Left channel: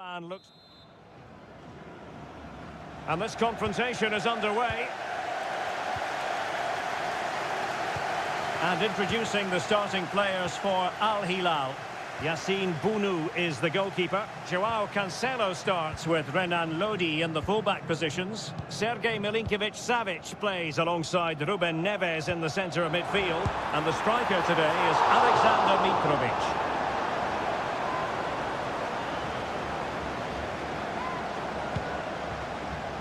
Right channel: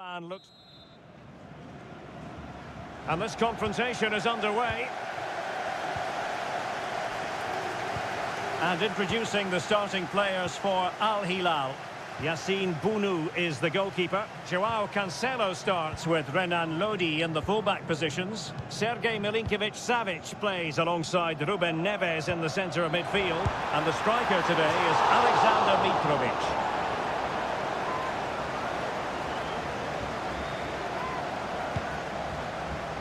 And looks, and this confrontation is underway. And introducing the starting players for Al Hilal. Yassine Bounou is the goalkeeper. Joao Cancelo starts with Renan Lodi in the fullback positions. Sergej Milinkovic-Savic plays alongside Ruben Neves in the centre of midfield. And the striker today is Alexander Mitrovic.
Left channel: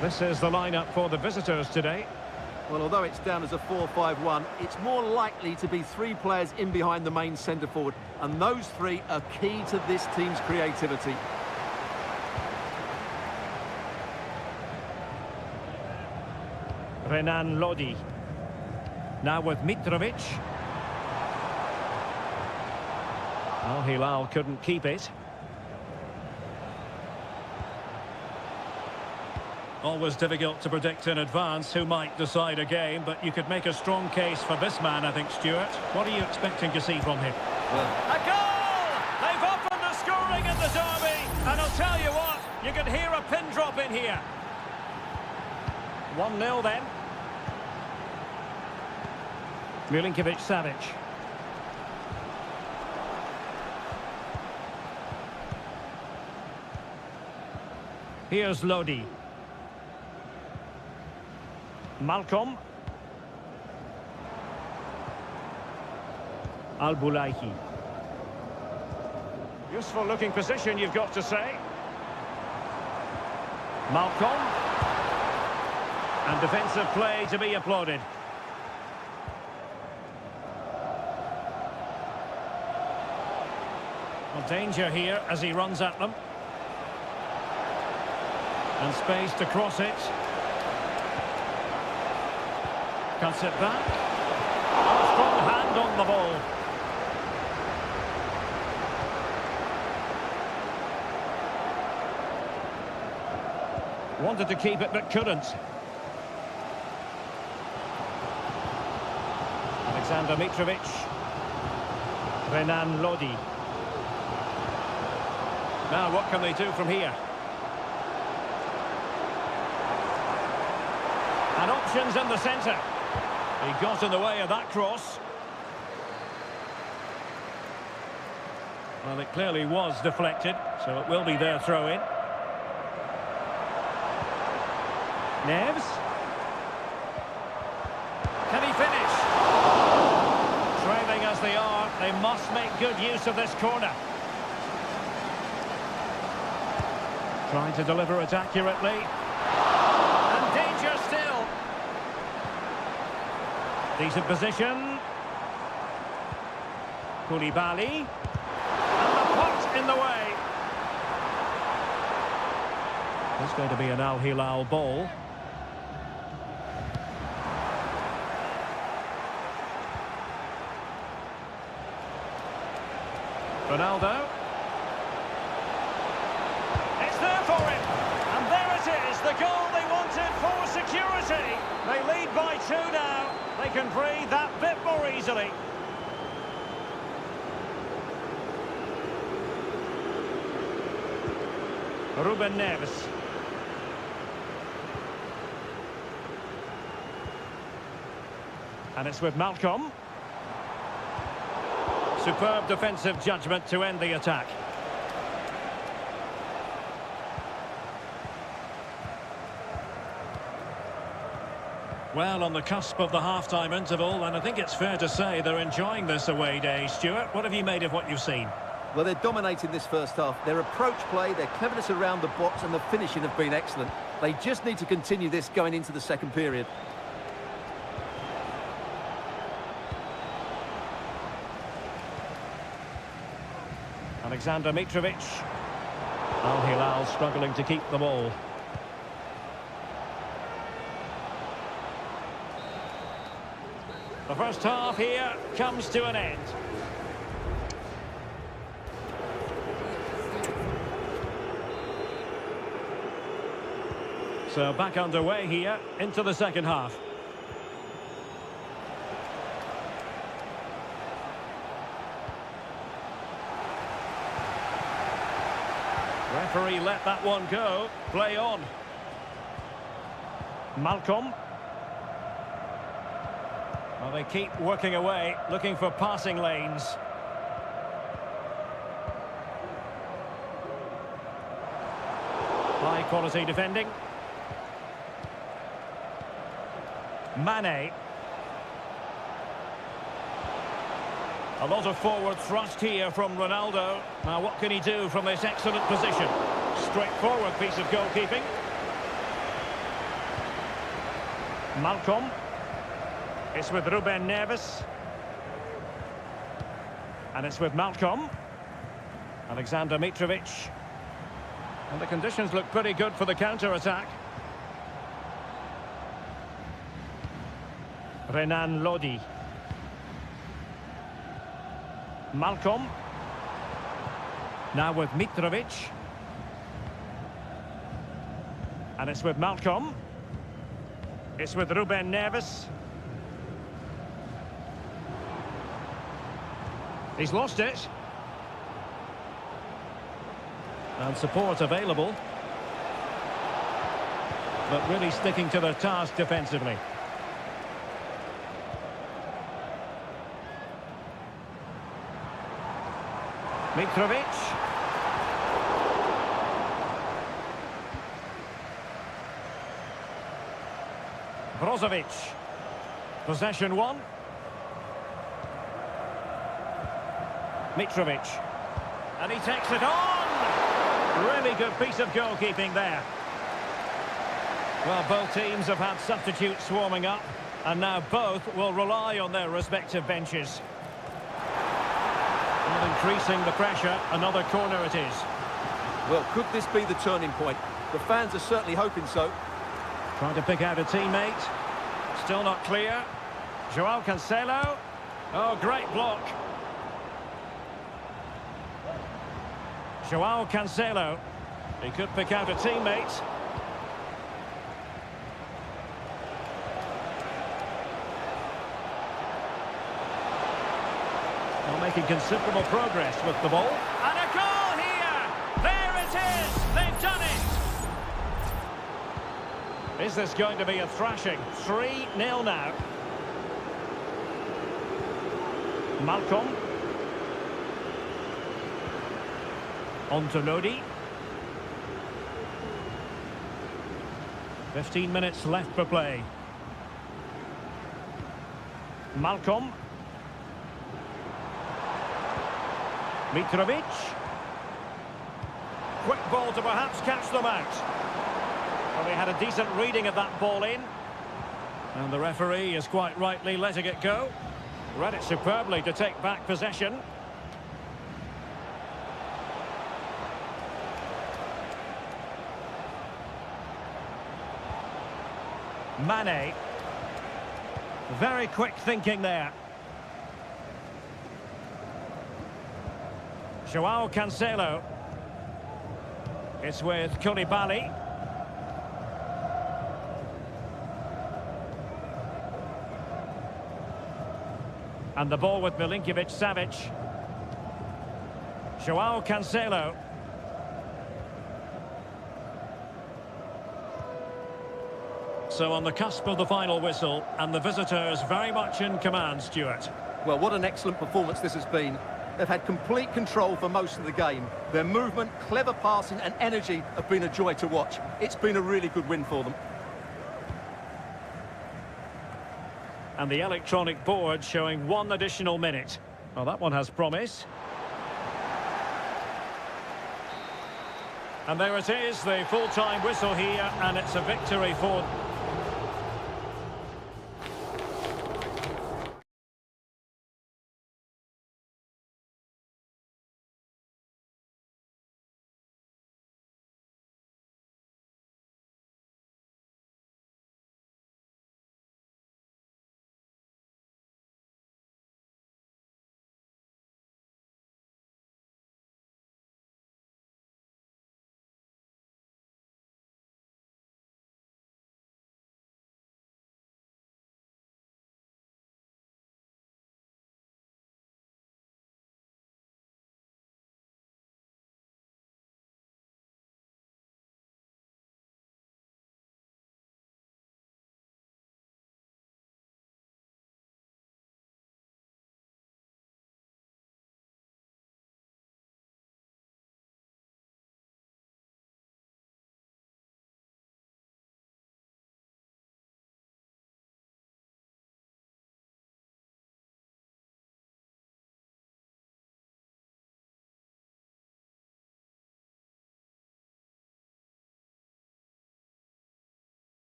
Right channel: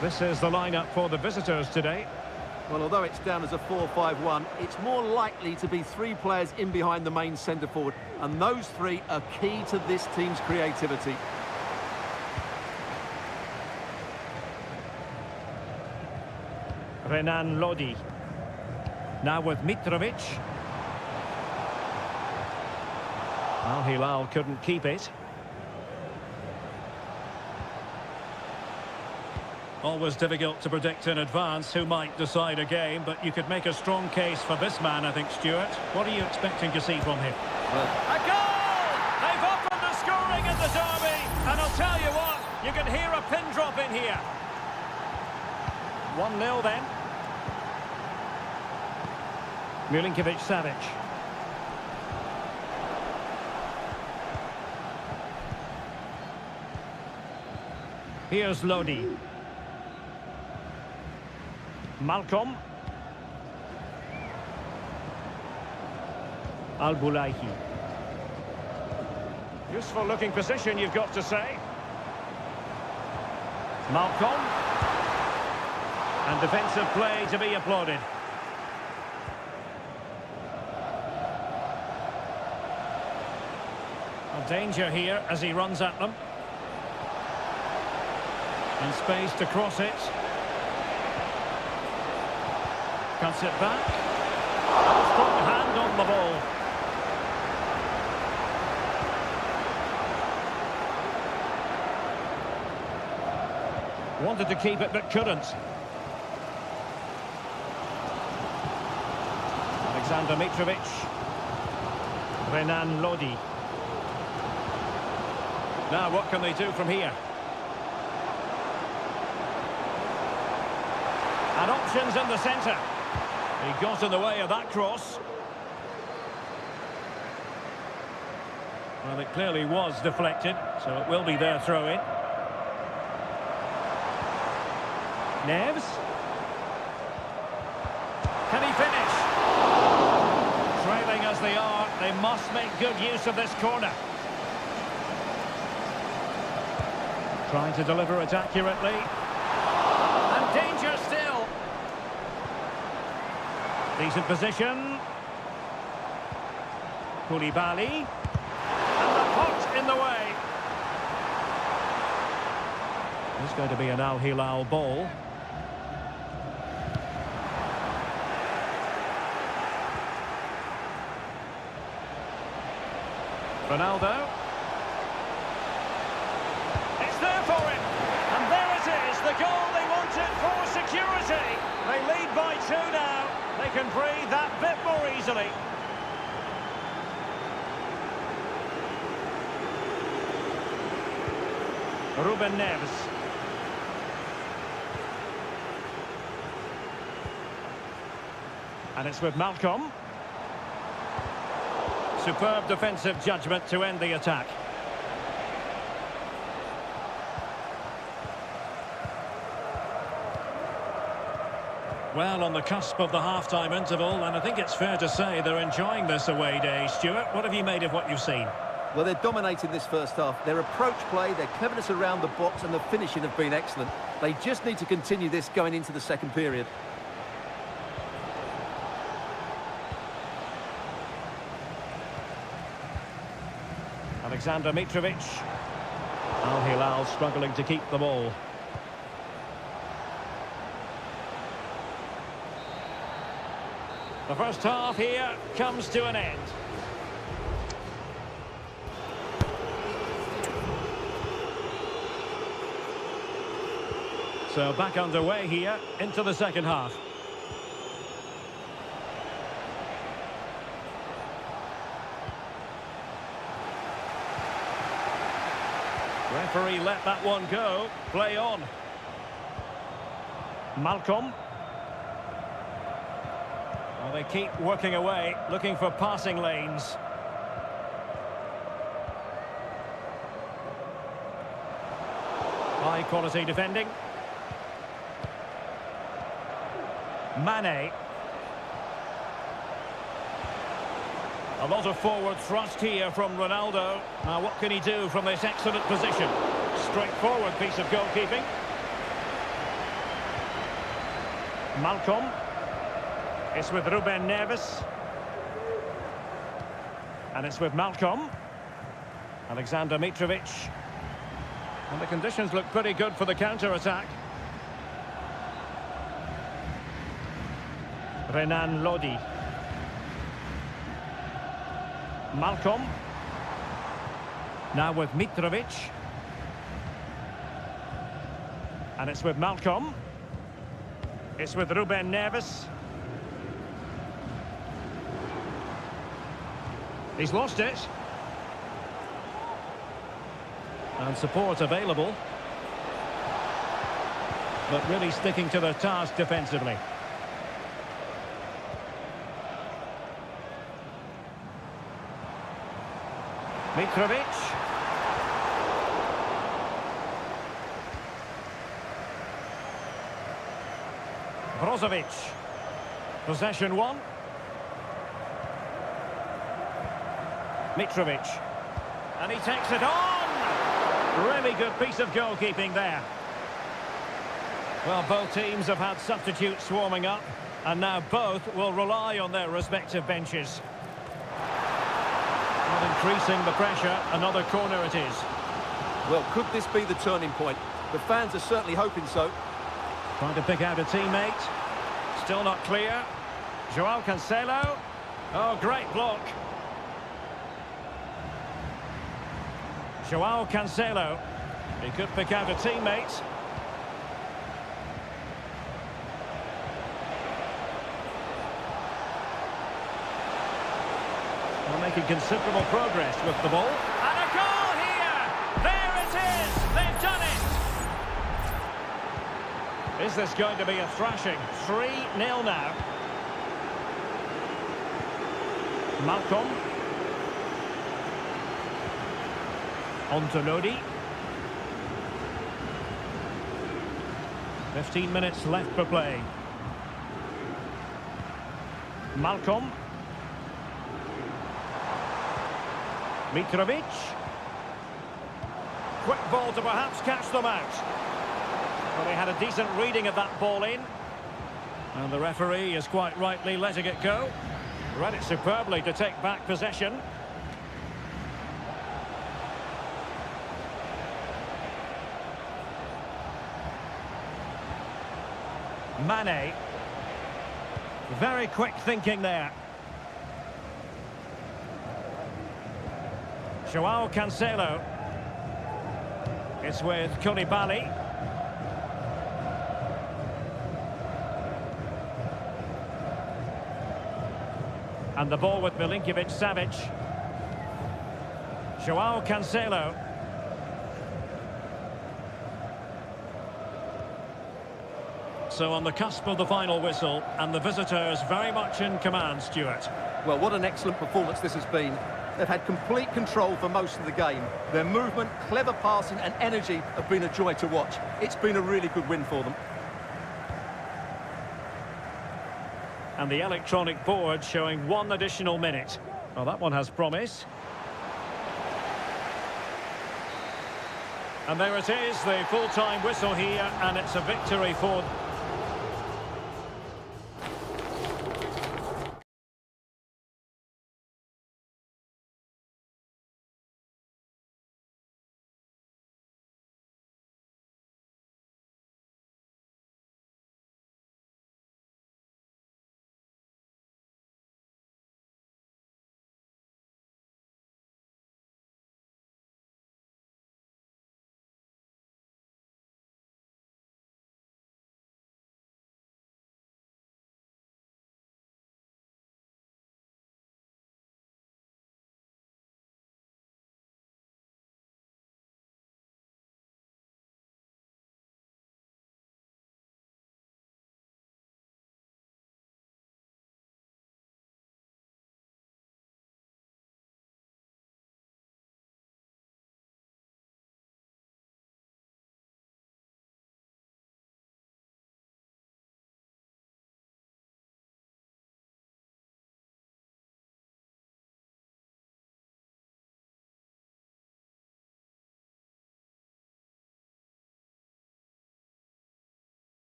This is the lineup for the visitors today. Well, although it's down as a 4-5-1, it's more likely to be three players in behind the main centre-forward, and those three are key to this team's creativity. Renan Lodi. Now with Mitrovic. Al Hilal couldn't keep it. Always difficult to predict in advance who might decide a game, but you could make a strong case for this man, I think, Stuart. What are you expecting to see from him? Well, a goal! They've opened the scoring in the derby, and I'll tell you what, you can hear a pin drop in here. 1-0 then. Milinkovic-Savic. Here's Lodi. Malcolm. Al-Bulaihi. Useful looking position, you've got to say. Malcolm. And defensive play to be applauded. Well, danger here as he runs at them. And space to cross it. Cuts it back. A strong hand on the ball. Wanted to keep it but couldn't. Alexander Mitrovic. Renan Lodi. Now what can they do from here? And options in the centre. He got in the way of that cross. Well, it clearly was deflected, so it will be their throw-in. Neves. Can he finish? Trailing as they are, they must make good use of this corner. Trying to deliver it accurately. And danger still. Decent position. Koulibaly. And the pot in the way. It's going to be an Al Hilal ball. Ronaldo. It's there for him. And there it is, the goal they wanted for security. They lead by 2 now. They can breathe that bit more easily. Ruben Neves. And it's with Malcolm. Superb defensive judgment to end the attack. Well, on the cusp of the half-time interval, and I think it's fair to say they're enjoying this away day. Stuart, what have you made of what you've seen? well, they're dominating this first half. Their approach play, their cleverness around the box and the finishing have been excellent. They just need to continue this going into the second period. Alexander Mitrovic. Al Hilal struggling to keep the ball. The first half here comes to an end. So back underway here into the second half. Referee let that one go. Play on. Malcolm. Well, they keep working away, looking for passing lanes. High quality defending. Mane. A lot of forward thrust here from Ronaldo. Now what can he do from this excellent position? Straightforward piece of goalkeeping. Malcolm. It's with Ruben Neves. And it's with Malcolm. Alexander Mitrovic. And the conditions look pretty good for the counter-attack. Renan Lodi. Malcolm. Now with Mitrovic. And it's with Malcolm. It's with Ruben Neves. He's lost it. And support available. But really sticking to their task defensively. Mitrovic. Brozovic. Possession one. Mitrovic. And he takes it on! Really good piece of goalkeeping there. Well, both teams have had substitutes swarming up, and now both will rely on their respective benches. Not increasing the pressure, another corner it is. Well, could this be the turning point? The fans are certainly hoping so. Trying to pick out a teammate. Still not clear. Joao Cancelo. Oh, great block. Joao Cancelo. He could pick out a teammate. Well, making considerable progress with the ball. And a goal here! There it is! They've done it! Is this going to be a thrashing? 3-0 now. Malcolm. On to Lodi. 15 minutes left for play. Malcolm. Mitrovic. Quick ball to perhaps catch them out. Well, they had a decent reading of that ball in. And the referee is quite rightly letting it go. Read it superbly to take back possession. Mane. Very quick thinking there. Joao Cancelo. It's with Koulibaly. And the ball with Milinkovic-Savic. Joao Cancelo. So on the cusp of the final whistle, and the visitors very much in command, Stuart. Well, what an excellent performance this has been. They've had complete control for most of the game. Their movement, clever passing and energy have been a joy to watch. It's been a really good win for them. And the electronic board showing 1 additional minute. Well, that one has promise. And there it is, the full-time whistle here, and it's a victory for...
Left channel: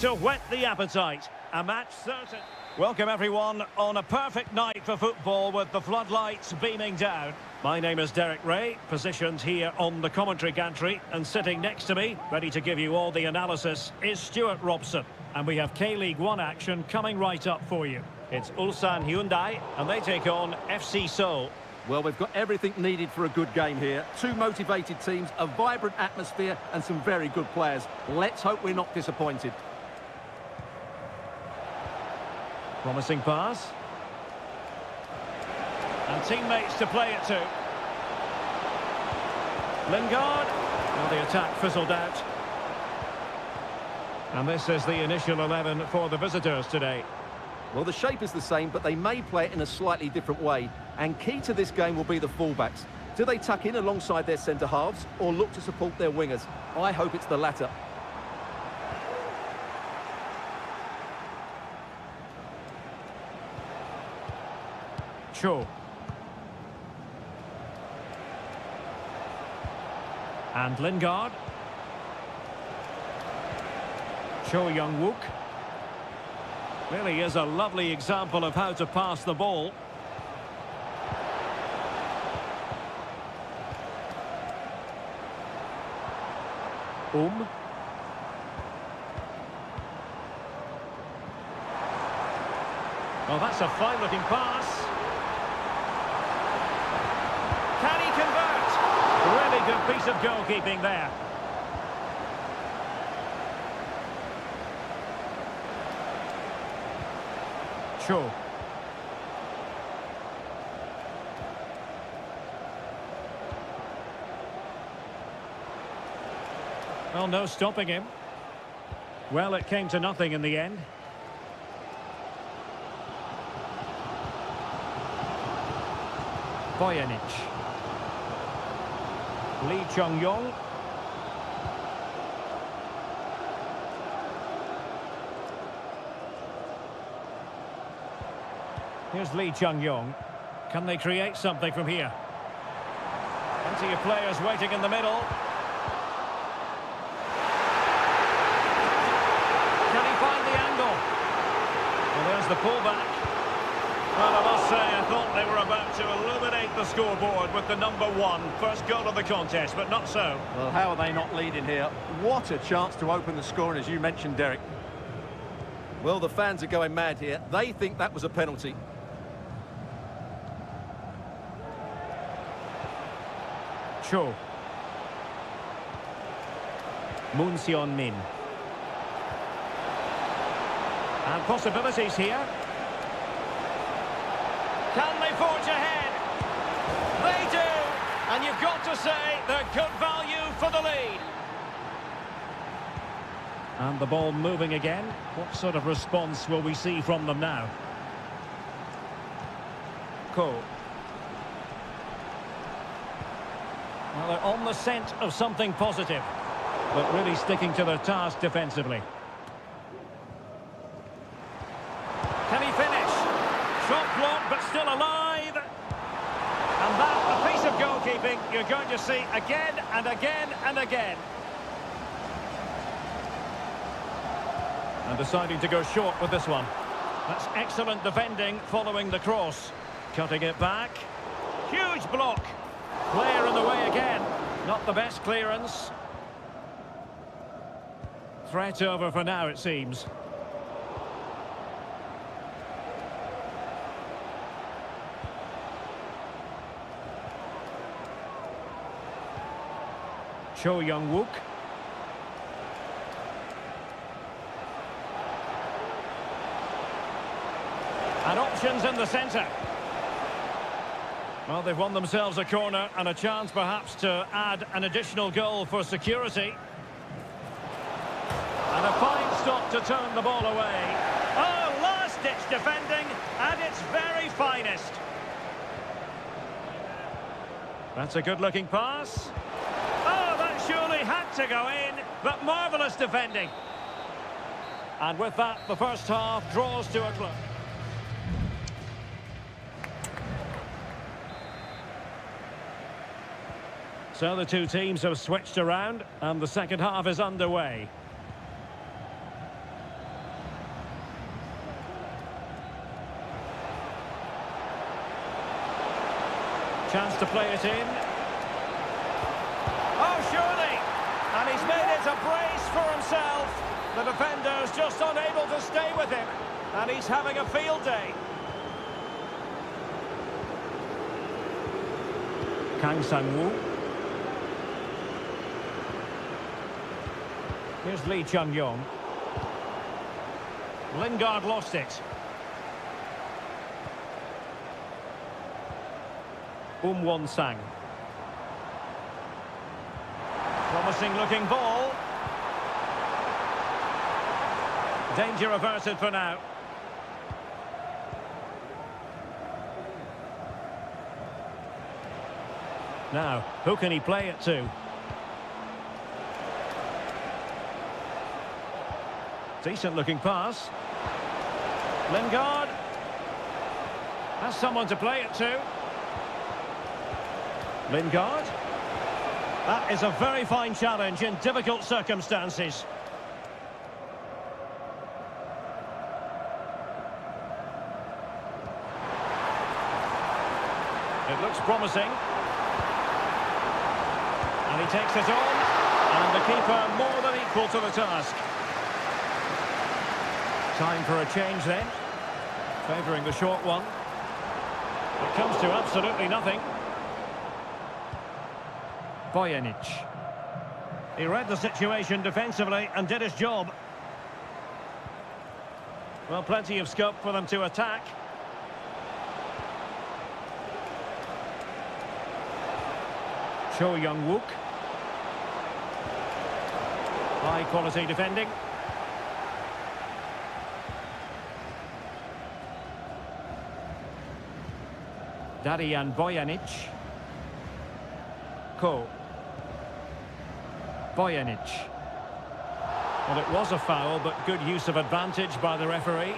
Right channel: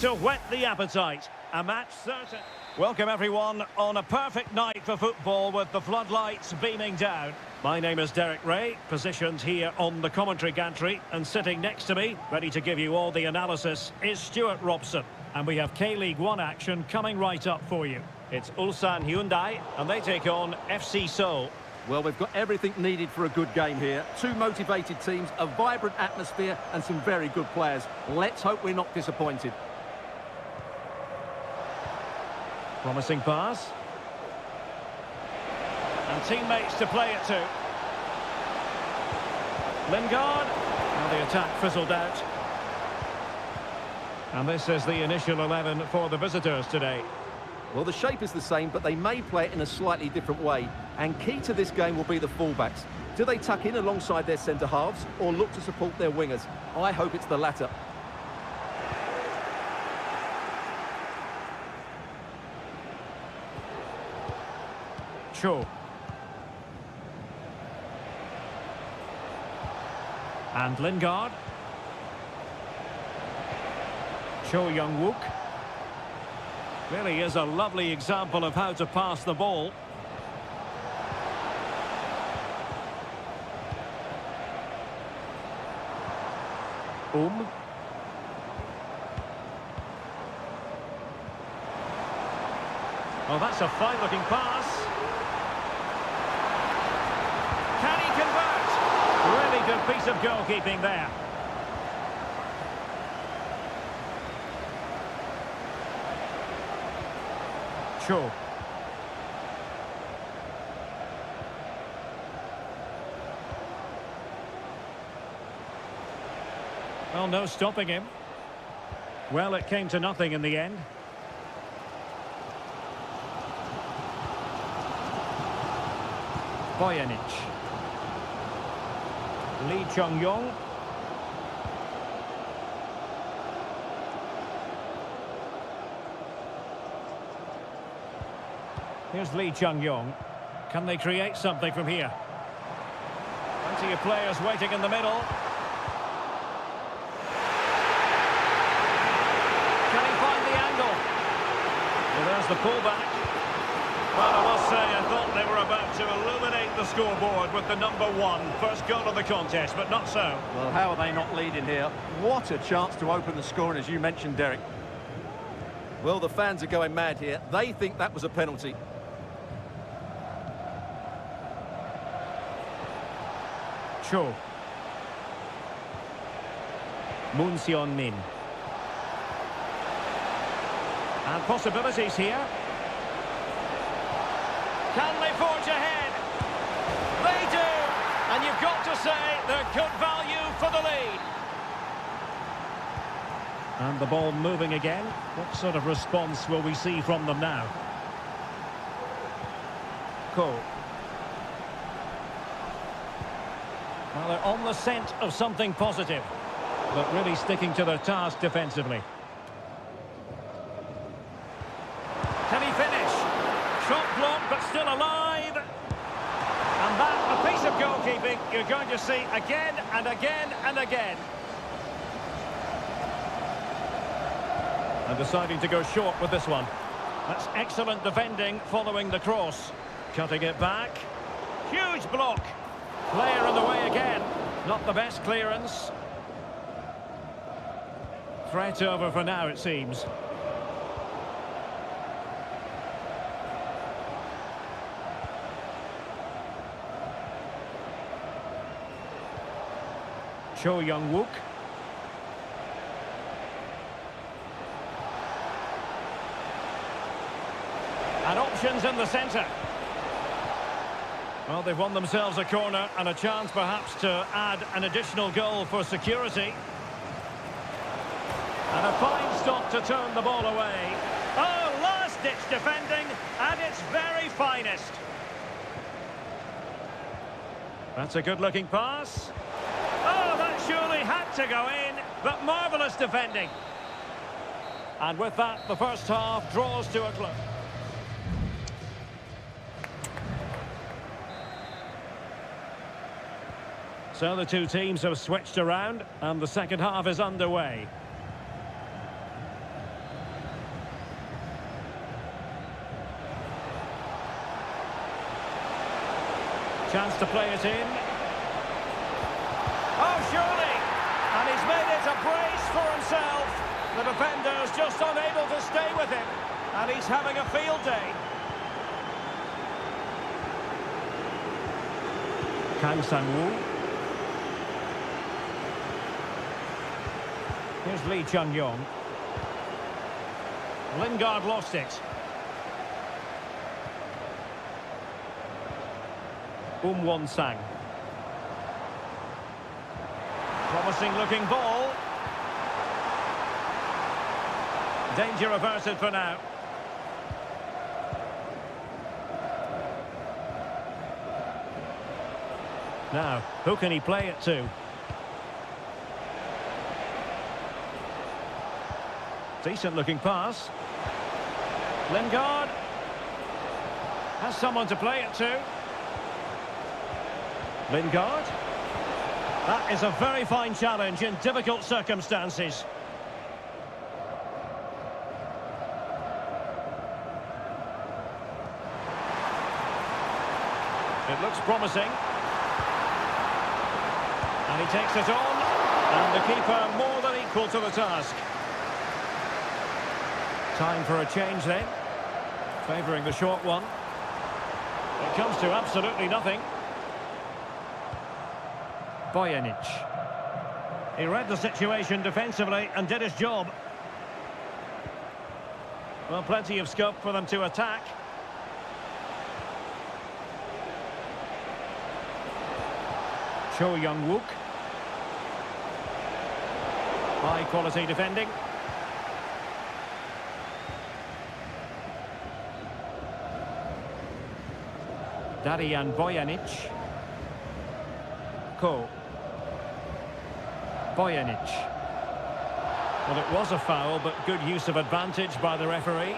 To whet the appetite. A match certain. Welcome everyone on a perfect night for football with the floodlights beaming down. My name is Derek Ray, positioned here on the commentary gantry, and sitting next to me, ready to give you all the analysis, is Stuart Robson. And we have K-League 1 action coming right up for you. It's Ulsan Hyundai, and they take on FC Seoul. Well, we've got everything needed for a good game here. Two motivated teams, a vibrant atmosphere, and some very good players. Let's hope we're not disappointed. Promising pass. And teammates to play it to. Lingard. Now the attack fizzled out. And this is the initial 11 for the visitors today. Well, the shape is the same, but they may play it in a slightly different way. And key to this game will be the fullbacks. Do they tuck in alongside their centre-halves or look to support their wingers? I hope it's the latter. Cho. And Lingard. Cho Young-wook. Really is a lovely example of how to pass the ball. Oh, that's a fine-looking pass. Can he convert? Really good piece of goalkeeping there. Cho. Well, no stopping him. Well, it came to nothing in the end. Bojanic. Lee Chung-yong. Here's Lee Chung-yong. Can they create something from here? Plenty of players waiting in the middle. Can he find the angle? Well, there's the pullback. Well, I must say, I thought they were about to illuminate the scoreboard with the number 1. First goal of the contest, but not so. Well, how are they not leading here? What a chance to open the scoring, as you mentioned, Derek. Well, the fans are going mad here. They think that was a penalty. Cho. Moon Seon-min. And possibilities here. Can they forge ahead? They do! And you've got to say they're good value for the lead. And the ball moving again. What sort of response will we see from them now? Ko. Well, they're on the scent of something positive, but really sticking to their task defensively. Can he finish? Shot blocked, but still alive. And that, a piece of goalkeeping you're going to see again and again and again. And deciding to go short with this one. That's excellent defending following the cross. Cutting it back. Huge block. Player in the way again. Not the best clearance. Threat over for now, it seems. Cho Young-wook. And options in the centre. Well, they've won themselves a corner and a chance perhaps to add an additional goal for security. And a fine stop to turn the ball away. Oh, last-ditch defending at its very finest. That's a good-looking pass. Oh, that surely had to go in, but marvellous defending. And with that, the first half draws to a close. So the two teams have switched around, and the second half is underway. Chance to play it in. Oh, surely! And he's made it a brace for himself. The defender's just unable to stay with him. And he's having a field day. Kang Sang-woo. Here's Lee Chun-yong. Lingard lost it. Won-sang. Promising looking ball. Danger averted for now. Now, who can he play it to? Decent looking pass. Lingard has someone to play it to. Lingard. That is a very fine challenge in difficult circumstances. It looks promising. And he takes it on. And the keeper more than equal to the task. Time for a change then. Favouring the short one. It comes to absolutely nothing. Bojanic. He read the situation defensively and did his job. Well, plenty of scope for them to attack. Cho Young-wook. High quality defending. Darian Bojanic. Ko. Bojanic. Well, it was a foul, but good use of advantage by the referee.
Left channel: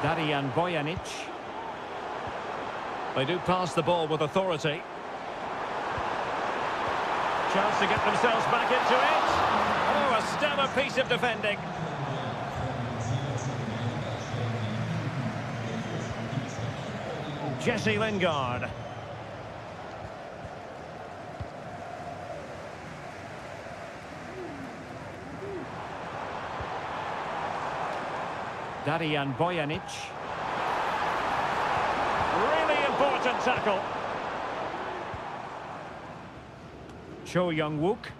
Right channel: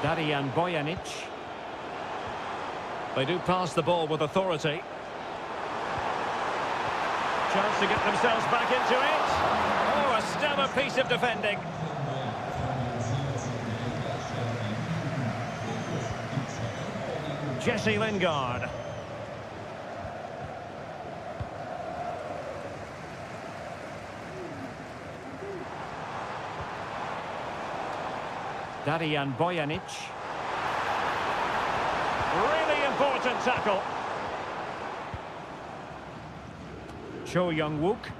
Darian Bojanic. They do pass the ball with authority. Chance to get themselves back into it. Oh, a stellar piece of defending. Jesse Lingard. Darian Bojanic. Really important tackle. Cho Young-wook.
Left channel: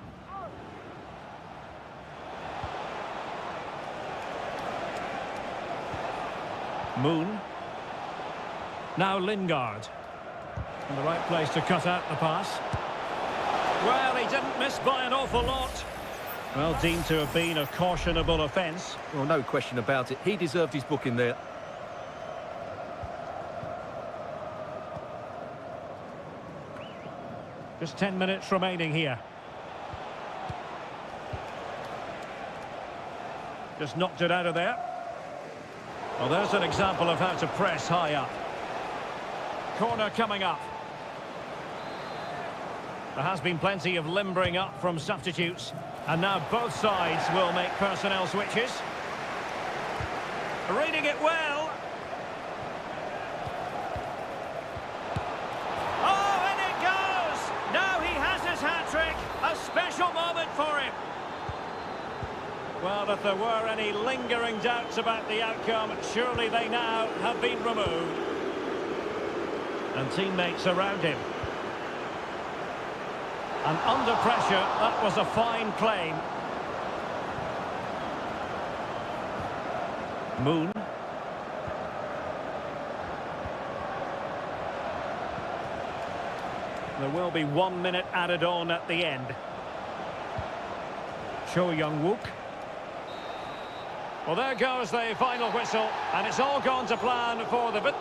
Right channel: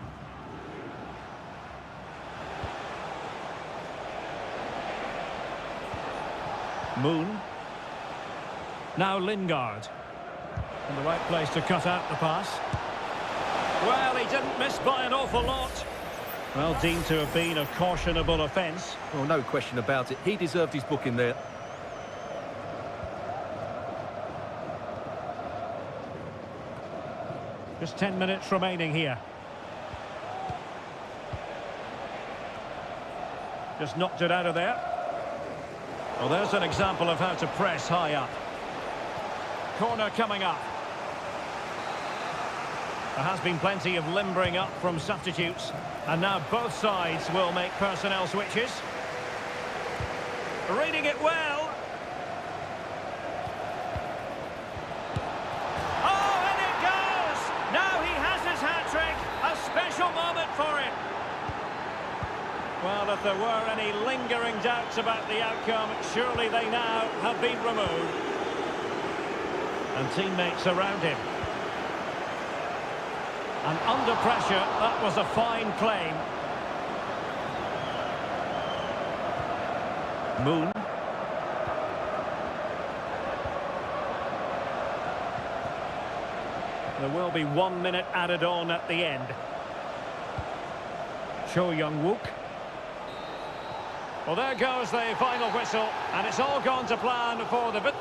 Moon. Now Lingard. In the right place to cut out the pass. Well, he didn't miss by an awful lot. Well, deemed to have been a cautionable offence. Well, no question about it. He deserved his booking there. Just 10 minutes remaining here. Just knocked it out of there. Well, there's an example of how to press high up. Corner coming up. There has been plenty of limbering up from substitutes. And now both sides will make personnel switches. Reading it well. Oh, and it goes! Now he has his hat-trick. A special moment for him. Well, if there were any lingering doubts about the outcome, surely they now have been removed. And teammates around him. And under pressure, that was a fine claim. Moon. There will be 1 minute added on at the end. Cho Young-wook. Well, there goes the final whistle, and it's all gone to plan for the...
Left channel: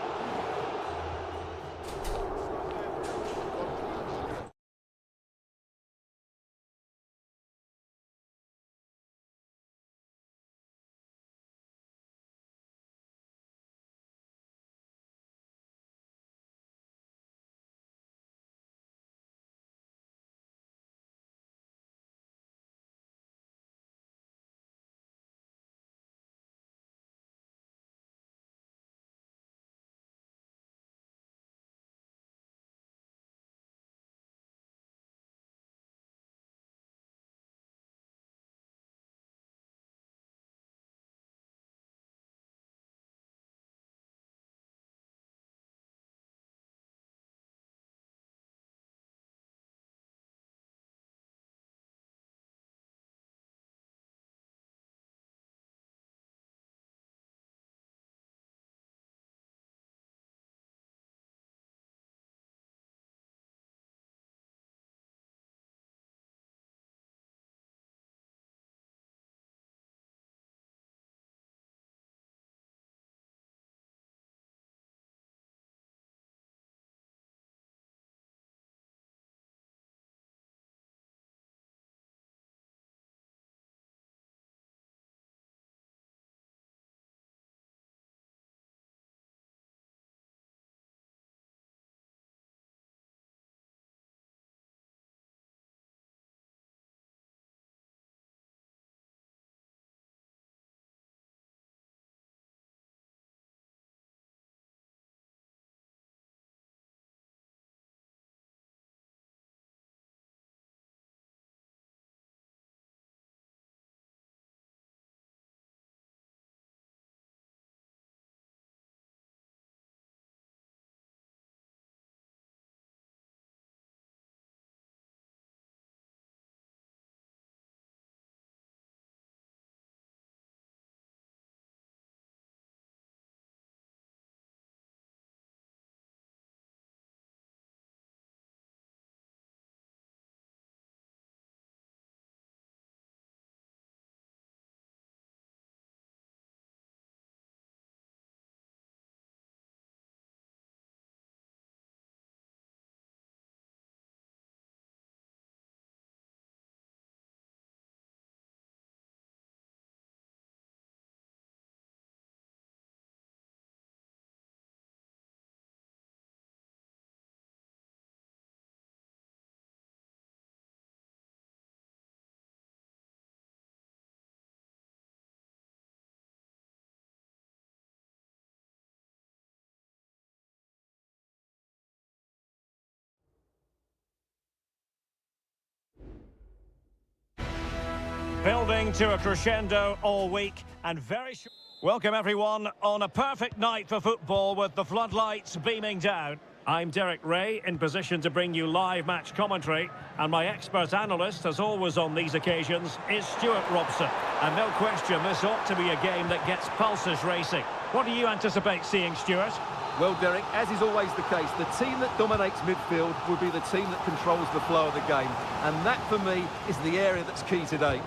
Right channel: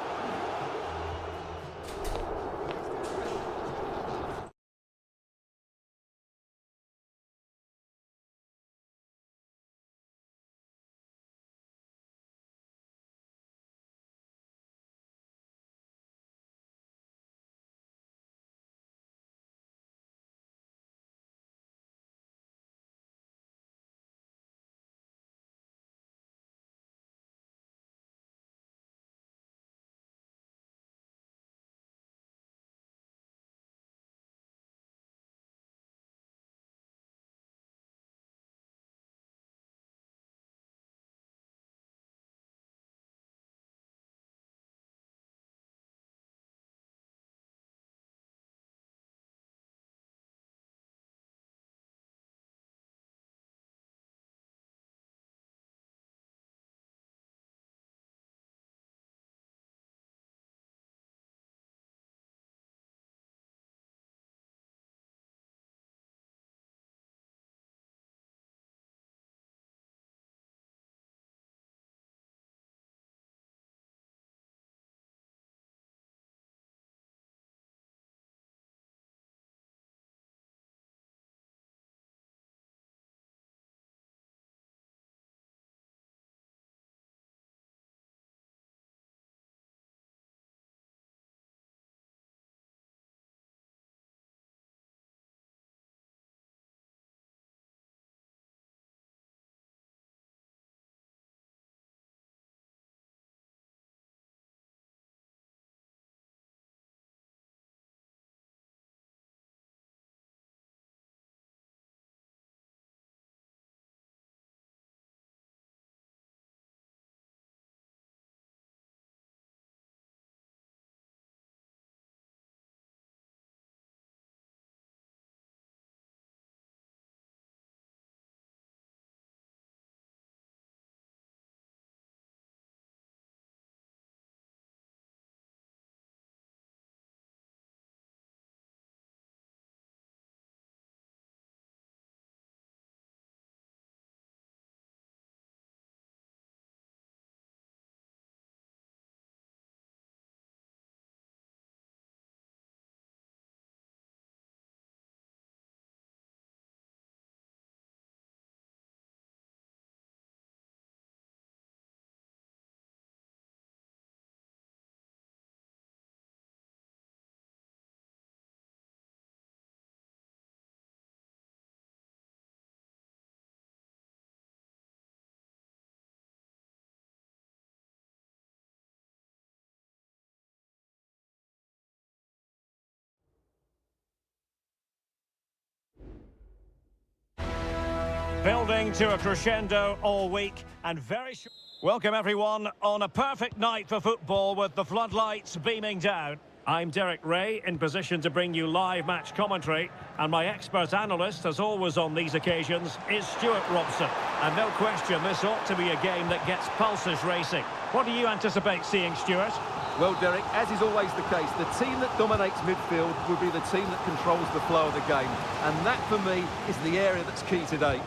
Building to a crescendo all week and very short. Welcome everyone on a perfect night for football with the floodlights beaming down. I'm Derek Ray in position to bring you live match commentary, and my expert analyst, as always on these occasions, is Stuart Robson. And no question, this ought to be a game that gets pulses racing. What do you anticipate seeing, Stuart? Well, Derek, as is always the case, the team that dominates midfield will be the team that controls the flow of the game. And that, for me, is the area that's key today.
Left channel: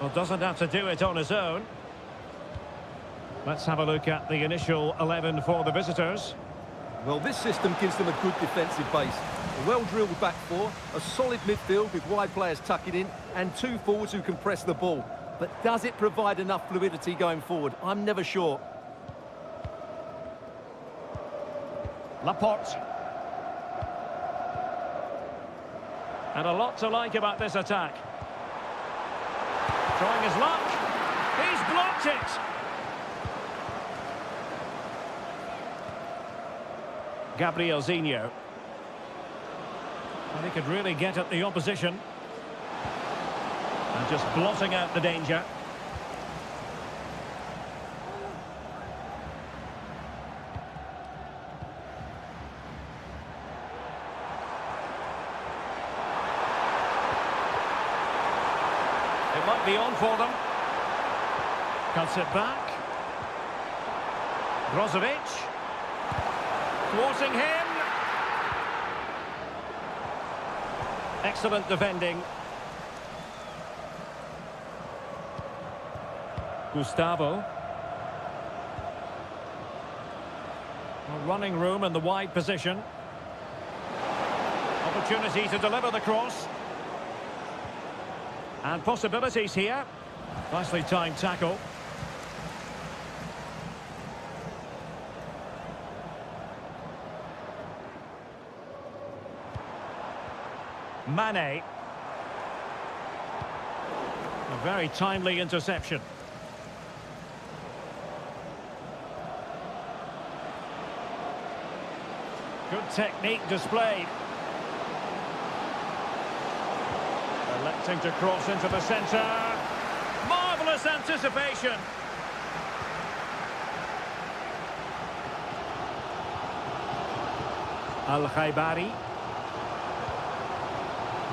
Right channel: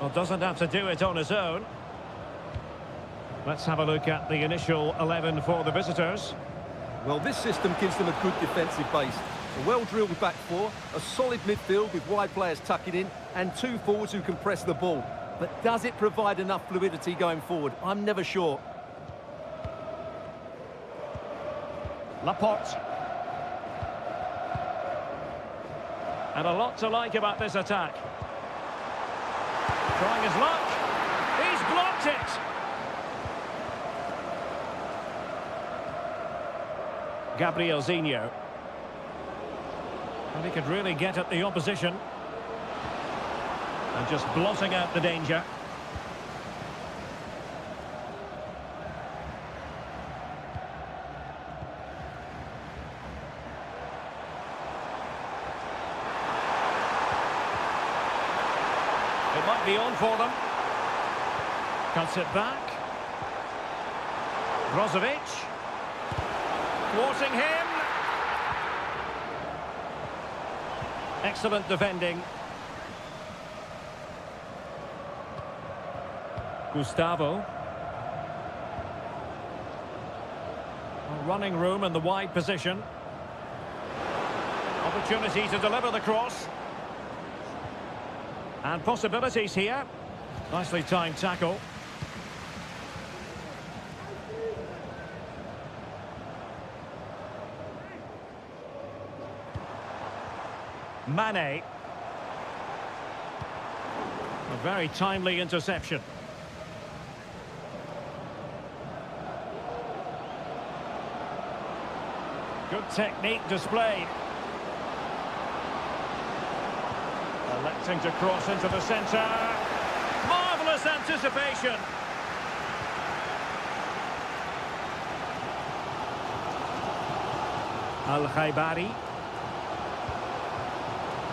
Well, doesn't have to do it on his own. Let's have a look at the initial 11 for the visitors. Well, this system gives them a good defensive base. A well-drilled back four, a solid midfield with wide players tucking in, and two forwards who can press the ball. But does it provide enough fluidity going forward? I'm never sure. Laporte. And a lot to like about this attack. Trying his luck. He's blocked it. Gabriel Zinho. And he could really get at the opposition. And just blotting out the danger. It might be on for them. Cuts it back. Brozovic. Thwarting him. Excellent defending. Gustavo. Well, running room in the wide position. Opportunity to deliver the cross. And possibilities here. Nicely timed tackle. Mane. A very timely interception. Good technique displayed. Electing to cross into the centre. Marvellous anticipation. Al-Khaibari.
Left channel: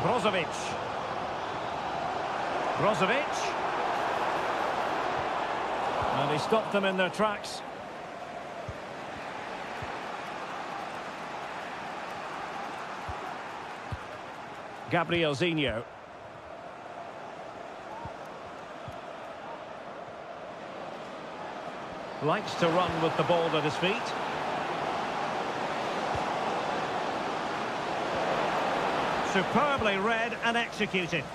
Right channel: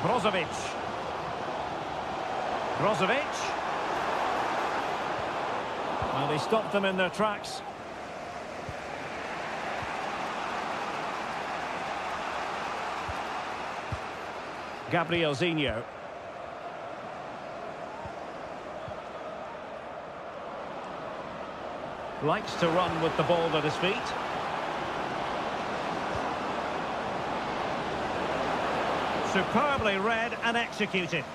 Brozovic. Brozovic. And he stopped them in their tracks. Gabriel Zinho. Likes to run with the ball at his feet. Superbly read and executed.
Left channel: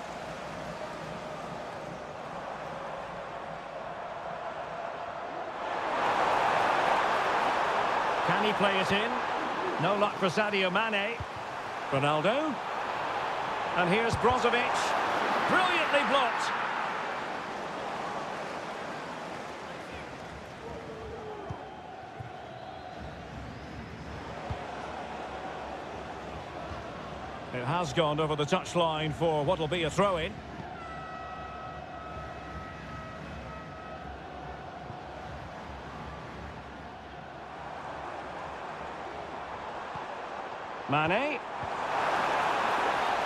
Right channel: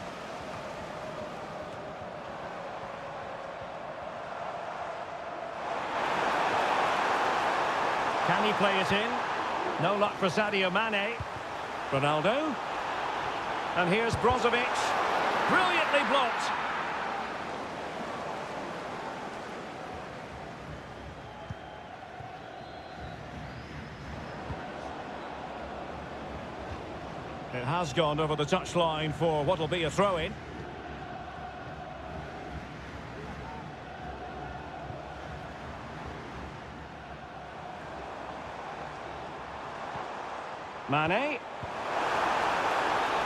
Can he play it in? No luck for Sadio Mane. Ronaldo. And here's Brozovic. Brilliantly blocked. It has gone over the touchline for what will be a throw-in. Mane.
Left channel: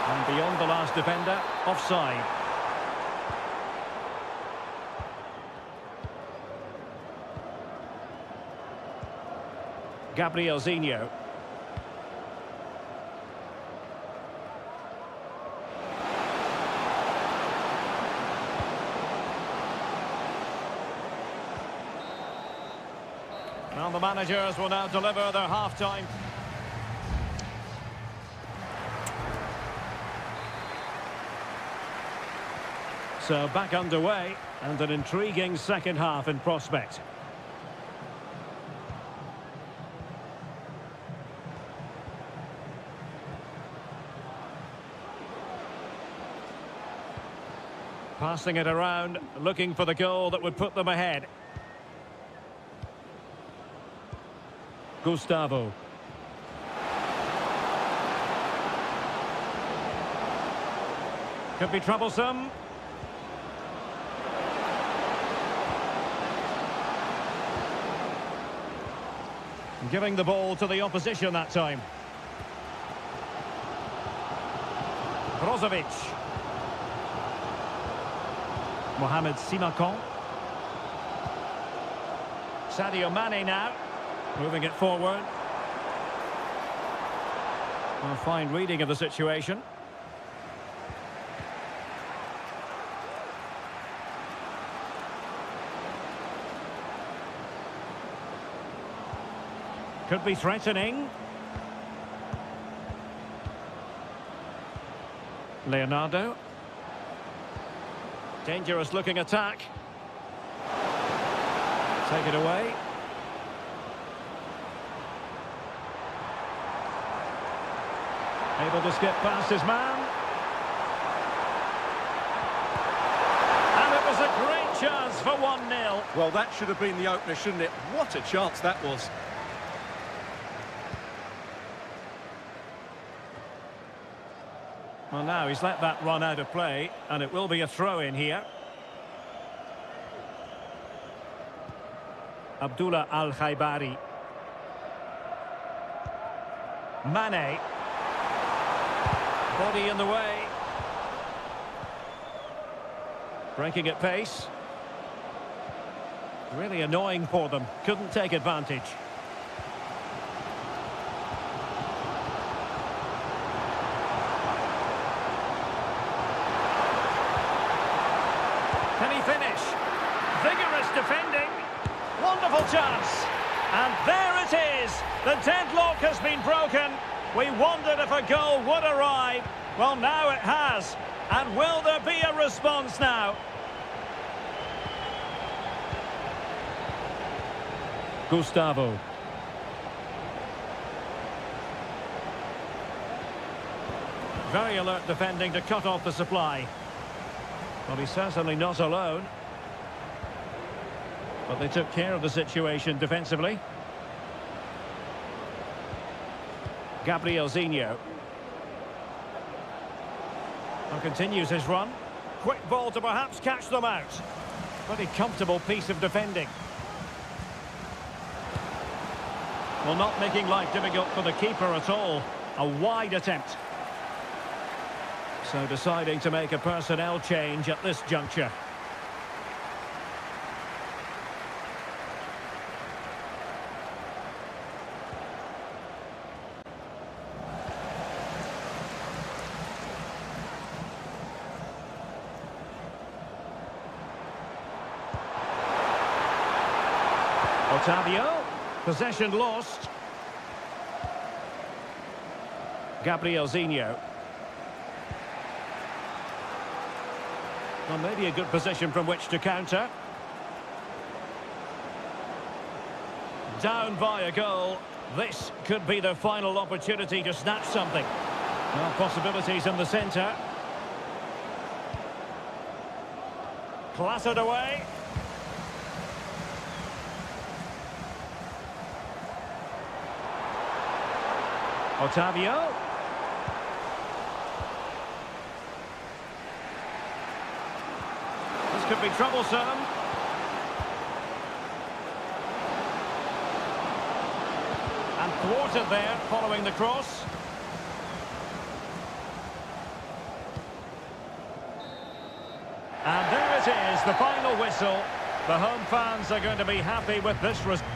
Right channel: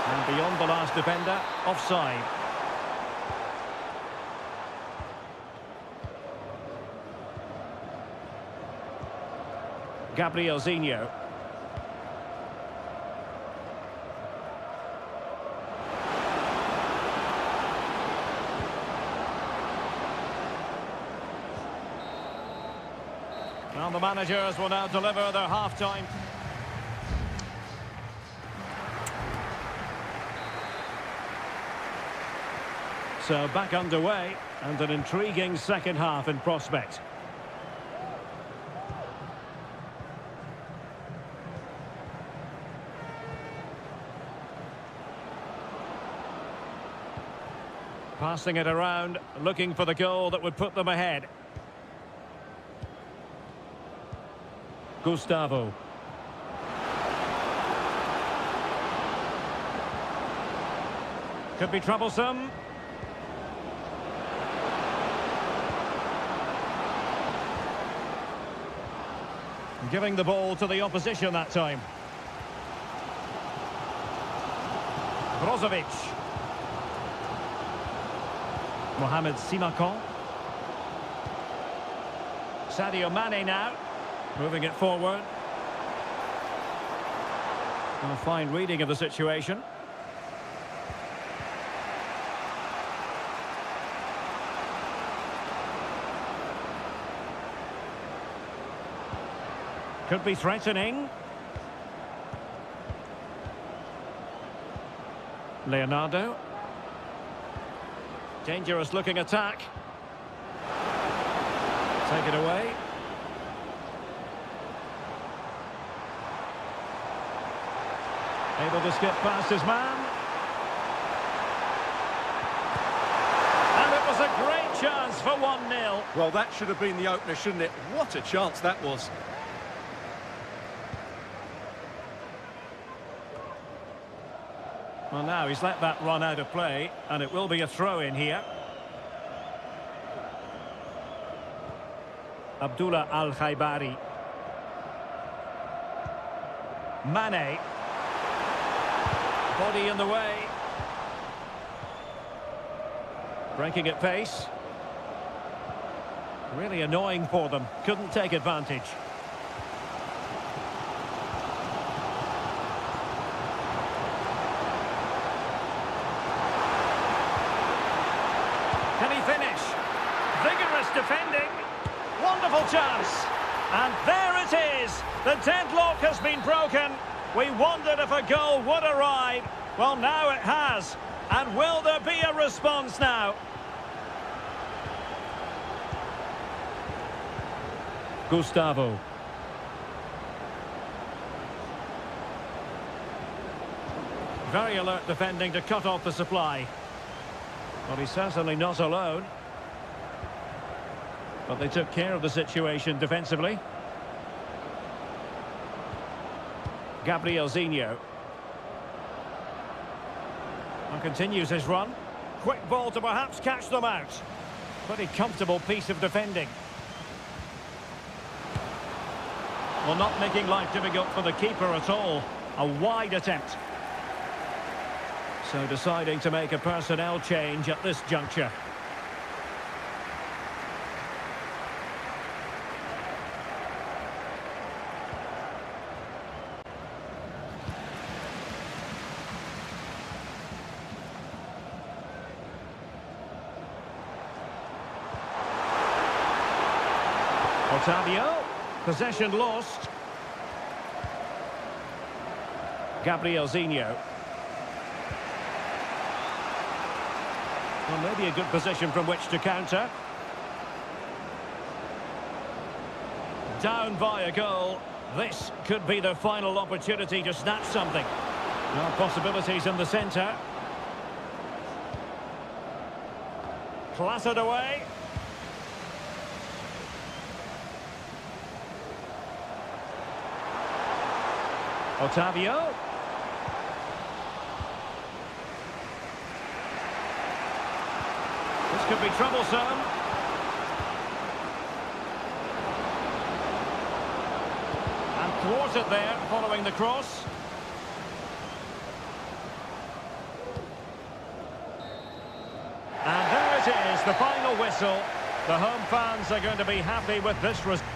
And beyond the last defender, offside. Gabriel Zinho. Well, the managers will now deliver their half-time. So back underway, and an intriguing second half in prospect. Passing it around, looking for the goal that would put them ahead. Gustavo. Could be troublesome. Giving the ball to the opposition that time. Brozovic. Mohamed Simakon. Sadio Mane now. Moving it forward. A fine reading of the situation. Could be threatening. Leonardo. Dangerous looking attack. Take it away. Able to skip past his man. And it was a great chance for 1-0. Well, that should have been the opener, shouldn't it? What a chance that was. Well, now he's let that run out of play, and it will be a throw-in here. Abdullah Al-Khaibari. Mane. Body in the way. Breaking at pace. Really annoying for them. Couldn't take advantage. Can he finish? Vigorous defending. Wonderful chance. And there it is. The deadlock has been broken. We wondered if a goal would arrive. Well, now it has. And will there be a response now? Gustavo. Very alert defending to cut off the supply. Well, he's certainly not alone. But they took care of the situation defensively. Gabriel Zinho. And continues his run. Quick ball to perhaps catch them out. Pretty comfortable piece of defending. Well, not making life difficult for the keeper at all. A wide attempt. So deciding to make a personnel change at this juncture. Otavio, possession lost. Gabriel Zinho. Well, maybe a good position from which to counter. Down by a goal. This could be the final opportunity to snatch something. Well, possibilities in the centre. Clattered away. Otavio. This could be troublesome. And thwarted there following the cross. And there it is, the final whistle. The home fans are going to be happy with this result.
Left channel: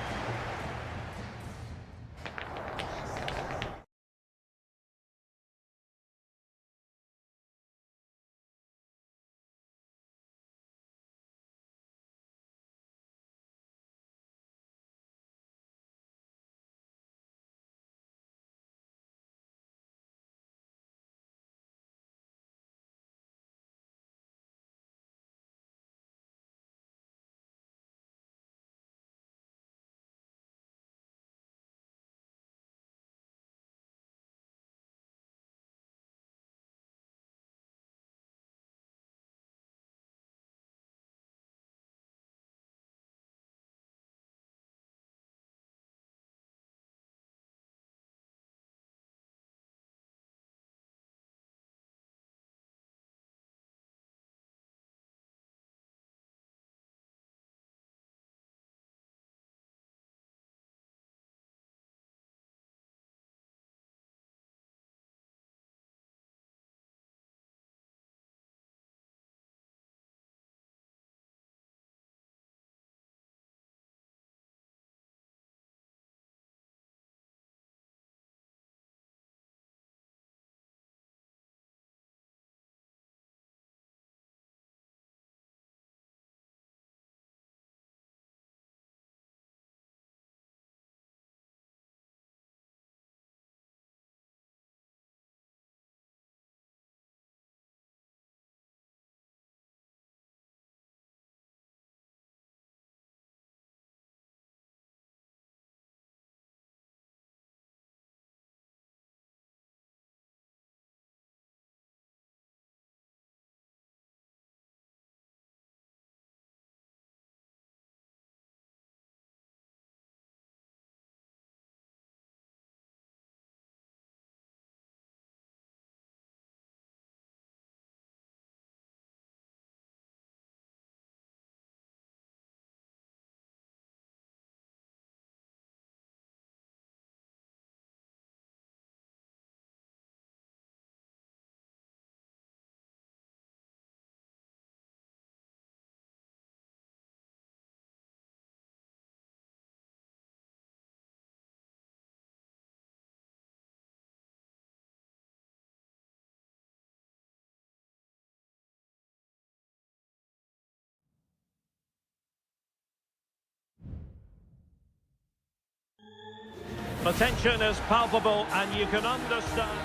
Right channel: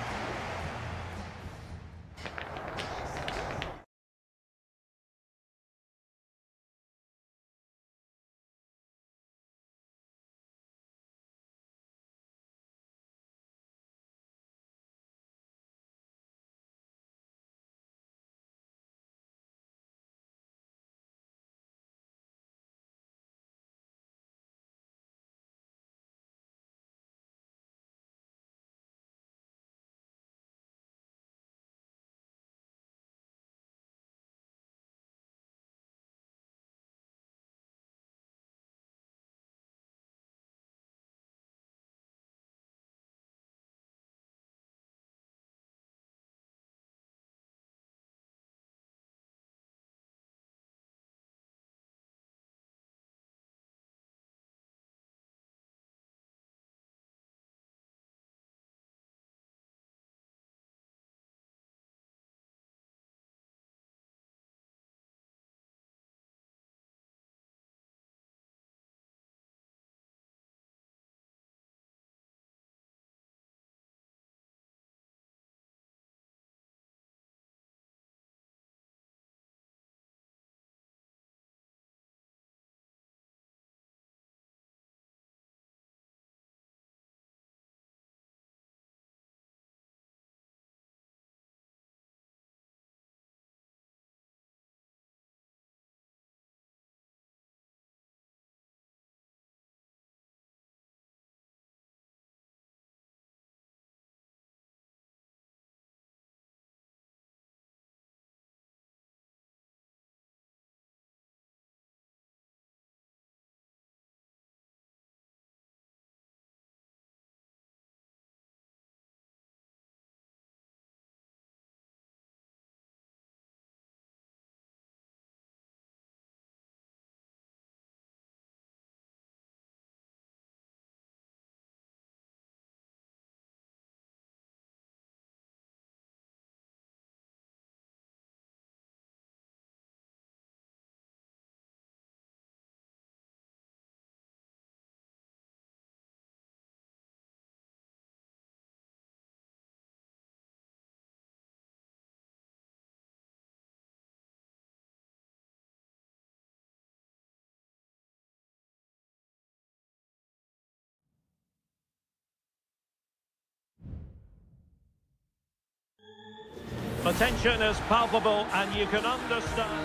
The tension is palpable and you can understand.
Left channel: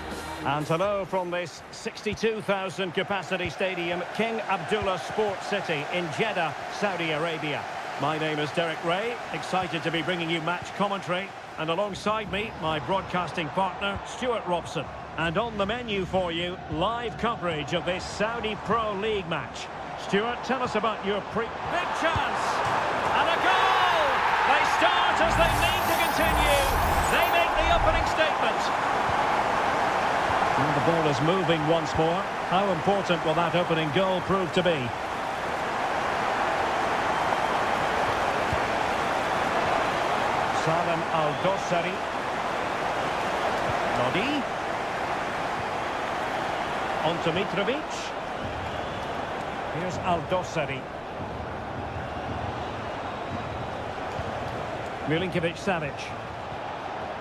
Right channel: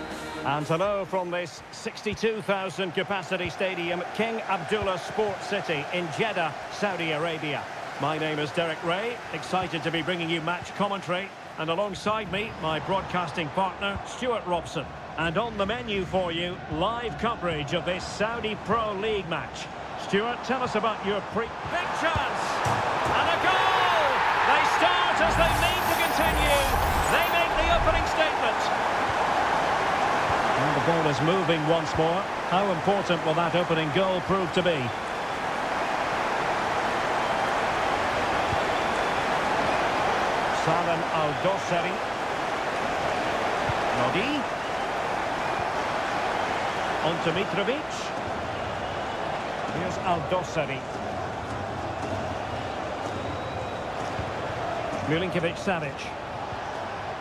And hello from this 62,000 capacity stadium, King Abdullah Sports City in Jeddah, Saudi Arabia. My name is Derek Ray, excited to be bringing you match commentary. And alongside me, my broadcasting partner, Stuart Robson. And on the menu for you, live coverage of this Saudi Pro League match. Stuart, tell us about your Big chance! And a goal! They start as they mean to continue. They make the opening statement. And the ball is moving once more. How important will that opening goal prove to be? Salem Al-Dossari. Lodi. On to Mitrovic. Here's Al-Dossari. Milinkovic-Savic.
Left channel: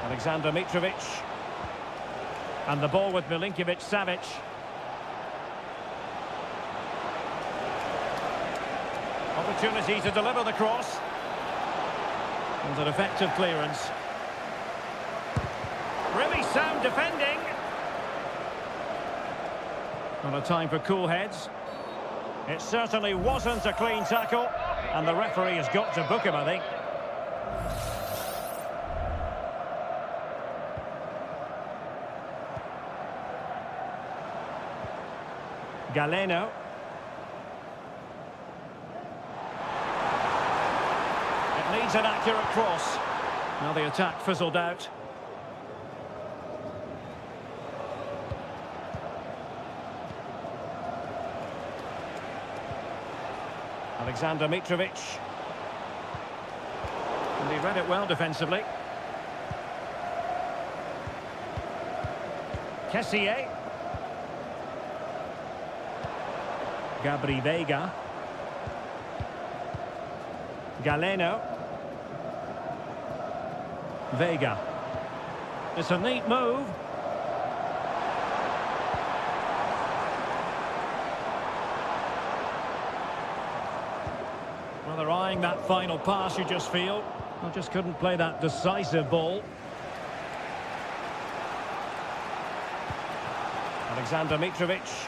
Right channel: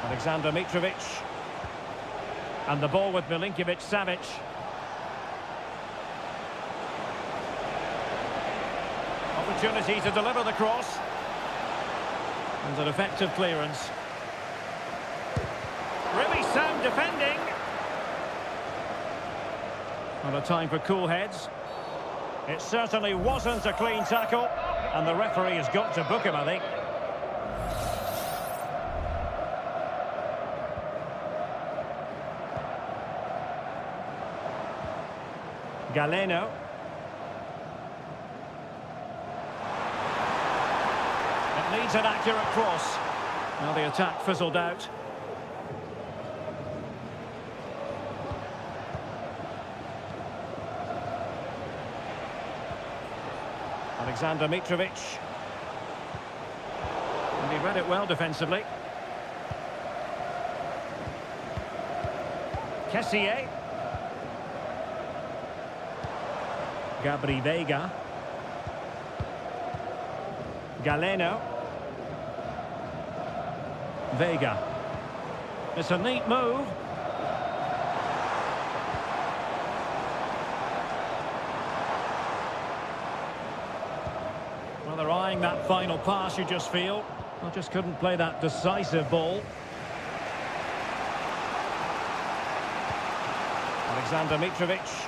Alexander Mitrovic. And the ball with Milinkovic-Savic. Opportunity to deliver the cross. And an effective clearance. Really sound defending. Not a time for cool heads. It certainly wasn't a clean tackle. And the referee has got to book him, I think. Galeno. It needs an accurate cross. Now the attack fizzled out. Alexander Mitrovic. And he read it well defensively. Kessié. Gabri Veiga. Galeno. Veiga. It's a neat move. Well, they're eyeing that final pass, you just feel. I just couldn't play that decisive ball. Alexander Mitrovic.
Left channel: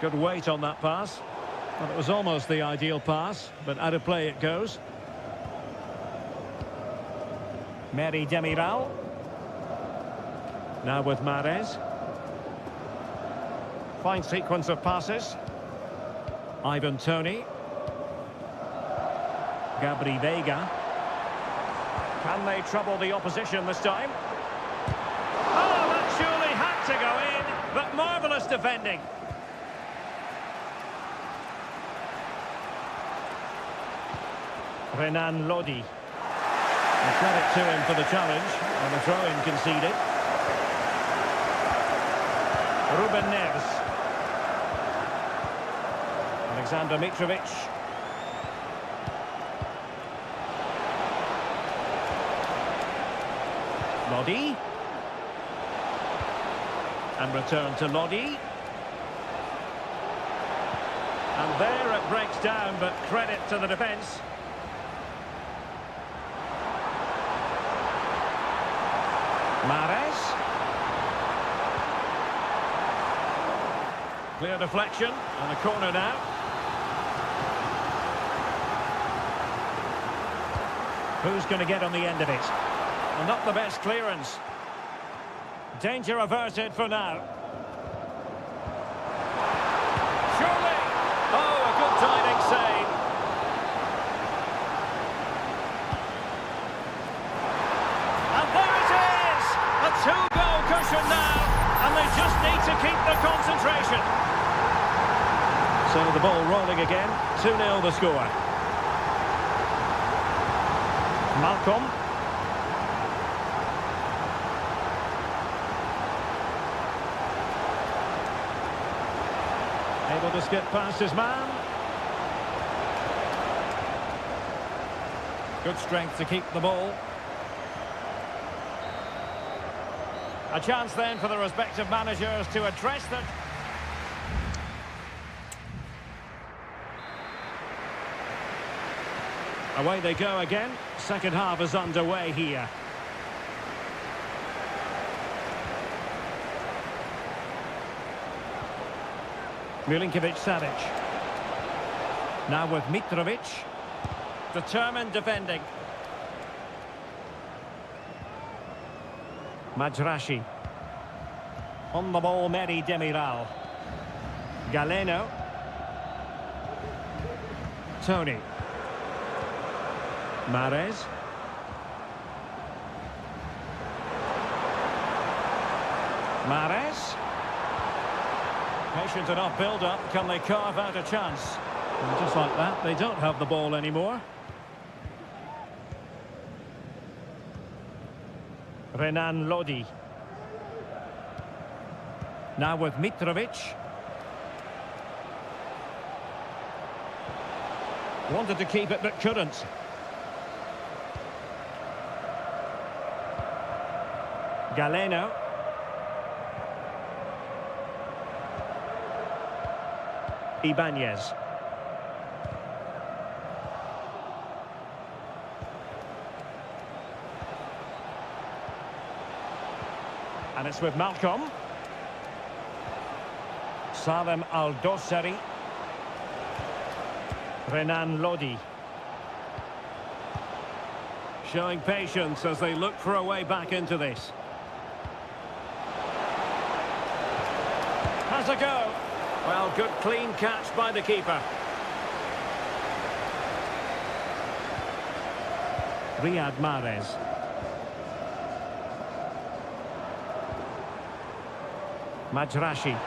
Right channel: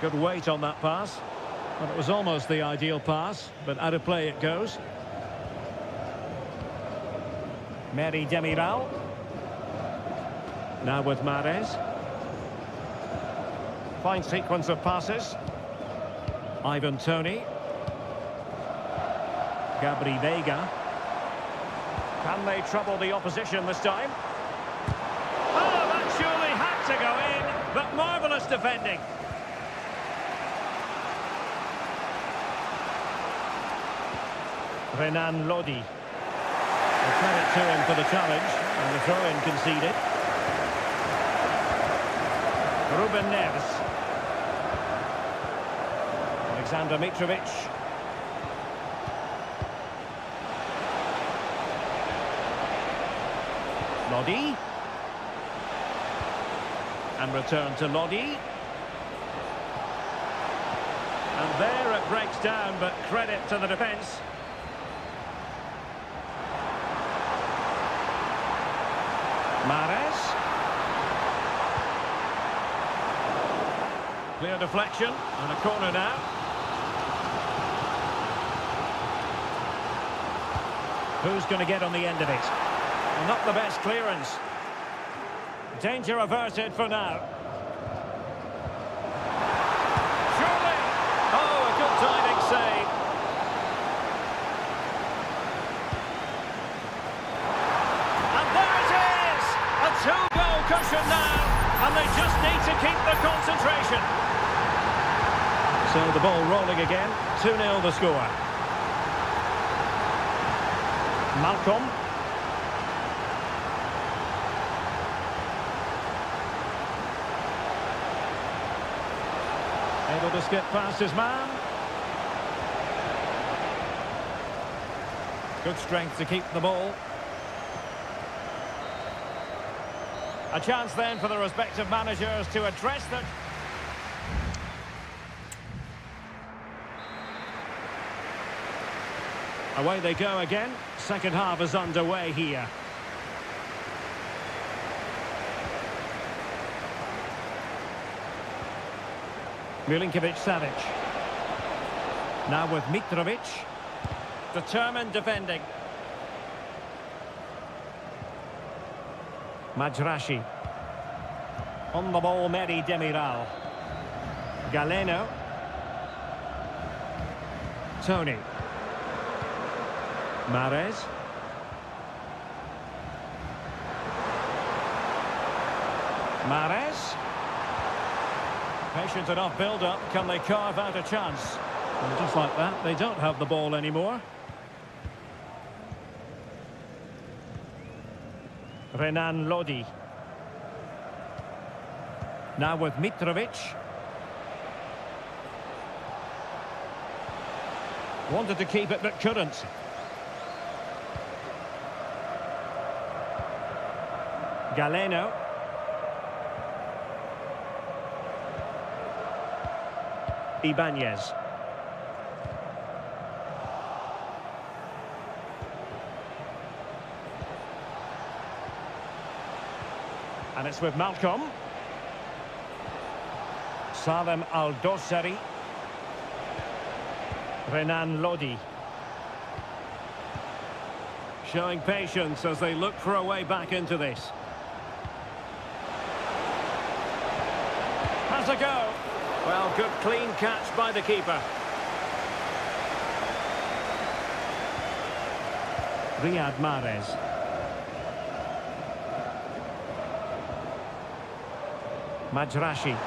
Good weight on that pass. Well, it was almost the ideal pass, but out of play it goes. Meri Demiral. Now with Mahrez. Fine sequence of passes. Ivan Toney. Gabri Veiga. Can they trouble the opposition this time? Oh, that surely had to go in, but marvellous defending. Renan Lodi. A credit to him for the challenge, and the throw-in conceded. Ruben Neves. Alexander Mitrovic. Lodi. And return to Lodi. And there it breaks down, but credit to the defence. Mahrez. Clear deflection and a corner now. Who's going to get on the end of it? Well, not the best clearance. Danger averted for now. Surely! Oh, a good diving save. And there it is! A two-goal cushion now, and they just need to keep the concentration. So the ball rolling again, 2-0 the score. Malcolm. Able to skip past his man. Good strength to keep the ball. A chance then for the respective managers to address the... Away they go again. Second half is underway here. Milinkovic-Savic. Now with Mitrovic. Determined defending. Majrashi. On the ball, Meri Demiral. Galeno. Tony. Mahrez. Mahrez. Patient enough build-up. Can they carve out a chance? And just like that, they don't have the ball anymore. Renan Lodi. Now with Mitrovic. Wanted to keep it but couldn't. Galeno. Ibanez. And it's with Malcolm. Salem Al-Dossari. Renan Lodi. Showing patience as they look for a way back into this. Has a go. Well, good clean catch by the keeper. Riyad Mahrez. Majrashi.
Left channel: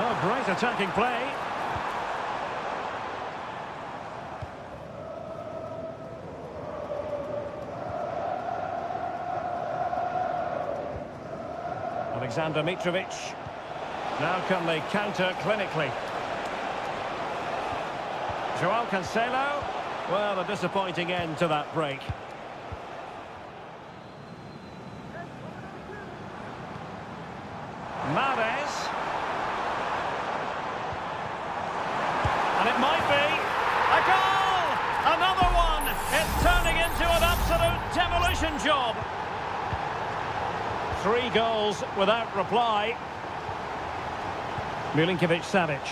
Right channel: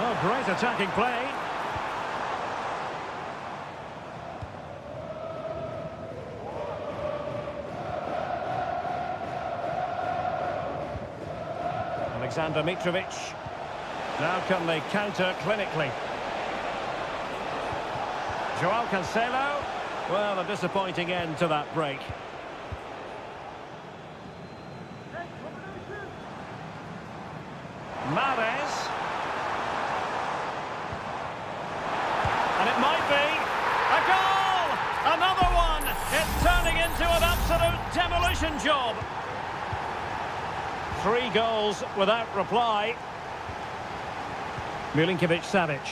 Oh, great attacking play. Alexander Mitrovic. Now can they counter clinically? Joao Cancelo. Well, a disappointing end to that break. Mahrez. And it might be a goal! Another one! It's turning into an absolute demolition job. 3 goals without reply. Milinkovic-Savic.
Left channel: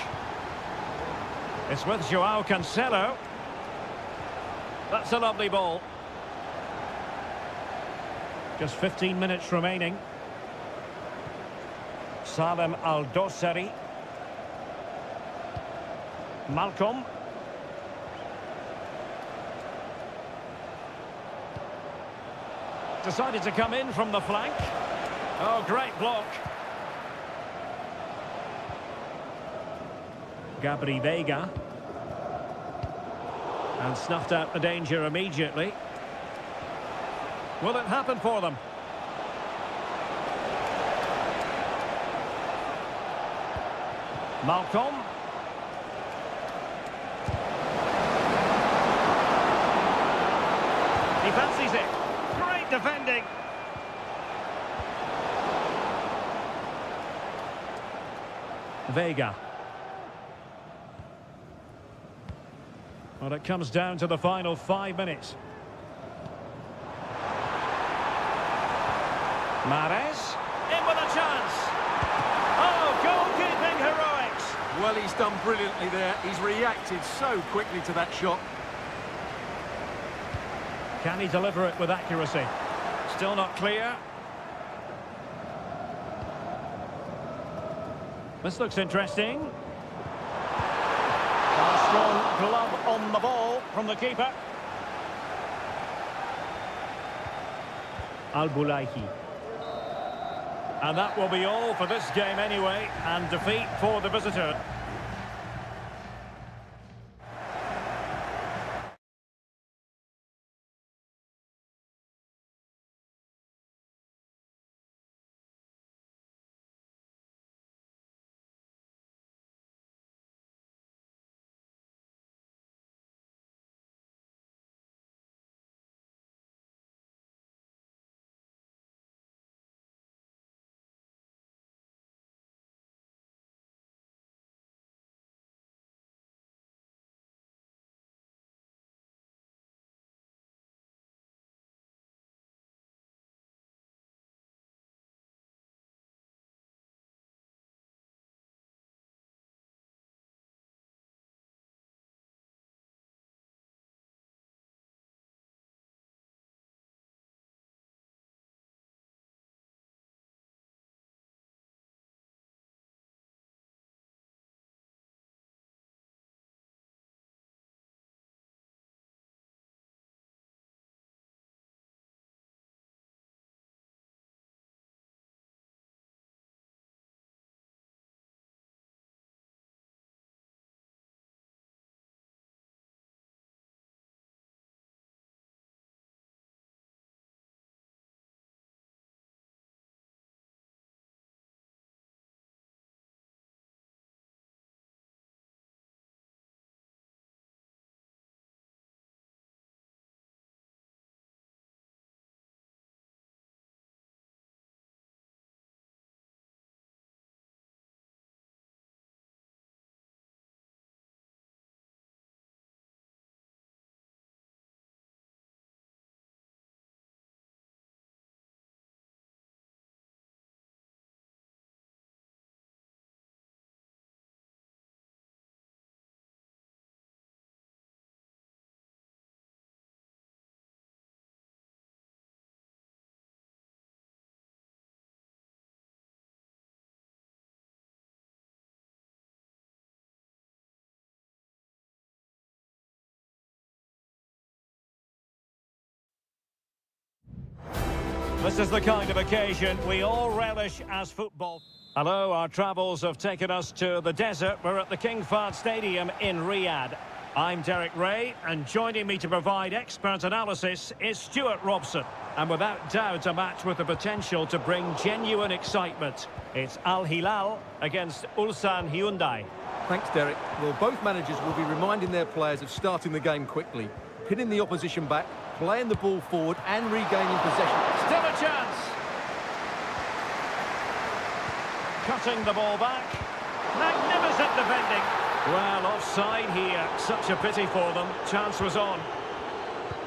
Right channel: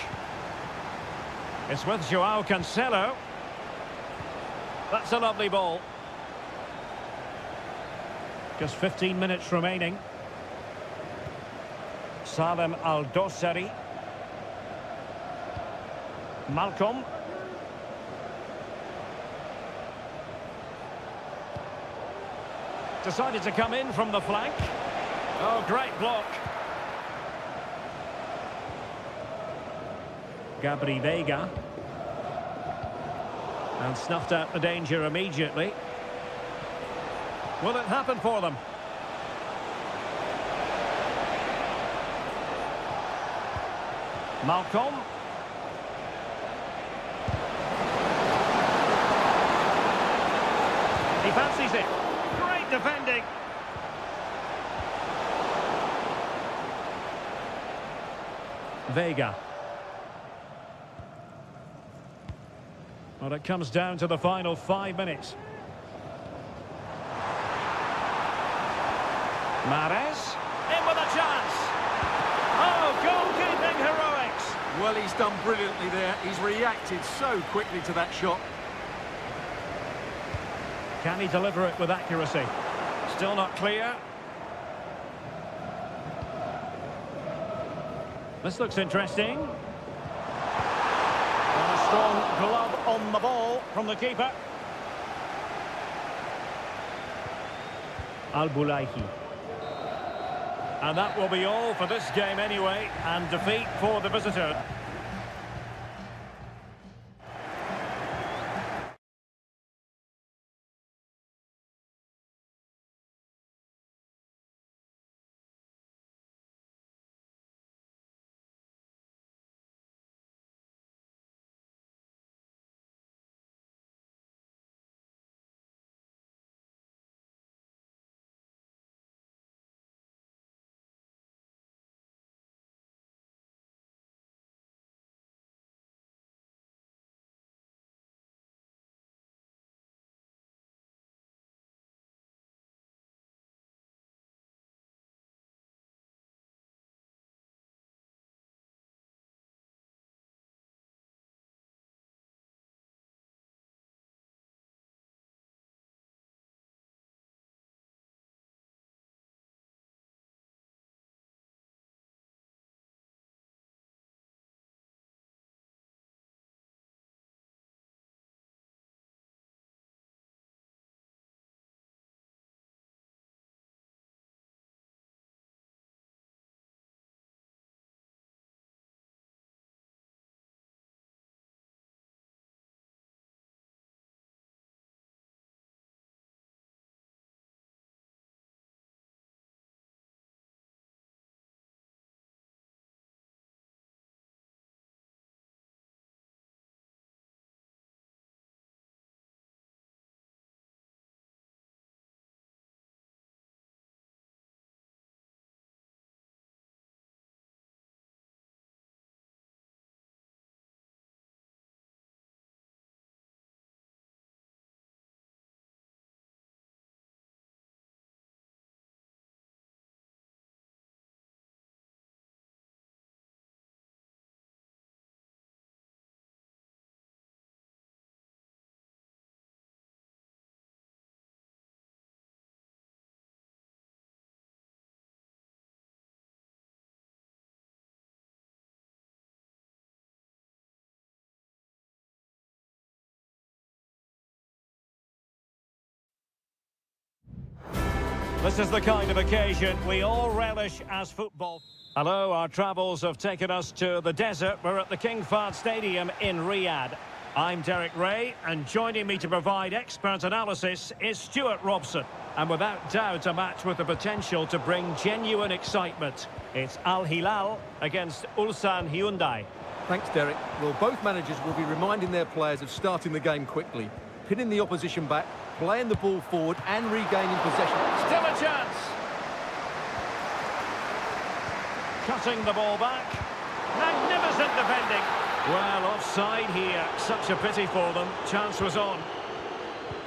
It's with Joao Cancelo. That's a lovely ball. Just 15 minutes remaining. Salem Al-Dossari. Malcolm. Decided to come in from the flank. Oh, great block. Gabri Veiga. And snuffed out the danger immediately. Will it happen for them? Malcolm. He fancies it. Great defending. Veiga. Well, it comes down to the final 5 minutes. Mahrez. In with a chance. Oh, goalkeeping heroics. Well, he's done brilliantly there. He's reacted so quickly to that shot. Can he deliver it with accuracy? Still not clear. This looks interesting. And a strong glove on the ball from the keeper. Al-Bulaihi. And that will be all for this game anyway, and defeat for the visitor. This is the kind of occasion we all relish as football. Hello, our travels have taken us to the desert. We're at the King Fahd Stadium in Riyadh. I'm Derek Ray, and joining me to provide expert analysis is Stuart Robson. And without doubt, a match with the potential to bring genuine excitement. It's Al Hilal against Ulsan Hyundai. Thanks, Derek. Well, both managers will be reminding their players of starting the game quickly, pinning the opposition back, playing the ball forward and regaining possession. Still a chance. Cutting the ball back. Magnificent defending. Well, offside here. Such a pity for them. Chance was on.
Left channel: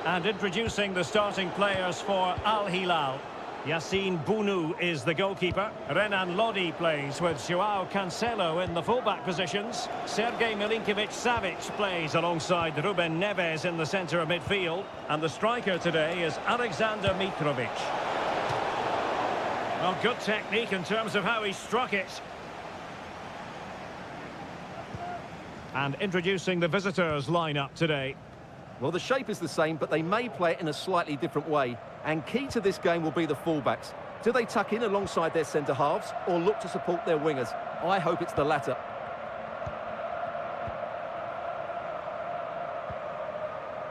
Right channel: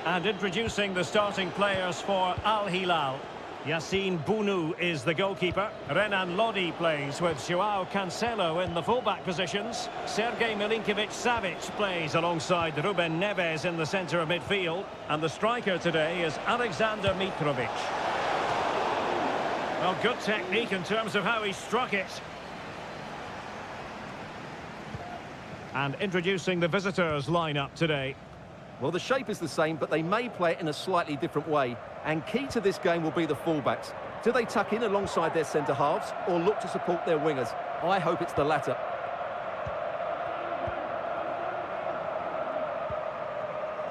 And introducing the starting players for Al Hilal. Yassine Bounou is the goalkeeper. Renan Lodi plays with Joao Cancelo in the fullback positions. Sergej Milinkovic-Savic plays alongside Ruben Neves in the centre of midfield. And the striker today is Alexander Mitrovic. Well, good technique in terms of how he struck it. And introducing the visitors' lineup today. Well, the shape is the same, but they may play it in a slightly different way. And key to this game will be the fullbacks. Do they tuck in alongside their centre-halves or look to support their wingers? I hope it's the latter.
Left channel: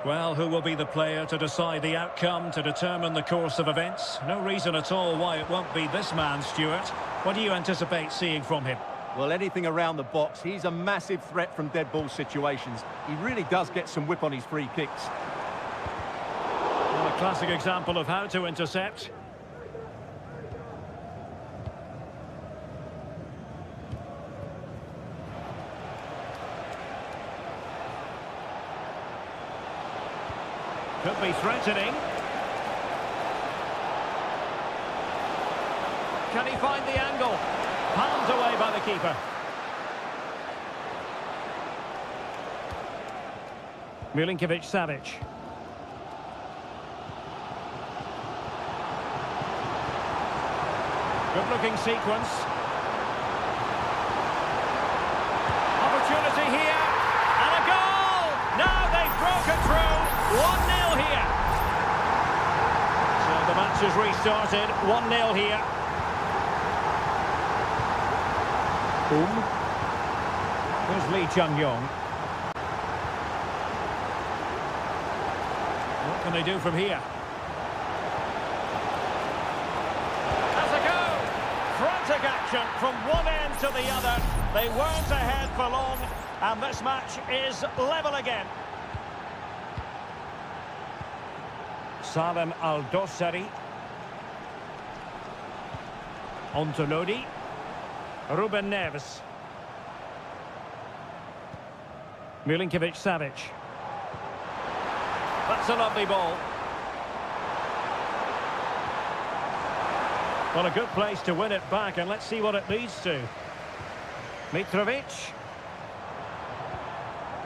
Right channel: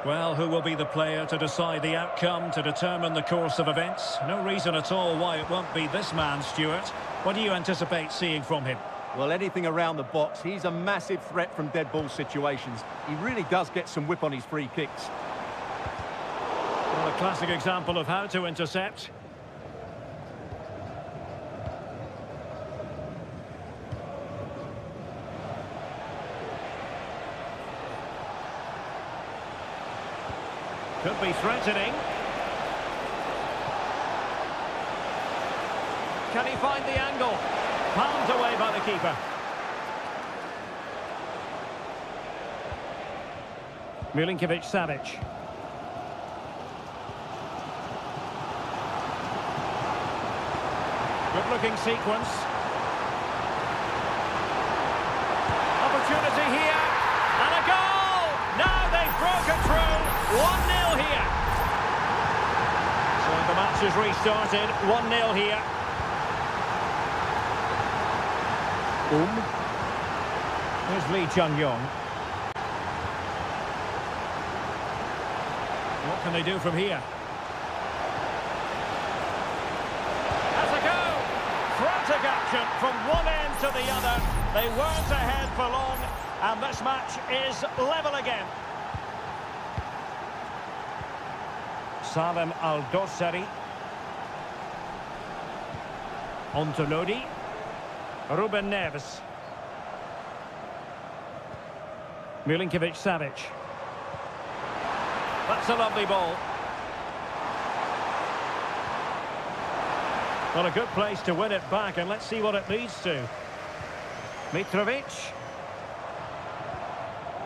Well, who will be the player to decide the outcome, to determine the course of events? No reason at all why it won't be this man, Stuart. What do you anticipate seeing from him? Well, anything around the box. He's a massive threat from dead ball situations. He really does get some whip on his free kicks. Well, a classic example of how to intercept. Could be threatening. Can he find the angle? Palmed away by the keeper. Milinkovic-Savic. Good-looking sequence. Opportunity here. And a goal! Now they've broken through. 1-0 here. So the match has restarted. 1-0 here. There's Lee Chung-yong. What can they do from here? Has a go! Frantic action from one end to the other. They weren't ahead for long, and this match is level again. Salem Al-Dossari. On to Lodi. Ruben Neves. Milinkovic-Savic. That's a lovely ball. Well, a good place to win it back, and let's see what it leads to. Mitrovic.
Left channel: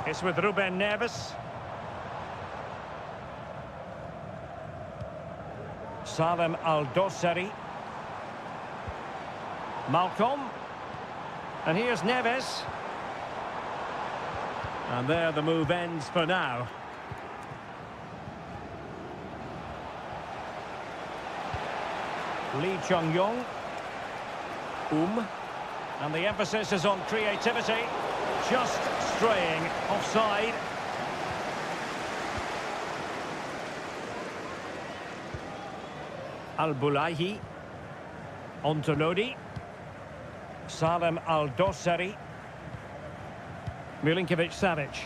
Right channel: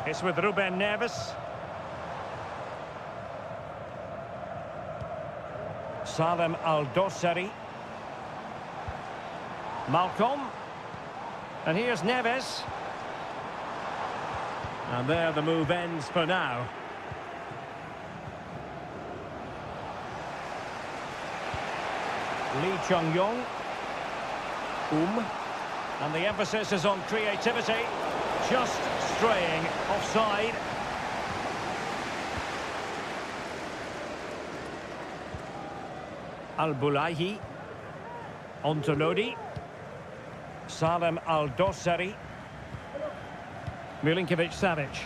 It's with Ruben Neves. Salem Al-Dossari. Malcolm. And here's Neves. And there the move ends for now. Lee Chung-yong. And the emphasis is on creativity. Just straying offside. Al-Bulaihi. On to Lodi. Salem Al-Dossari. Milinkovic-Savic.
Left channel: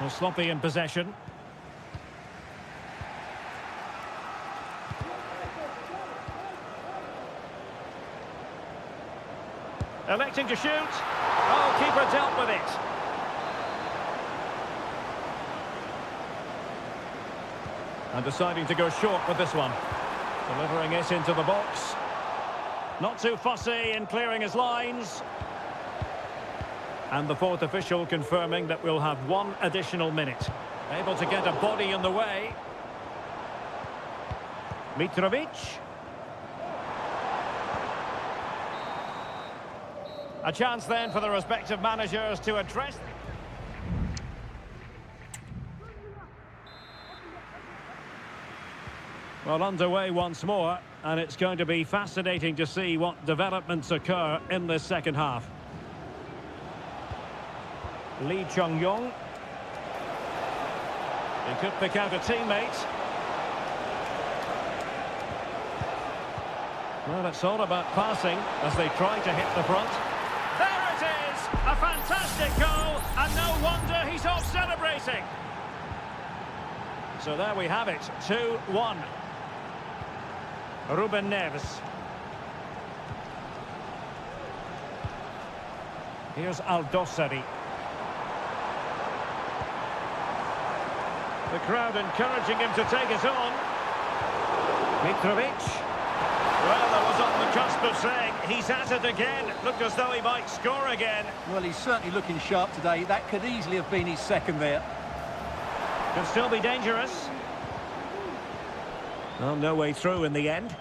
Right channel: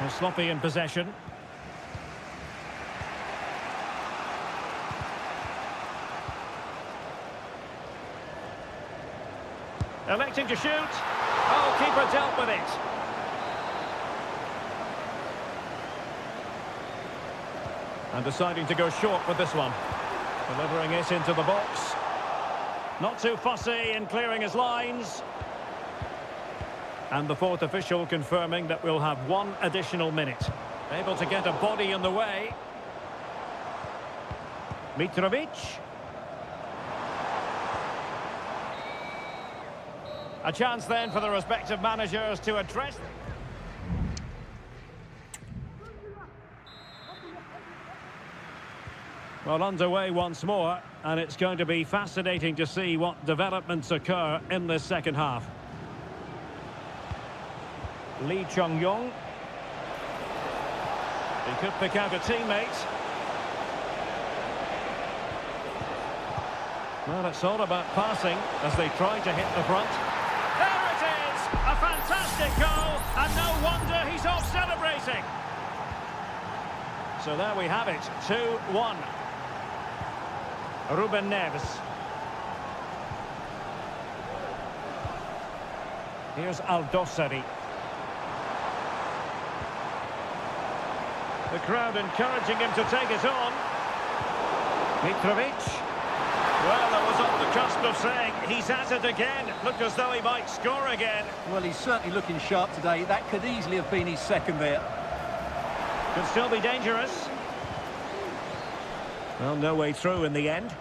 Well, sloppy in possession. Electing to shoot. Oh, keeper dealt with it. And deciding to go short with this one. Delivering it into the box. Not too fussy in clearing his lines. And the fourth official confirming that we'll have one additional minute. Able to get a body in the way. Mitrovic. A chance then for the respective managers to address. Well, underway once more, and it's going to be fascinating to see what developments occur in this second half. Lee Chung-yong. He could pick out a teammate. Well, it's all about passing as they try to hit the front. There it is! A fantastic goal, and no wonder he's off celebrating. So there we have it, 2-1. Ruben Neves. Here's Aldosari. The crowd encouraging him to take it on. Mitrovic. Well, I was on the cusp of saying he's at it again. Looked as though he might score again. Well, he's certainly looking sharp today. That could easily have been his second there. Could still be dangerous. Well, no way through in the end.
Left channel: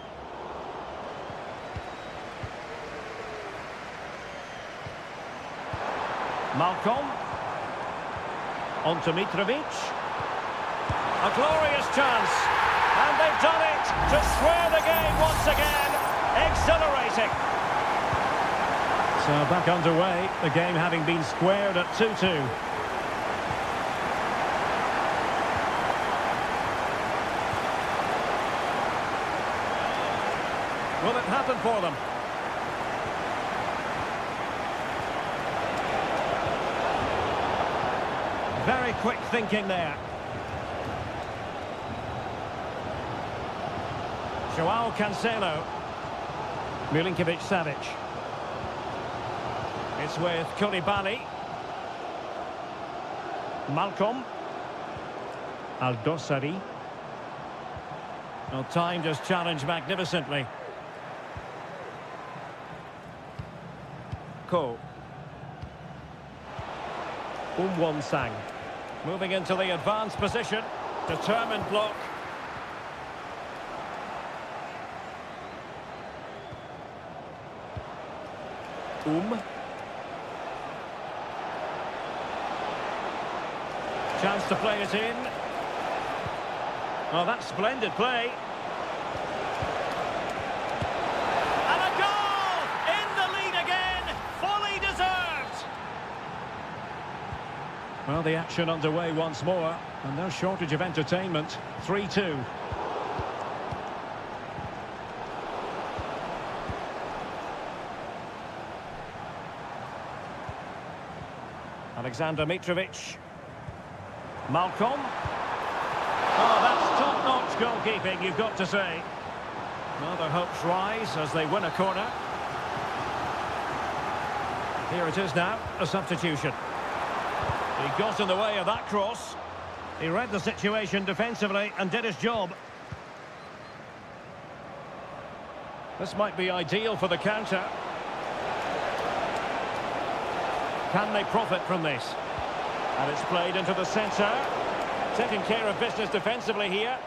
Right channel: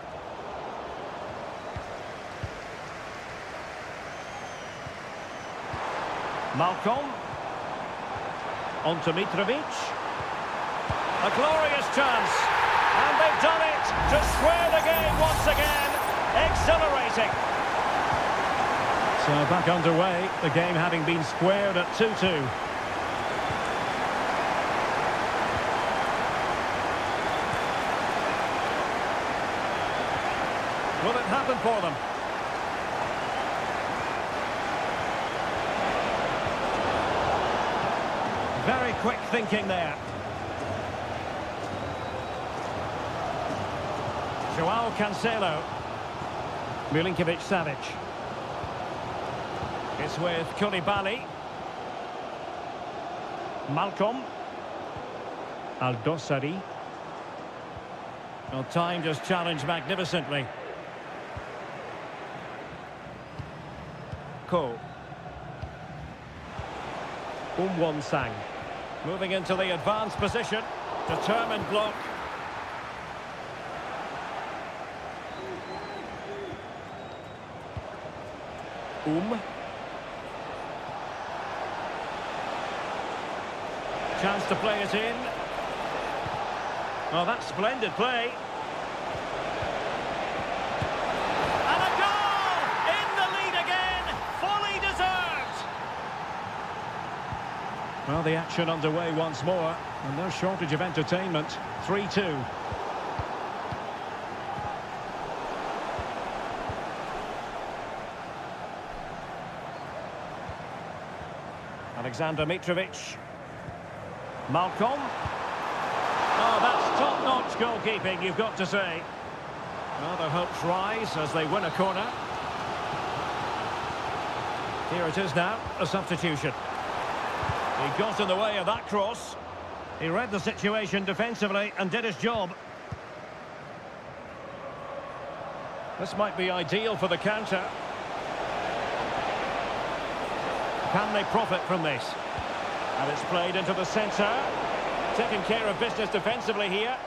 Malcolm. On to Mitrovic. A glorious chance. And they've done it to square the game once again. Exhilarating. So back underway, the game having been squared at 2-2. Will it happen for them? Very quick thinking there. Joao Cancelo. Milinkovic-Savic. It's with Koulibaly. Malcolm. Aldosari. Well, timed his challenge magnificently. Ko. Won-sang. Moving into the advanced position. Determined block. Chance to play it in. Oh, that's splendid play. And a goal! In the lead again! Fully deserved! Well, the action underway once more, and no shortage of entertainment. 3-2. Alexander Mitrovic. Malcolm. Oh, that's top-notch goalkeeping, you've got to say. Well, their hopes rise as they win a corner. Here it is now, a substitution. He got in the way of that cross. He read the situation defensively and did his job. This might be ideal for the counter. Can they profit from this? And it's played into the centre. Taking care of business defensively here.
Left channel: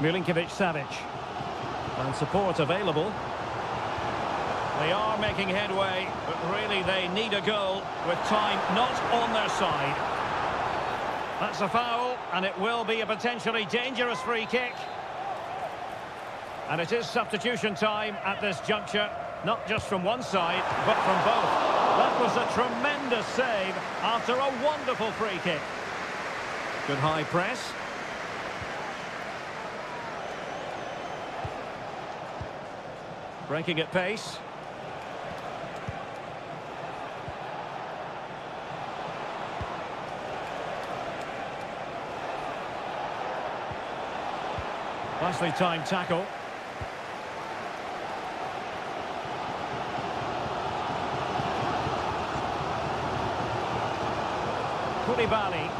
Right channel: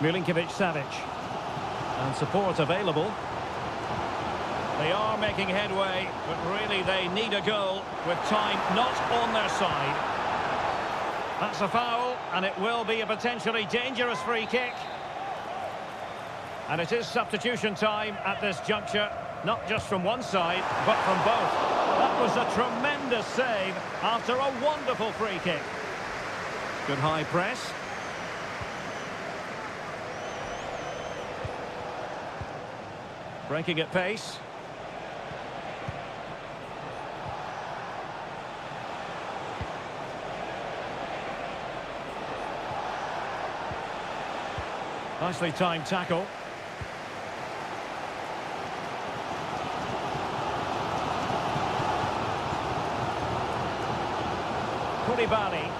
Milinkovic-Savic. And support available. They are making headway, but really they need a goal with time not on their side. That's a foul, and it will be a potentially dangerous free kick. And it is substitution time at this juncture, not just from one side, but from both. That was a tremendous save after a wonderful free kick. Good high press. Breaking at pace. Nicely timed tackle. Koulibaly.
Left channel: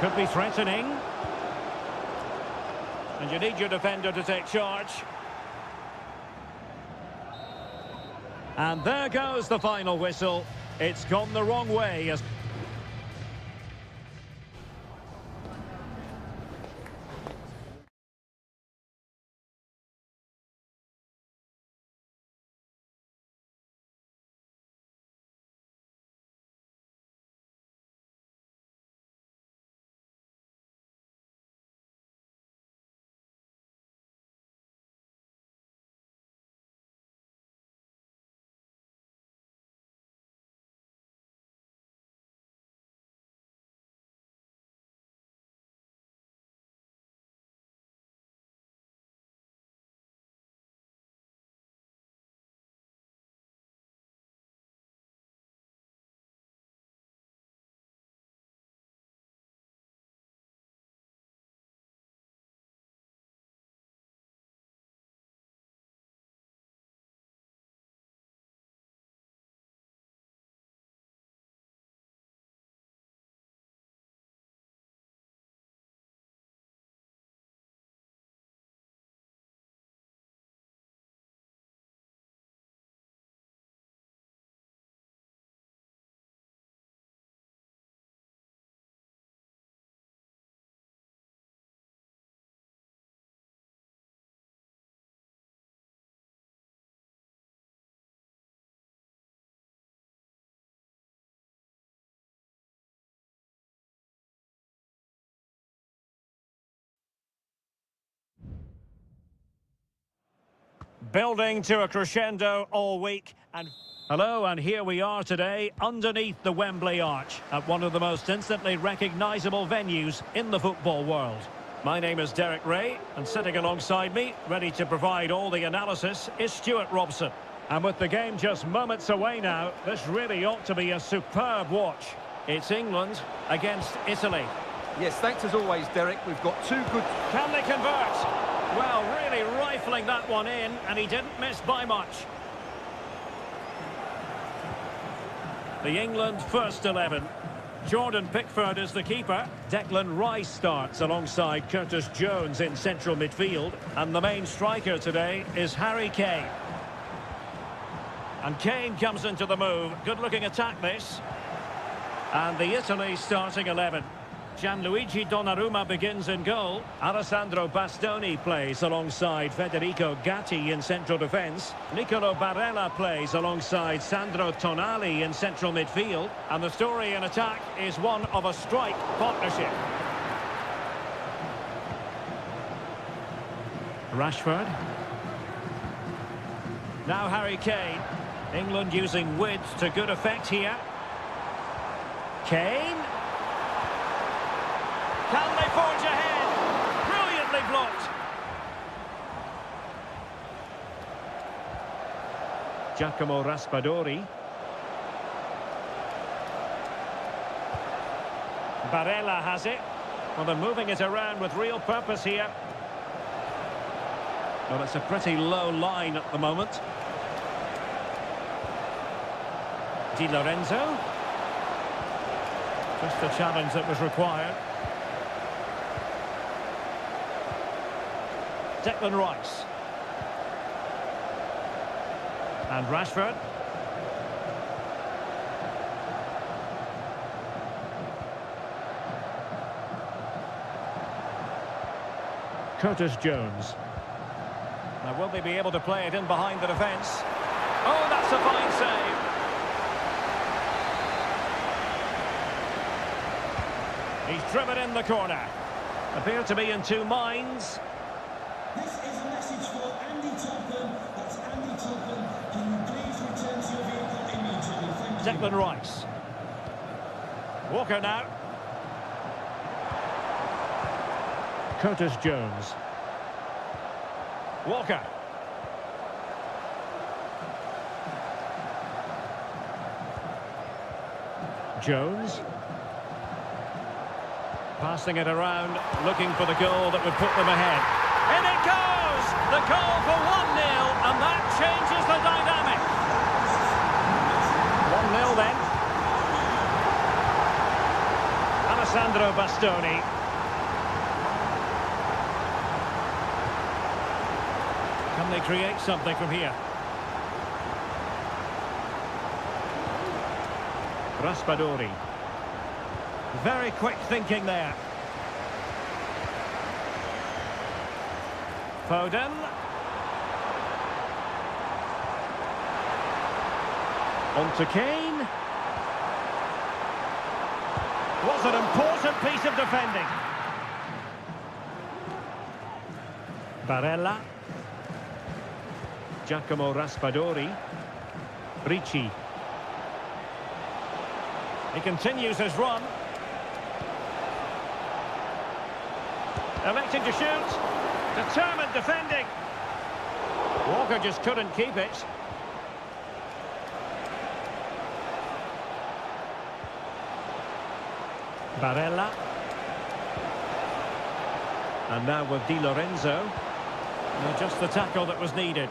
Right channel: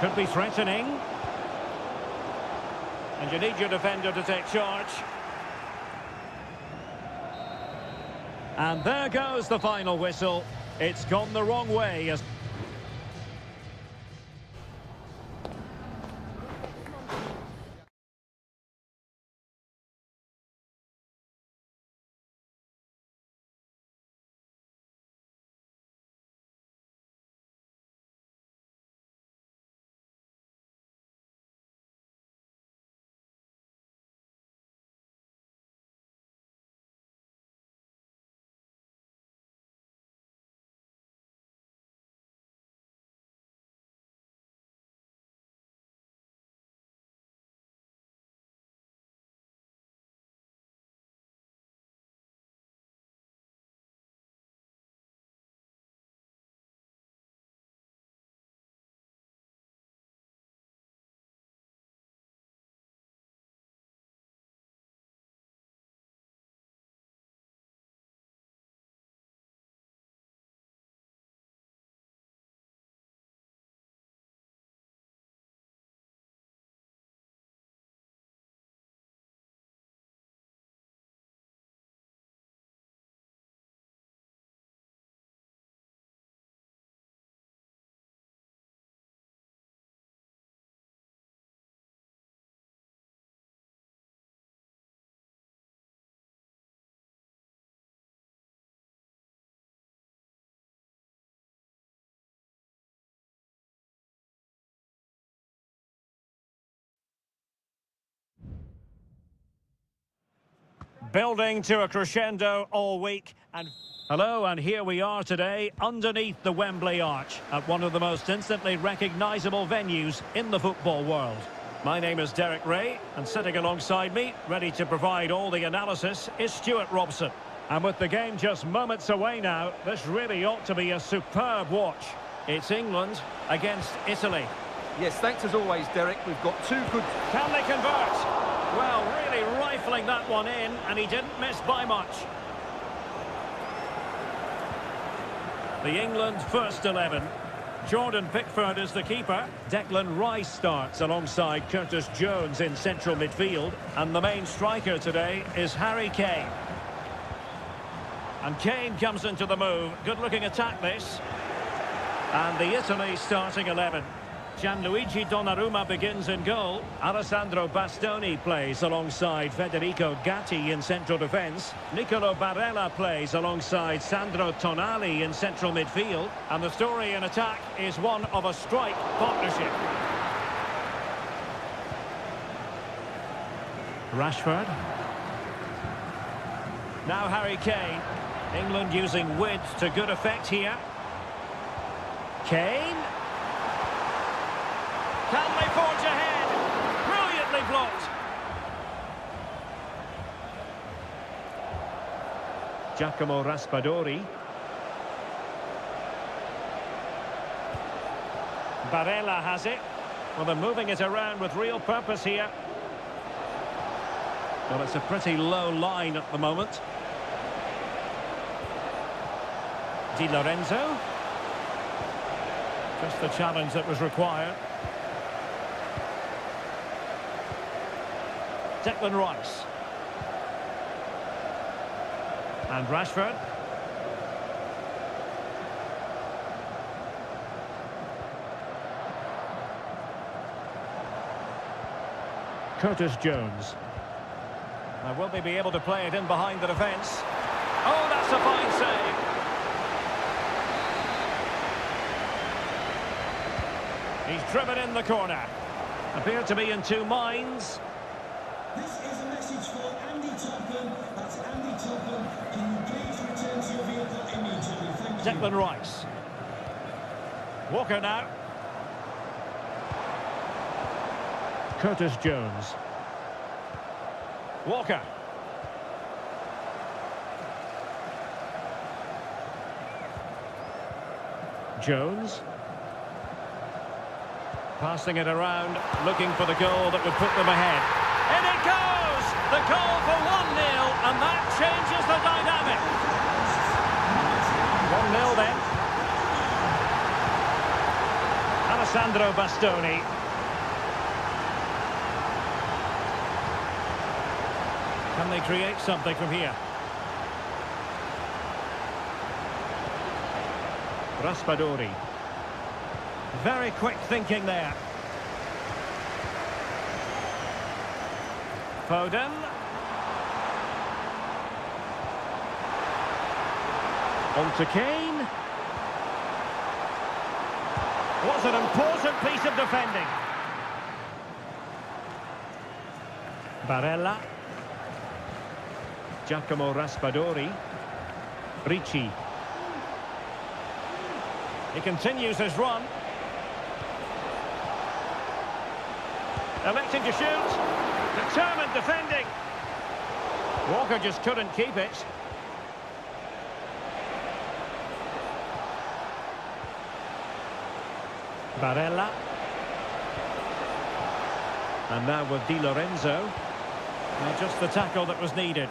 Could be threatening. And you need your defender to take charge. And there goes the final whistle. It's gone the wrong way as Building to a crescendo all week. And hello, and here we are today underneath the Wembley Arch at one of the most instantly recognisable venues in the football world. My name is Derek Ray, and sitting alongside me, ready to provide all the analysis, is Stuart Robson. And with the game just moments away now, this really ought to be a superb watch. It's England against Italy. Yes, thanks as always, Derek. We've got two good... Can they convert? Well, really rifling that one in, and he didn't miss by much. The England first 11. Jordan Pickford is the keeper. Declan Rice starts alongside Curtis Jones in central midfield. And the main striker today is Harry Kane. And Kane comes into the move. Good-looking attack, this. And the Italy starting 11. Gianluigi Donnarumma begins in goal. Alessandro Bastoni plays alongside Federico Gatti in central defence. Nicolo Barella plays alongside Sandro Tonali in central midfield. And the story in attack is one of a strike partnership. Rashford. Now Harry Kane. England using width to good effect here. Kane. Can they forge ahead? Brilliantly blocked. Giacomo Raspadori. Barella has it. Well, they're moving it around with real purpose here. Well, it's a pretty low line at the moment. Di Lorenzo. Just the challenge that was required. Declan Rice. And Rashford. Curtis Jones. Now, will they be able to play it in behind the defence? Oh, that's a fine save. He's driven in the corner. Appear to be in two minds. This is a message for Andy Topham. That's Andy Topham. Can you please return to your vehicle immediately? Thank you. Declan Rice. Walker now. Curtis Jones. Walker. Jones. Passing it around, looking for the goal that would put them ahead. In it goes! The goal for 1-0, and that changes the dynamic. 1-0 then. Alessandro Bastoni. Can they create something from here? Raspadori. Very quick thinking there. Foden. On to Kane. Was an important piece of defending. Barella. Giacomo Raspadori. Ricci. He continues his run. Electing to shoot. Determined defending. Walker just couldn't keep it. Barella. And now with Di Lorenzo. Now just the tackle that was needed.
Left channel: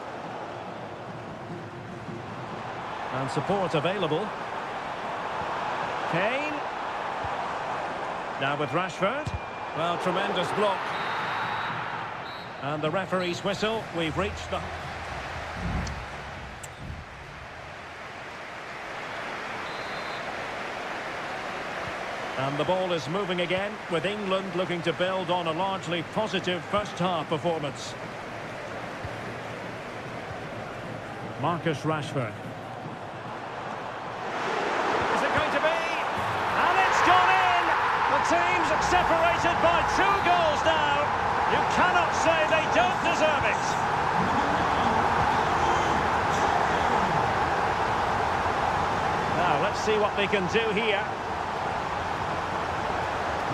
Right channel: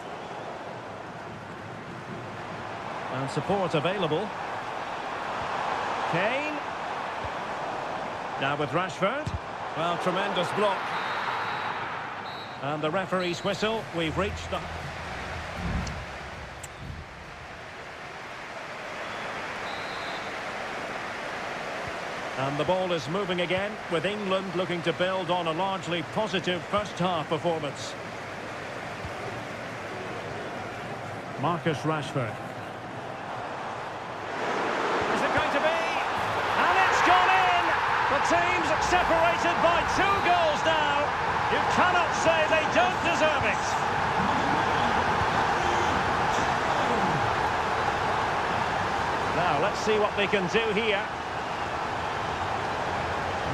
And support available. Kane. Now with Rashford. Well, tremendous block. And the referee's whistle. We've reached the... And the ball is moving again, with England looking to build on a largely positive first-half performance. Marcus Rashford. Is it going to be? And it's gone in! The team's separated by 2 goals now. You cannot say they don't deserve it. Now, let's see what they can do here.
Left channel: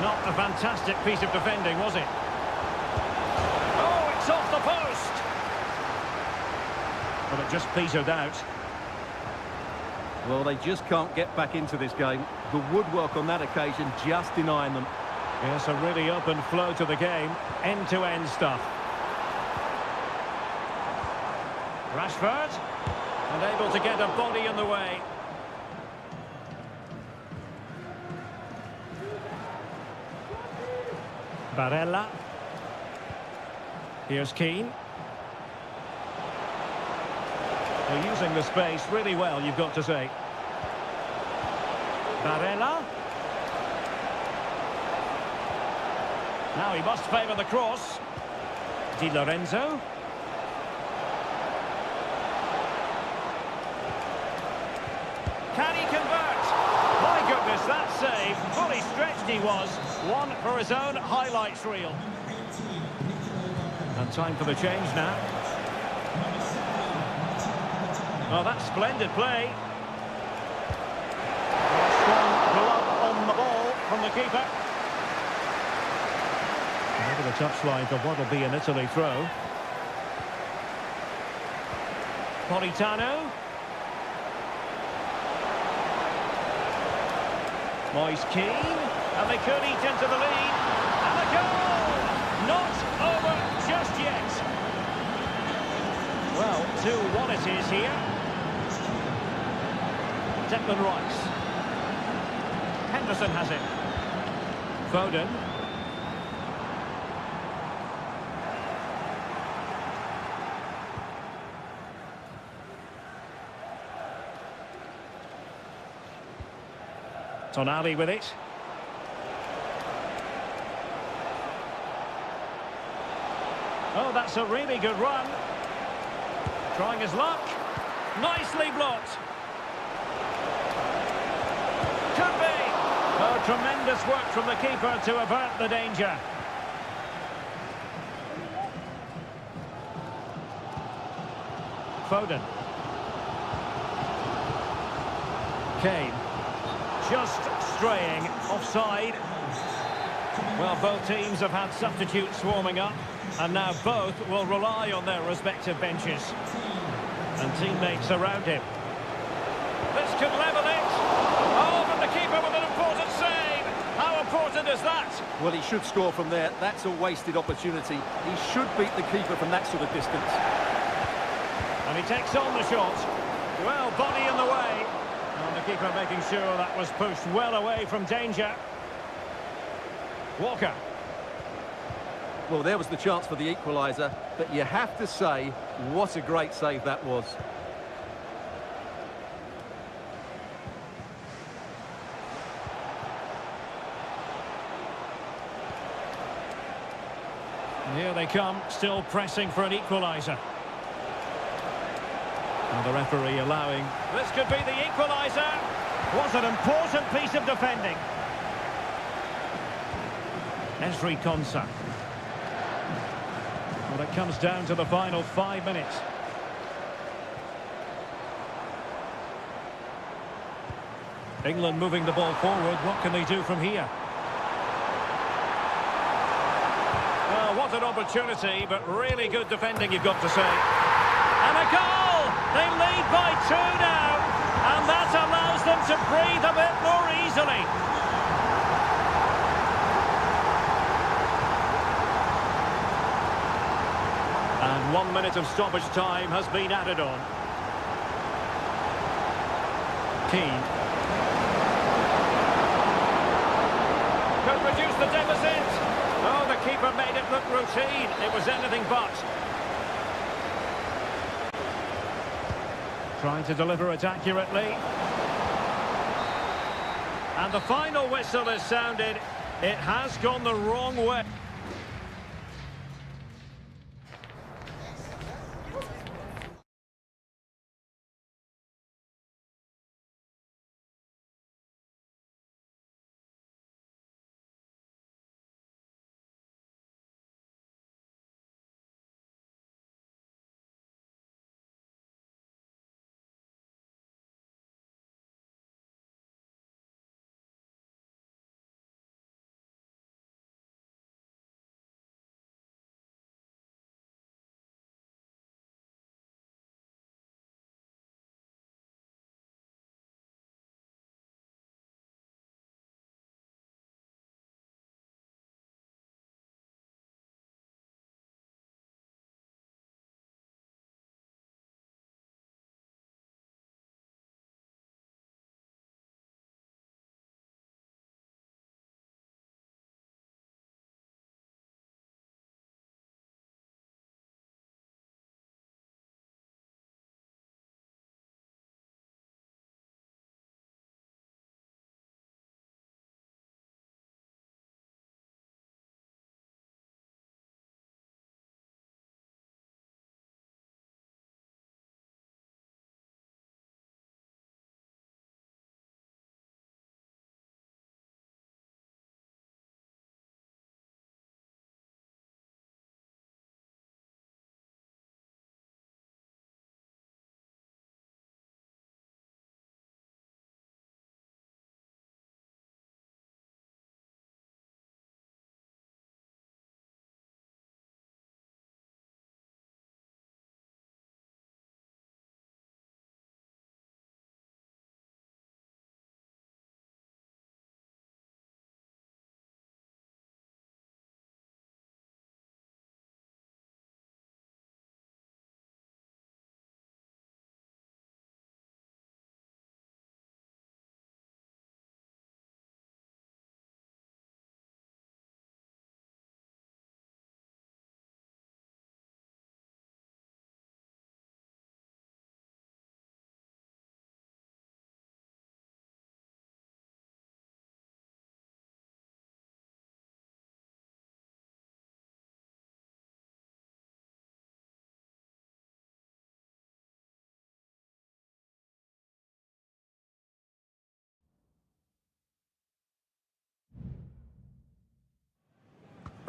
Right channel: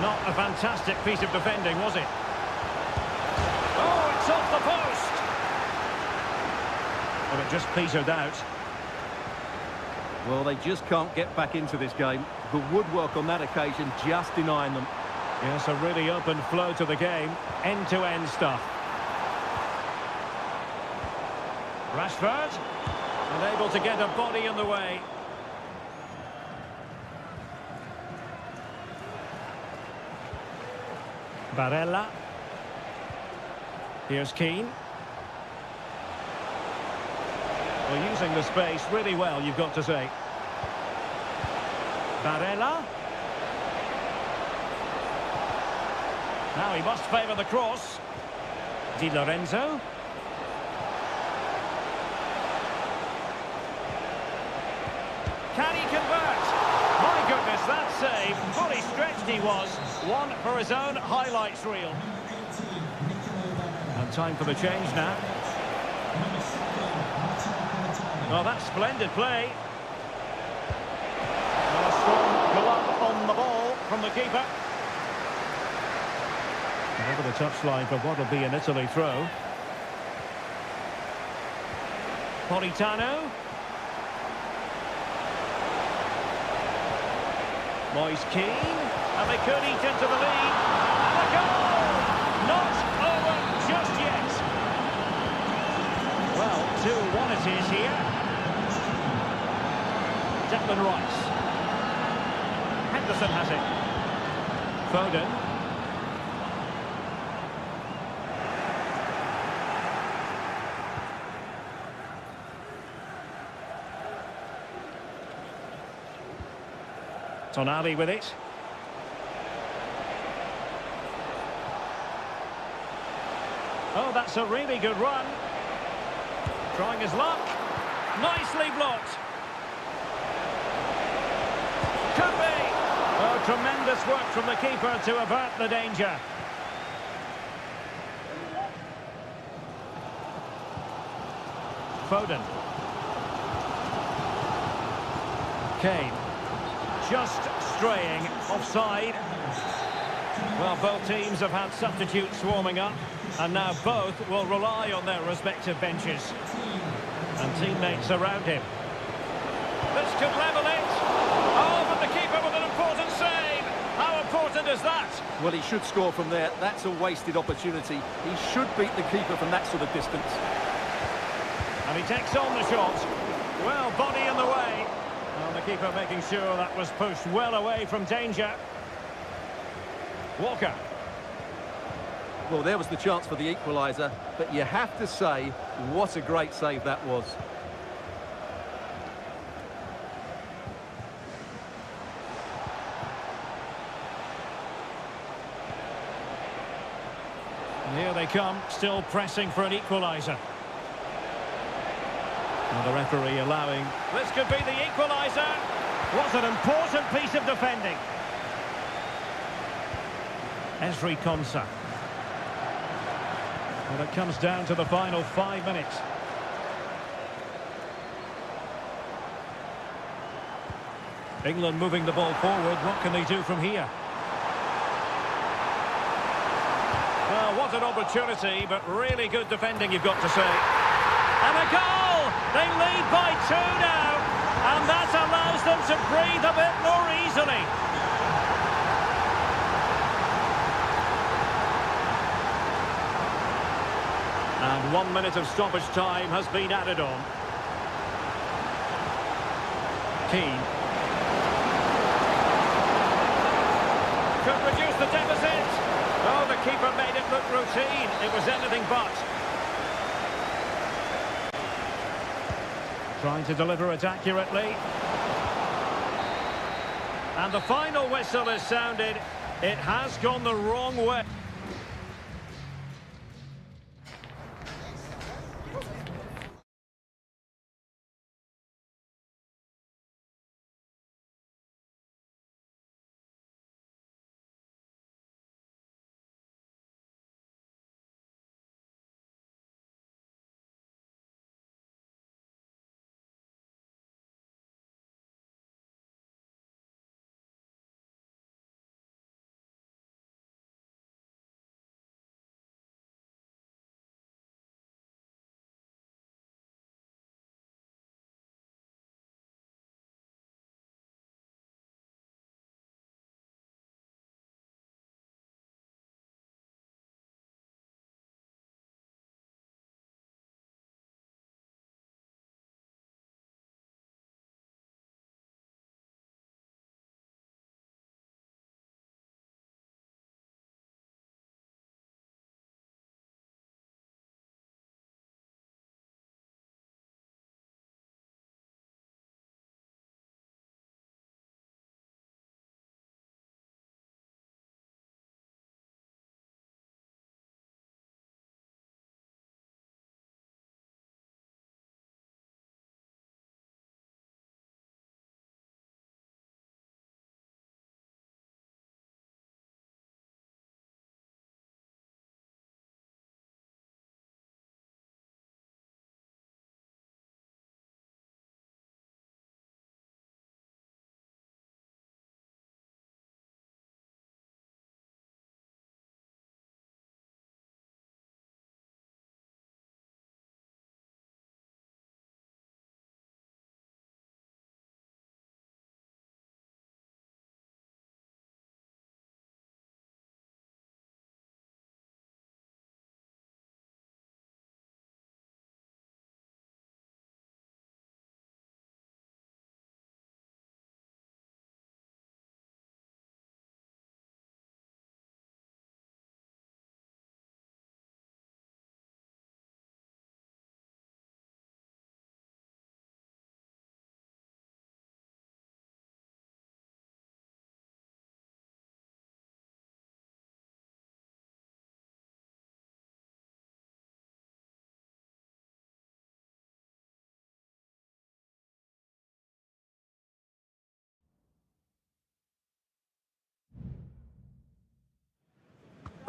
Not a fantastic piece of defending, was it? Oh, it's off the post! Well, it just petered out. Well, they just can't get back into this game. The woodwork on that occasion just denying them. Yes, a really open flow to the game. End-to-end stuff. Rashford. And able to get a body in the way. Barella. Here's Keane. They're using the space really well, you've got to say. Barella. Now he must favour the cross. Di Lorenzo. Can he convert? My goodness, that save. Fully stretched he was. One for his own highlights reel. And time for the change now. Well, that's splendid play. Well, a strong glove on the ball from the keeper. And over the touchline for what will be an Italy throw. Politano. Moise Keane. And they could eat into the lead. And a goal! Not over just yet. Well, 2-1 it is here. Declan Rice. Henderson has it. Foden. Tonali with it. Oh, that's a really good run. Trying his luck. Nicely blocked. Could be. Oh, tremendous work from the keeper to avert the danger. Foden. Kane. Just straying offside. Well, both teams have had substitutes warming up, and now both will rely on their respective benches. And teammates around him. This could level it. Oh, but the keeper with an important save. How important is that? Well, he should score from there. That's a wasted opportunity. He should beat the keeper from that sort of distance. And he takes on the shot. Well, body in the way. And the keeper making sure that was pushed well away from danger. Walker. Well, there was the chance for the equaliser, but you have to say, what a great save that was. And here they come, still pressing for an equaliser. Now the referee allowing. This could be the equaliser. What an important piece of defending. Ezri Konsa. Well, it comes down to the final 5 minutes. England moving the ball forward. What can they do from here? Well, what an opportunity, but really good defending, you've got to say. And a goal! They lead by 2 now, and that allows them to breathe a bit more easily. And 1 minute of stoppage time has been added on. Keane. Could reduce the deficit. Oh, the keeper made it look routine. It was anything but. Trying to deliver it accurately. And the final whistle is sounded. It has gone the wrong way.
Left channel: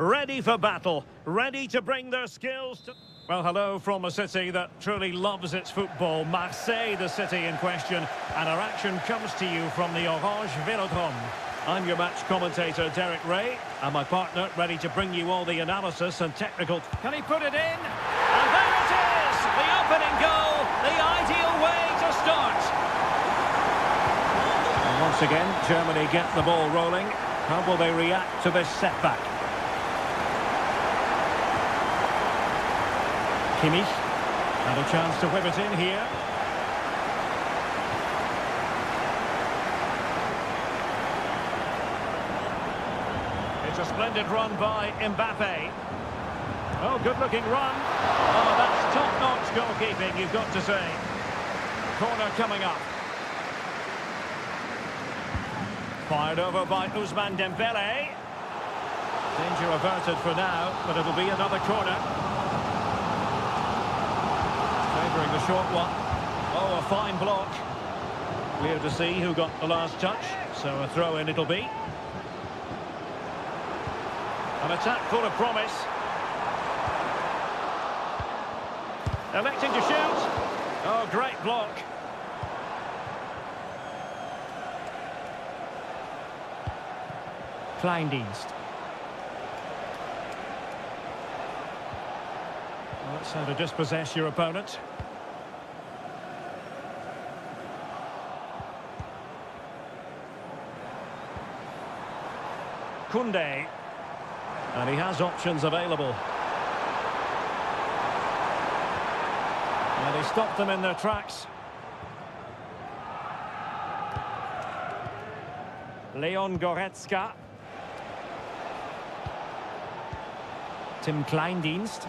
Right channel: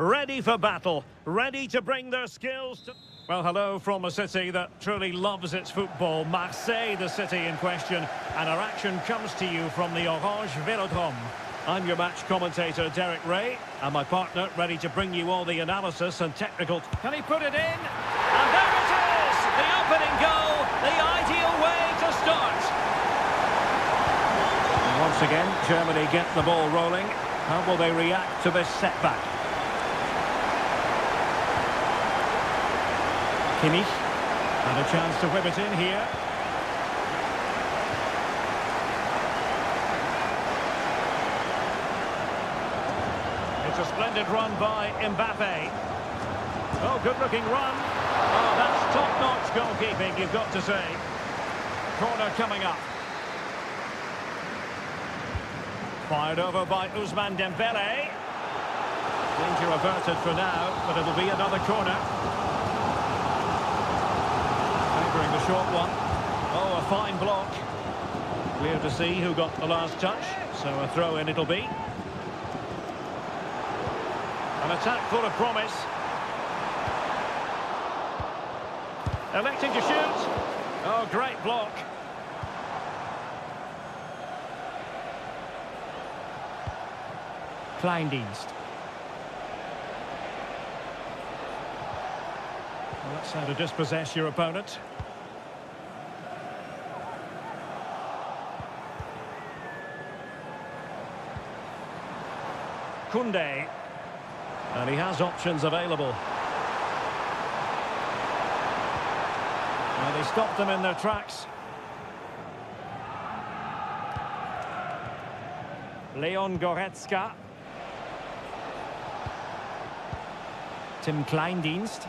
ready for battle, ready to bring their skills to... Well, hello from a city that truly loves its football, Marseille, the city in question, and our action comes to you from the Orange Vélodrome. I'm your match commentator, Derek Ray, and my partner ready to bring you all the analysis and technical... Can he put it in? And there it is! The opening goal, the ideal way to start. And once again, Germany get the ball rolling. How will they react to this setback? Kimmich had a chance to whip it in here. It's a splendid run by Mbappe. Oh, good-looking run. Oh, that's top-notch goalkeeping, you've got to say. Corner coming up. Fired over by Ousmane Dembele. Danger averted for now, but it'll be another corner. Favouring the short one. Oh, a fine block. Clear to see who got the last touch, so a throw-in it'll be. An attack full of promise. Electing to shoot. Oh, great block. Kleindienst. Well, that's how to dispossess your opponent. Koundé. And he has options available. And he stopped them in their tracks. Leon Goretzka. Tim Kleindienst.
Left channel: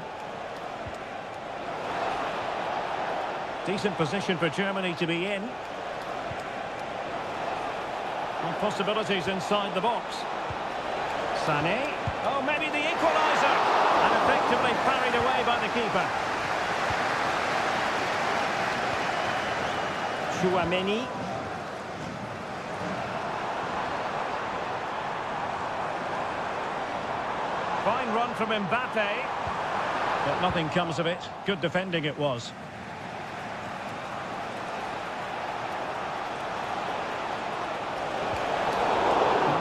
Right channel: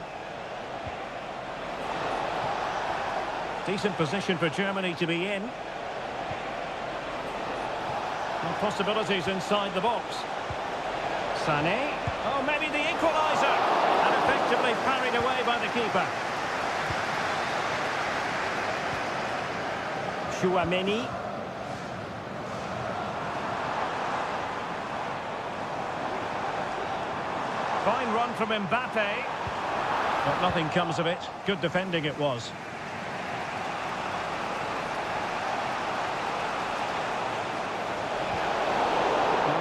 Decent position for Germany to be in. And possibilities inside the box. Sané. Oh, maybe the equaliser. And effectively parried away by the keeper. Chouameni. Fine run from Mbappe. But nothing comes of it. Good defending it was.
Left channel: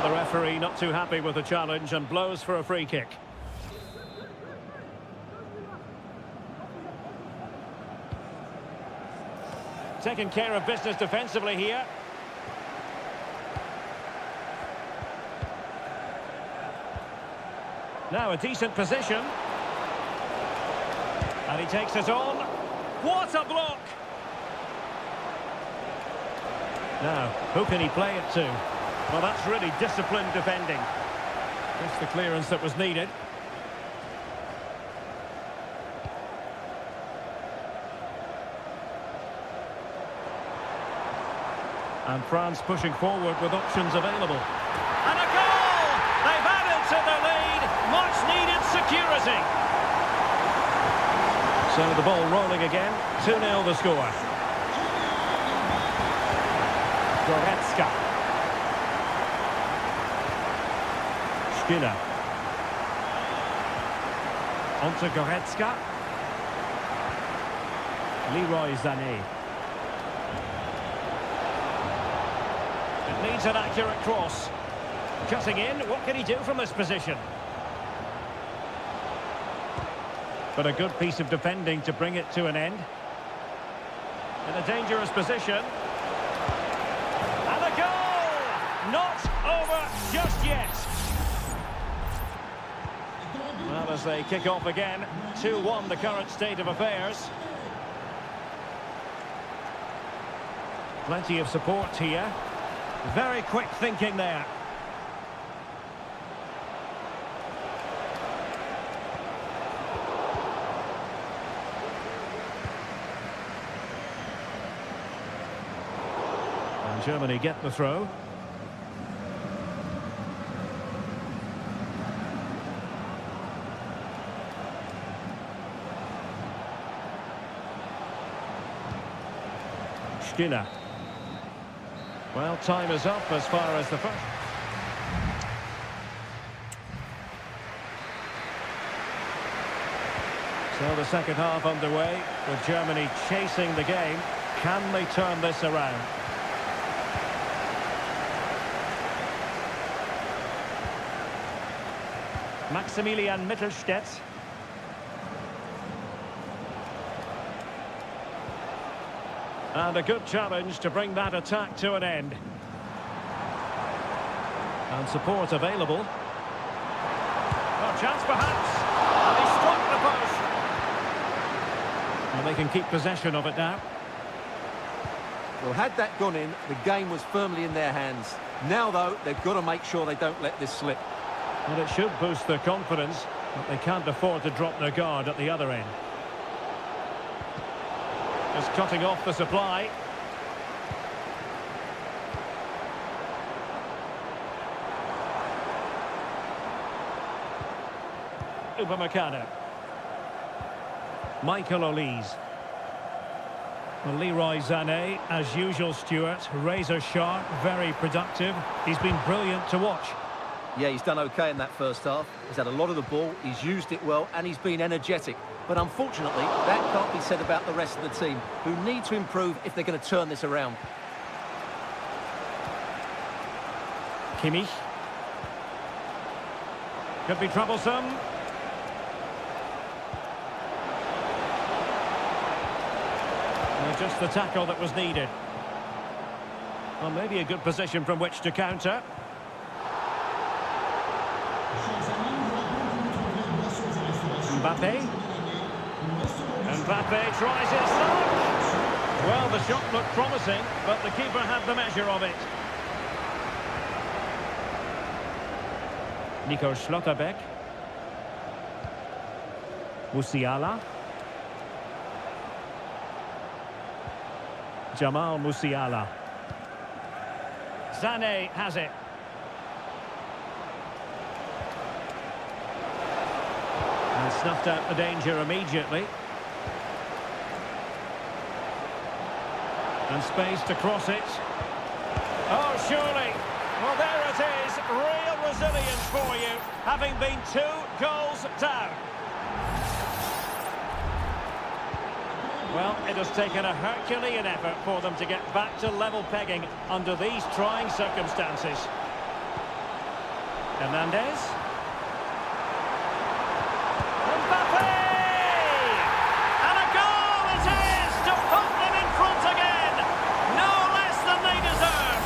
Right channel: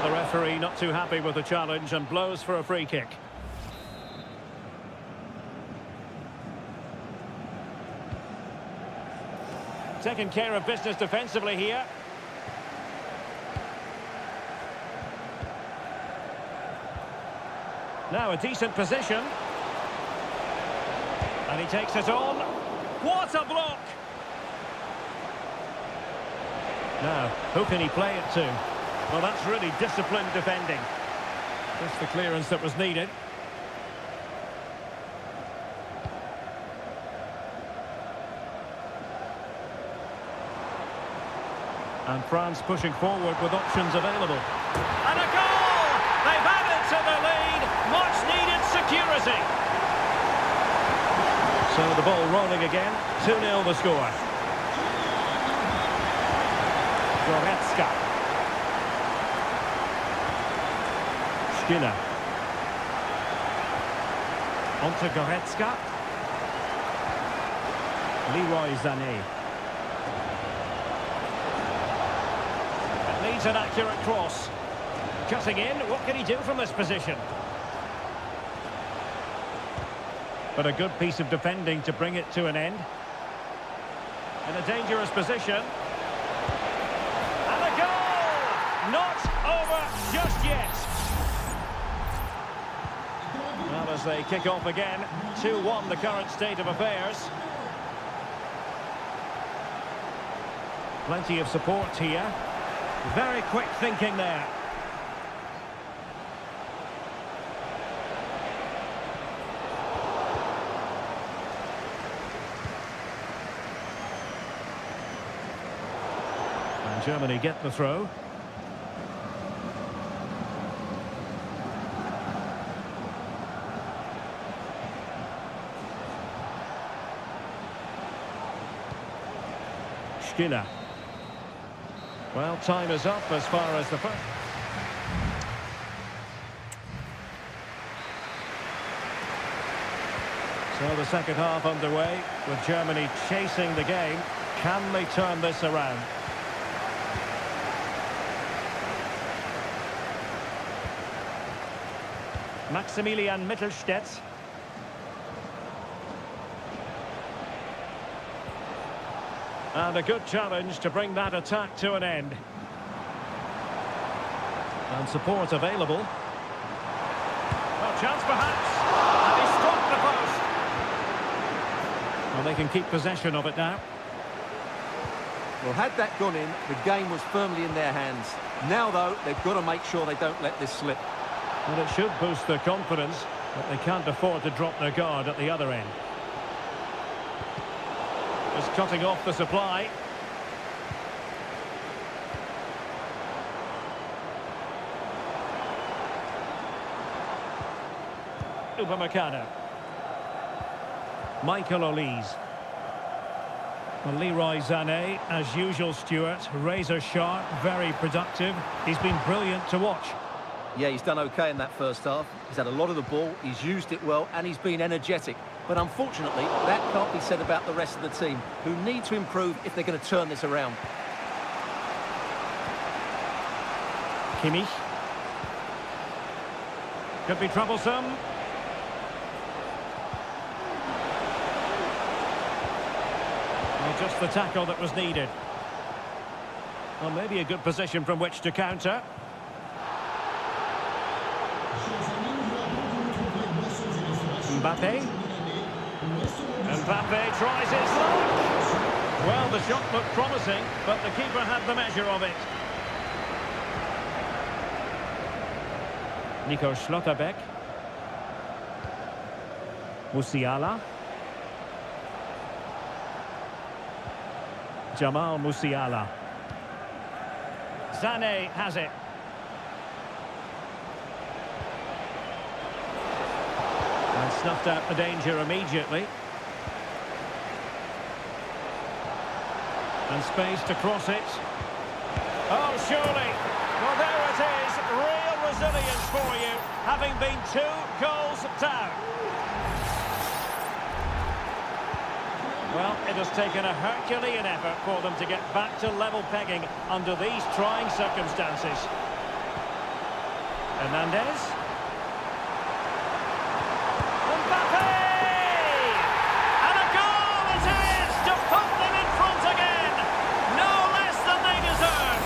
The referee not too happy with the challenge and blows for a free kick. Taking care of business defensively here. Now a decent position. And he takes it on. What a block! Now, who can he play it to? Well, that's really disciplined defending. Just the clearance that was needed. And France pushing forward with options available. And a goal! They've added to the lead. Much needed security. So the ball rolling again. 2-0 the score. Goretzka. Schiller. Onto Goretzka. Leroy Sané. It needs an accurate cross. Cutting in, what can he do from this position? But a good piece of defending to bring it to an end. In a dangerous position. And a goal! Not over just yet. Well, as they kick off again, 2-1 the current state of affairs. Plenty of support here. Very quick thinking there. And Germany get the throw. Schiller. Well, time is up as far as the first. So the second half underway with Germany chasing the game. Can they turn this around? Maximilian Mittelstädt. And a good challenge to bring that attack to an end. And support available. Well, chance perhaps. And he struck the post. Well, they can keep possession of it now. Well, had that gone in, the game was firmly in their hands. Now, though, they've got to make sure they don't let this slip. Well, it should boost their confidence, but they can't afford to drop their guard at the other end. Just cutting off the supply. Upamecano. Michael Olise. Well, Leroy Sané, as usual, Stuart, razor sharp, very productive. He's been brilliant to watch. Yeah, he's done okay in that first half. He's had a lot of the ball, he's used it well, and he's been energetic. But unfortunately, that can't be said about the rest of the team, who need to improve if they're going to turn this around. Kimmich. Could be troublesome. Well, just the tackle that was needed. Well, maybe a good position from which to counter. Mbappe. Mbappe tries his luck. Well, the shot looked promising, but the keeper had the measure of it. Nico Schlotterbeck. Musiala. Jamal Musiala. Sané has it. And snuffed out the danger immediately. And space to cross it. Oh, surely. Well, there it is. Real resilience for you, having been 2 goals down. Well, it has taken a Herculean effort for them to get back to level pegging under these trying circumstances. Hernandez. Mbappe! And a goal it is to put them in front again. No less than they deserve.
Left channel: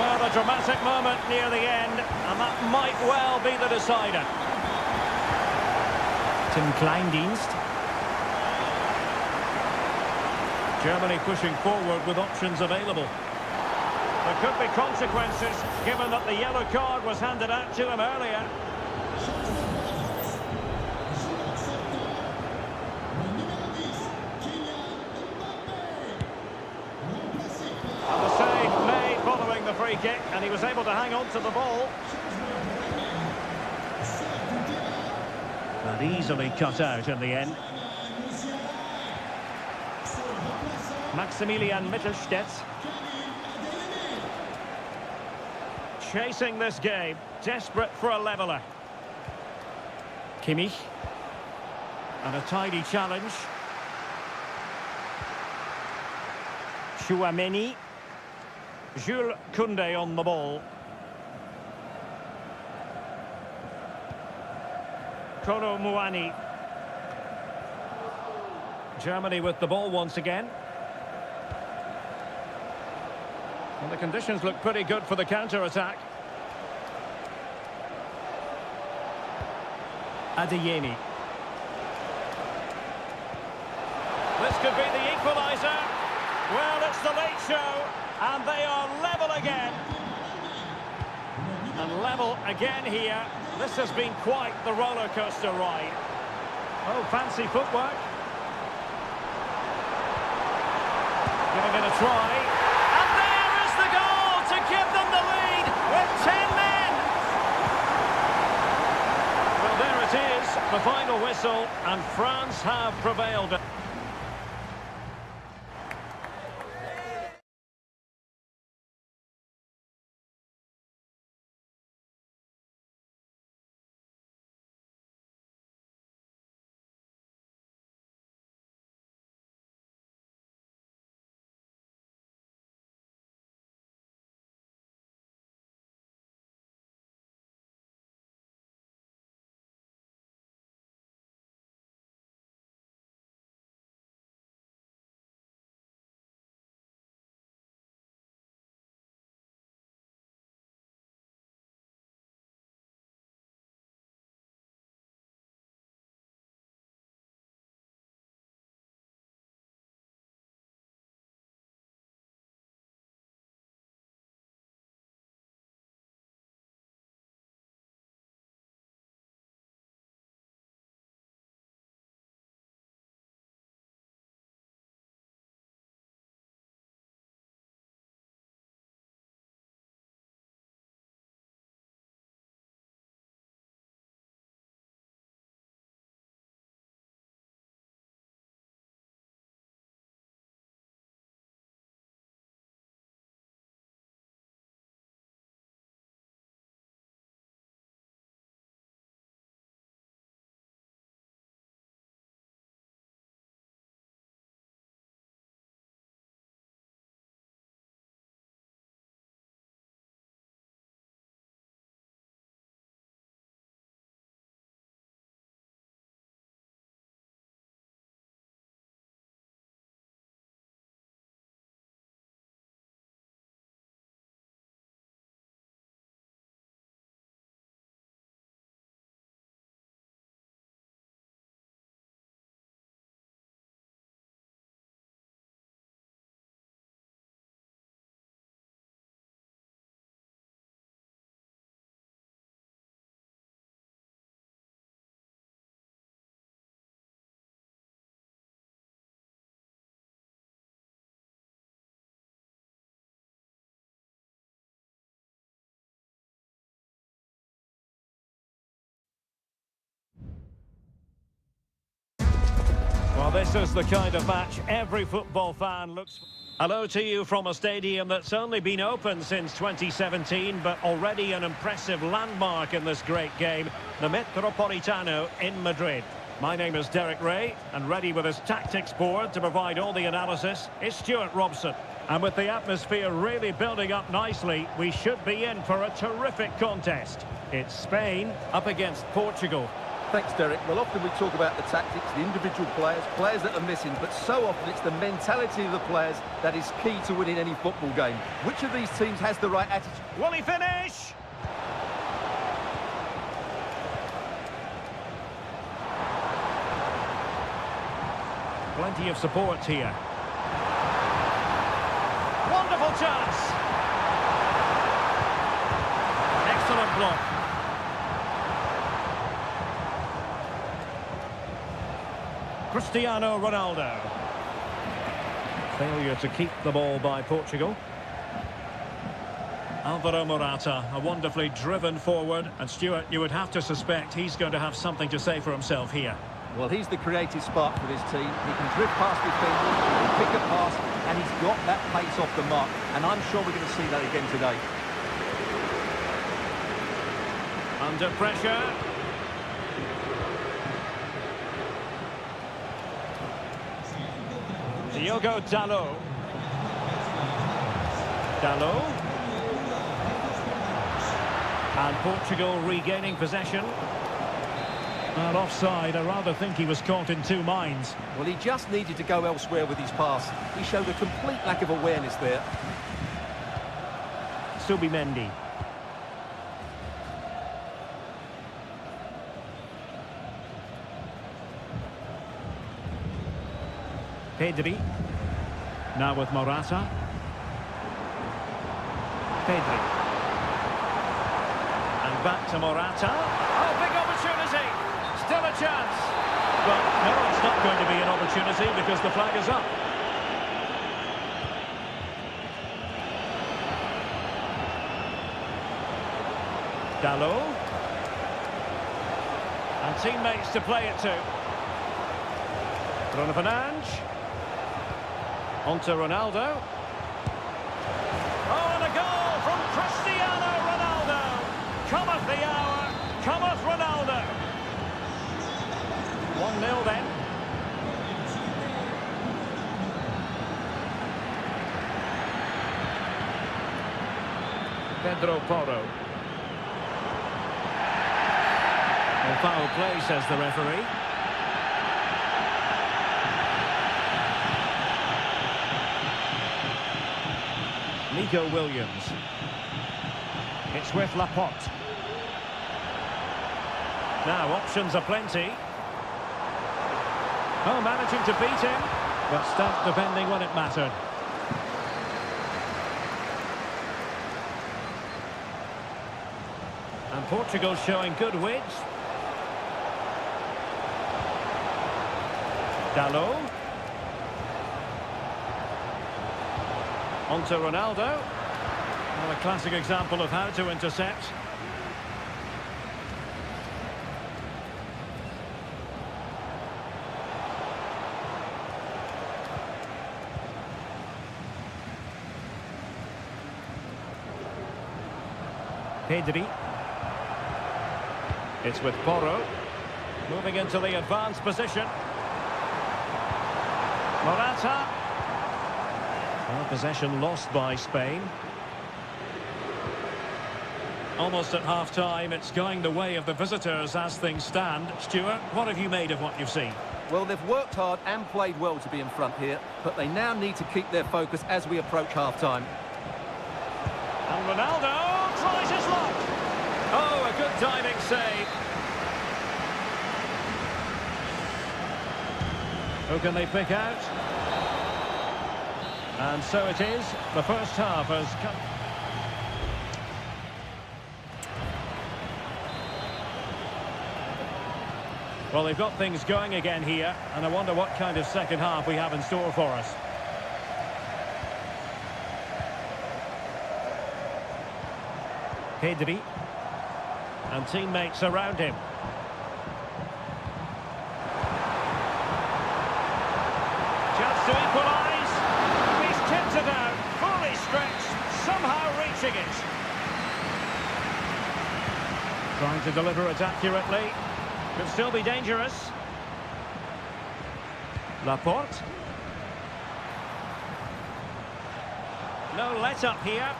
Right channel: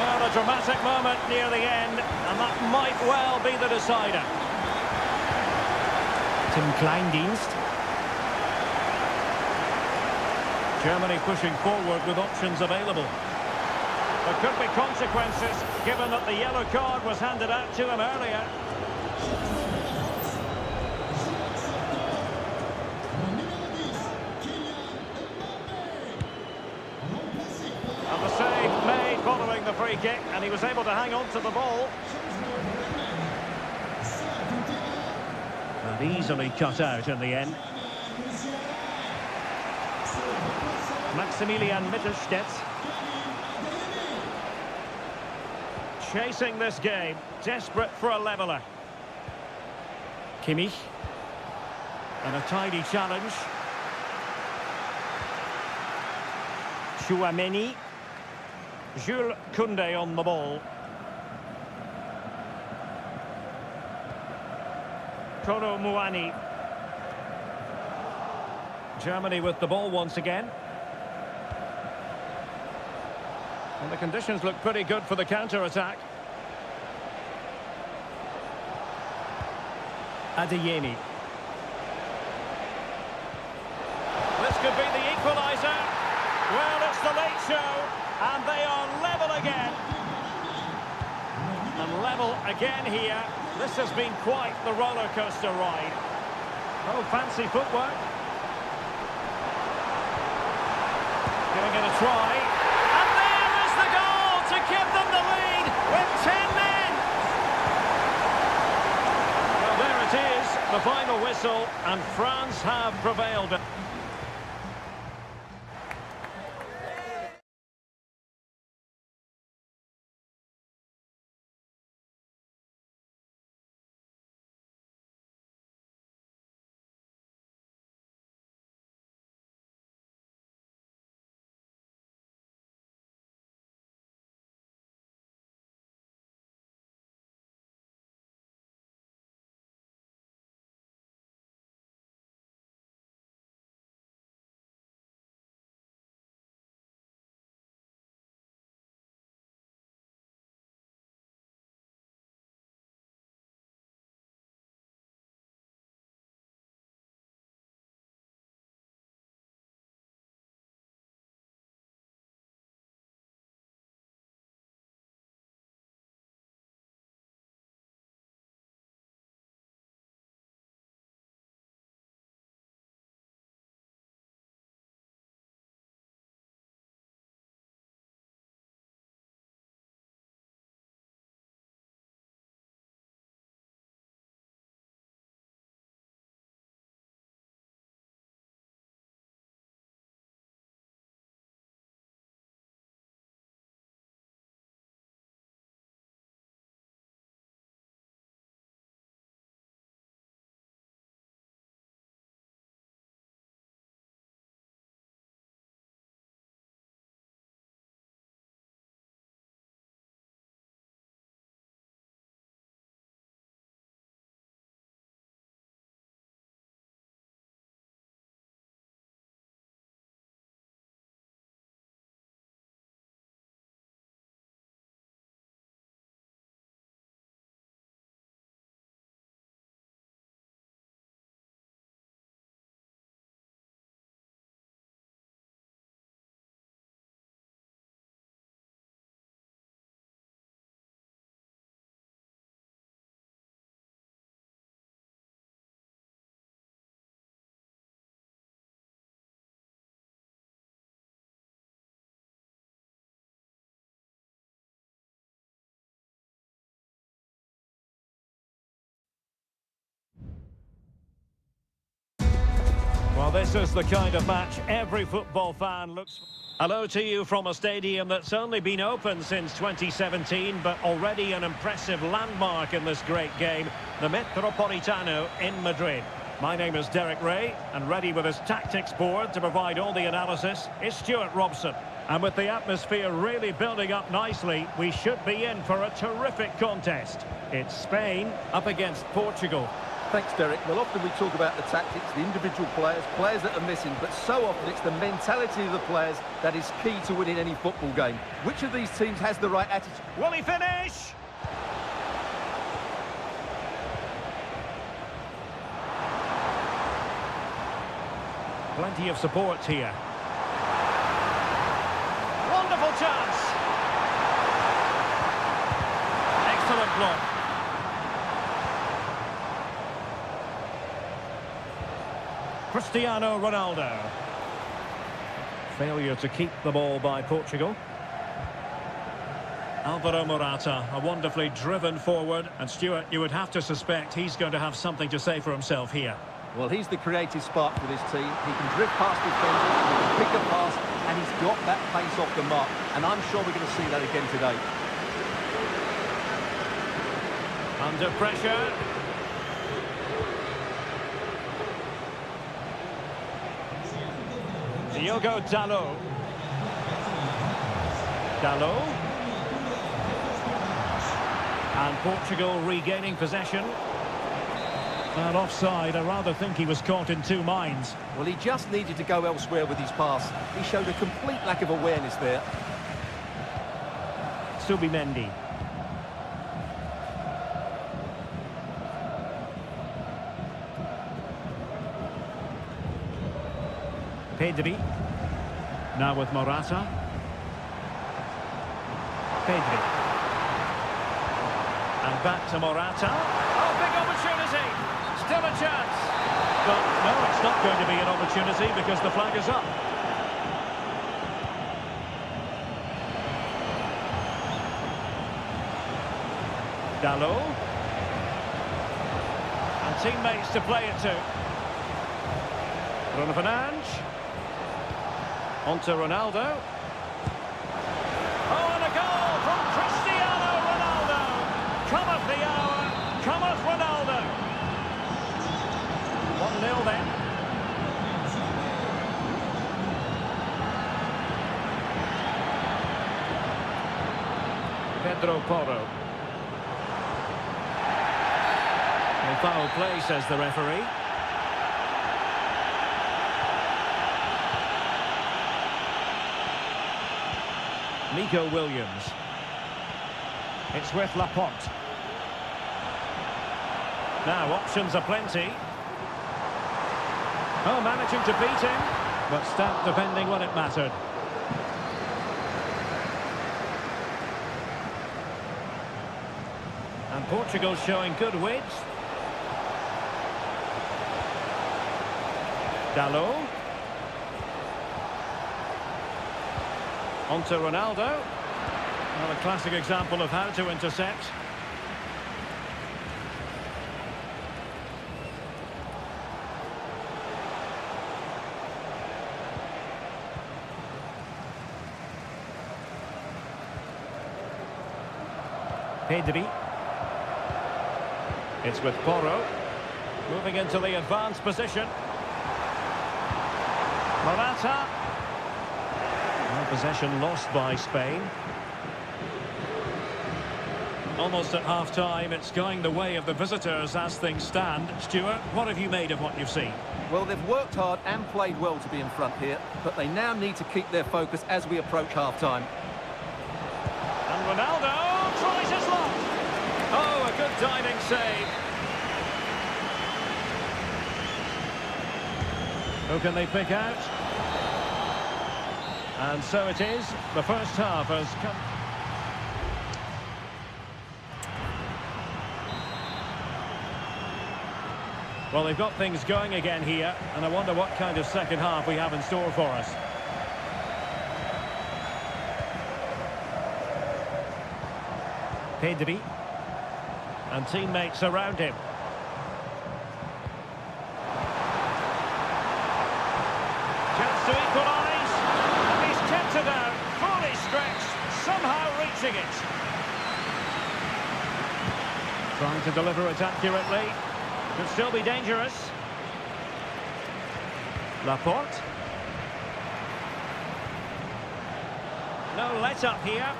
Well, a dramatic moment near the end, and that might well be the decider. Tim Kleindienst. Germany pushing forward with options available. There could be consequences, given that the yellow card was handed out to him earlier. And the save made following the free kick, and he was able to hang on to the ball. And easily cut out in the end. Maximilian Mittelstädt. Chasing this game, desperate for a leveller. Kimmich. And a tidy challenge. Chouameni. Jules Koundé on the ball. Kolo Muani. Germany with the ball once again. And the conditions look pretty good for the counter-attack. Adeyemi. This could be the equaliser. Well, it's the late show, and they are level again. And level again here. This has been quite the roller coaster ride. Oh, fancy footwork. Giving it a try. And there is the goal to give them the lead with 10 men. Well, there it is, the final whistle, and France have prevailed. Well, this is the kind of match every football fan looks for. Hello to you from a stadium that's only been open since 2017, but already an impressive landmark in this great game, the Metropolitano in Madrid. My name is Derek Ray, and ready with his tactics board to provide all the analysis is Stuart Robson. And with the atmosphere really building up nicely, we should be in for a terrific contest. It's Spain up against Portugal. Thanks, Derek. Well, often we talk about the tactics, the individual players that are missing, but so often it's the mentality of the players that is key to winning any football game. Which of these teams has the right attitude? Will he finish? Plenty of support here. Wonderful chance. Excellent block. Cristiano Ronaldo. Failure to keep the ball by Portugal. Alvaro Morata, a wonderfully driven forward. And Stuart, you would have to suspect he's going to have something to say for himself here. Well, he's the creative spark for this team. He can drift past defenders, he can pick a pass, and he's got that pace off the mark. And I'm sure we're going to see that again today. Under pressure. Diogo Dalot. Dalot. And Portugal regaining possession. And offside, I rather think he was caught in two minds. Well, he just needed to go elsewhere with his pass. He showed a complete lack of awareness there. Subimendi. Pedri. Now with Morata. Pedri. And back to Morata. Oh, big opportunity. Still a chance. But no, it's not going to be an opportunity because the flag is up. Dalot. And teammates to play it to. Bruno Fernandes. On to Ronaldo. Oh, and a goal from Cristiano Ronaldo. Cometh the hour, cometh Ronaldo. 1-0 then. Pedro Porro. Well, foul play, says the referee. Nico Williams. It's with Laporte. Now, options are plenty. Oh, managing to beat him, but stout defending when it mattered. And Portugal showing good width. Dalot. On to Ronaldo. Well, a classic example of how to intercept. Pedri. It's with Porro. Moving into the advanced position. Morata. Well, possession lost by Spain. Almost at half-time, it's going the way of the visitors as things stand. Stuart, what have you made of what you've seen? Well, they've worked hard and played well to be in front here, but they now need to keep their focus as we approach half-time. And Ronaldo tries his luck. Oh, a good diving save. Who can they pick out? And so it is. The first half has come. Well, they've got things going again here, and I wonder what kind of second half we have in store for us. Pedri. And teammates around him. to equalise. And he's kept it out, fully stretched, somehow reaching it. Trying to deliver it accurately. Could still be dangerous. Laporte. No let-up here.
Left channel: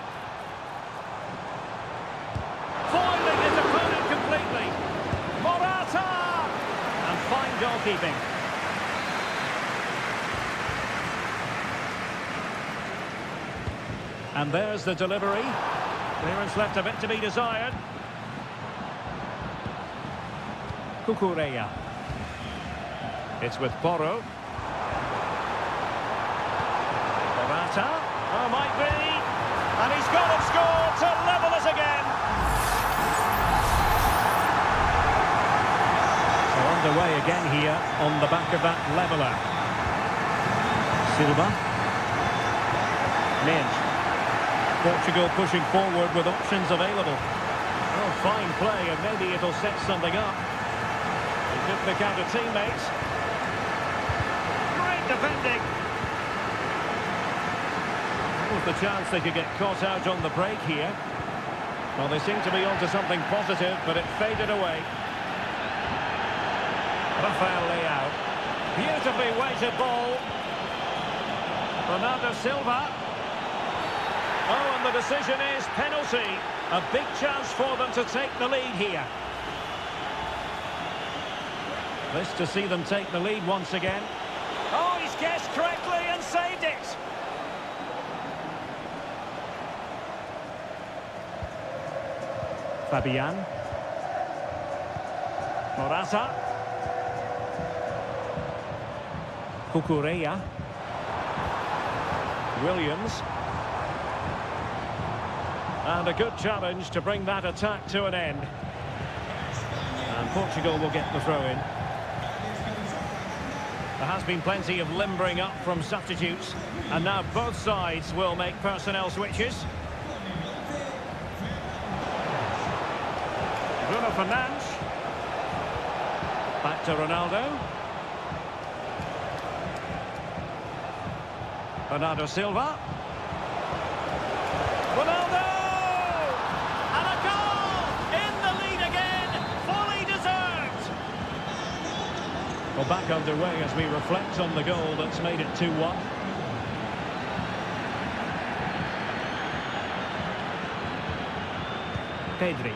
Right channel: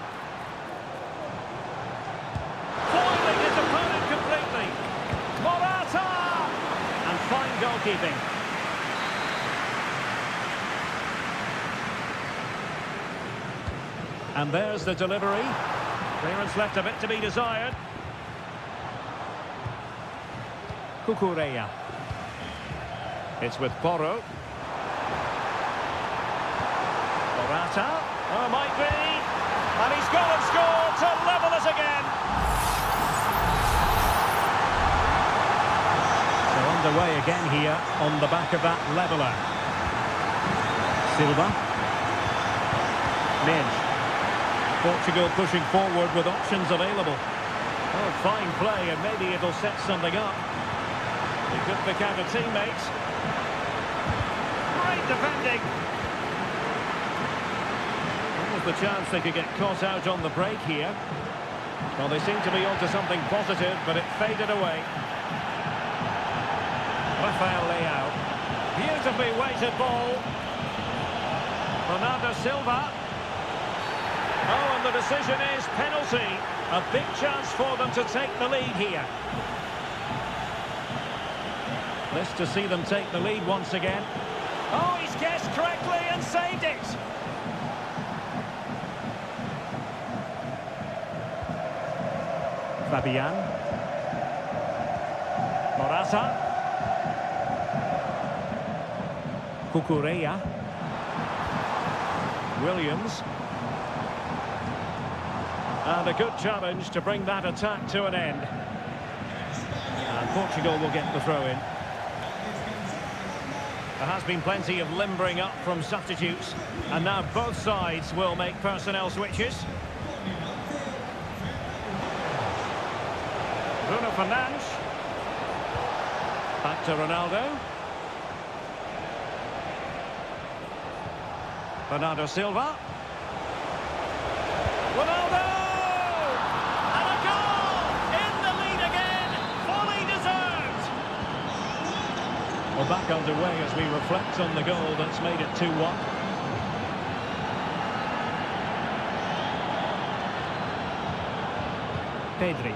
Foiling his opponent completely. Morata! And fine goalkeeping. And there's the delivery. Clearance left a bit to be desired. Cucurella. It's with Porro. Morata. Oh, might be. And he's gone and scored to level it again. So underway again here on the back of that leveller. Silva. Minge. Portugal pushing forward with options available. Oh, fine play, and maybe it'll set something up. He could pick out a teammate. Great defending. What was the chance they could get caught out on the break here? Well, they seem to be onto something positive, but it faded away. Rafael Leao. Beautifully weighted ball. Bernardo Silva. Oh, and the decision is penalty. A big chance for them to take the lead here. This to see them take the lead once again. Oh, he's guessed correctly and saved it. Fabian. Morata. Cucurella. Williams. And a good challenge to bring that attack to an end. And Portugal will get the throw-in. There has been plenty of limbering up from substitutes. And now both sides will make personnel switches. Bruno Fernandes. Back to Ronaldo. Bernardo Silva. Ronaldo! And a goal! In the lead again! Fully deserved! Well, back underway as we reflect on the goal that's made it 2-1. Pedri.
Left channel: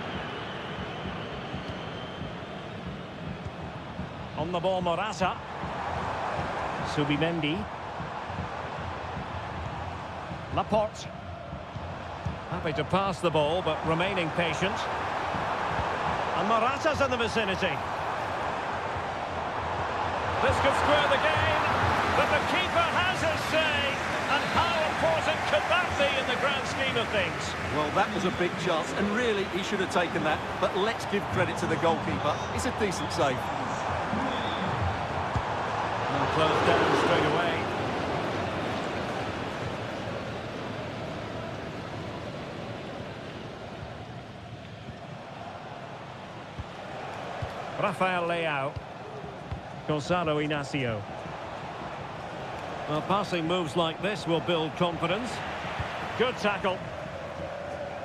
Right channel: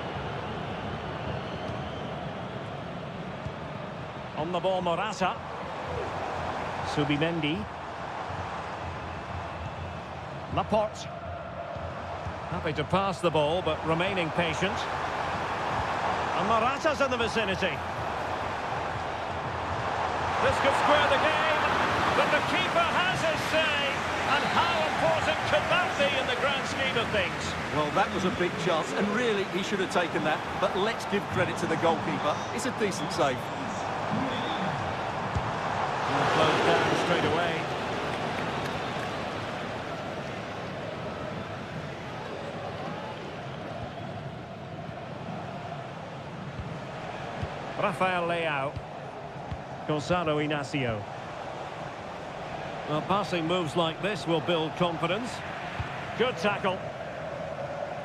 On the ball, Morata. Subimendi. Laporte. Happy to pass the ball, but remaining patient. And Morata's in the vicinity. This could square the game, but the keeper has his say. And how important could that be in the grand scheme of things? Well, that was a big chance, and really he should have taken that. But let's give credit to the goalkeeper. It's a decent save. And closed down straight away. Rafael Leao. Gonzalo Inacio. Well, passing moves like this will build confidence. Good tackle.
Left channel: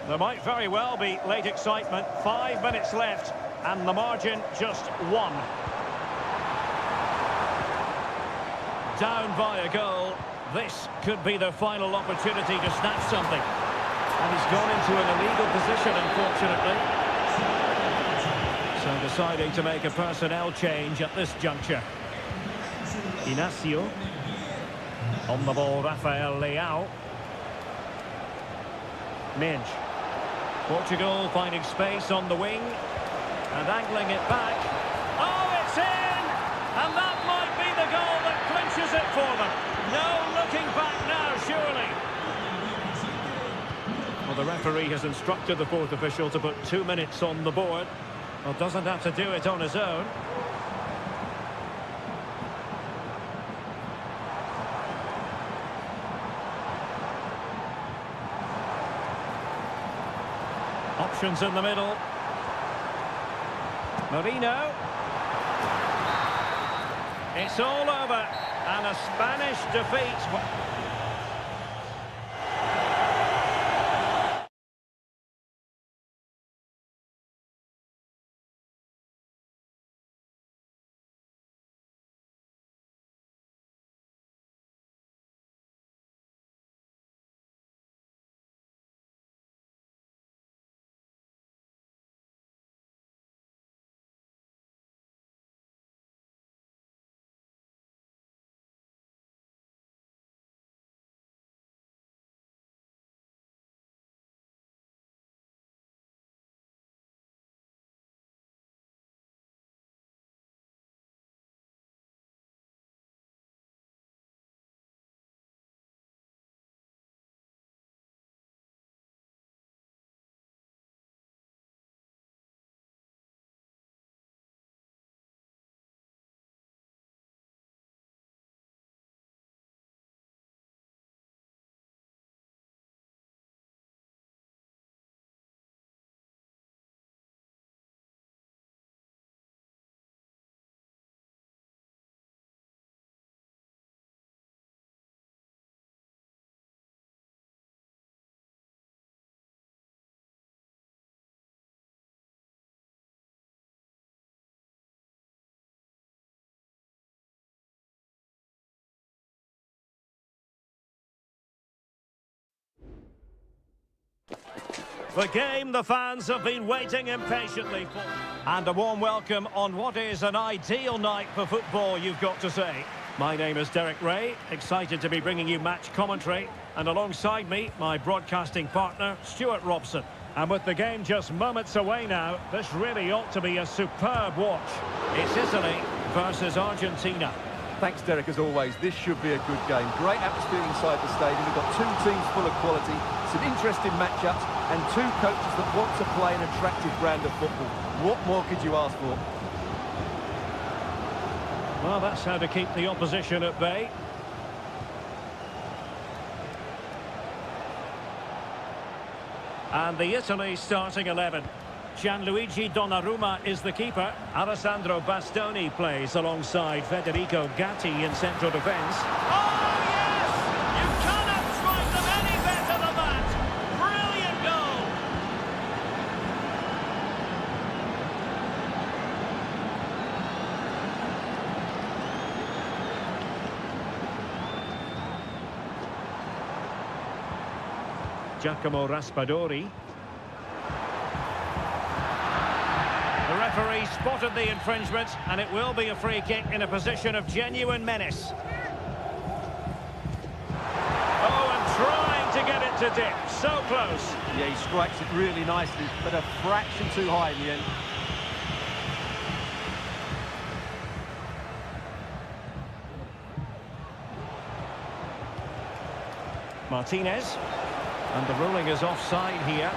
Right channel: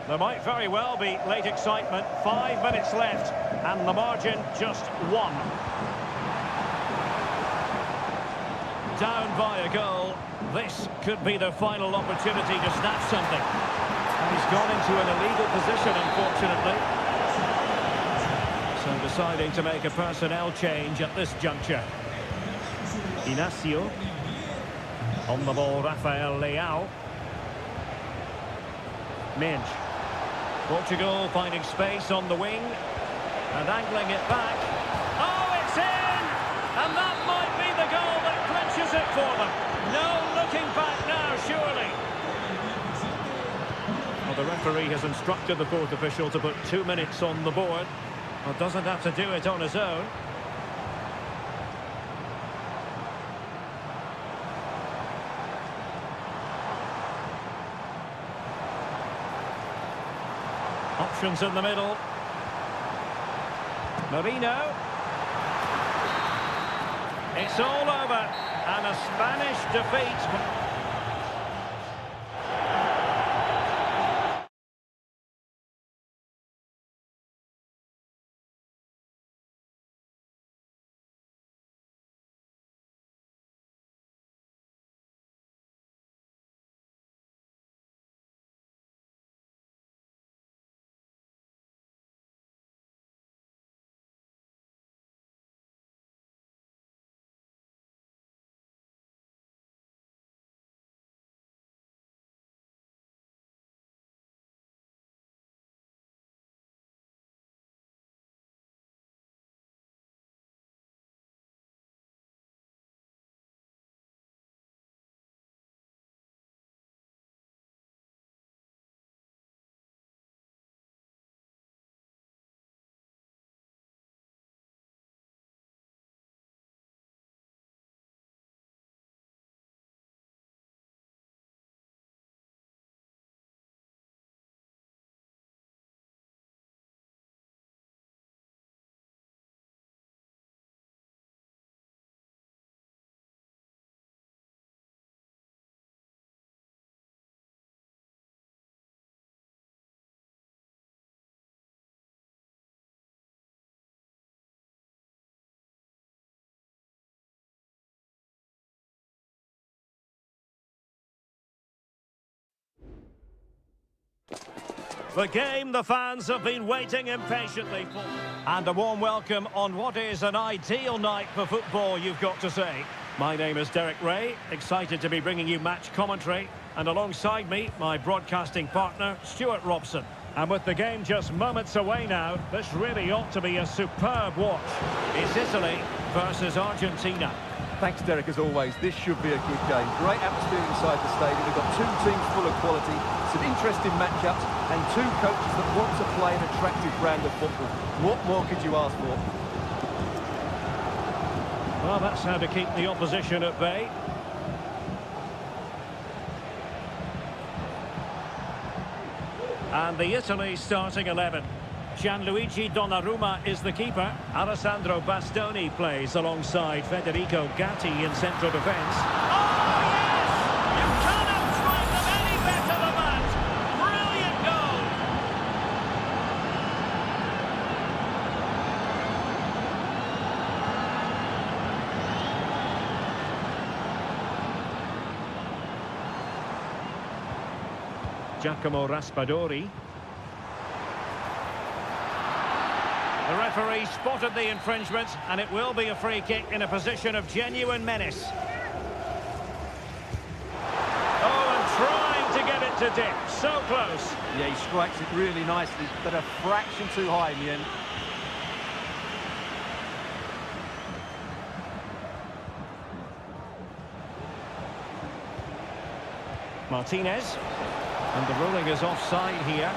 There might very well be late excitement. 5 minutes left, and the margin just 1. Down by a goal. This could be the final opportunity to snatch something. And he's gone into an illegal position, unfortunately. So deciding to make a personnel change at this juncture. Inacio. On the ball, Rafael Leao. Minge. Portugal finding space on the wing. And angling it back. Oh, it's in! And that might be the goal that clinches it for them. No looking back now, surely. Well, the referee has instructed the fourth official to put 2 minutes on the board. Well, doesn't have to do it on his own. Options in the middle. Marino. It's all over. And a Spanish defeat. The game the fans have been waiting impatiently for. And a warm welcome on what is an ideal night for football, you've got to say. My name is Derek Ray, excited to be bringing you match commentary. And alongside me, my broadcasting partner, Stuart Robson. And with the game just moments away now, this really ought to be a superb watch. It's Italy versus Argentina. Thanks, Derek, as always. This should be a good game. Great atmosphere inside the stadium. We've got two teams full of quality, some interesting matchups, and two coaches that want to play an attractive brand of football. What more could you ask for? Well, that's how to keep the opposition at bay. And the Italy starting 11. Gianluigi Donnarumma is the keeper. Alessandro Bastoni plays alongside Federico Gatti in central defence. Oh, yes! You cannot strike them any better than that! Brilliant goal! Giacomo Raspadori. The referee spotted the infringement, and it will be a free kick in a position of genuine menace. Oh, and trying to get it to dip. So close. Yeah, he strikes it really nicely, but a fraction too high in the end. Martinez. And the ruling is offside here.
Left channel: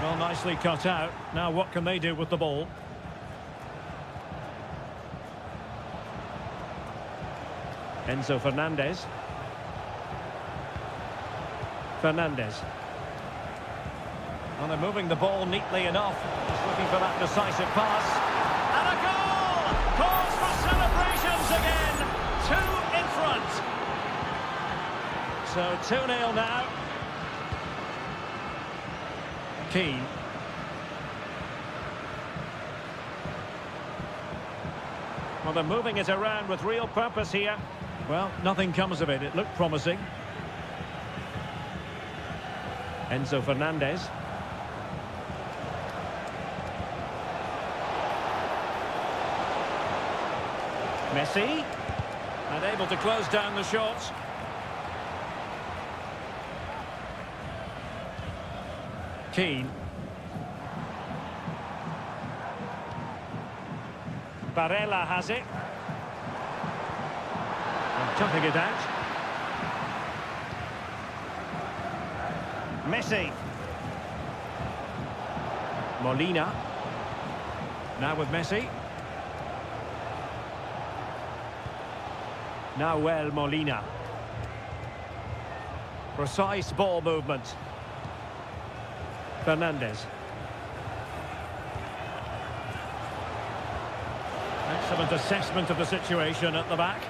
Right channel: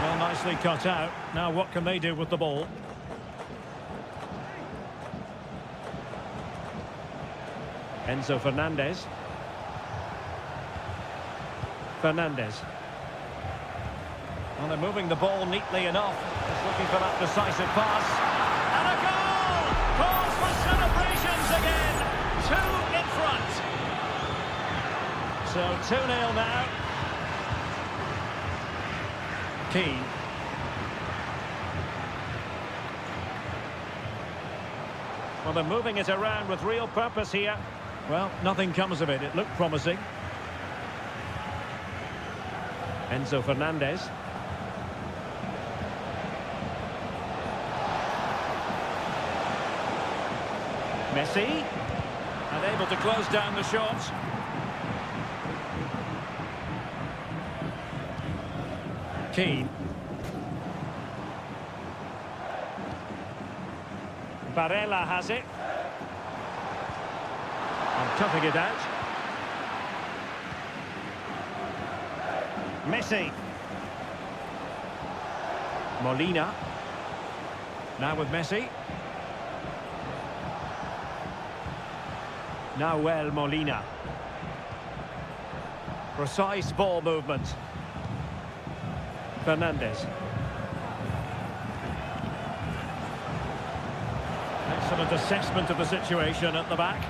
Well, nicely cut out. Now what can they do with the ball? Enzo Fernandez. Fernandez. Well, they're moving the ball neatly enough. Just looking for that decisive pass. And a goal! Cause for celebrations again. 2 in front. So 2-0 now. Keane. Well, they're moving it around with real purpose here. Well, nothing comes of it. It looked promising. Enzo Fernandez. Messi. And able to close down the shots. Keane. Barella has it. And cutting it out. Messi. Molina. Now with Messi. Nahuel Molina. Precise ball movement. Fernandez. Excellent assessment of the situation at the back.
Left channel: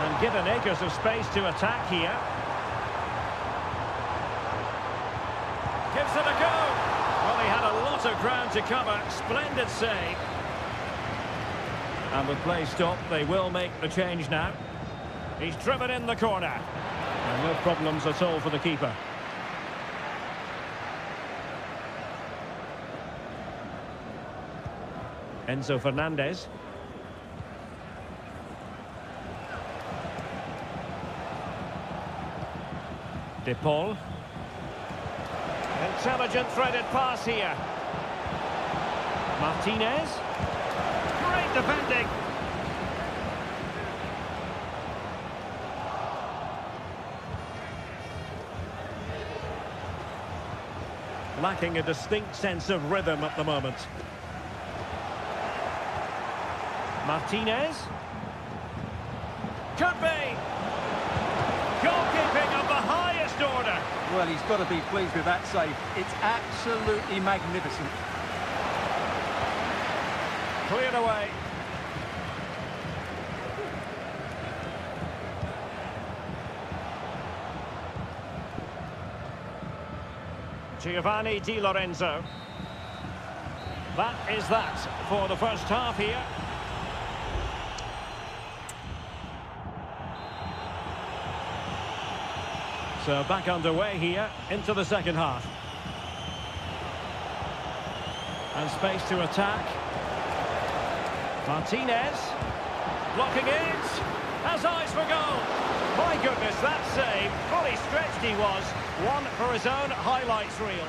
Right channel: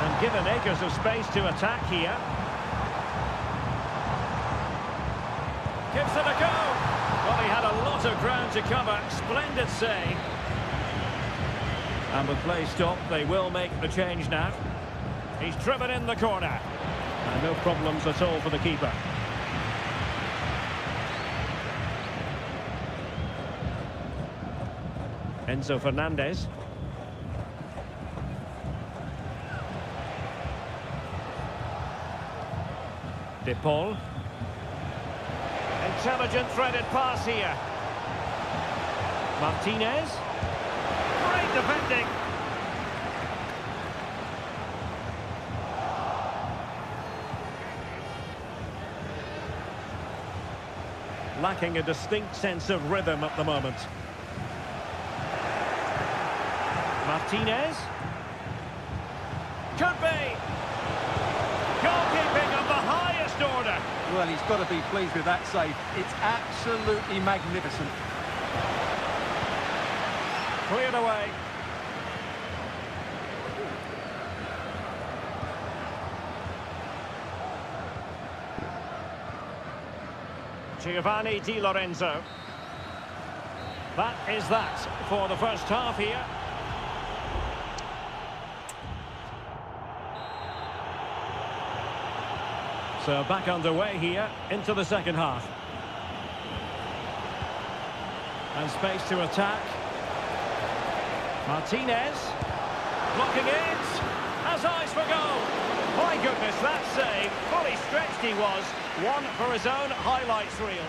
And given acres of space to attack here. Gives it a go. Well, he had a lot of ground to cover. Splendid save. And with play stopped, they will make the change now. He's driven in the corner. And no problems at all for the keeper. Enzo Fernandez. De Paul. Intelligent threaded pass here. Martinez. Great defending. Lacking a distinct sense of rhythm at the moment. Martinez. Could be. Goalkeeping of the highest order. Well, he's got to be pleased with that save. It's absolutely magnificent. Cleared away. Giovanni Di Lorenzo. That is that for the first half here. So back underway here into the second half. And space to attack. Martinez. Blocking it. Has eyes for goal. My goodness, that save. Fully stretched he was. One for his own highlights reel.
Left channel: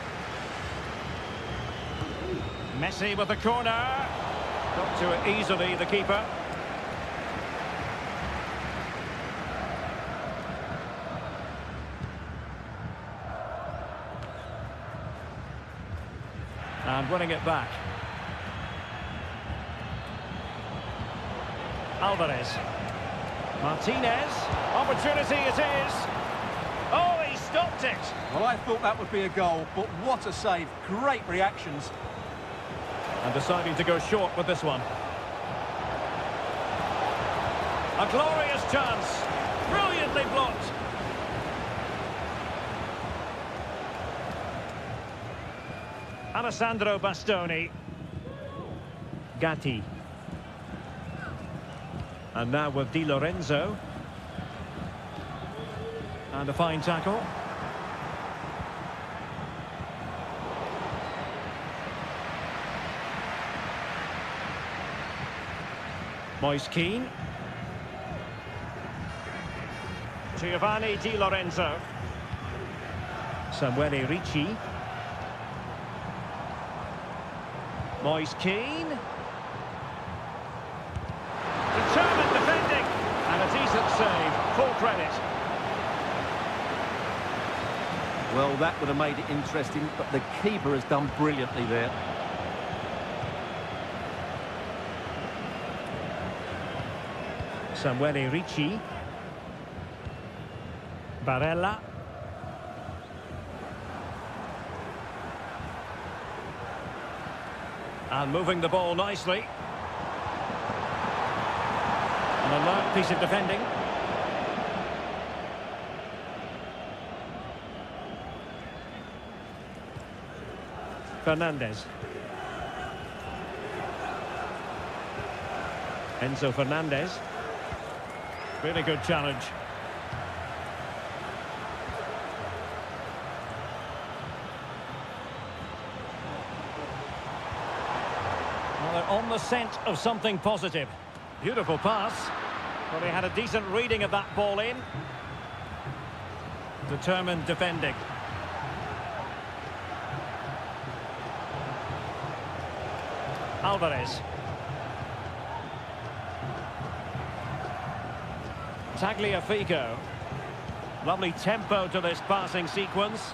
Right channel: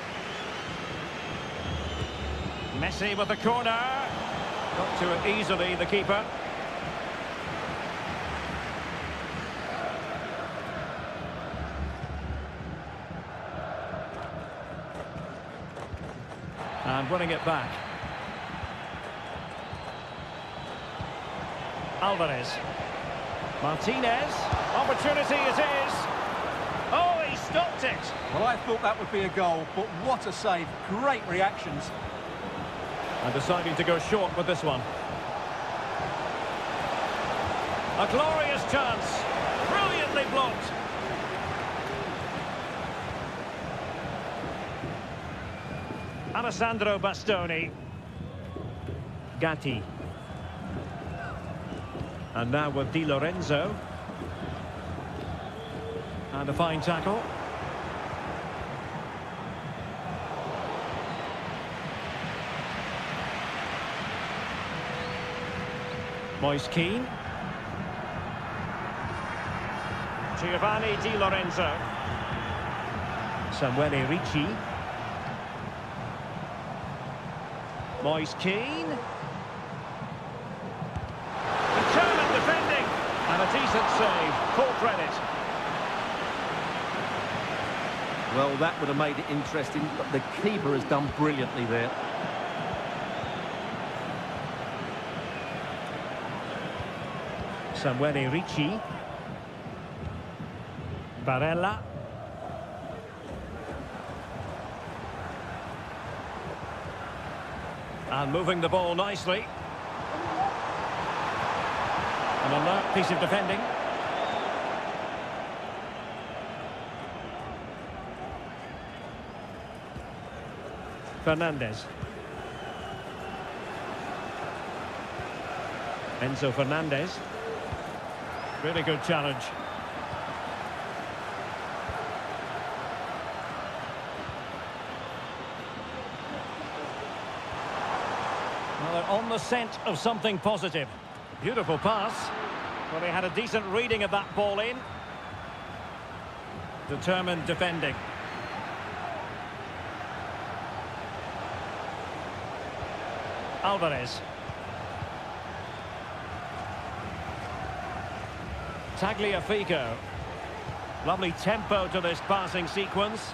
Messi with the corner. Got to it easily, the keeper. And winning it back. Alvarez. Martinez. Opportunity it is. Oh, he stopped it. Well, I thought that would be a goal, but what a save. Great reactions. And deciding to go short with this one. A glorious chance. Brilliantly blocked. Alessandro Bastoni. Gatti. And now with Di Lorenzo. And a fine tackle. Moise Keane. Giovanni Di Lorenzo. Samuele Ricci. Moise Keane. Determined defending. And a decent save. Full credit. Well, that would have made it interesting, but the keeper has done brilliantly there. Samuele Ricci. Barella. And moving the ball nicely. An alert piece of defending. Fernandez. Enzo Fernandez. Really good challenge. Well, they're on the scent of something positive. Beautiful pass. Well, he had a decent reading of that ball in. Determined defending. Alvarez. Tagliafico. Lovely tempo to this passing sequence.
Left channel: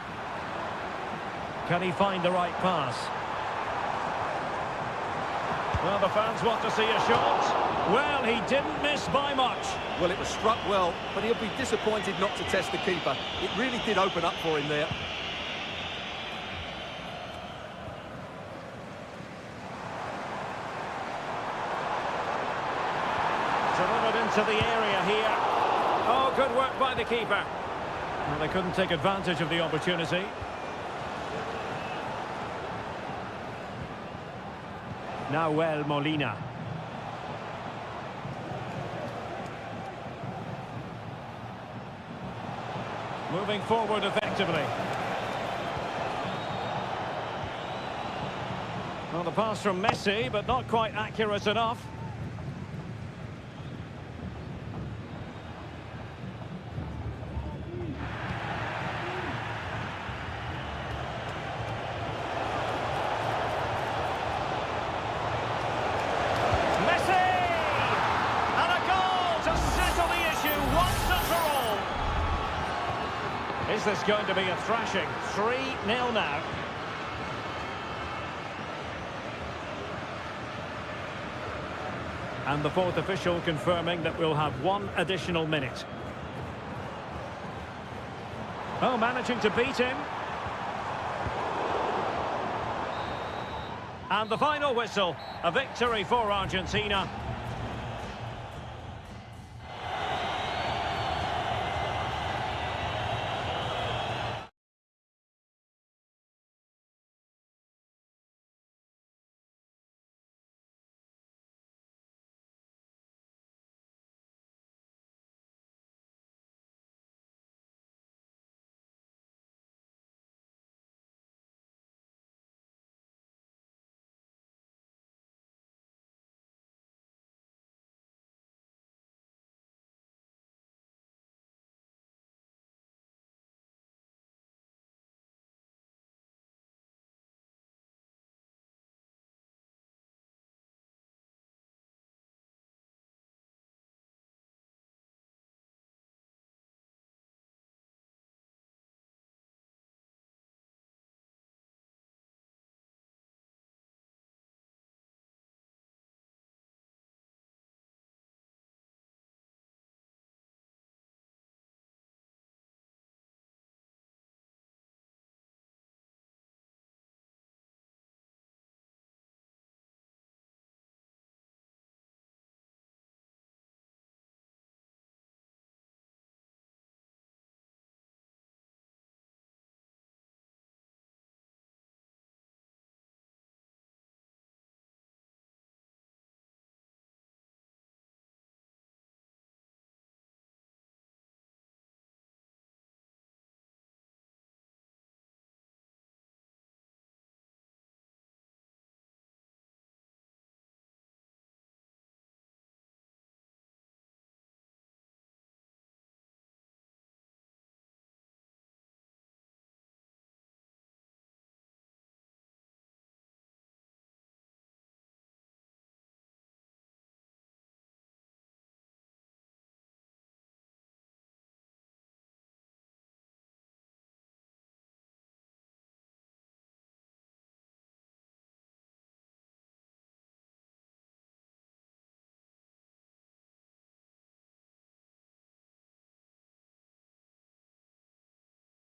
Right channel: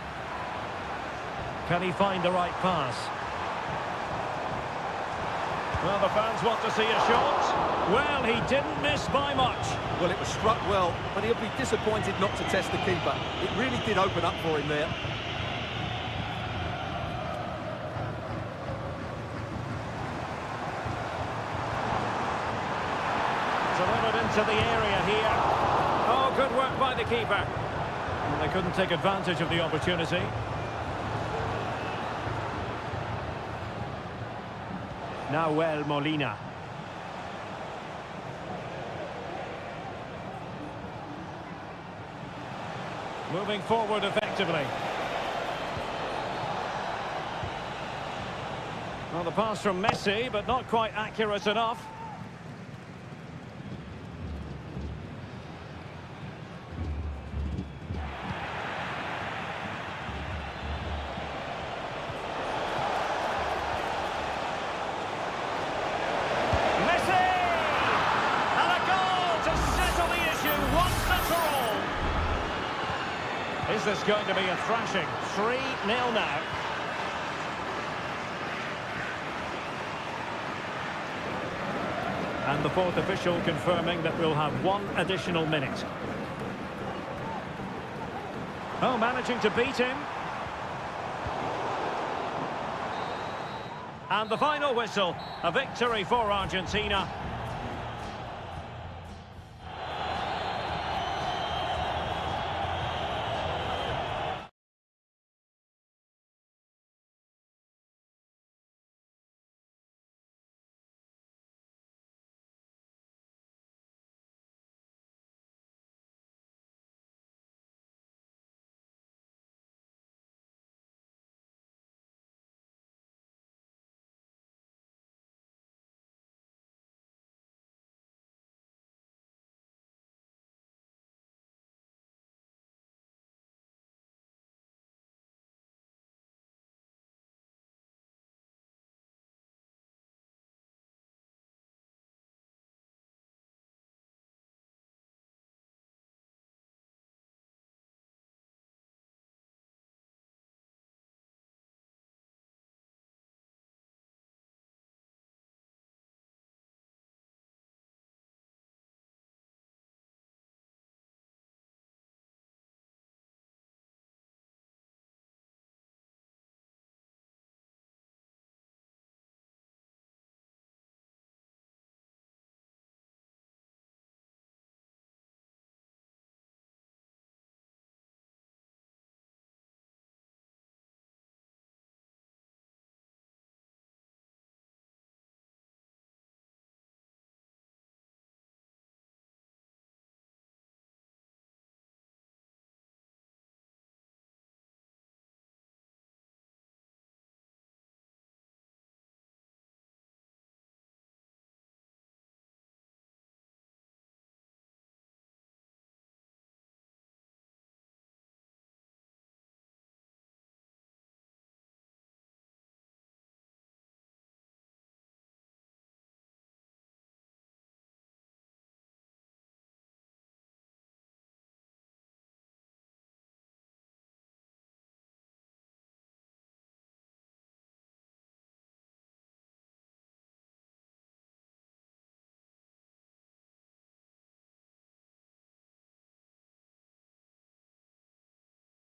Can he find the right pass? Well, the fans want to see a shot. Well, he didn't miss by much. Well, it was struck well, but he'll be disappointed not to test the keeper. It really did open up for him there. Delivered into the area here. Oh, good work by the keeper. Well, they couldn't take advantage of the opportunity. Nahuel Molina. Moving forward effectively. Well, the pass from Messi, but not quite accurate enough. Messi! And a goal to settle the issue once and for all. Is this going to be a thrashing? 3-0 now. And the fourth official confirming that we'll have one additional minute. Oh, managing to beat him. And the final whistle, a victory for Argentina.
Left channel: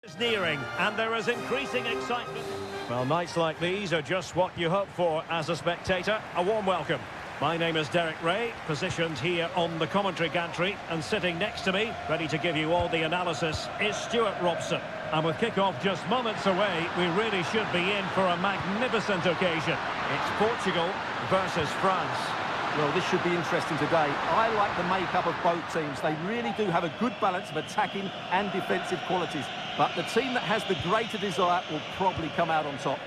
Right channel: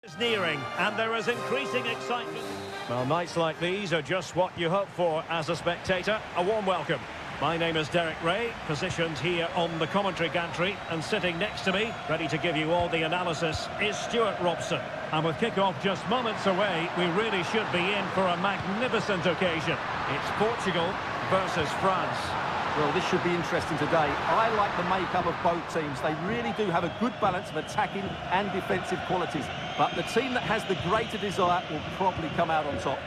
Is nearing, and there is increasing excitement. Well, nights like these are just what you hope for as a spectator. A warm welcome. My name is Derek Ray, positioned here on the commentary gantry, and sitting next to me, ready to give you all the analysis, is Stuart Robson. And with kick-off just moments away, we really should be in for a magnificent occasion. It's Portugal versus France. Well, this should be interesting today. I like the makeup of both teams. They really do have a good balance of attacking and defensive qualities. But the team that has the greater desire will probably come out on top.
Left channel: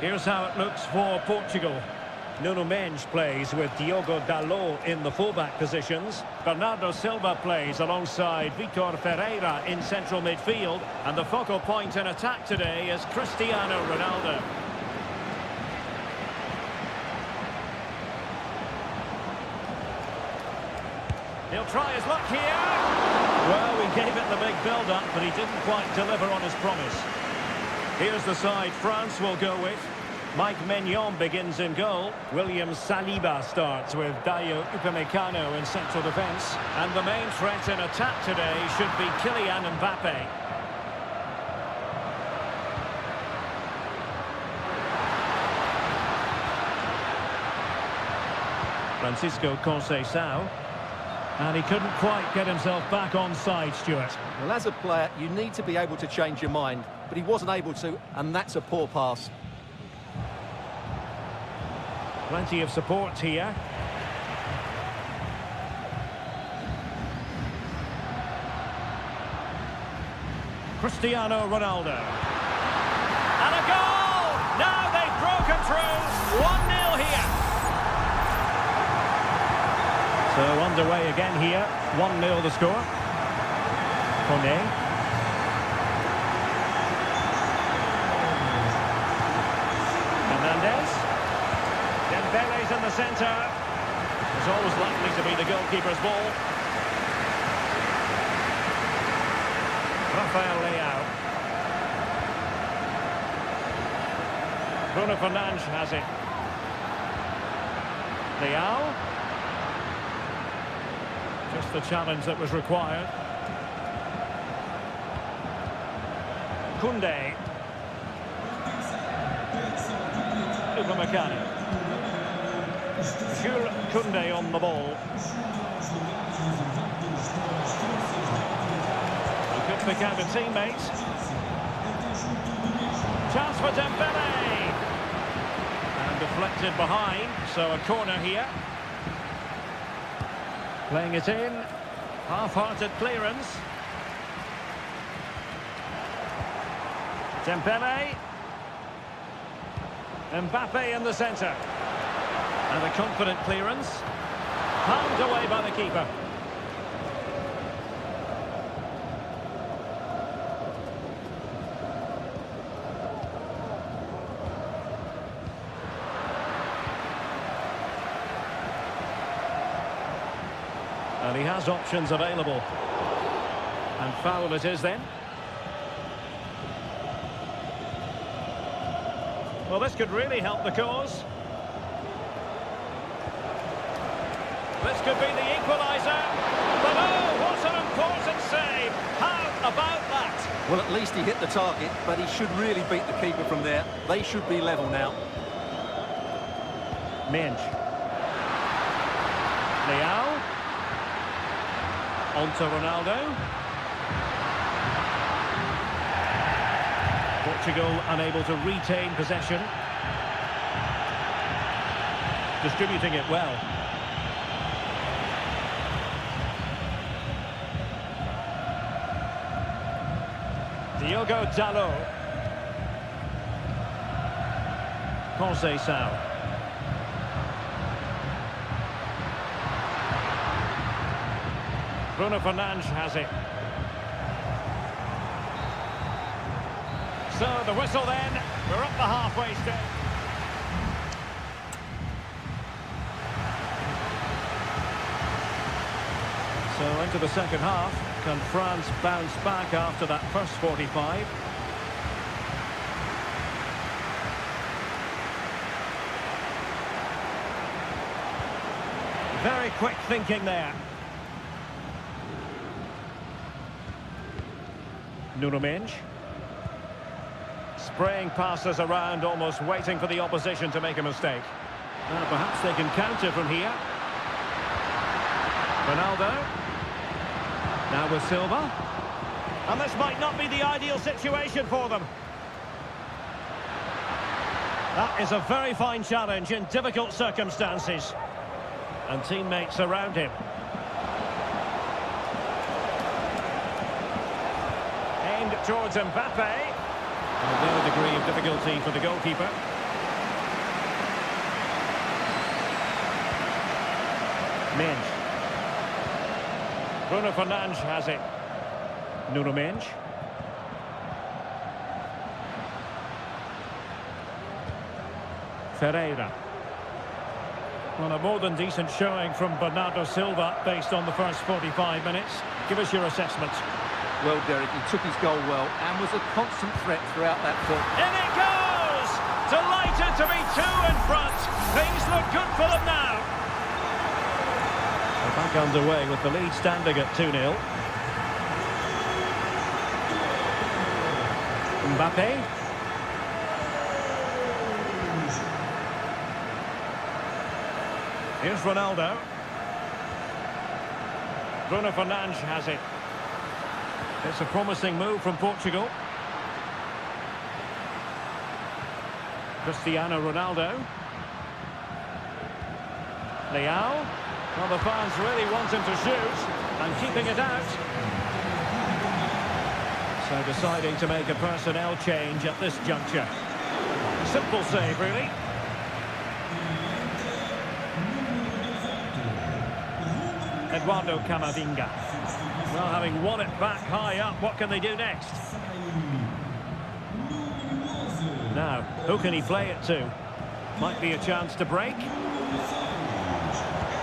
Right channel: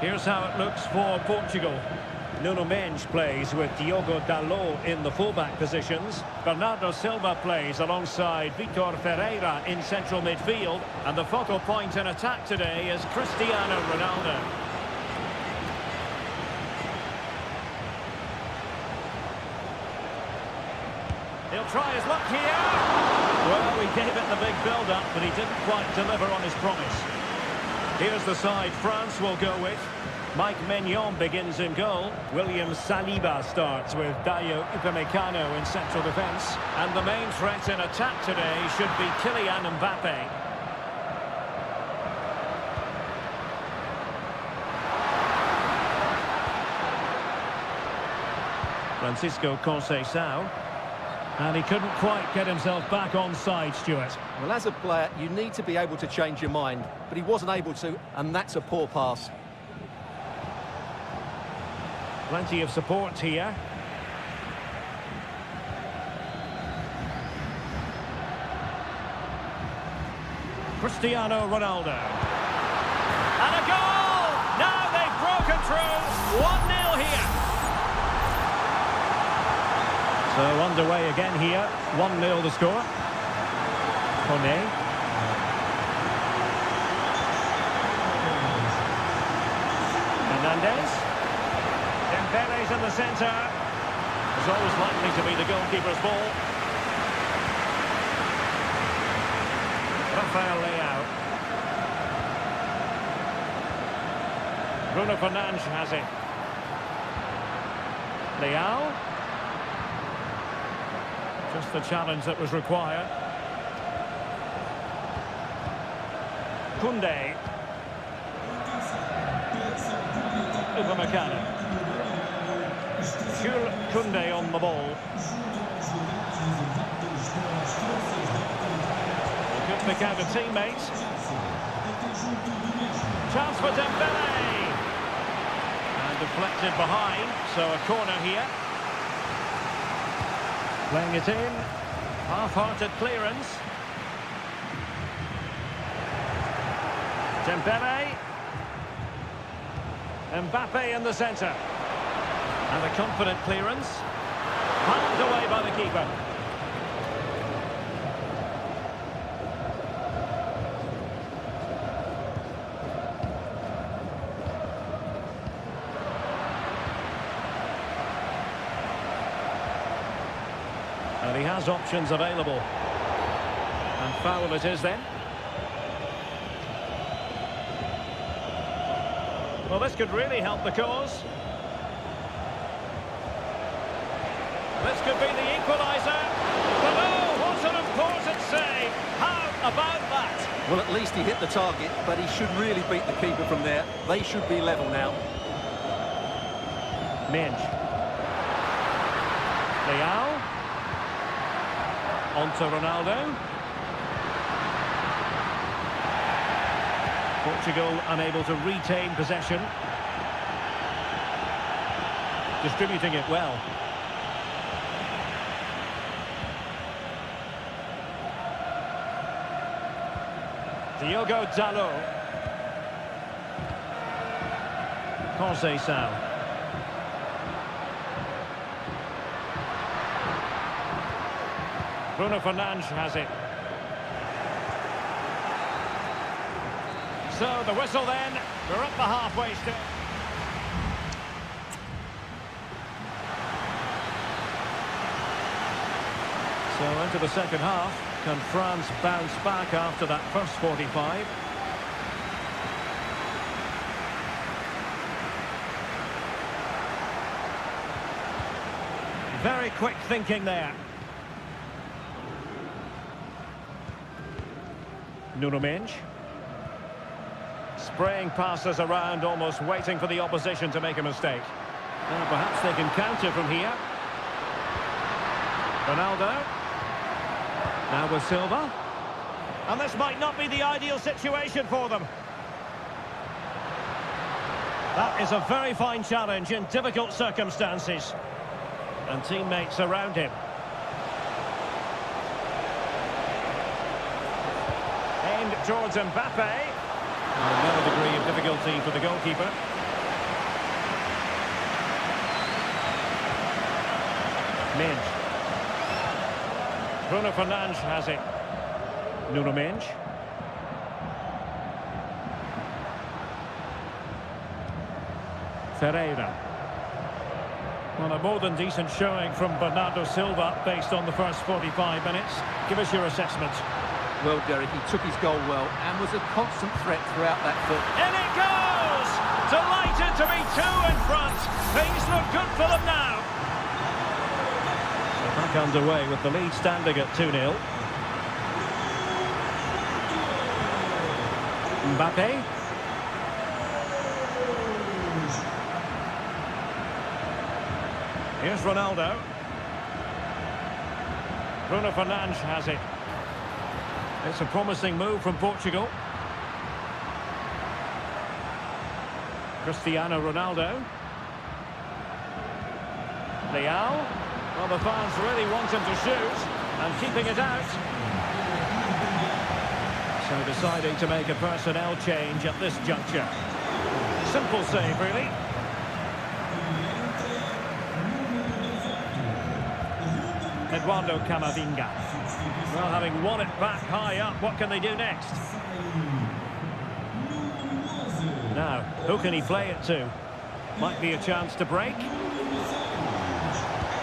Here's how it looks for Portugal. Nuno Mendes plays with Diogo Dalot in the fullback positions. Bernardo Silva plays alongside Vitor Ferreira in central midfield. And the focal point in attack today is Cristiano Ronaldo. He'll try his luck here. Well, he gave it the big build-up, but he didn't quite deliver on his promise. Here's the side France will go with. Mike Maignan begins in goal. William Saliba starts with Dayo Upamecano in central defence. And the main threat in attack today should be Kylian Mbappe. Francisco Conceição. And he couldn't quite get himself back on side, Stuart. Well, as a player, you need to be able to change your mind, but he wasn't able to, and that's a poor pass. Plenty of support here. Cristiano Ronaldo. And a goal! Now they've broken through. 1-0 here. So underway again here. 1-0 the score. Kone. Hernandez. Dembele's in the centre. It's always likely to be the goalkeeper's ball. Rafael Leao. Bruno Fernandes has it. Leao. Just the challenge that was required. Koundé. Upamecano. Jules Koundé on the ball. He could pick out a teammate. Chance for Dembele. And deflected behind, so a corner here. Playing it in. Half-hearted clearance. Dembele. Mbappe in the centre. And a confident clearance. Palmed away by the keeper. And he has options available. And foul it is then. Well, this could really help the cause. This could be the equaliser. But oh, what an important save. How about that? Well, at least he hit the target, but he should really beat the keeper from there. They should be level now. Minge. Leao. On to Ronaldo. Portugal unable to retain possession. Distributing it well. Diogo Dalot. Conceição. Bruno Fernandes has it. So the whistle then. We're up the halfway stage. So into the second half. Can France bounce back after that first 45? Very quick thinking there. Nuno Mendes. Spraying passes around, almost waiting for the opposition to make a mistake. Perhaps they can counter from here. Ronaldo. Now with Silva. And this might not be the ideal situation for them. That is a very fine challenge in difficult circumstances. And teammates around him. Aimed towards Mbappe. With no degree of difficulty for the goalkeeper. Minge. Bruno Fernandes has it. Nuno Mendes. Ferreira. Well, a more than decent showing from Bernardo Silva based on the first 45 minutes. Give us your assessment. Well, Derek, he took his goal well and was a constant threat throughout that foot. In it goes! Delighted to be two in front. Things look good for them now. So back underway with the lead standing at 2-0. Mbappe. Here's Ronaldo. Bruno Fernandes has it. It's a promising move from Portugal. Cristiano Ronaldo. Leao. Well, the fans really want him to shoot, and keeping it out. So deciding to make a personnel change at this juncture. Simple save, really. Eduardo Camavinga. Well, having won it back high up, what can they do next? Now, who can he play it to? Might be a chance to break.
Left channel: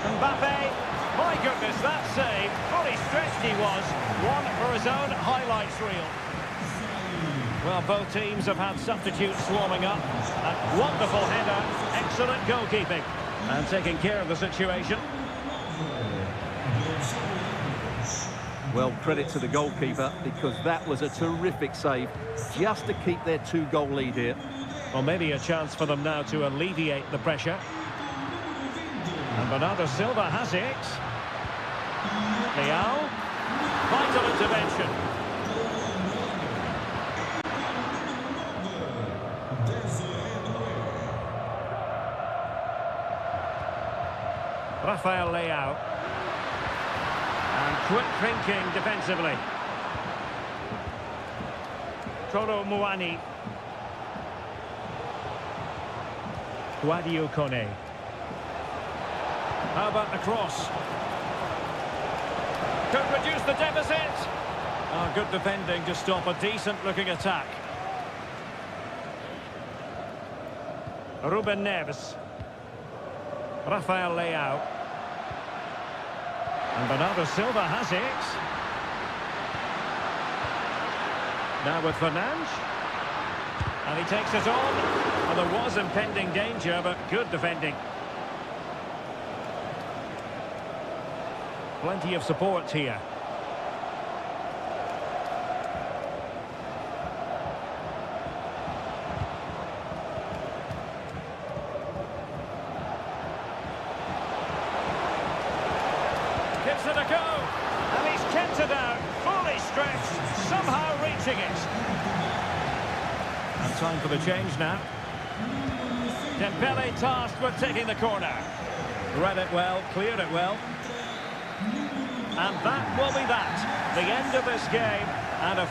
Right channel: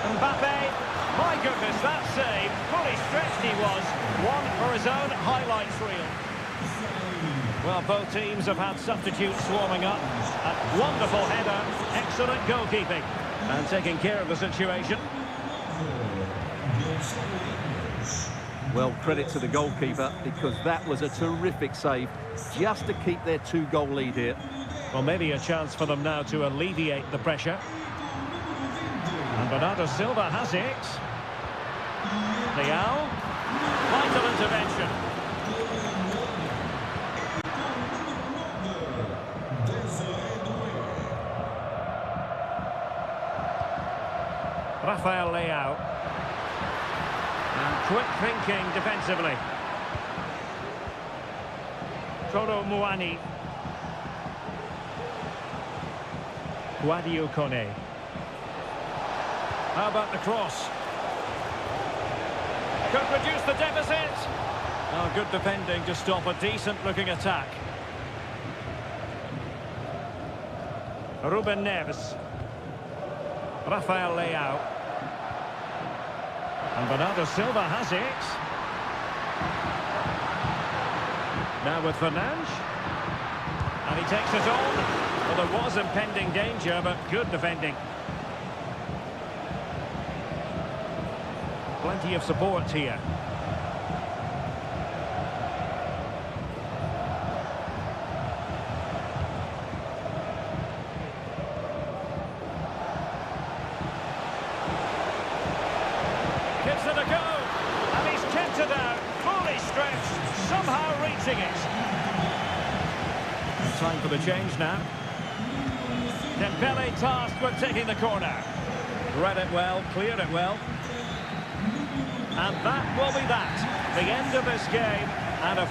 Mbappe. My goodness, that save. Fully stretched he was. One for his own highlights reel. Well, both teams have had substitutes swarming up. A wonderful header. Excellent goalkeeping. And taking care of the situation. Well, credit to the goalkeeper, because that was a terrific save, just to keep their 2-goal lead here. Well, maybe a chance for them now to alleviate the pressure. And Bernardo Silva has it. Leao. Vital intervention. Rafael Leao. And quick thinking defensively. Toro Muani. Guadio Kone. How about the cross? Could reduce the deficit. Oh, good defending to stop a decent-looking attack. Ruben Neves. Rafael Leao. And Bernardo Silva has it. Now with Fernandes. And he takes it on. Well, there was impending danger, but good defending. Plenty of support here. Gives it a go, and he's kept it out, fully stretched, somehow reaching it. And time for the change now. Dembele tasked with taking the corner. Read it well, cleared it well. And that will be that. The end of this game, and a...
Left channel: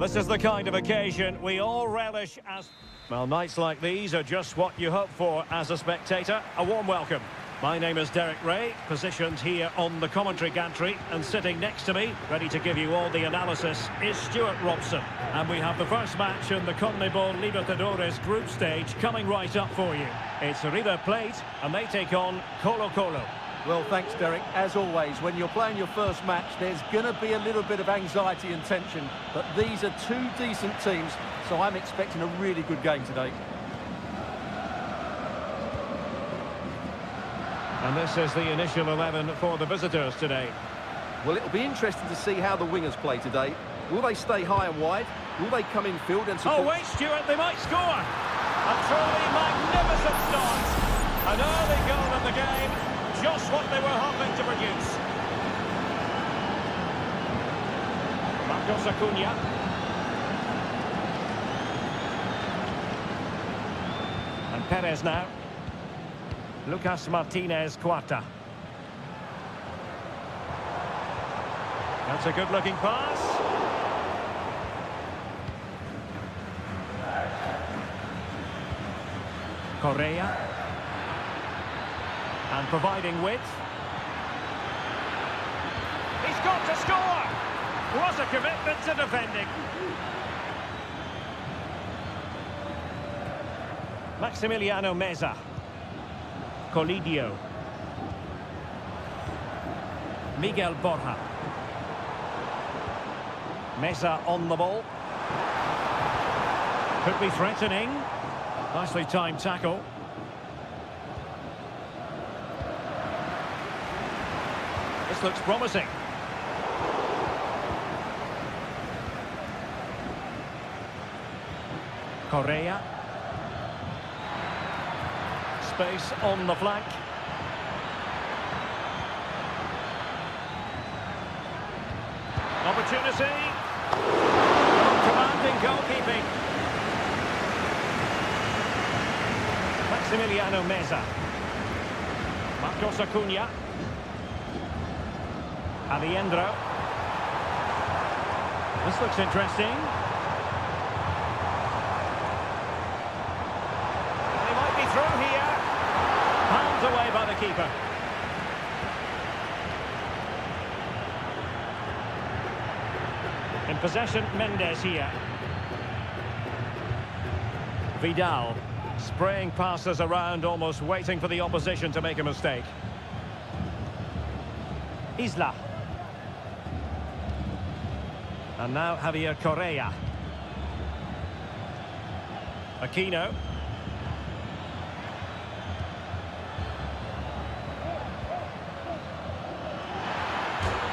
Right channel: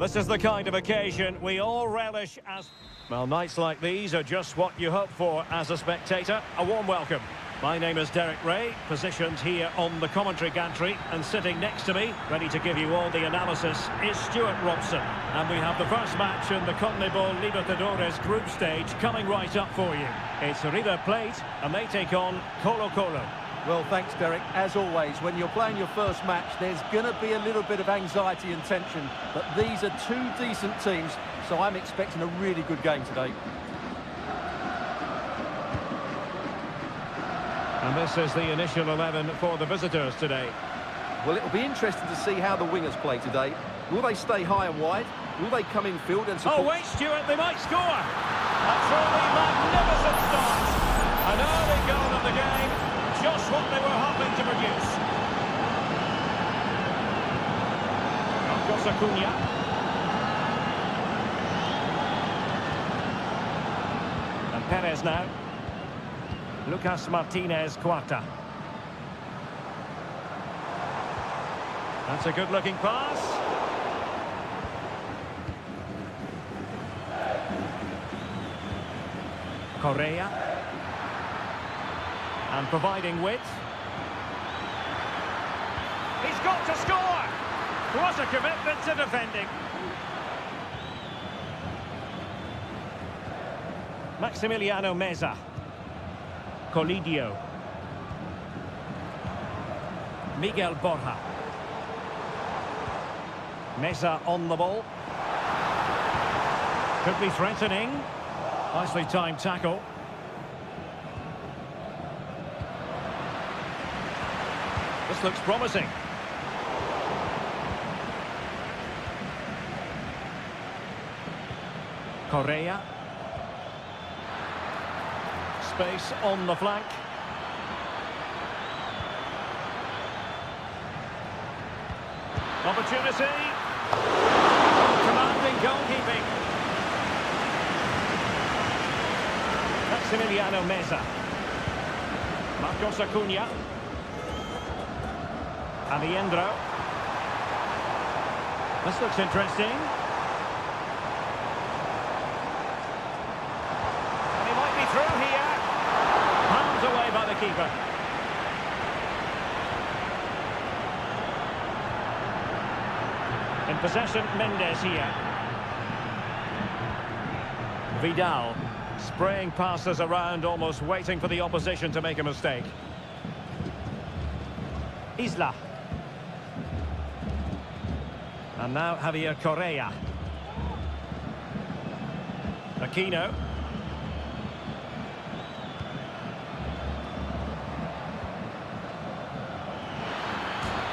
This is the kind of occasion we all relish as... Well, nights like these are just what you hope for as a spectator. A warm welcome. My name is Derek Ray, positioned here on the commentary gantry, and sitting next to me, ready to give you all the analysis, is Stuart Robson. And we have the first match in the CONMEBOL Libertadores group stage coming right up for you. It's River Plate, and they take on Colo-Colo. Well, thanks, Derek. As always, when you're playing your first match, there's going to be a little bit of anxiety and tension. But these are two decent teams, so I'm expecting a really good game today. And this is the initial 11 for the visitors today. Well, it'll be interesting to see how the wingers play today. Will they stay high and wide? Will they come in field and support? Oh, wait, Stuart, they might score! A truly magnificent start. An early goal in the game, just what they were hoping to produce. Marcos Acuna. And Perez now. Lucas Martinez Cuarta. That's a good-looking pass. Correa. And providing width. He's got to score! What a commitment to defending. Maximiliano Meza. Colidio. Miguel Borja. Meza on the ball. Could be threatening. Nicely timed tackle. This looks promising. Correa. Space on the flank. Opportunity. Oh, commanding goalkeeping. Maximiliano Meza. Marcos Acuna. Aliendro. This looks interesting. And he might be through here. Palmed away by the keeper. In possession, Mendes here. Vidal. Spraying passes around, almost waiting for the opposition to make a mistake. Isla. And now Javier Correa. Aquino.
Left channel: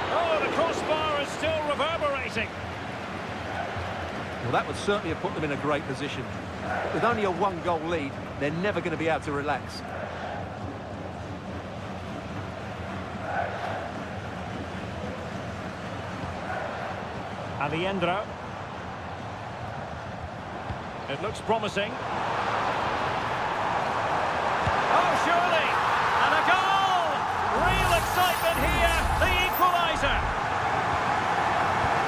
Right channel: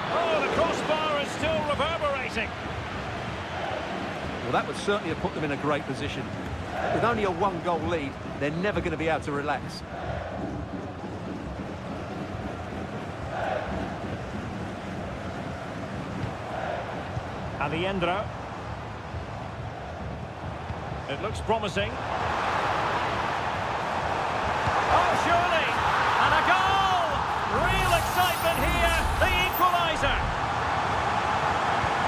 Oh, the crossbar is still reverberating. Well, that would certainly have put them in a great position. But with only a one-goal lead, they're never going to be able to relax. Aliendro. It looks promising. Oh, surely! And a goal! Real excitement here, the equaliser.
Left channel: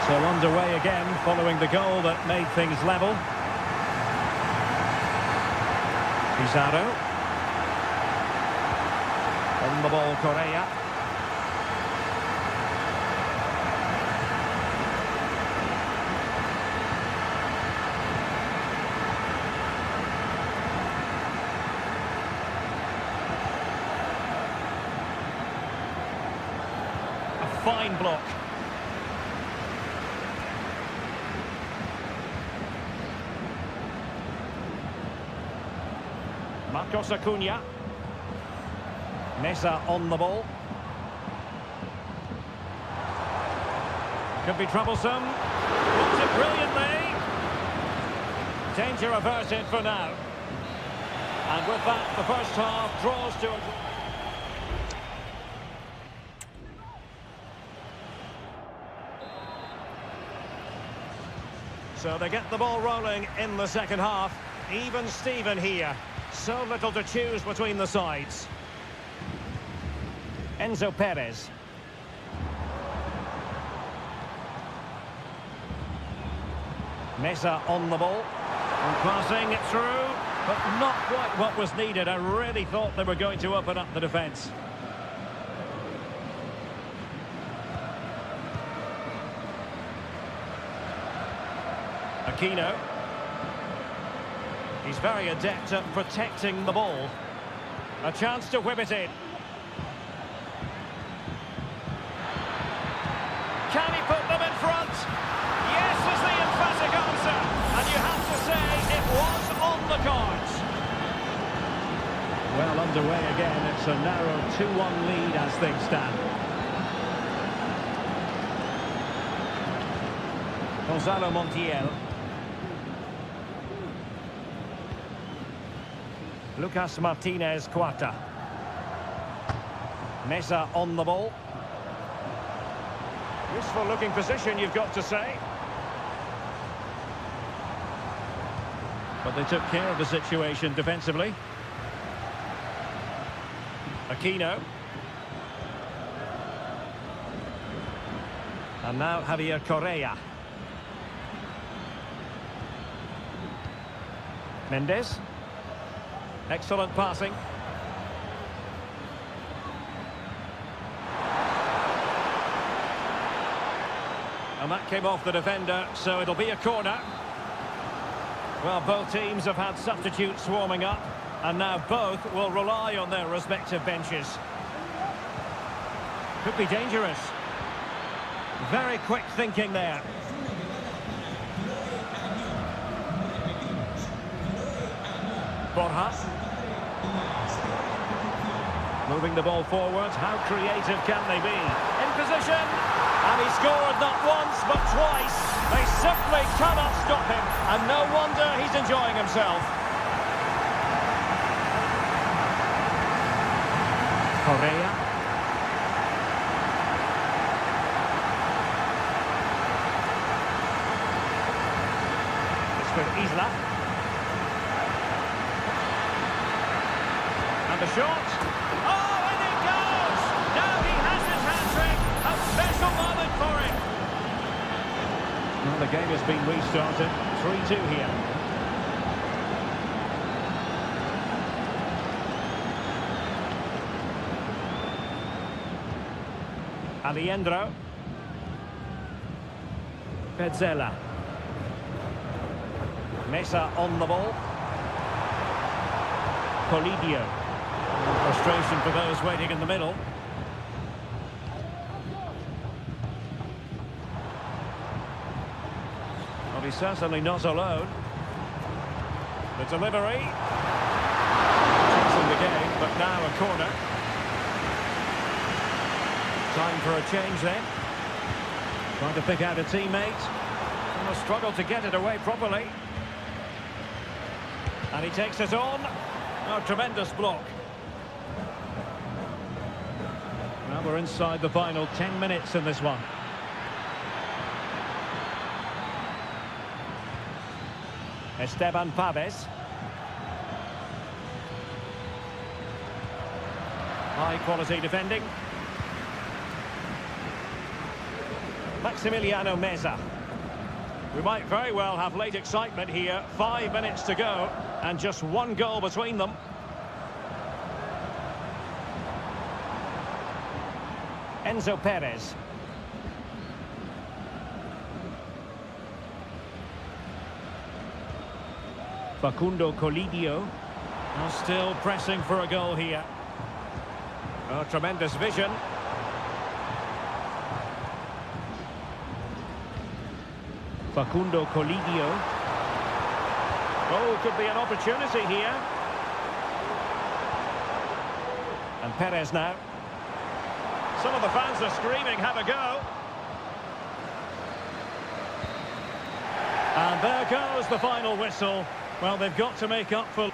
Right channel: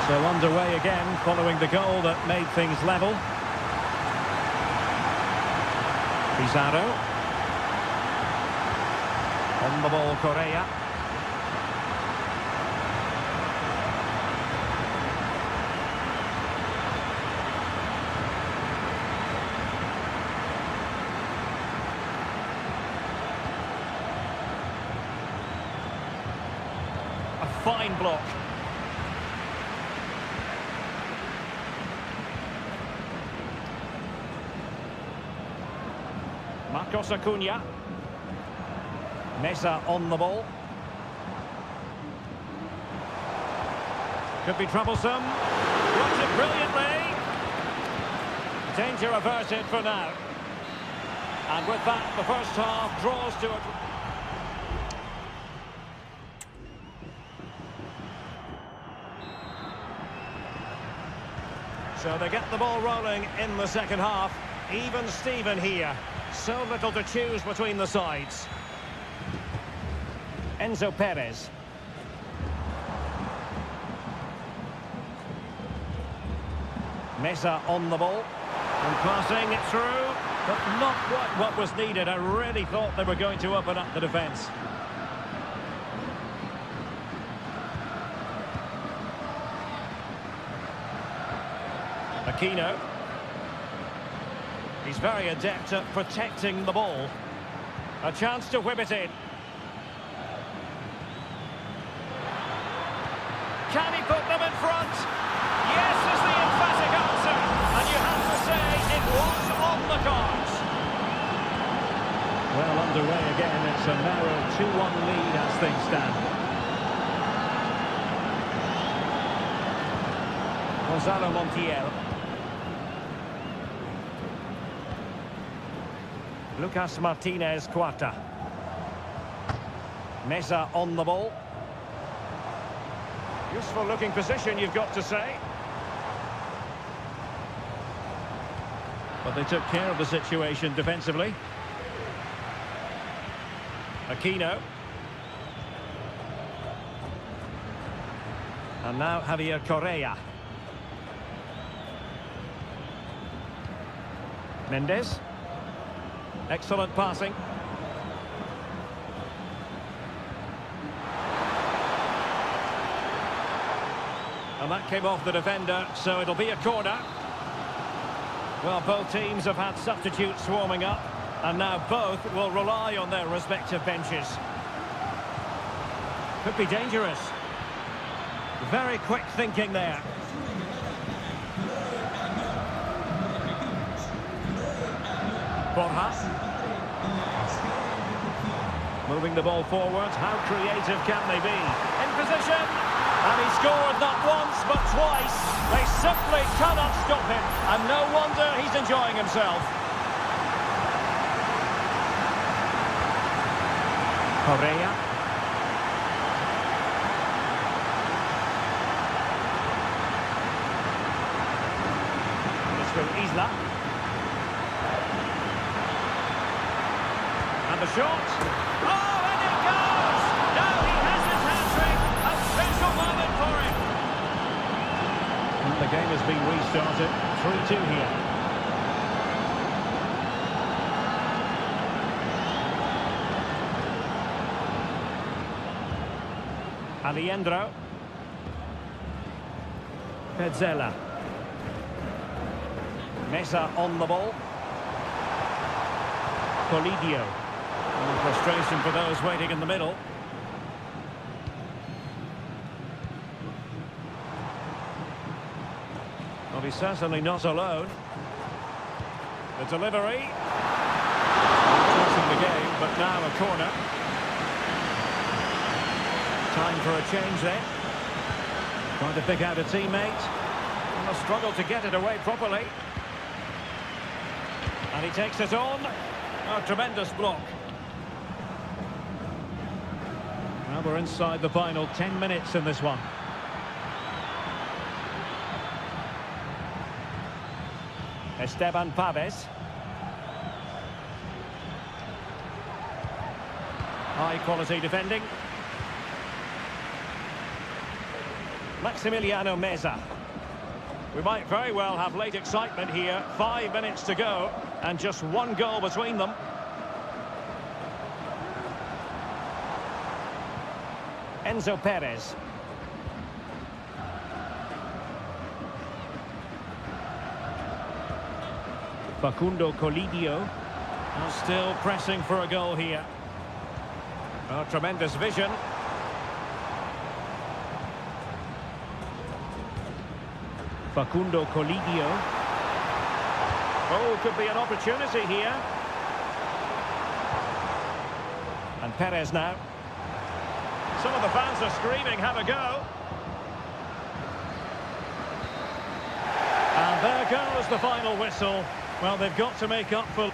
So underway again, following the goal that made things level. Pizarro. On the ball, Correa. A fine block. Marcos Acuna. Meza on the ball. Could be troublesome. Blocks it brilliantly. Danger averted for now. And with that, the first half draws to a... So they get the ball rolling in the second half. Even Steven here. So little to choose between the sides. Enzo Perez. Meza on the ball. And passing it through, but not quite what was needed. I really thought they were going to open up the defence. Aquino. He's very adept at protecting the ball. A chance to whip it in. Can he put them in front? Yes is the emphatic answer. And you have to say it was on the cards. Well, underway again. It's a narrow 2-1 lead as things stand. Gonzalo Montiel. Lucas Martinez Cuarta. Meza on the ball. Useful looking position, you've got to say. But they took care of the situation defensively. Aquino. And now Javier Correa. Mendes. Excellent passing. And that came off the defender, so it'll be a corner. Well, both teams have had substitutes warming up, and now both will rely on their respective benches. Could be dangerous. Very quick thinking there. Borja. Moving the ball forward. How creative can they be? In position. And he scored not once, but twice. They simply cannot stop him. And no wonder he's enjoying himself. Correa. It's with Isla. And the shot. Oh, and it goes! Now he has his hat-trick. A special moment for him. Well, the game has been restarted. 3-2 here. Alejandro. Petzela. Meza on the ball. Polidio. Frustration for those waiting in the middle. Well, he's certainly not alone. The delivery. Chasing the game, but now a corner. Time for a change then. Trying to pick out a teammate. And a struggle to get it away properly. And he takes it on. Oh, tremendous block. Well, we're inside the final 10 minutes in this one. Esteban Paves. High quality defending. Maximiliano Meza. We might very well have late excitement here. 5 minutes to go and just one goal between them. Enzo Perez. Facundo Colidio. Well, still pressing for a goal here. Oh, tremendous vision. Facundo Colidio. Oh, could be an opportunity here. And Perez now. Some of the fans are screaming, have a go. And there goes the final whistle. Well, they've got to make up for...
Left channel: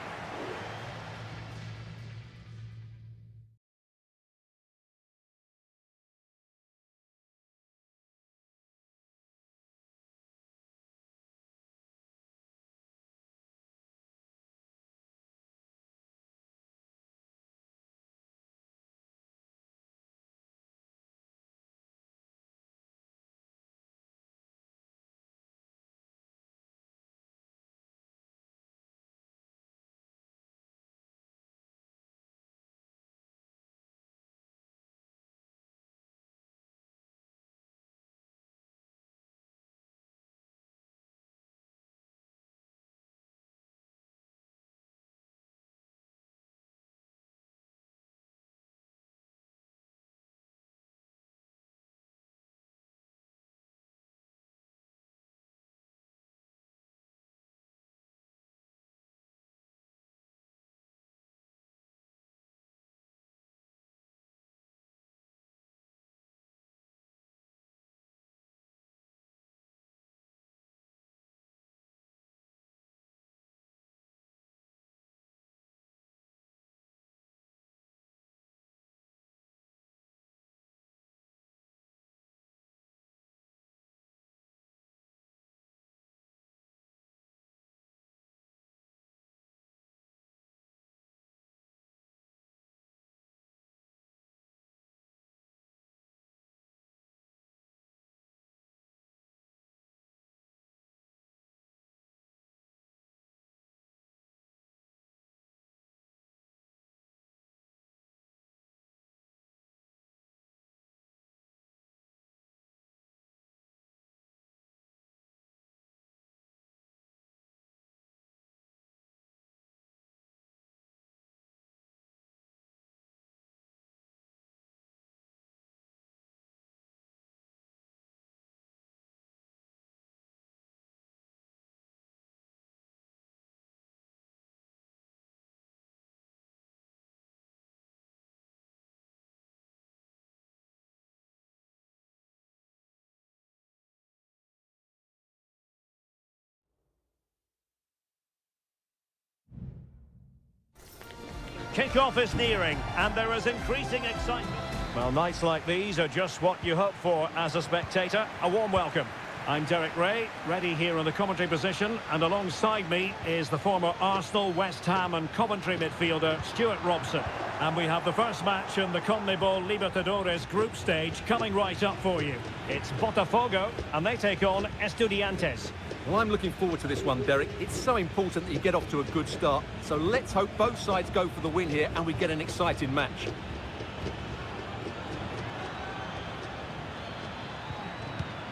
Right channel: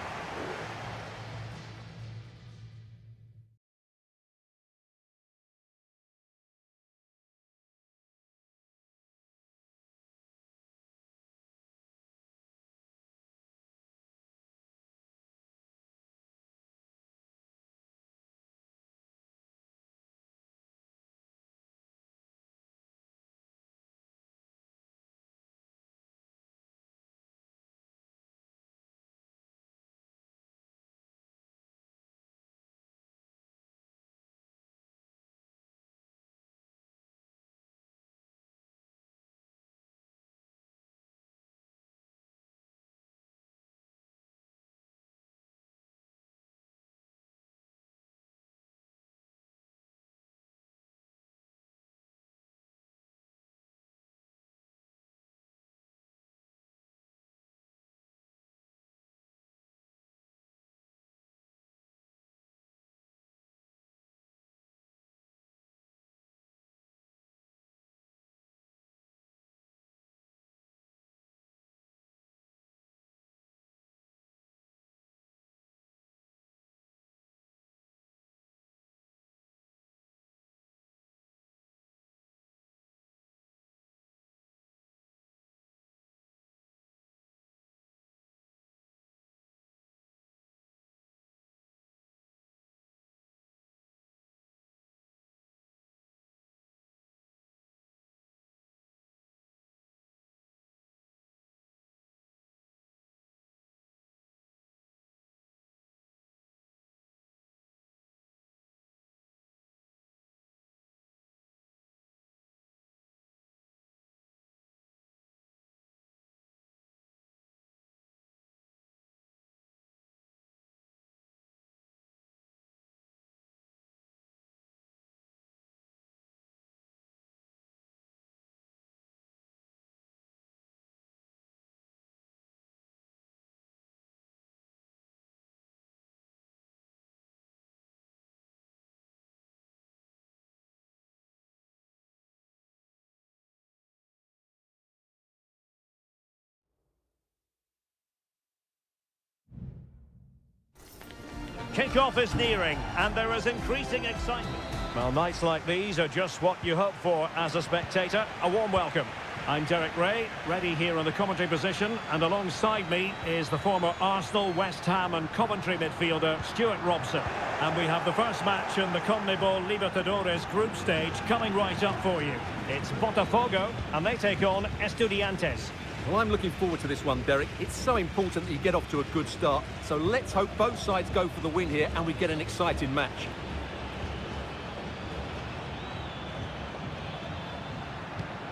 Kick-off is nearing, and there is increasing excitement. Well, nights like these are just what you hope for as a spectator. A warm welcome. I'm Derek Ray, ready here in the commentary position, and alongside me is the former Arsenal, West Ham and Coventry midfielder, Stuart Robson. And we have the first match in the CONMEBOL Libertadores group stage coming right up for you. It's Botafogo, and they take on Estudiantes. Well, I'm looking forward to this one, Derek. It's so important that you get off to a good start. So let's hope both sides go for the win here and we get an exciting match.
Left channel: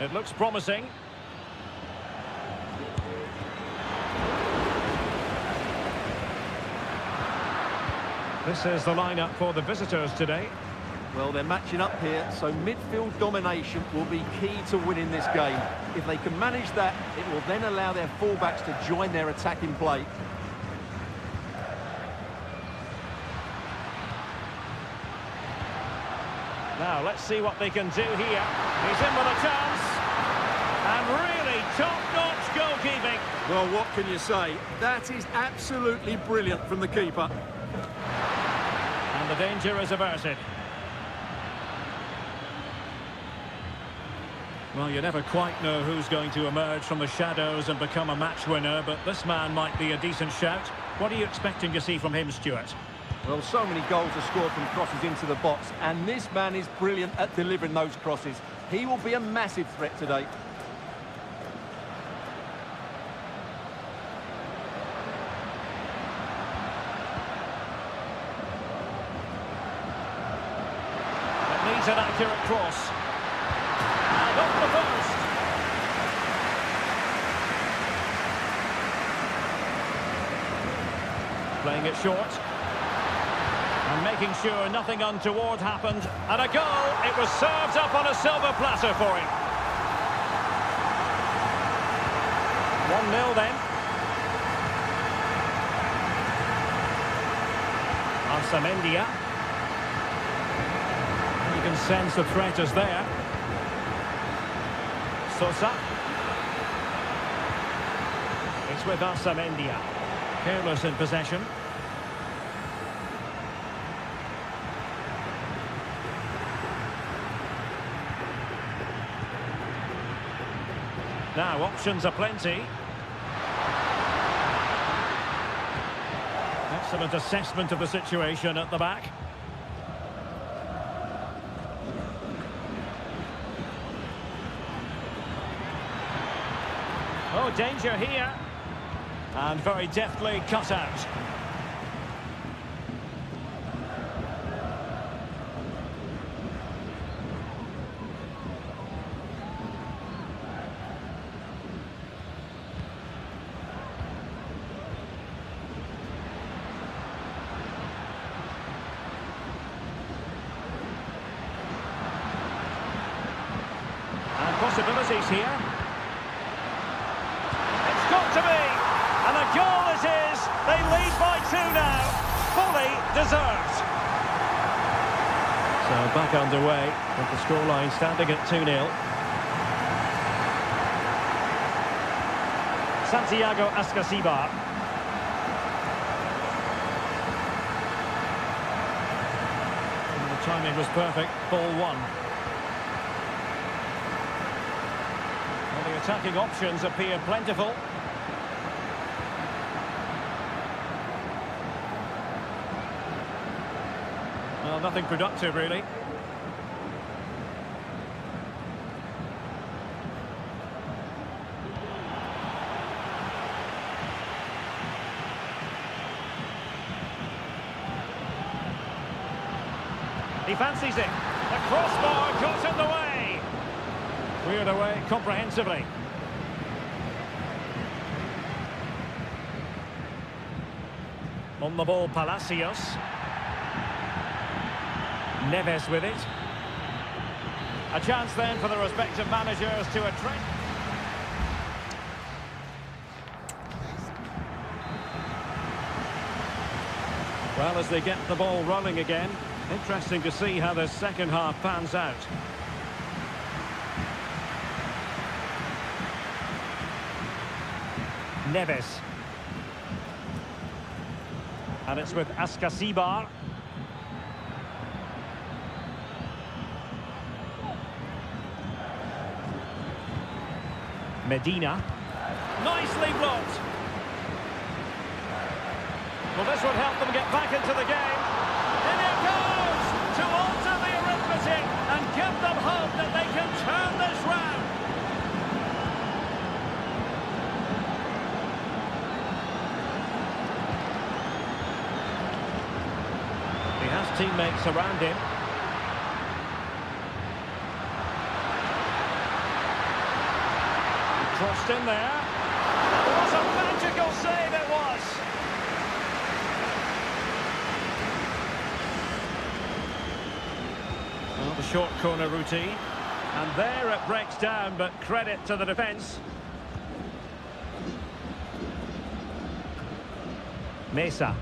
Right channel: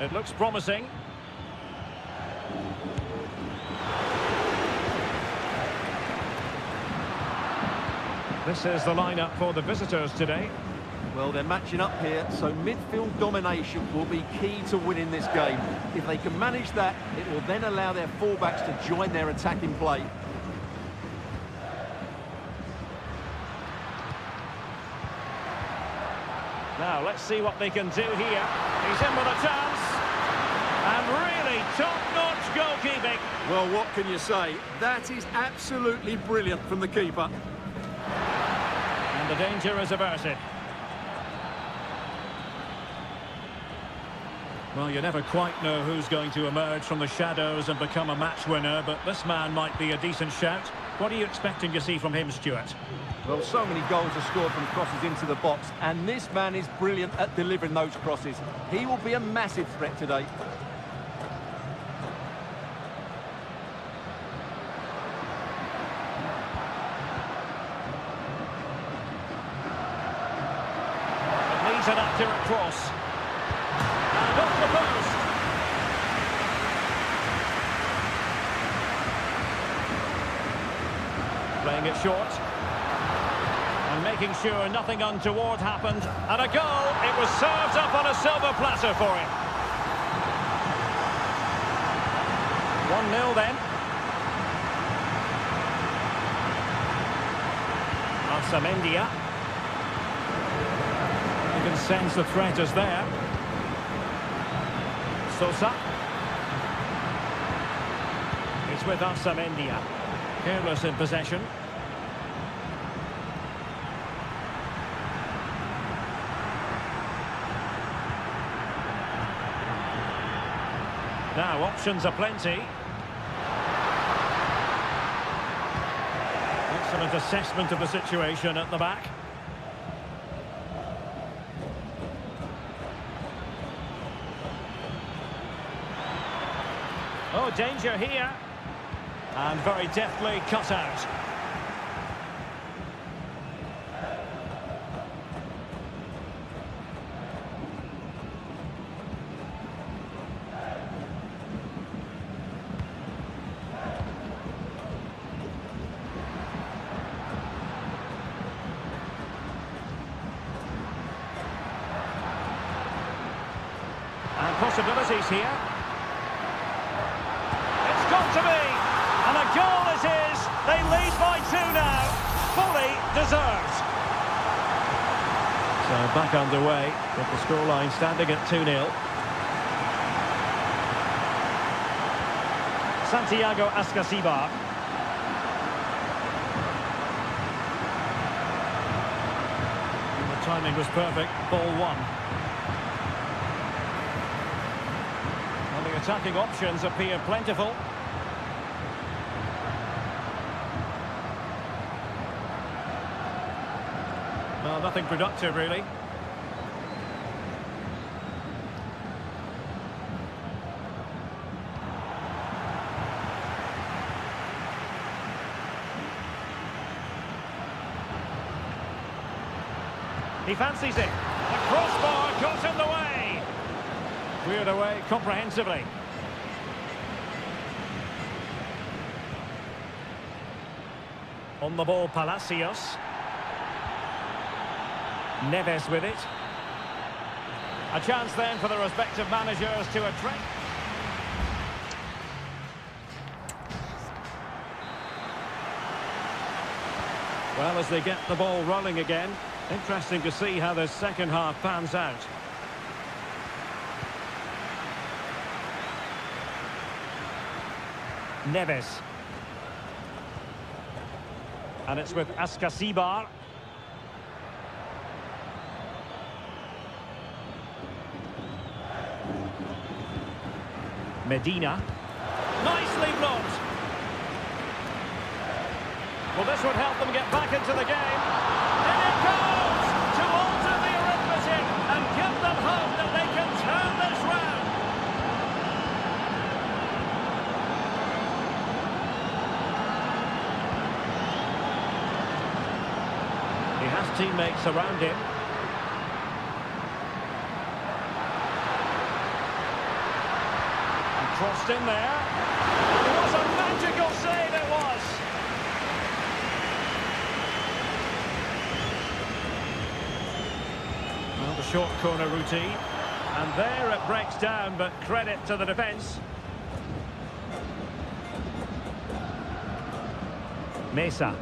It looks promising. This is the lineup for the visitors today. Well, they're matching up here, so midfield domination will be key to winning this game. If they can manage that, it will then allow their fullbacks to join their attacking play. Now, let's see what they can do here. He's in with a chance. And really top-notch goalkeeping. Well, what can you say? That is absolutely brilliant from the keeper. And the danger is averted. Well, you never quite know who's going to emerge from the shadows and become a match winner, but this man might be a decent shout. What are you expecting to see from him, Stuart? Well, so many goals are scored from crosses into the box, and this man is brilliant at delivering those crosses. He will be a massive threat today. It needs an accurate cross. And off the post. Playing it short. And making sure nothing untoward happened. And a goal. It was served up on a silver platter for him. 1-0 then. Arsamendia. You can sense the threat is there. Sosa. It's with Arsamendia. Careless in possession. Now, options are plenty. Excellent assessment of the situation at the back. Oh, danger here. And very deftly cut out. And possibilities here. It's got to be. And a goal it is. They lead by 2 now. Fully deserved. So back underway with the scoreline standing at 2-0. Santiago Ascasibar. And the timing was perfect. Ball 1. Well, the attacking options appear plentiful. Well, nothing productive, really. He fancies it. The crossbar got in the way. Cleared away comprehensively. On the ball, Palacios. Neves with it. A chance then for the respective managers to attract. Well, as they get the ball rolling again, interesting to see how the second half pans out. Neves. And it's with Askasibar. Medina. Nicely blocked. Well, this would help them get back into the game. In it goes to alter the arithmetic and give them hope that they can turn this round. He has teammates around him. And crossed in there. And what a magical save it was! Well, the short corner routine. And there it breaks down, but credit to the defence. Mesa.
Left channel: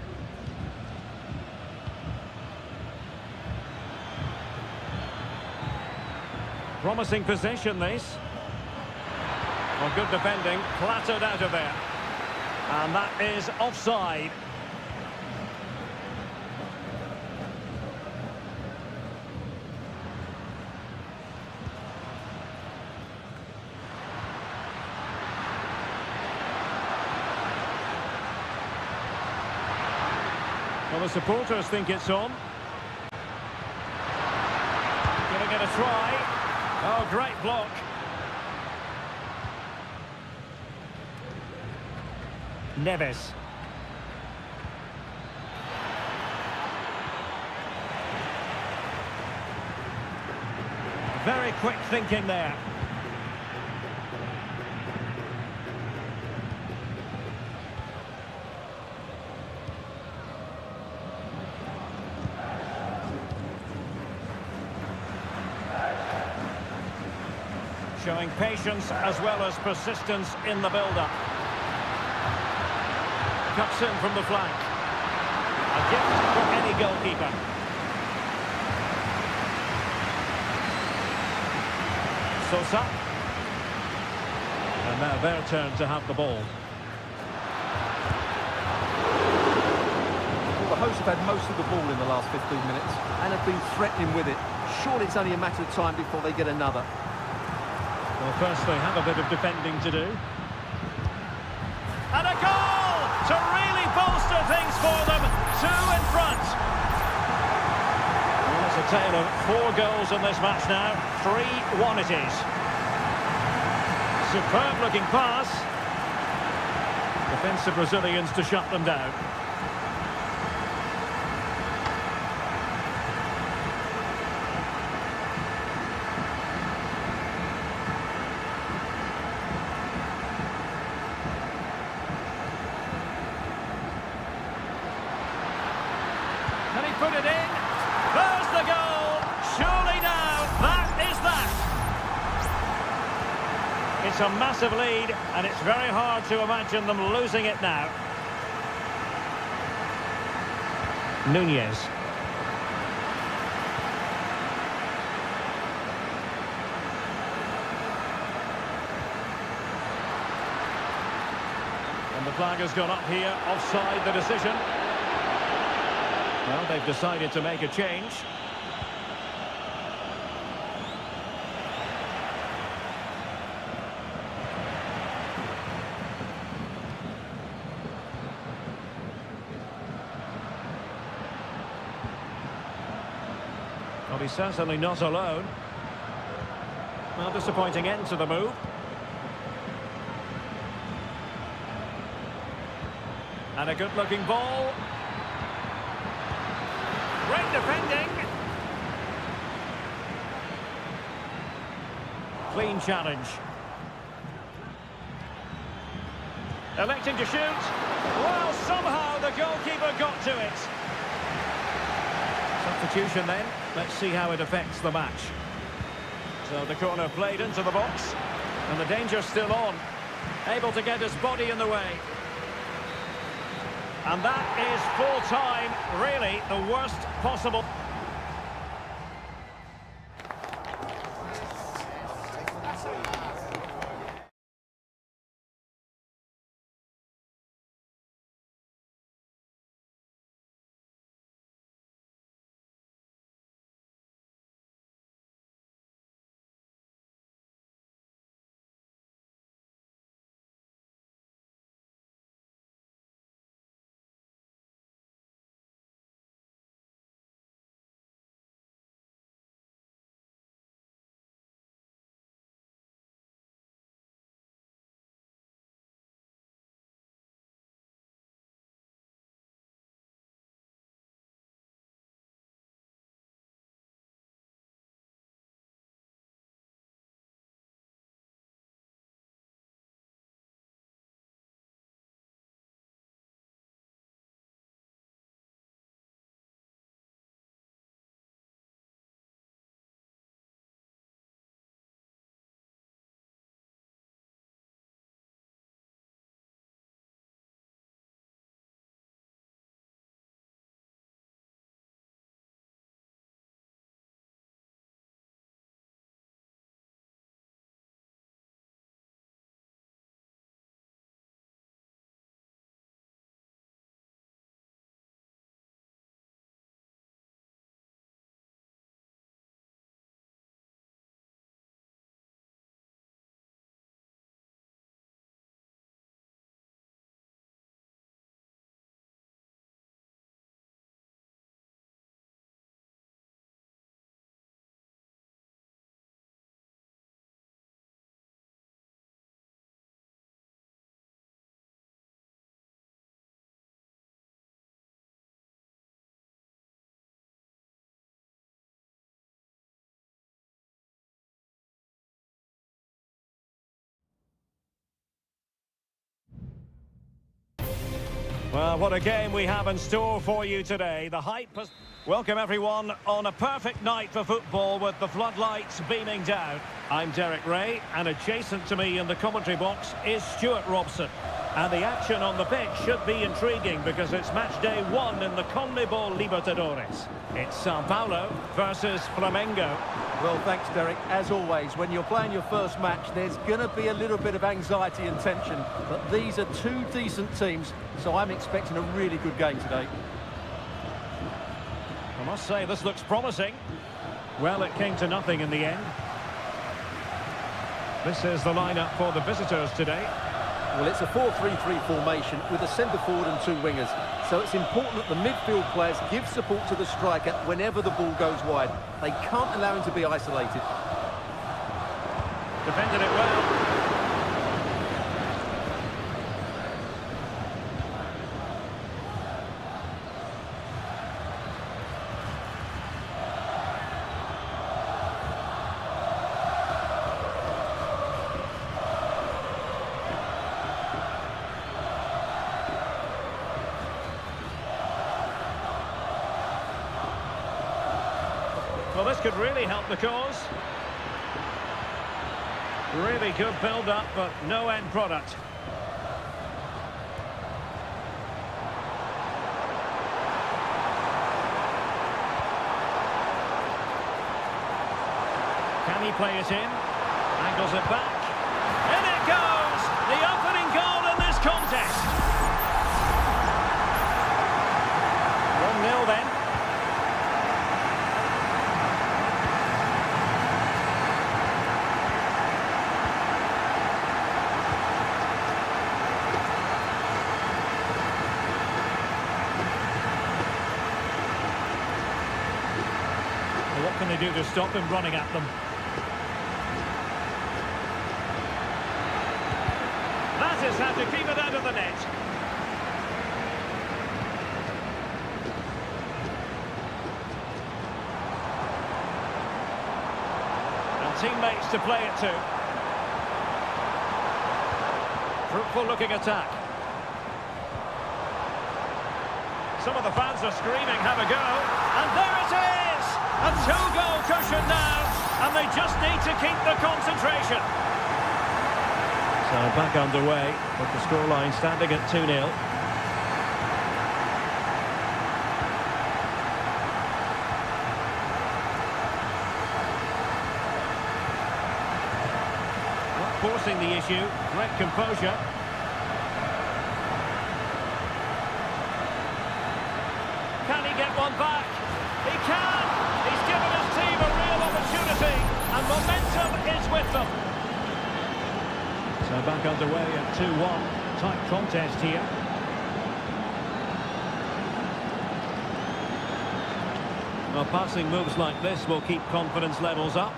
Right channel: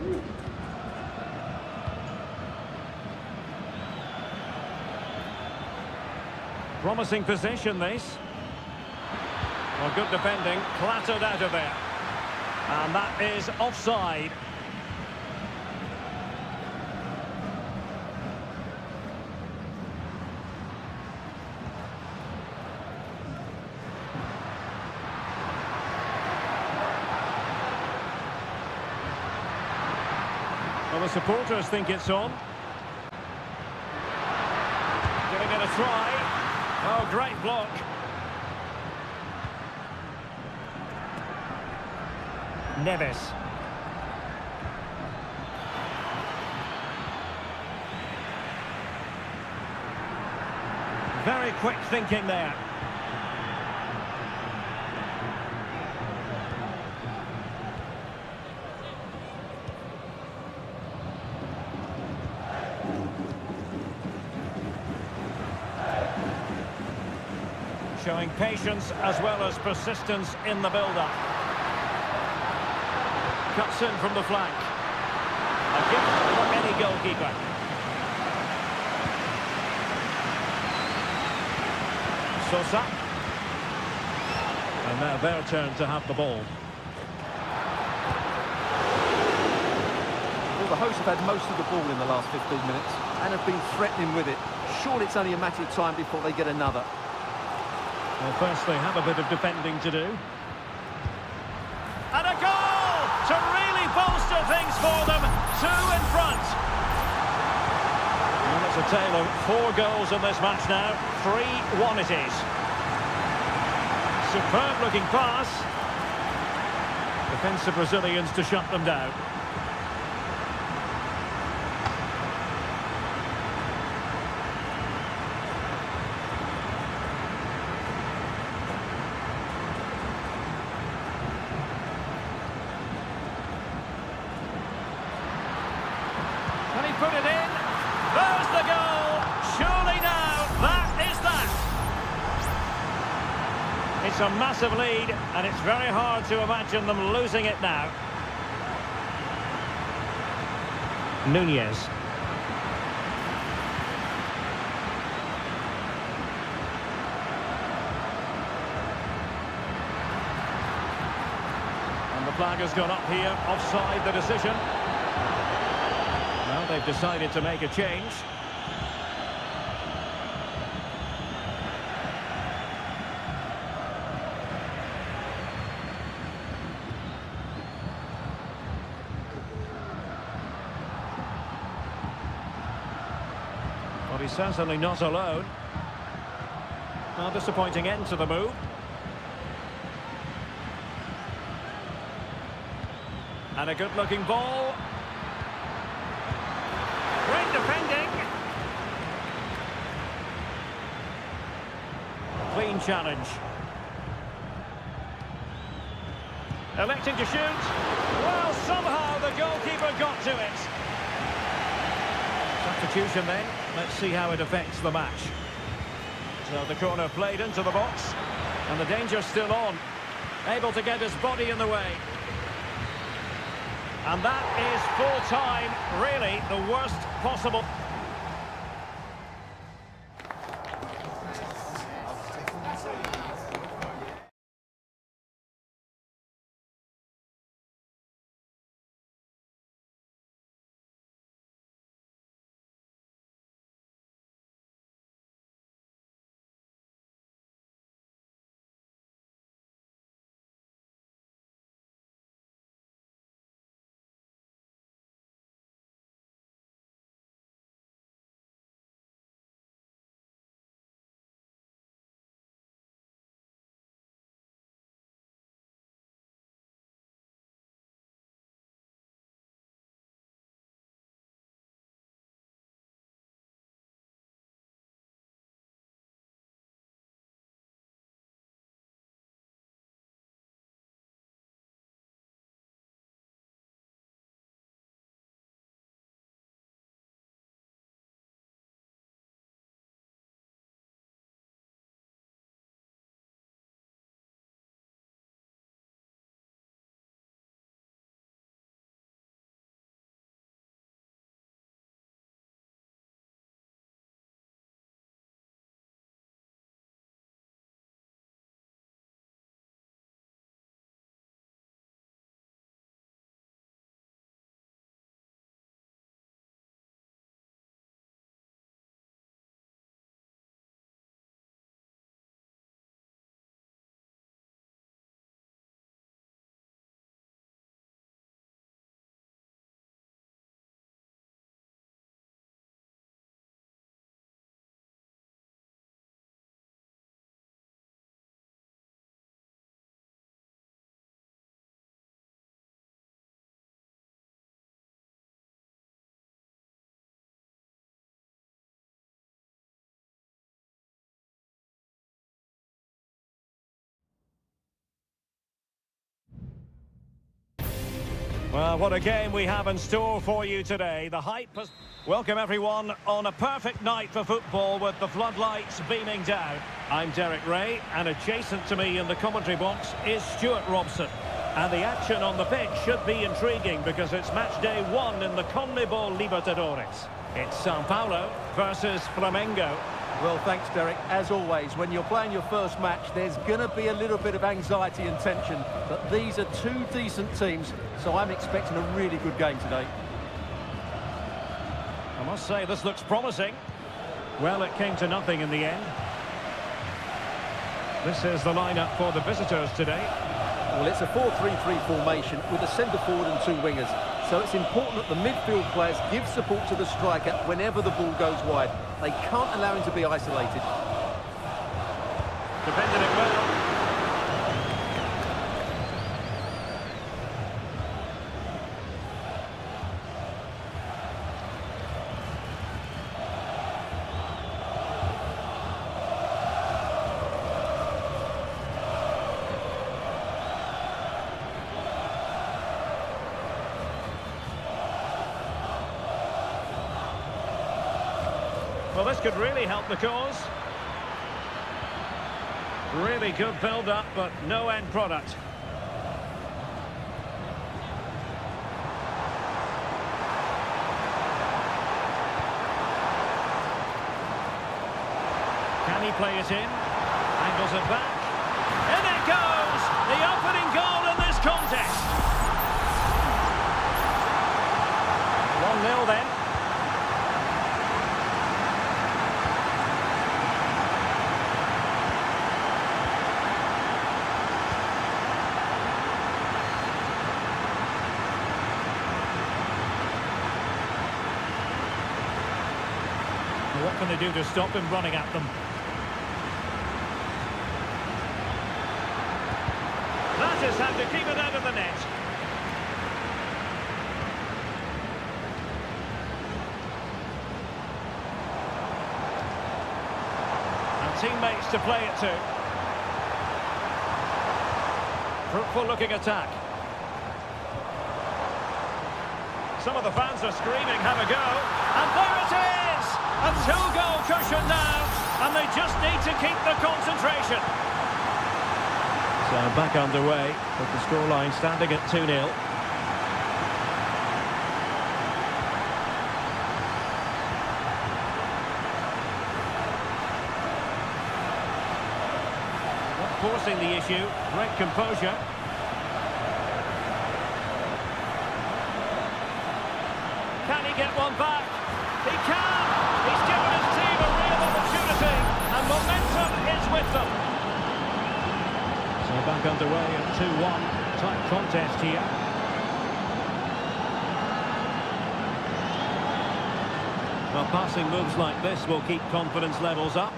Promising position, this. Well, good defending, clattered out of there. And that is offside. Well, the supporters think it's on. Giving it a try. Oh, great block. Neves. Very quick thinking there. Showing patience as well as persistence in the build-up. Cuts in from the flank. A gift for any goalkeeper. Sosa. And now their turn to have the ball. Well, the hosts have had most of the ball in the last 15 minutes and have been threatening with it. Surely it's only a matter of time before they get another. Well, first they have a bit of defending to do. And a goal to really bolster things for them. 2 in front. Well, it's a tale of 4 goals in this match now. 3-1 it is. Superb looking pass. Defensive Brazilians to shut them down. Can he put it in? There's the goal! Surely now, that is that! It's a massive lead, and it's very hard to imagine them losing it now. Nunez. And the flag has gone up here, offside the decision. Well, they've decided to make a change. Well, he's certainly not alone. Well, disappointing end to the move. And a good-looking ball. Great defending. Clean challenge. Electing to shoot. Well, somehow the goalkeeper got to it. Substitution then. Let's see how it affects the match. So the corner played into the box. And the danger's still on. Able to get his body in the way. And that is full time, really the worst possible. Well, what a game we have in store for you today. The hype has... Welcome everyone on a perfect night for football with the floodlights beaming down. I'm Derek Ray, and adjacent to me in the commentary box is Stuart Robson. And the action on the pitch should be intriguing because it's match day 1 in the CONMEBOL Libertadores. It's Sao Paulo versus Flamengo. Well, thanks, Derek. As always, when you're playing your first match, there's going to be a little bit of anxiety and tension. But these are two decent teams, so I'm expecting a really good game today. I must say, this looks promising. Well, it came to nothing in the end. This is the lineup for the visitors today. Well, it's a 4-3-3 formation with a centre forward and 2 wingers. So it's important that the midfield players give support to the striker whenever the ball goes wide. They can't allow him to be isolated. Defended it well. Well, this could really help the cause. Really good build-up, but no end product. Can he play it in? Angles it back. In it goes! The opening goal in this contest. 1-0 then. What can they do to stop him running at them? That is how to keep it out of the net. And teammates to play it to. Fruitful looking attack. Some of the fans are screaming, have a go. And there it is! A 2-goal cushion now, and they just need to keep the concentration. So back underway, with the scoreline standing at 2-0. Not forcing the issue, great composure. Can he get one back? He can! He's given his team a real opportunity, and momentum is with them. So back underway at 2-1. Tight contest here. Well, passing moves like this will keep confidence levels up.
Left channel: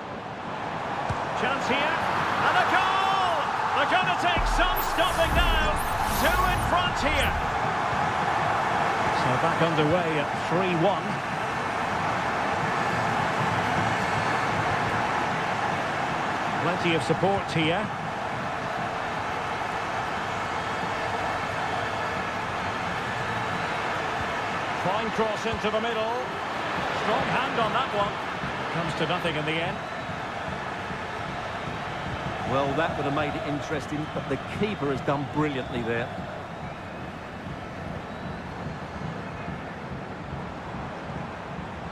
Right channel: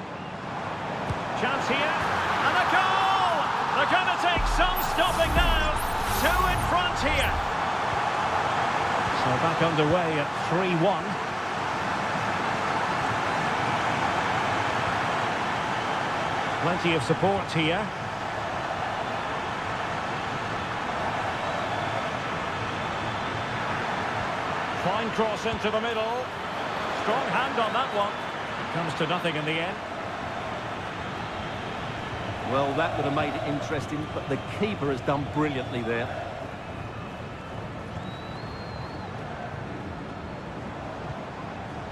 Chance here, and a goal! They're going to take some stopping now. 2 in front here. So back underway at 3-1. Plenty of support here. Fine cross into the middle. Strong hand on that one. It comes to nothing in the end. Well, that would have made it interesting, but the keeper has done brilliantly there.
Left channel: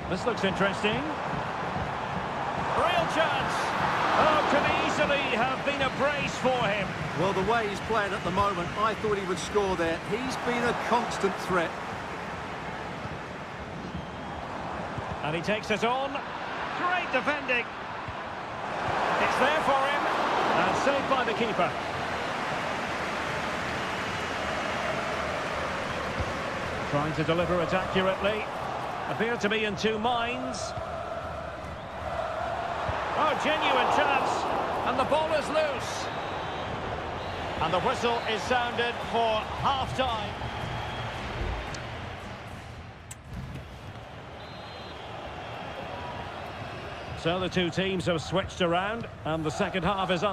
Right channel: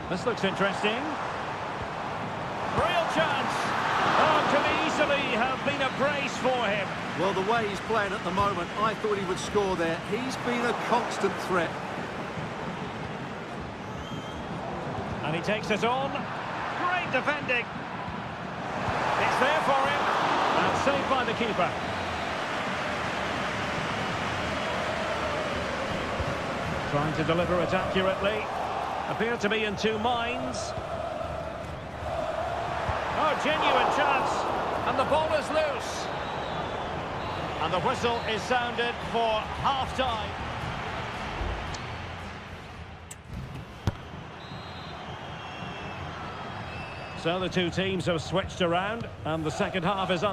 This looks interesting. Real chance. Oh, could easily have been a brace for him. Well, the way he's playing at the moment, I thought he would score there. He's been a constant threat. And he takes it on. Great defending. It's there for him. And saved by the keeper. Trying to deliver it accurately. Appear to be in 2 minds. Oh, genuine chance. And the ball is loose. And the whistle is sounded for half-time. So the 2 teams have switched around, and the second half is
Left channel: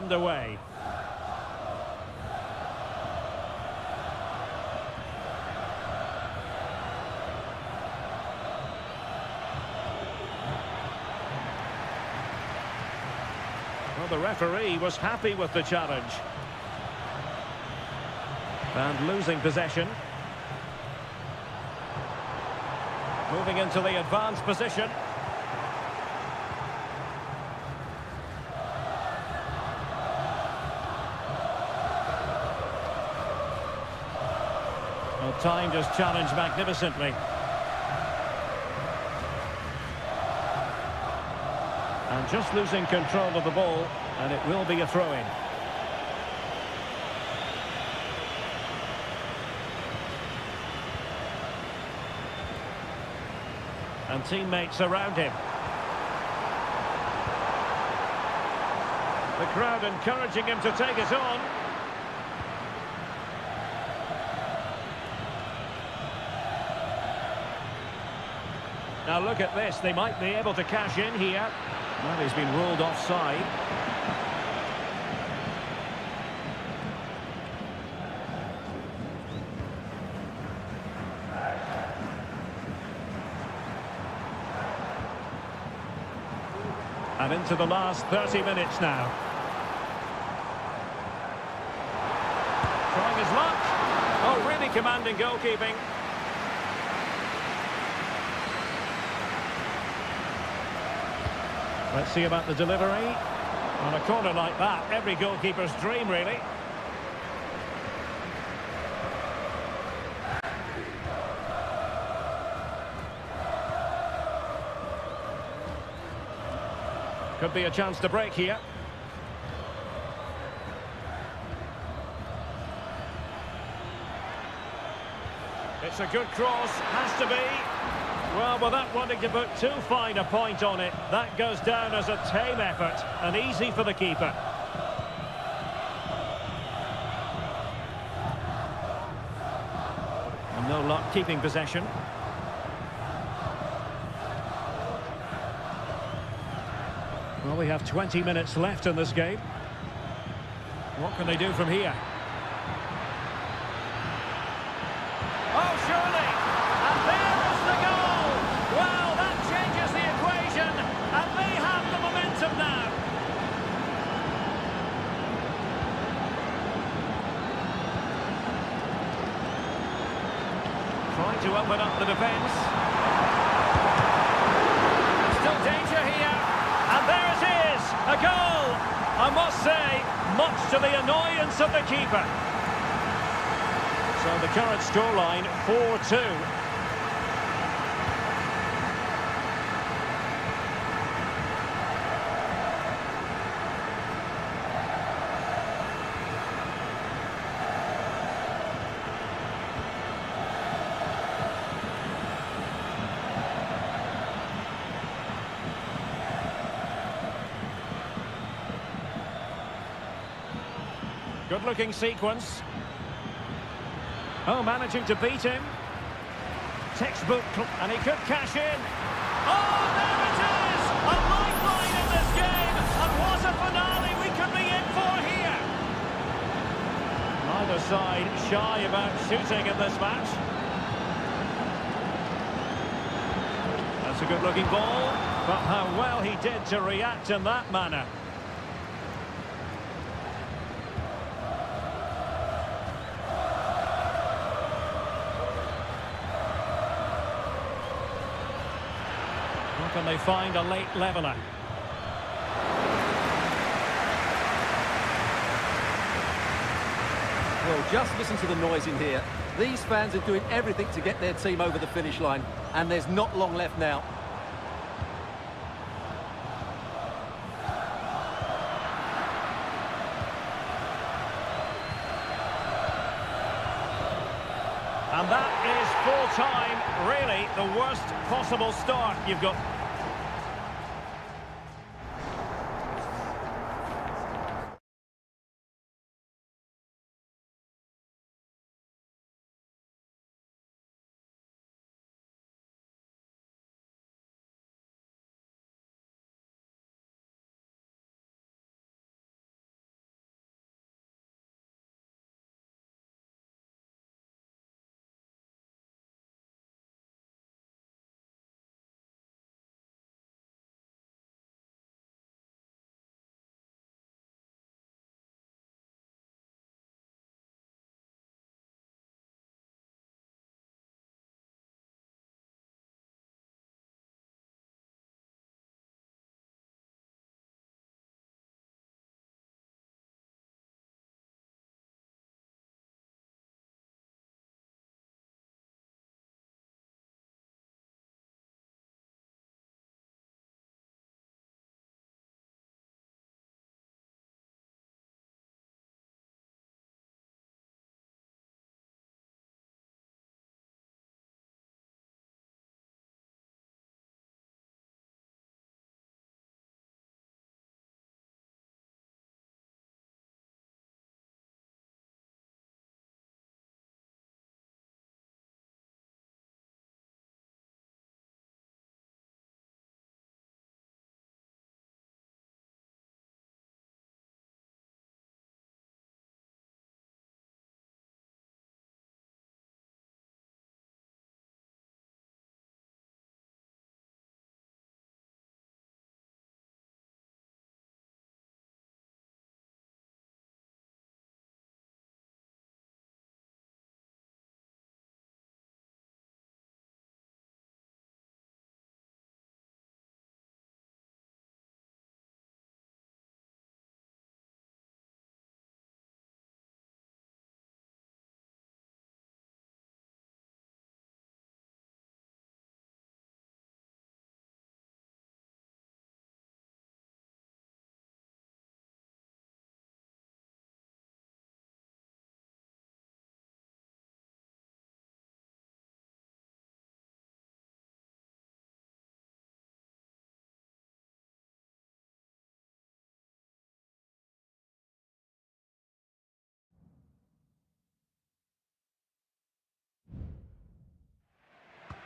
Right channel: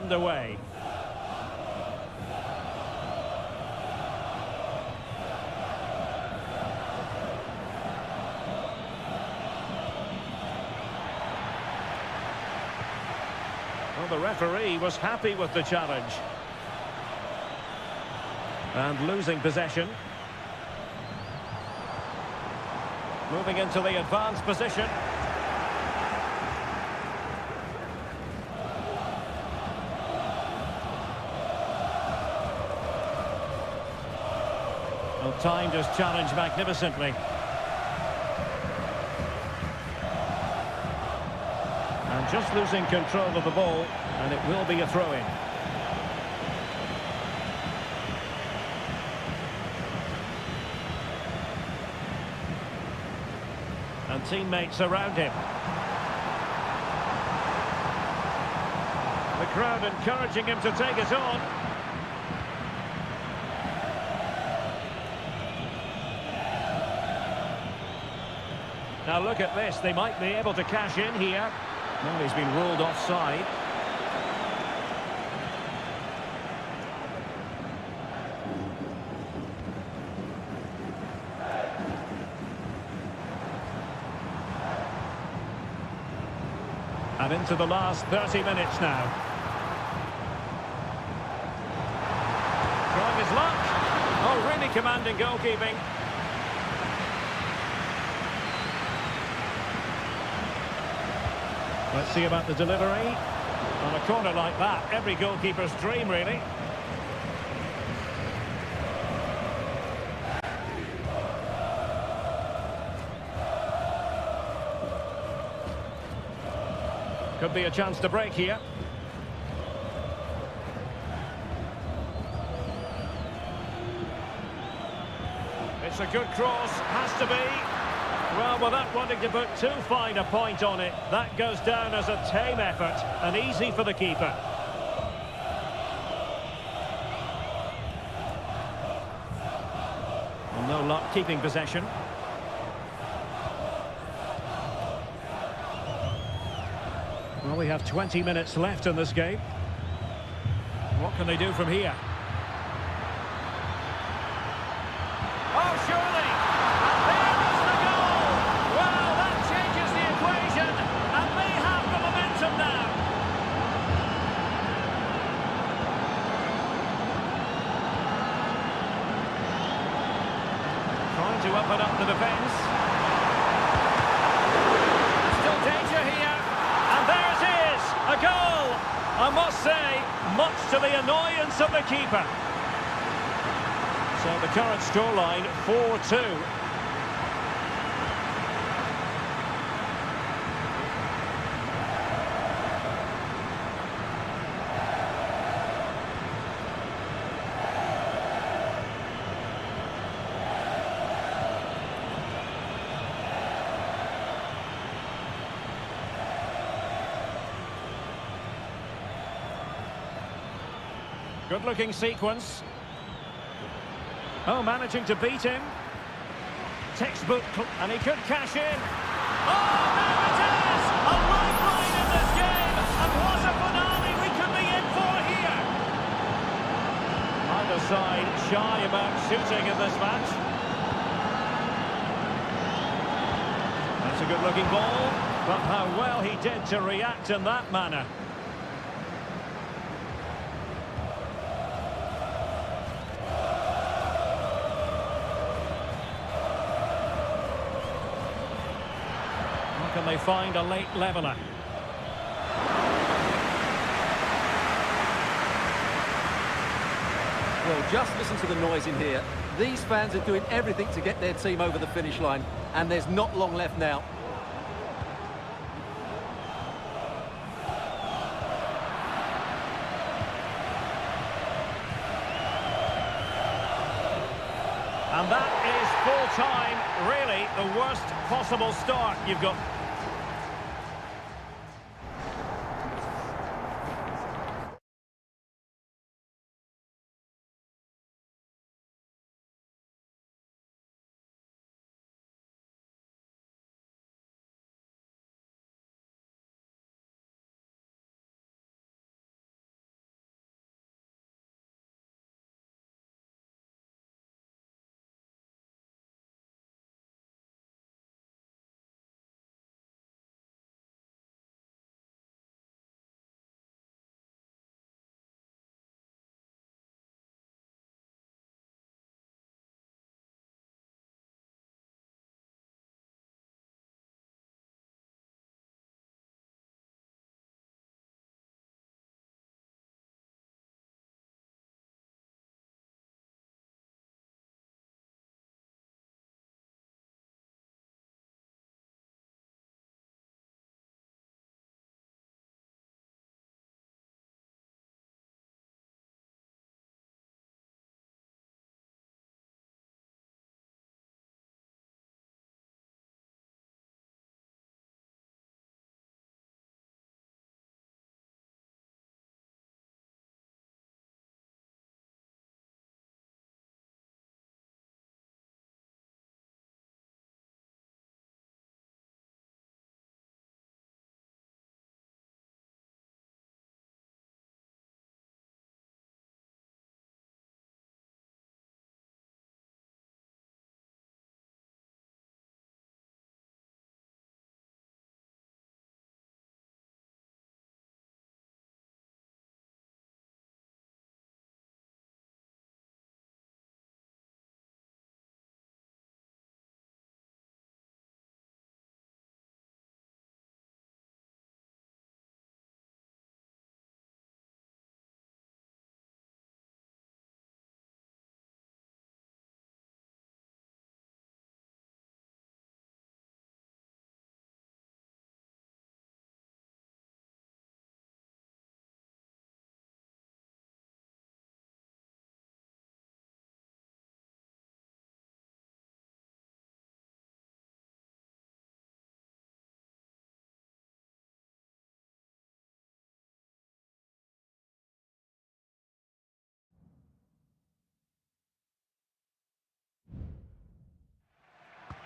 Well, the referee was happy with the challenge. And losing possession. Moving into the advanced position. Well, timed his challenge magnificently. And just losing control of the ball, and it will be a throw-in. And teammates around him. The crowd encouraging him to take it on. Now look at this, they might be able to cash in here. Well, he's been ruled offside. And into the last 30 minutes now. Trying his luck. Oh, really commanding goalkeeping. Let's see about the delivery. On a corner like that, every goalkeeper's dream, really. Could be a chance to break here. It's a good cross, has to be. Well, without wanting to put too fine a point on it, that goes down as a tame effort, and easy for the keeper. And no luck keeping possession. Well, we have 20 minutes left in this game. What can they do from here? Oh, surely! And there is the goal! Well, that changes the equation, and they have the momentum now. Trying to open up the defence. There's still danger here. And there it is, a goal! I must say, much to the annoyance of the keeper. So the current scoreline, 4-2. Good-looking sequence. Oh, managing to beat him. Textbook, and he could cash in. Oh, there it is! A lifeline in this game, and what a finale we could be in for here. Neither side shy about shooting in this match. That's a good-looking ball, but how well he did to react in that manner. How can they find a late leveller? Well, just listen to the noise in here. These fans are doing everything to get their team over the finish line, and there's not long left now. And that is full-time, really the worst possible start you've got.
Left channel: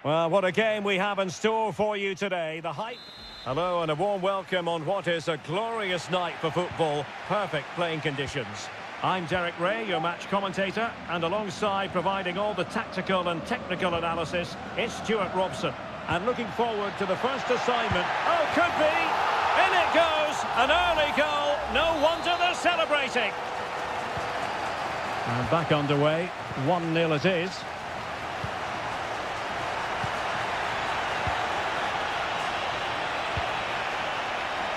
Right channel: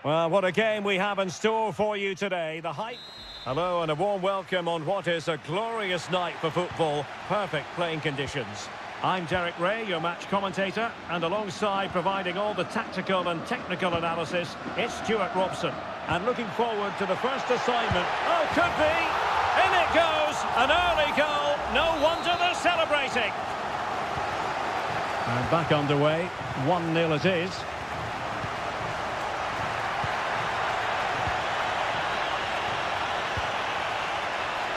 Well, what a game we have in store for you today. The hype. Hello and a warm welcome on what is a glorious night for football. Perfect playing conditions. I'm Derek Ray, your match commentator, and alongside providing all the tactical and technical analysis, it's Stuart Robson. And looking forward to the first assignment. Oh, could be! In it goes! An early goal. No wonder they're celebrating. And back underway. 1-0 it is.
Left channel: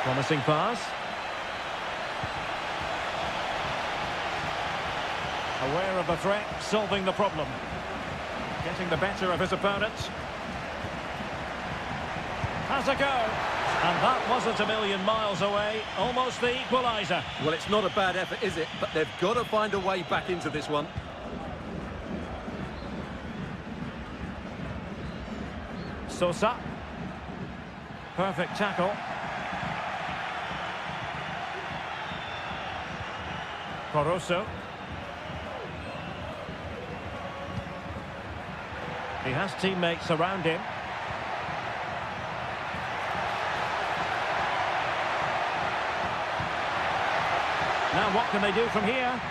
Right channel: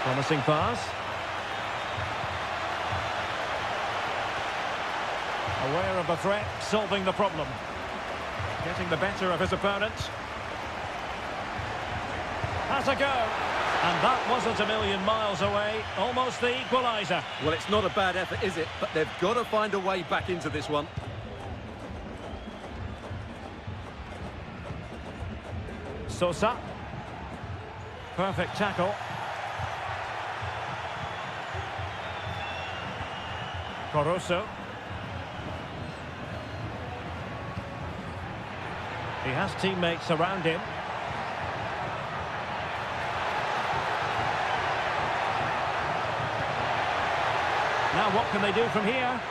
Promising pass. Aware of the threat, solving the problem. Getting the better of his opponent. Has a go. And that wasn't a million miles away. Almost the equaliser. Well, it's not a bad effort, is it? But they've got to find a way back into this one. Sosa. Perfect tackle. Caruso. He has teammates around him. Now what can they do from here?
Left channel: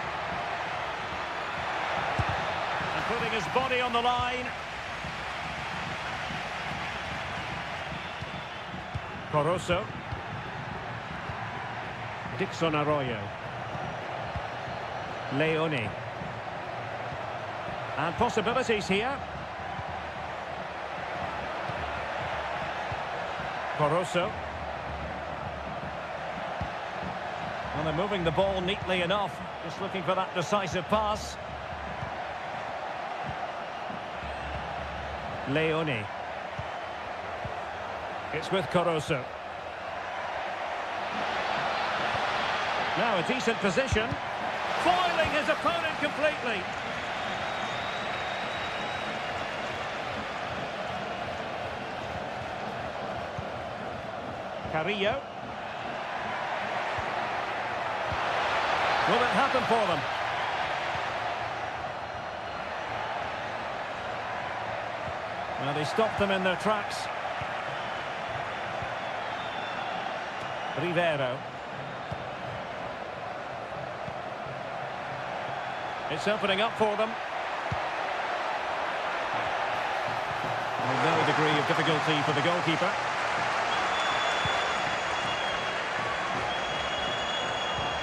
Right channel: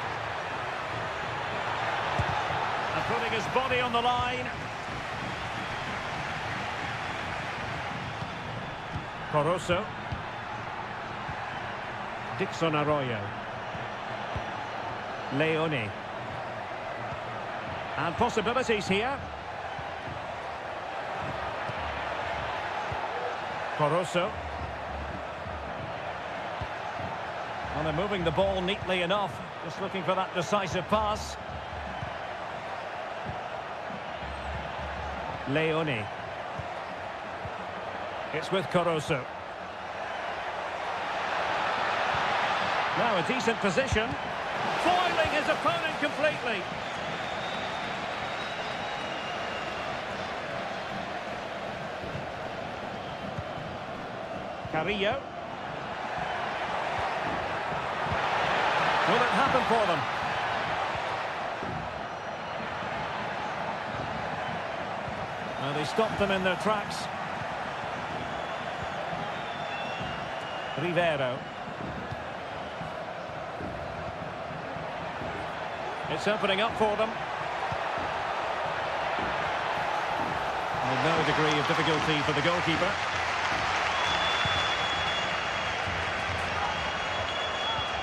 And putting his body on the line. Caruso. Dixon Arroyo. Leone. And possibilities here. Caruso. Well, they're moving the ball neatly enough. Just looking for that decisive pass. Leone. It's with Caruso. Now a decent position. Foiling his opponent completely. Carrillo. Will it happen for them? Well, they stopped them in their tracks. Rivero. It's opening up for them. Well, no degree of difficulty for the goalkeeper.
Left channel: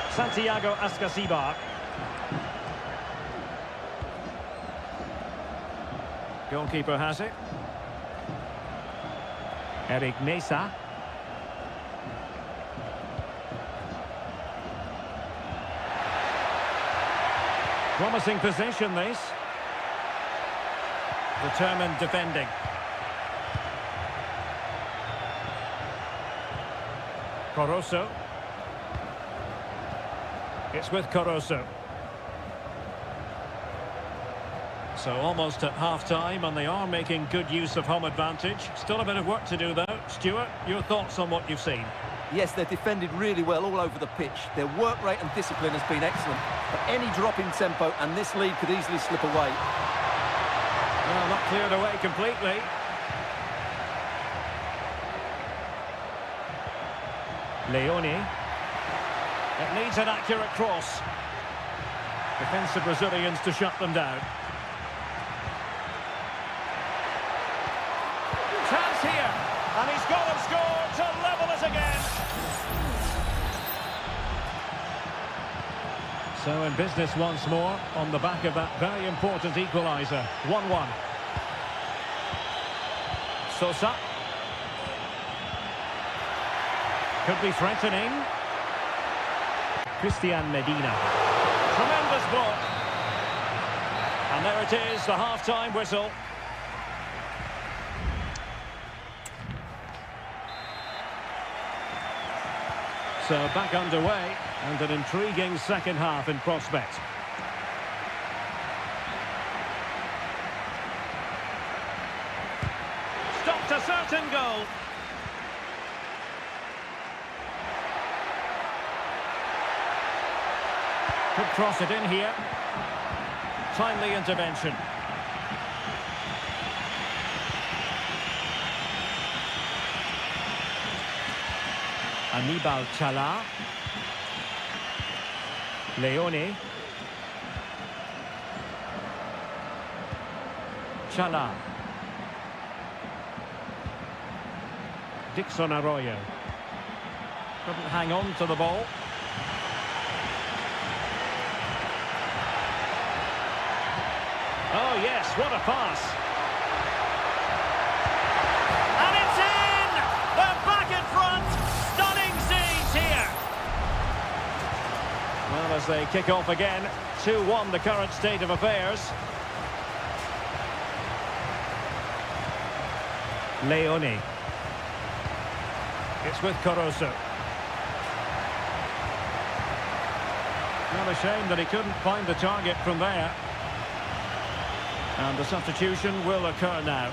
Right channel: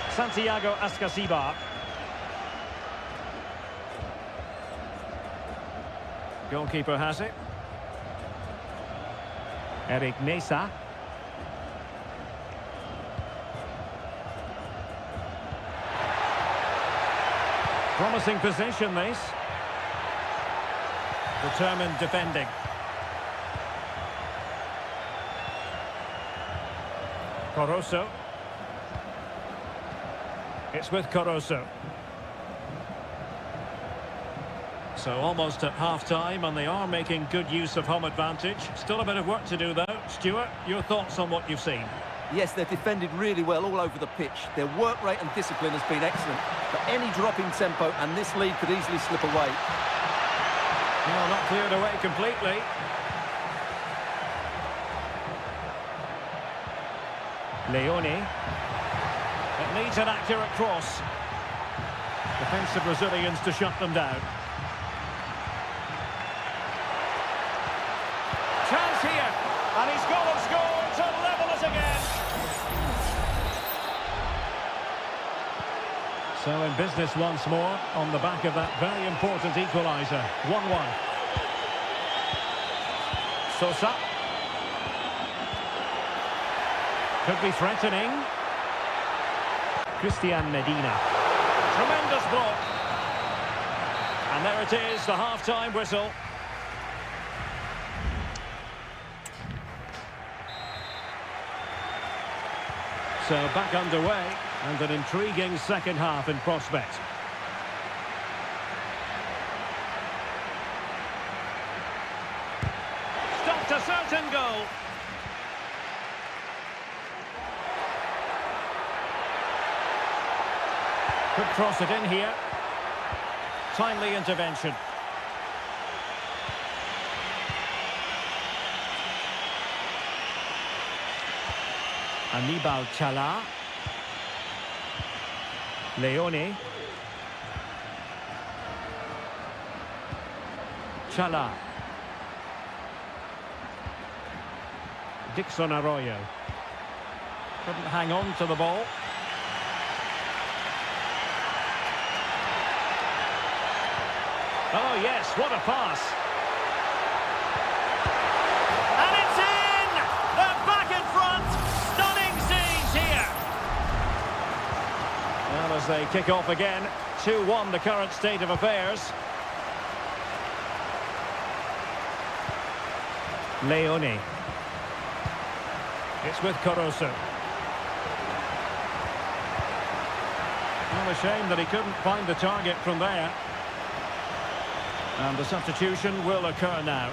Santiago Ascasibar. Goalkeeper has it. Eric Mesa. Promising position, this. Determined defending. Caruso. It's with Caruso. So almost at half-time, and they are making good use of home advantage. Still a bit of work to do, though. Stuart, your thoughts on what you've seen? Yes, they've defended really well all over the pitch. Their work rate and discipline has been excellent. But any drop in tempo, and this lead could easily slip away. Well, not cleared away completely. Leone. It needs an accurate cross. Defensive Brazilians to shut them down. Chance here, and he's got him scored to level it again. So in business once more, on the back of that very important equaliser. 1-1. Sosa. Could be threatening. Christian Medina. Tremendous block. And there it is, the half-time whistle. So back underway, and an intriguing second half in prospect. Stopped a certain goal. Could cross it in here. Timely intervention. Anibal Chala. Leone. Chala. Dixon Arroyo. Couldn't hang on to the ball. Oh yes, what a pass. And it's in! They're back in front! Stunning scenes here! Well, as they kick off again, 2-1 the current state of affairs. Leone. It's with Caruso. Not a shame that he couldn't find the target from there. And the substitution will occur now.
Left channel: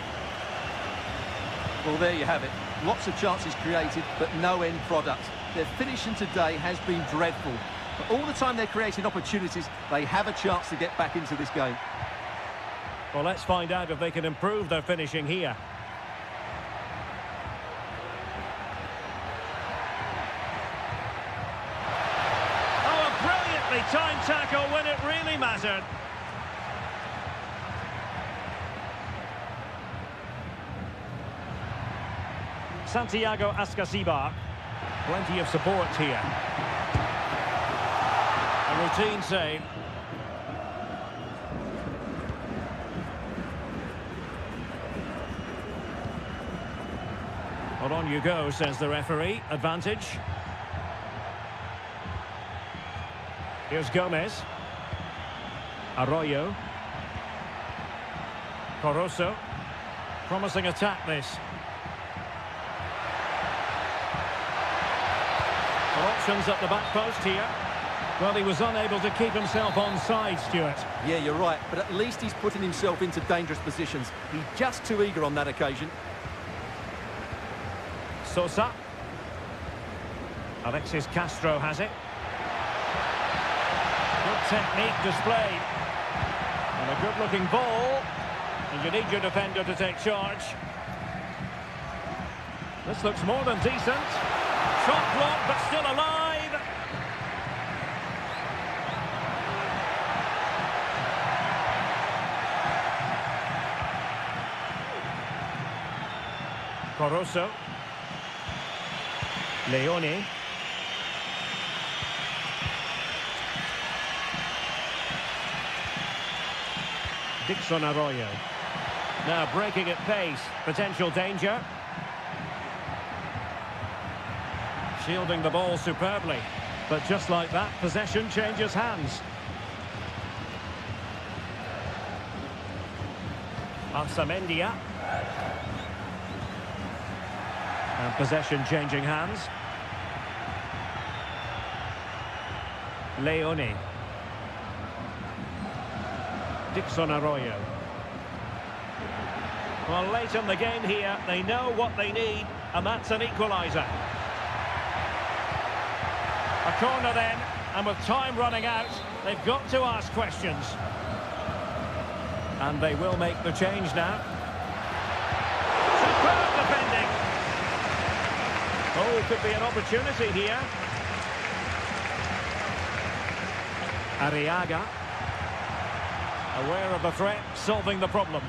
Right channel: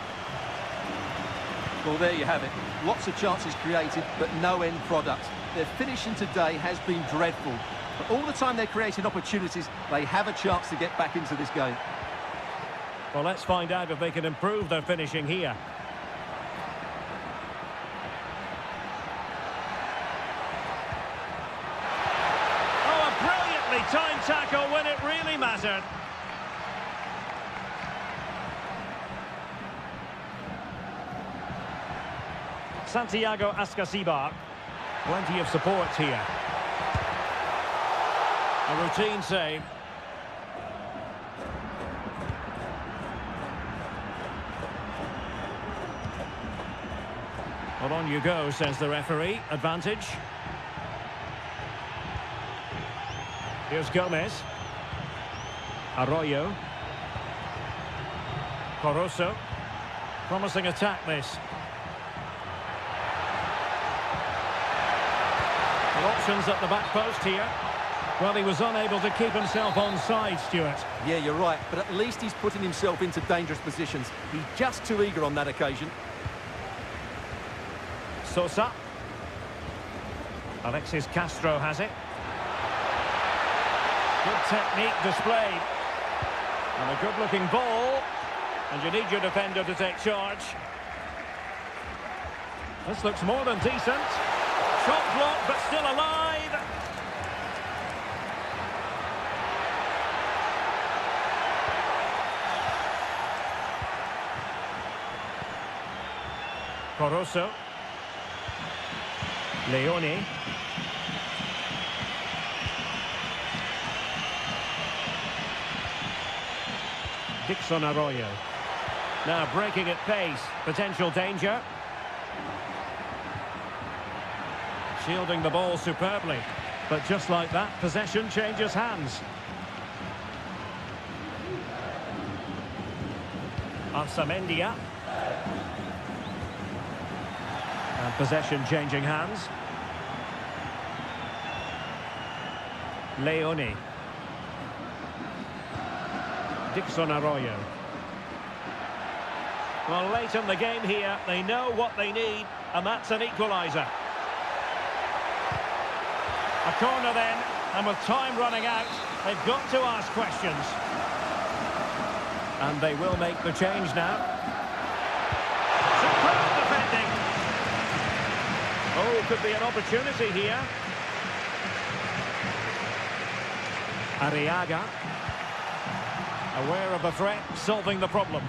Well, there you have it. Lots of chances created, but no end product. Their finishing today has been dreadful. But all the time they're creating opportunities, they have a chance to get back into this game. Well, let's find out if they can improve their finishing here. Oh, a brilliantly timed tackle when it really mattered. Santiago Ascasibar. Plenty of support here. A routine save. Well, on you go, says the referee. Advantage. Here's Gomez. Arroyo. Caruso. Promising attack, this. Well, options at the back post here. Well, he was unable to keep himself onside, Stuart. Yeah, you're right, but at least he's putting himself into dangerous positions. He's just too eager on that occasion. Sosa. Alexis Castro has it. Good technique displayed. And a good-looking ball. And you need your defender to take charge. This looks more than decent. Shot blocked, but still alive. Caruso. Leone. Dixon Arroyo. Now breaking at pace. Potential danger. Shielding the ball superbly. But just like that, possession changes hands. Arsamendia. And possession changing hands. Leone. Dixon Arroyo. Well, late in the game here, they know what they need, and that's an equaliser. A corner then, and with time running out, they've got to ask questions. And they will make the change now. Superb defending. Oh, could be an opportunity here. Arriaga. Aware of the threat, solving the problem.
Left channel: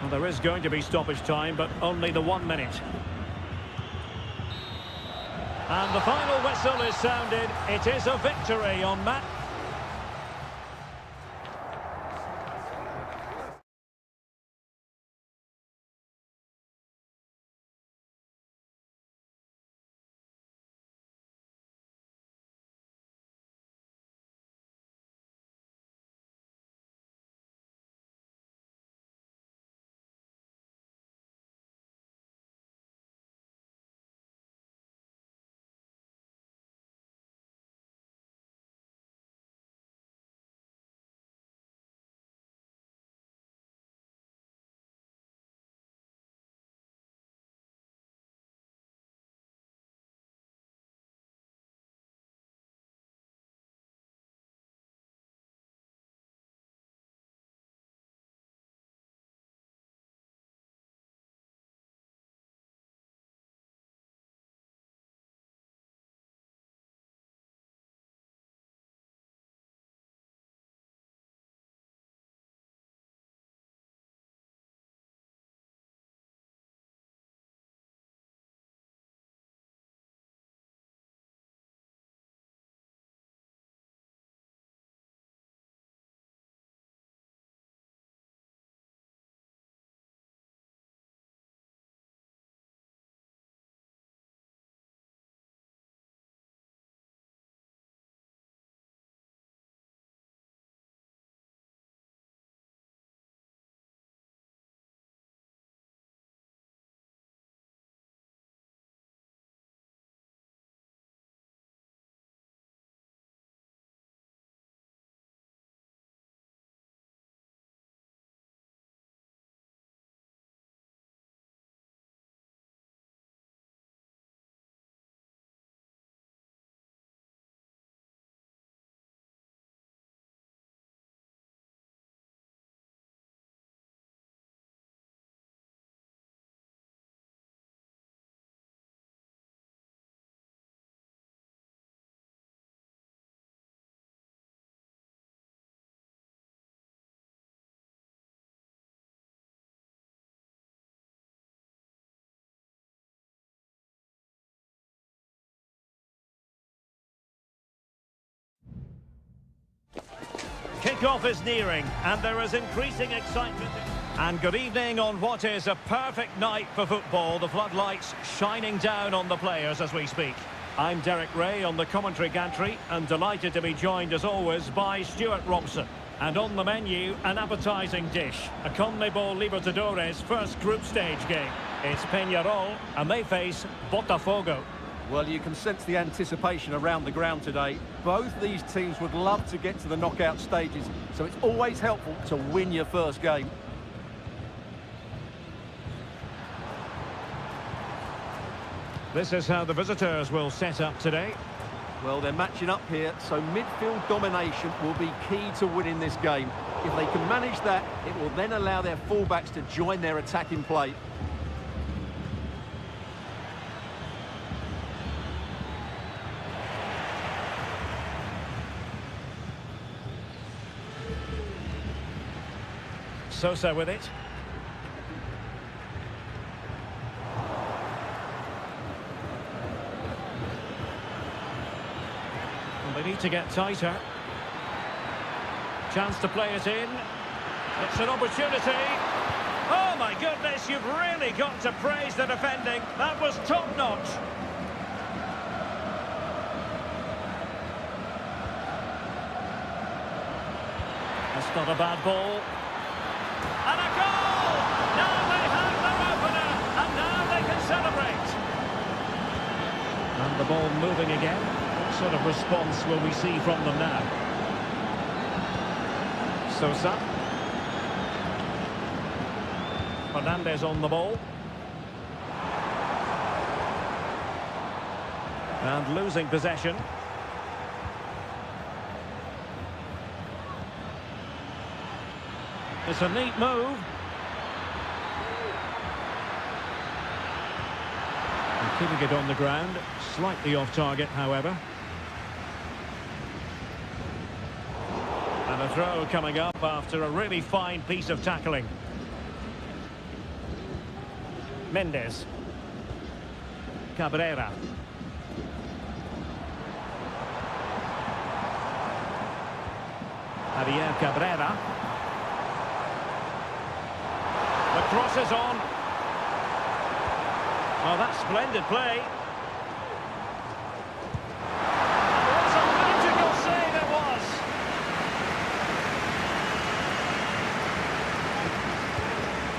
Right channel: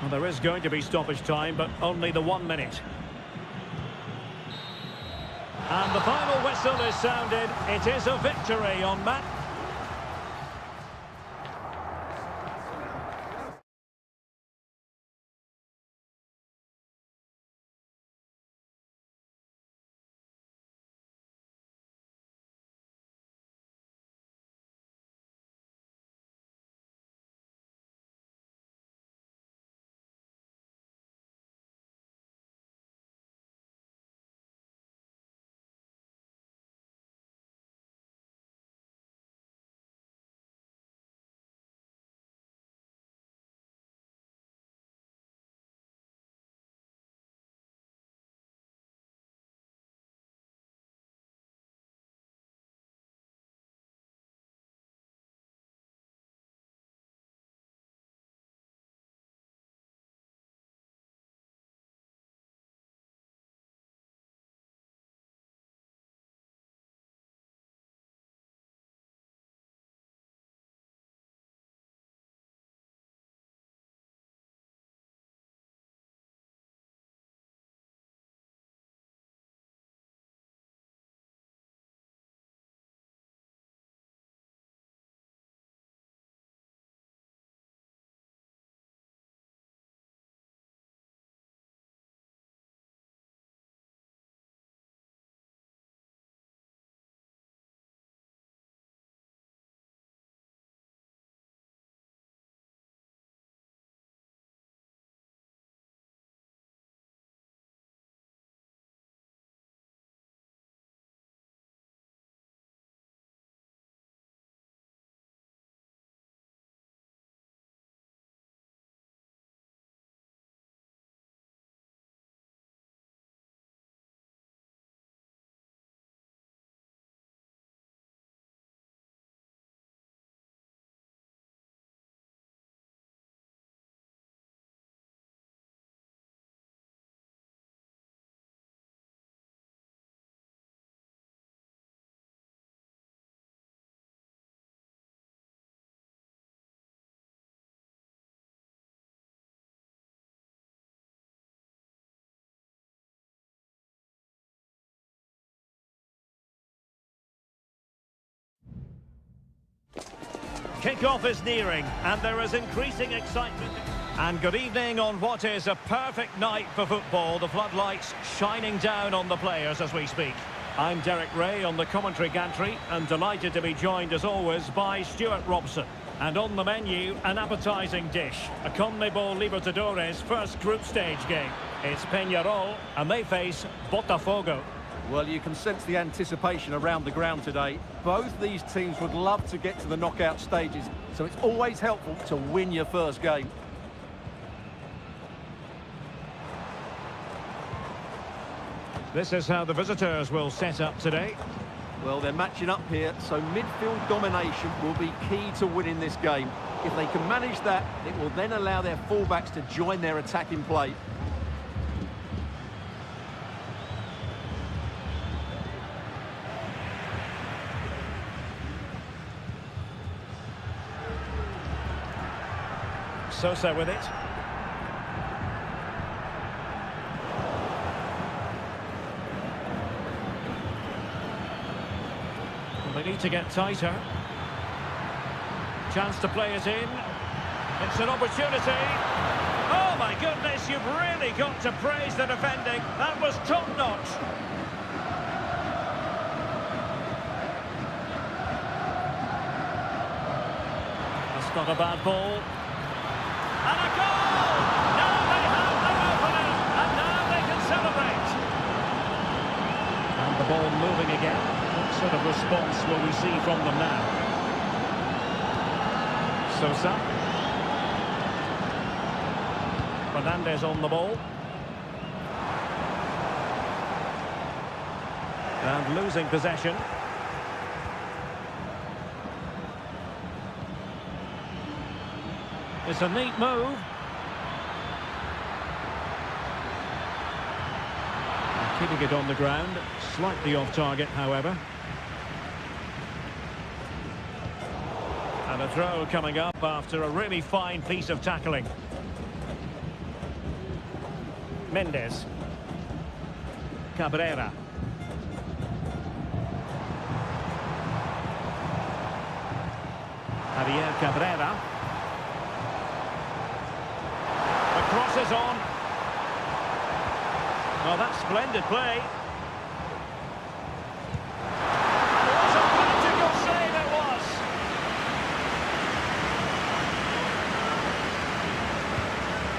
Well, there is going to be stoppage time, but only the 1 minute. And the final whistle is sounded. It is a victory on match. Kick-off is nearing, and there is increasing excitement. And good evening on what is a perfect night for football. The floodlights shining down on the players as we speak. I'm Derek Ray on the commentary gantry, and delighted to be joined as always by Stuart Robson. And on the menu, an appetising dish, a CONMEBOL Libertadores first group stage game. It's Peñarol, and they face Botafogo. Well, you can sense the anticipation around the ground today. Both these teams would love to get to the knockout stages, so it's always helpful to win your first game. This is how the visitors will set up today. Well, they're matching up here, so midfield domination will be key to winning this game. If they can manage that, it will then allow their fullbacks to join their attacking play. Sosa with it. Well, they need to get tighter. Chance to play it in. It's an opportunity. Oh my goodness, you've really got to praise the defending. That was top-notch. That's not a bad ball. And a goal! Now they have their opener, and now they can celebrate. And the ball moving again. What sort of response will we see from them now? Sosa. Fernandez on the ball. And losing possession. It's a neat move. And keeping it on the ground, slightly off target, however. And a throw coming up after a really fine piece of tackling. Mendes. Cabrera. Javier Cabrera. The cross is on. Well, that's splendid play. And what a magical save it was.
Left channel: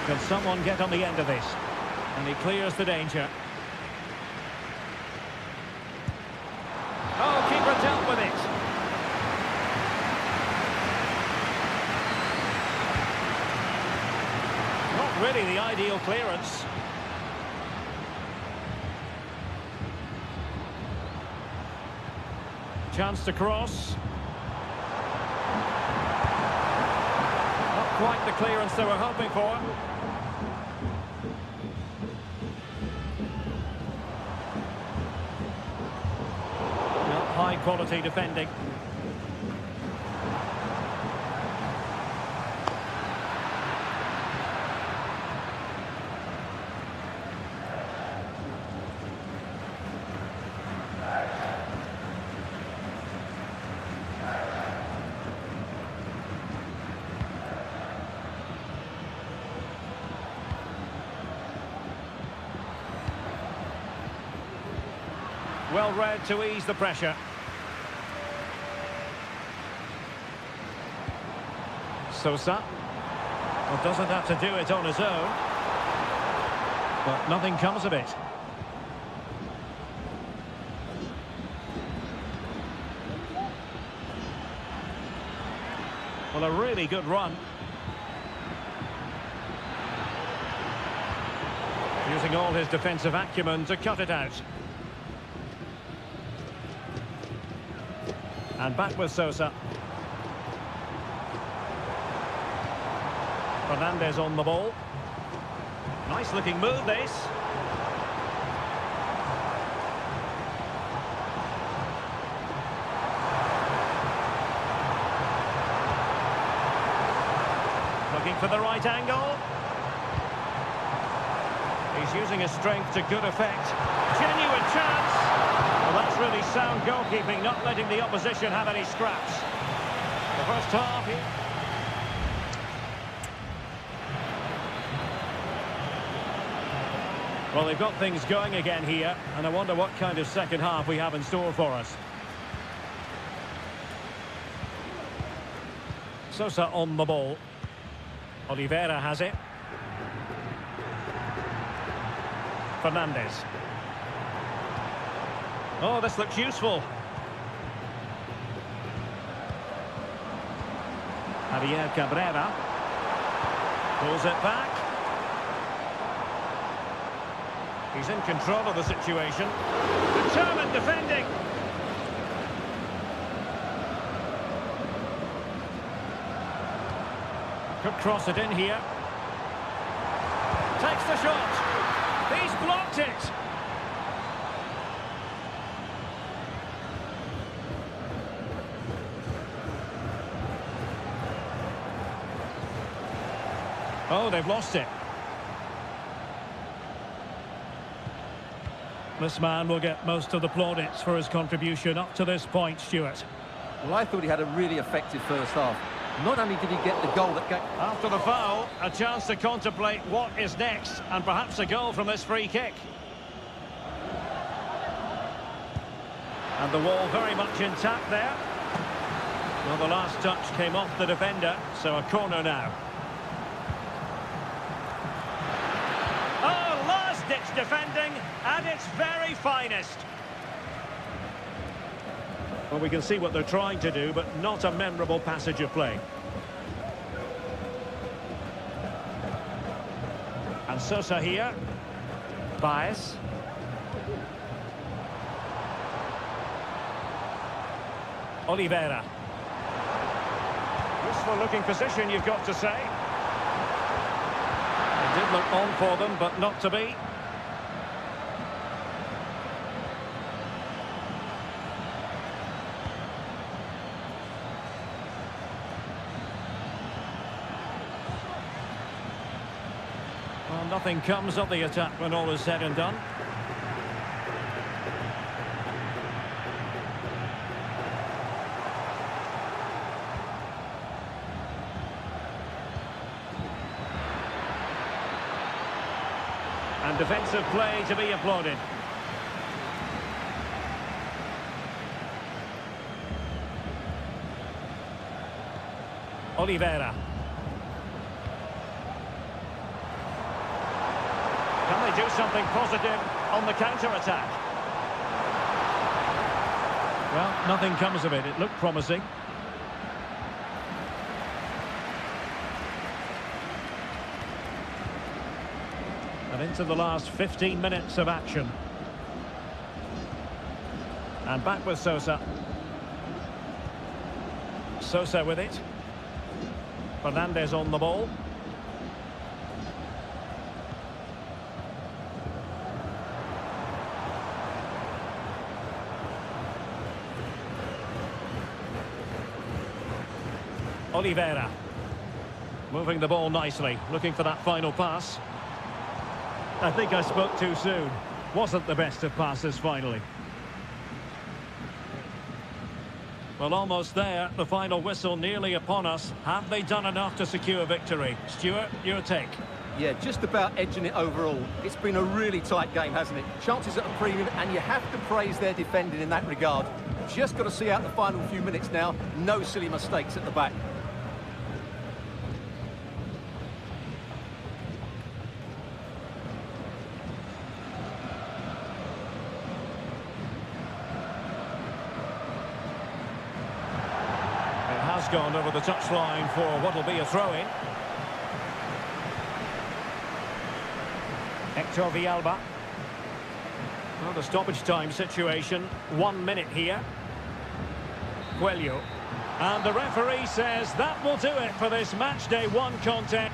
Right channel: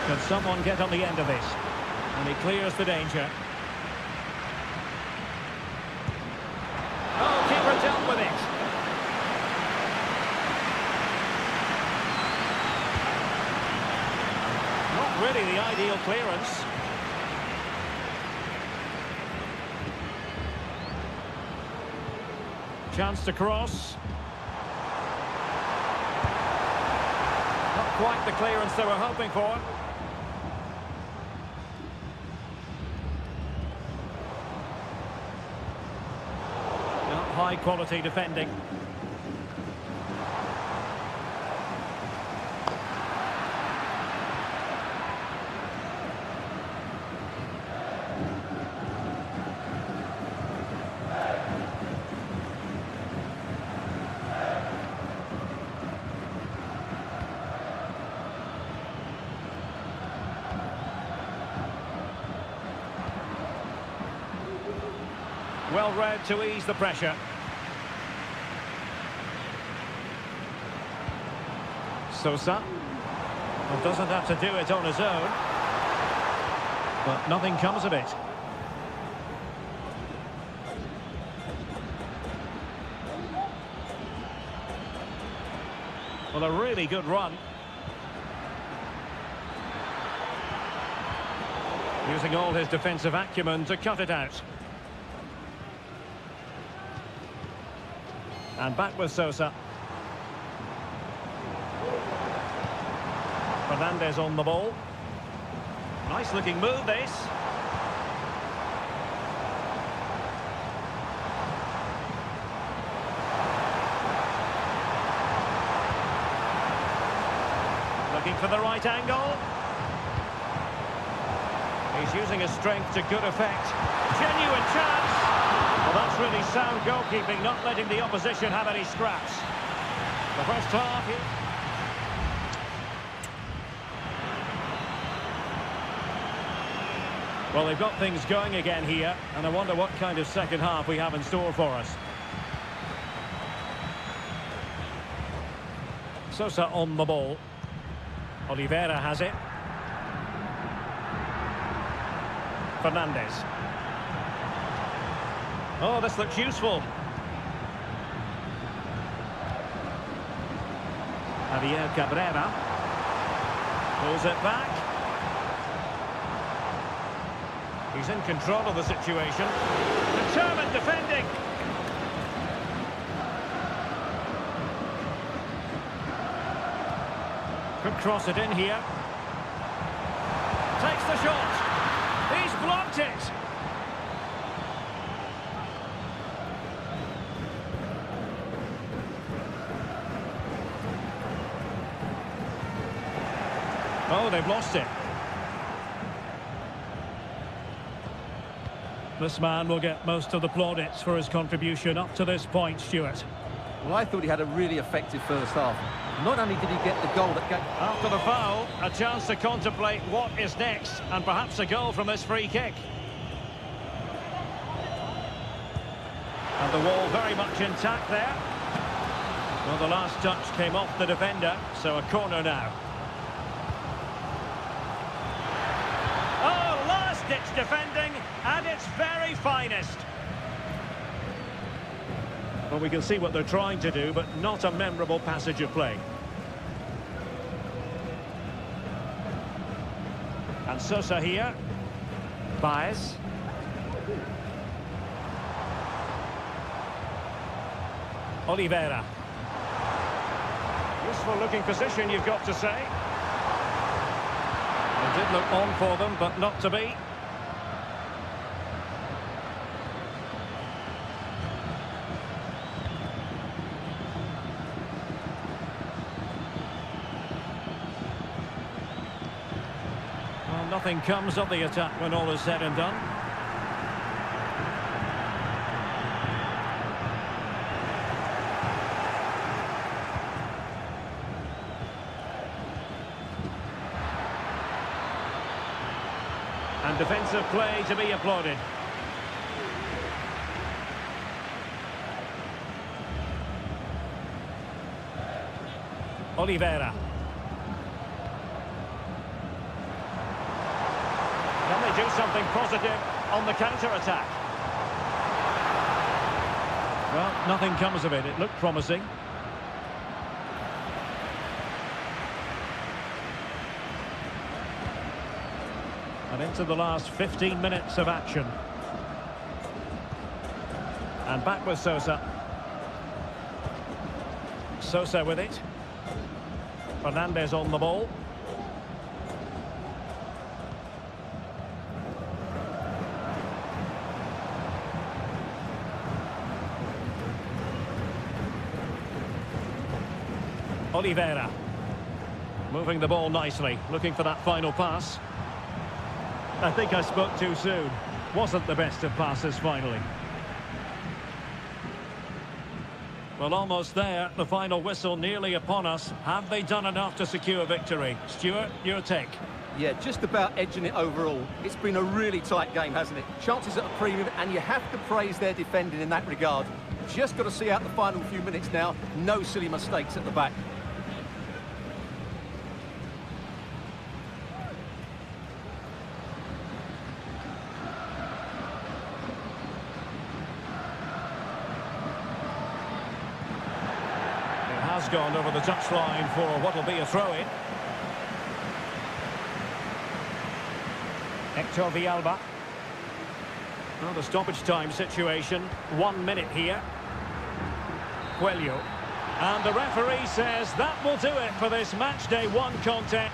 Can someone get on the end of this? And he clears the danger. Oh, keeper dealt with it. Not really the ideal clearance. Chance to cross. Not quite the clearance they were hoping for. Not high quality defending. Well read to ease the pressure. Sosa. Well, doesn't have to do it on his own. But nothing comes of it. Well, a really good run. Using all his defensive acumen to cut it out. And back with Sosa. Fernandez on the ball. Nice looking move, this. Looking for the right angle. He's using his strength to good effect. Genuine chance. Well, that's really sound goalkeeping, not letting the opposition have any scraps. The first half here. Well, they've got things going again here, and I wonder what kind of second half we have in store for us. Sosa on the ball. Oliveira has it. Fernandez. Oh, this looks useful. Javier Cabrera. Pulls it back. He's in control of the situation. Determined defending. Could cross it in here. Takes the shot. He's blocked it. Oh, they've lost it. This man will get most of the plaudits for his contribution up to this point, Stuart. Well, I thought he had a really effective first half. Not only did he get the goal that gave... After the foul, a chance to contemplate what is next, and perhaps a goal from this free kick. And the wall very much intact there. Well, the last touch came off the defender, so a corner now. Oh, last-ditch defending at its very finest. Well, we can see what they're trying to do, but not a memorable passage of play. And Sosa here. Baez. Oliveira. Useful looking position, you've got to say. It did look on for them, but not to be. Well, nothing comes of the attack when all is said and done. And defensive play to be applauded. Oliveira. Can they do something positive on the counter-attack? Well, nothing comes of it. It looked promising. And into the last 15 minutes of action. And back with Sosa. Sosa with it. Fernandez on the ball. Oliveira. Moving the ball nicely, looking for that final pass. I think I spoke too soon. Wasn't the best of passes finally. Well, almost there. The final whistle nearly upon us. Have they done enough to secure victory? Stuart, your take? Yeah, just about edging it overall. It's been a really tight game, hasn't it? Chances at a premium, and you have to praise their defending in that regard. Just got to see out the final few minutes now. No silly mistakes at the back. It has gone over the touchline for what will be a throw-in. Hector Villalba. Well, the stoppage time situation. 1 minute here. Coelho. And the referee says that will do it for this match day 1 contest.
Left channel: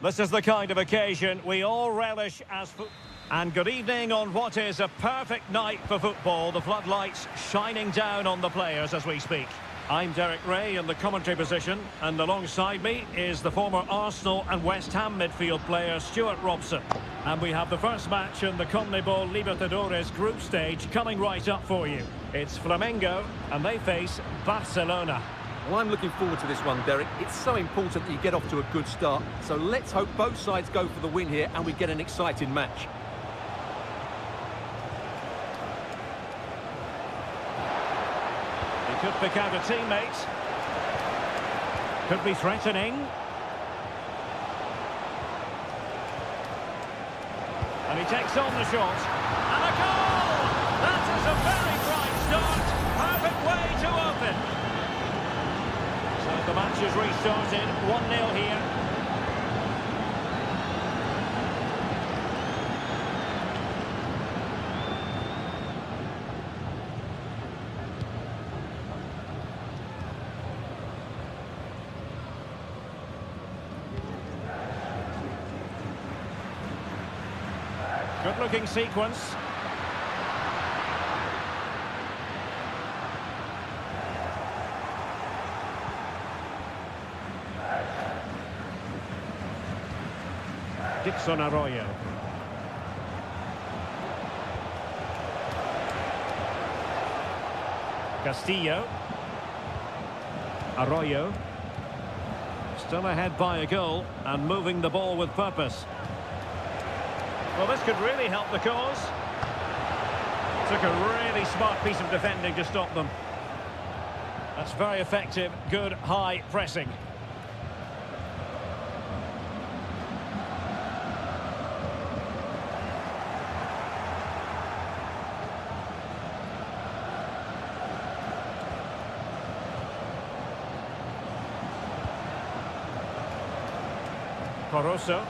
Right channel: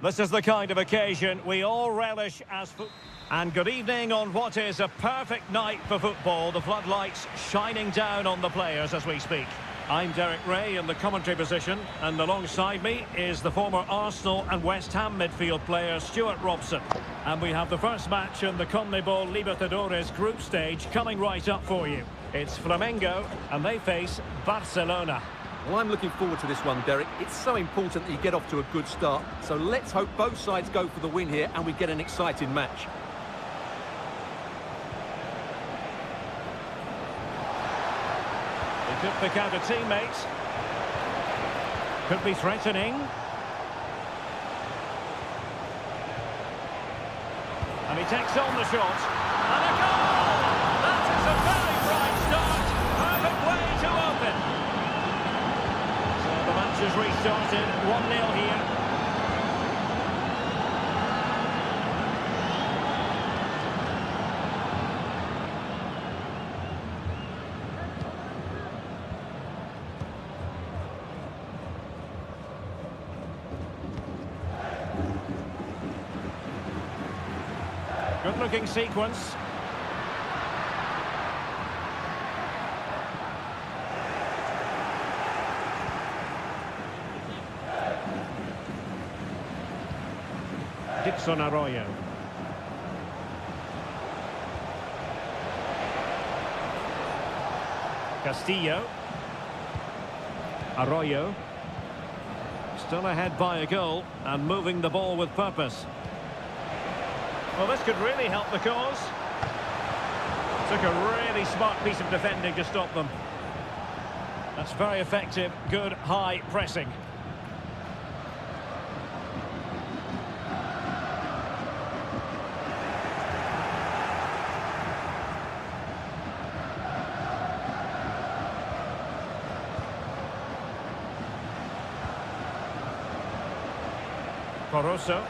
This is the kind of occasion we all relish as And good evening on what is a perfect night for football. The floodlights shining down on the players as we speak. I'm Derek Ray in the commentary position, and alongside me is the former Arsenal and West Ham midfield player Stuart Robson. And we have the first match in the CONMEBOL Libertadores group stage coming right up for you. It's Flamengo, and they face Barcelona. Well, I'm looking forward to this one, Derek. It's so important that you get off to a good start. So let's hope both sides go for the win here and we get an exciting match. He could pick out a teammate. Could be threatening. And he takes on the shot. And a goal! That is a very bright start. Perfect way to open. So the match has restarted. 1-0 here. Good-looking sequence. Dixon Arroyo. Castillo. Arroyo. Still ahead by a goal and moving the ball with purpose. Well, this could really help the cause. Took a really smart piece of defending to stop them. That's very effective, good high pressing. Coroso.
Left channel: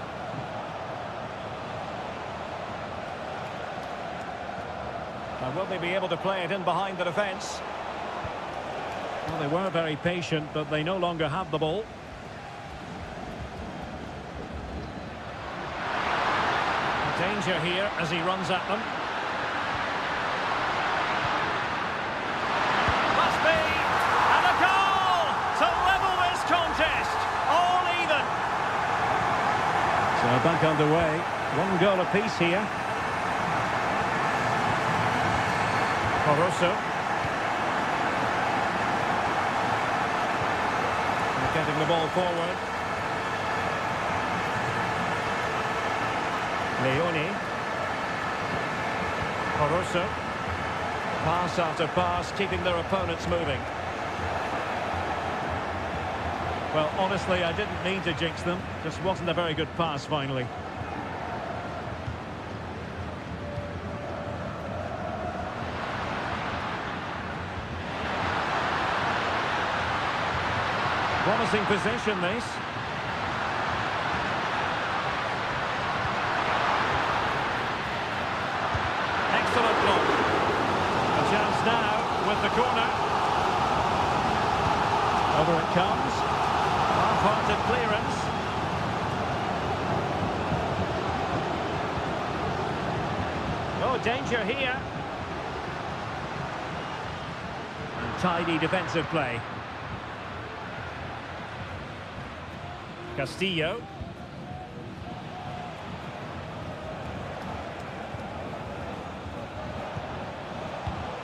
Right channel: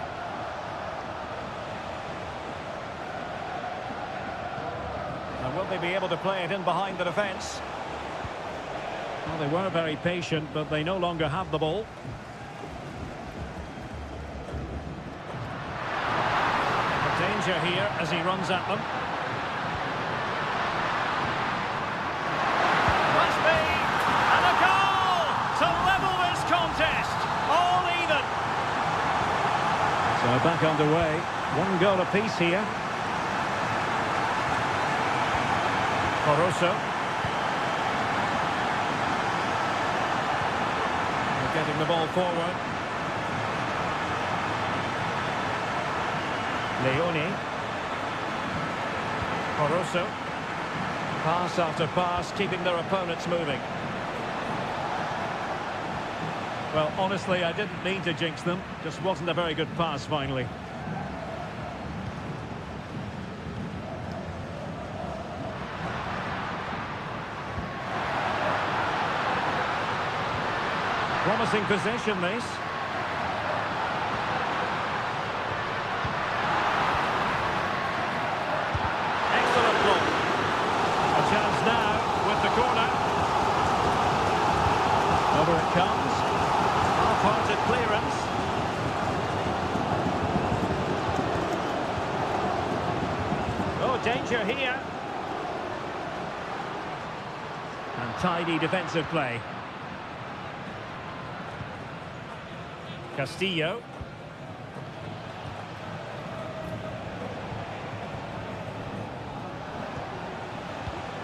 Now, will they be able to play it in behind the defence? Well, they were very patient, but they no longer have the ball. A danger here as he runs at them. Must be! And a goal to level this contest! All even! So back underway. 1 goal apiece here. Coroso. They're getting the ball forward. Leone. Coroso. Pass after pass, keeping their opponents moving. Well, honestly, I didn't mean to jinx them. Just wasn't a very good pass, finally. Promising possession, this. Excellent block. A chance now with the corner. Over it comes. Half-hearted clearance. Oh, danger here. And tidy defensive play. Castillo.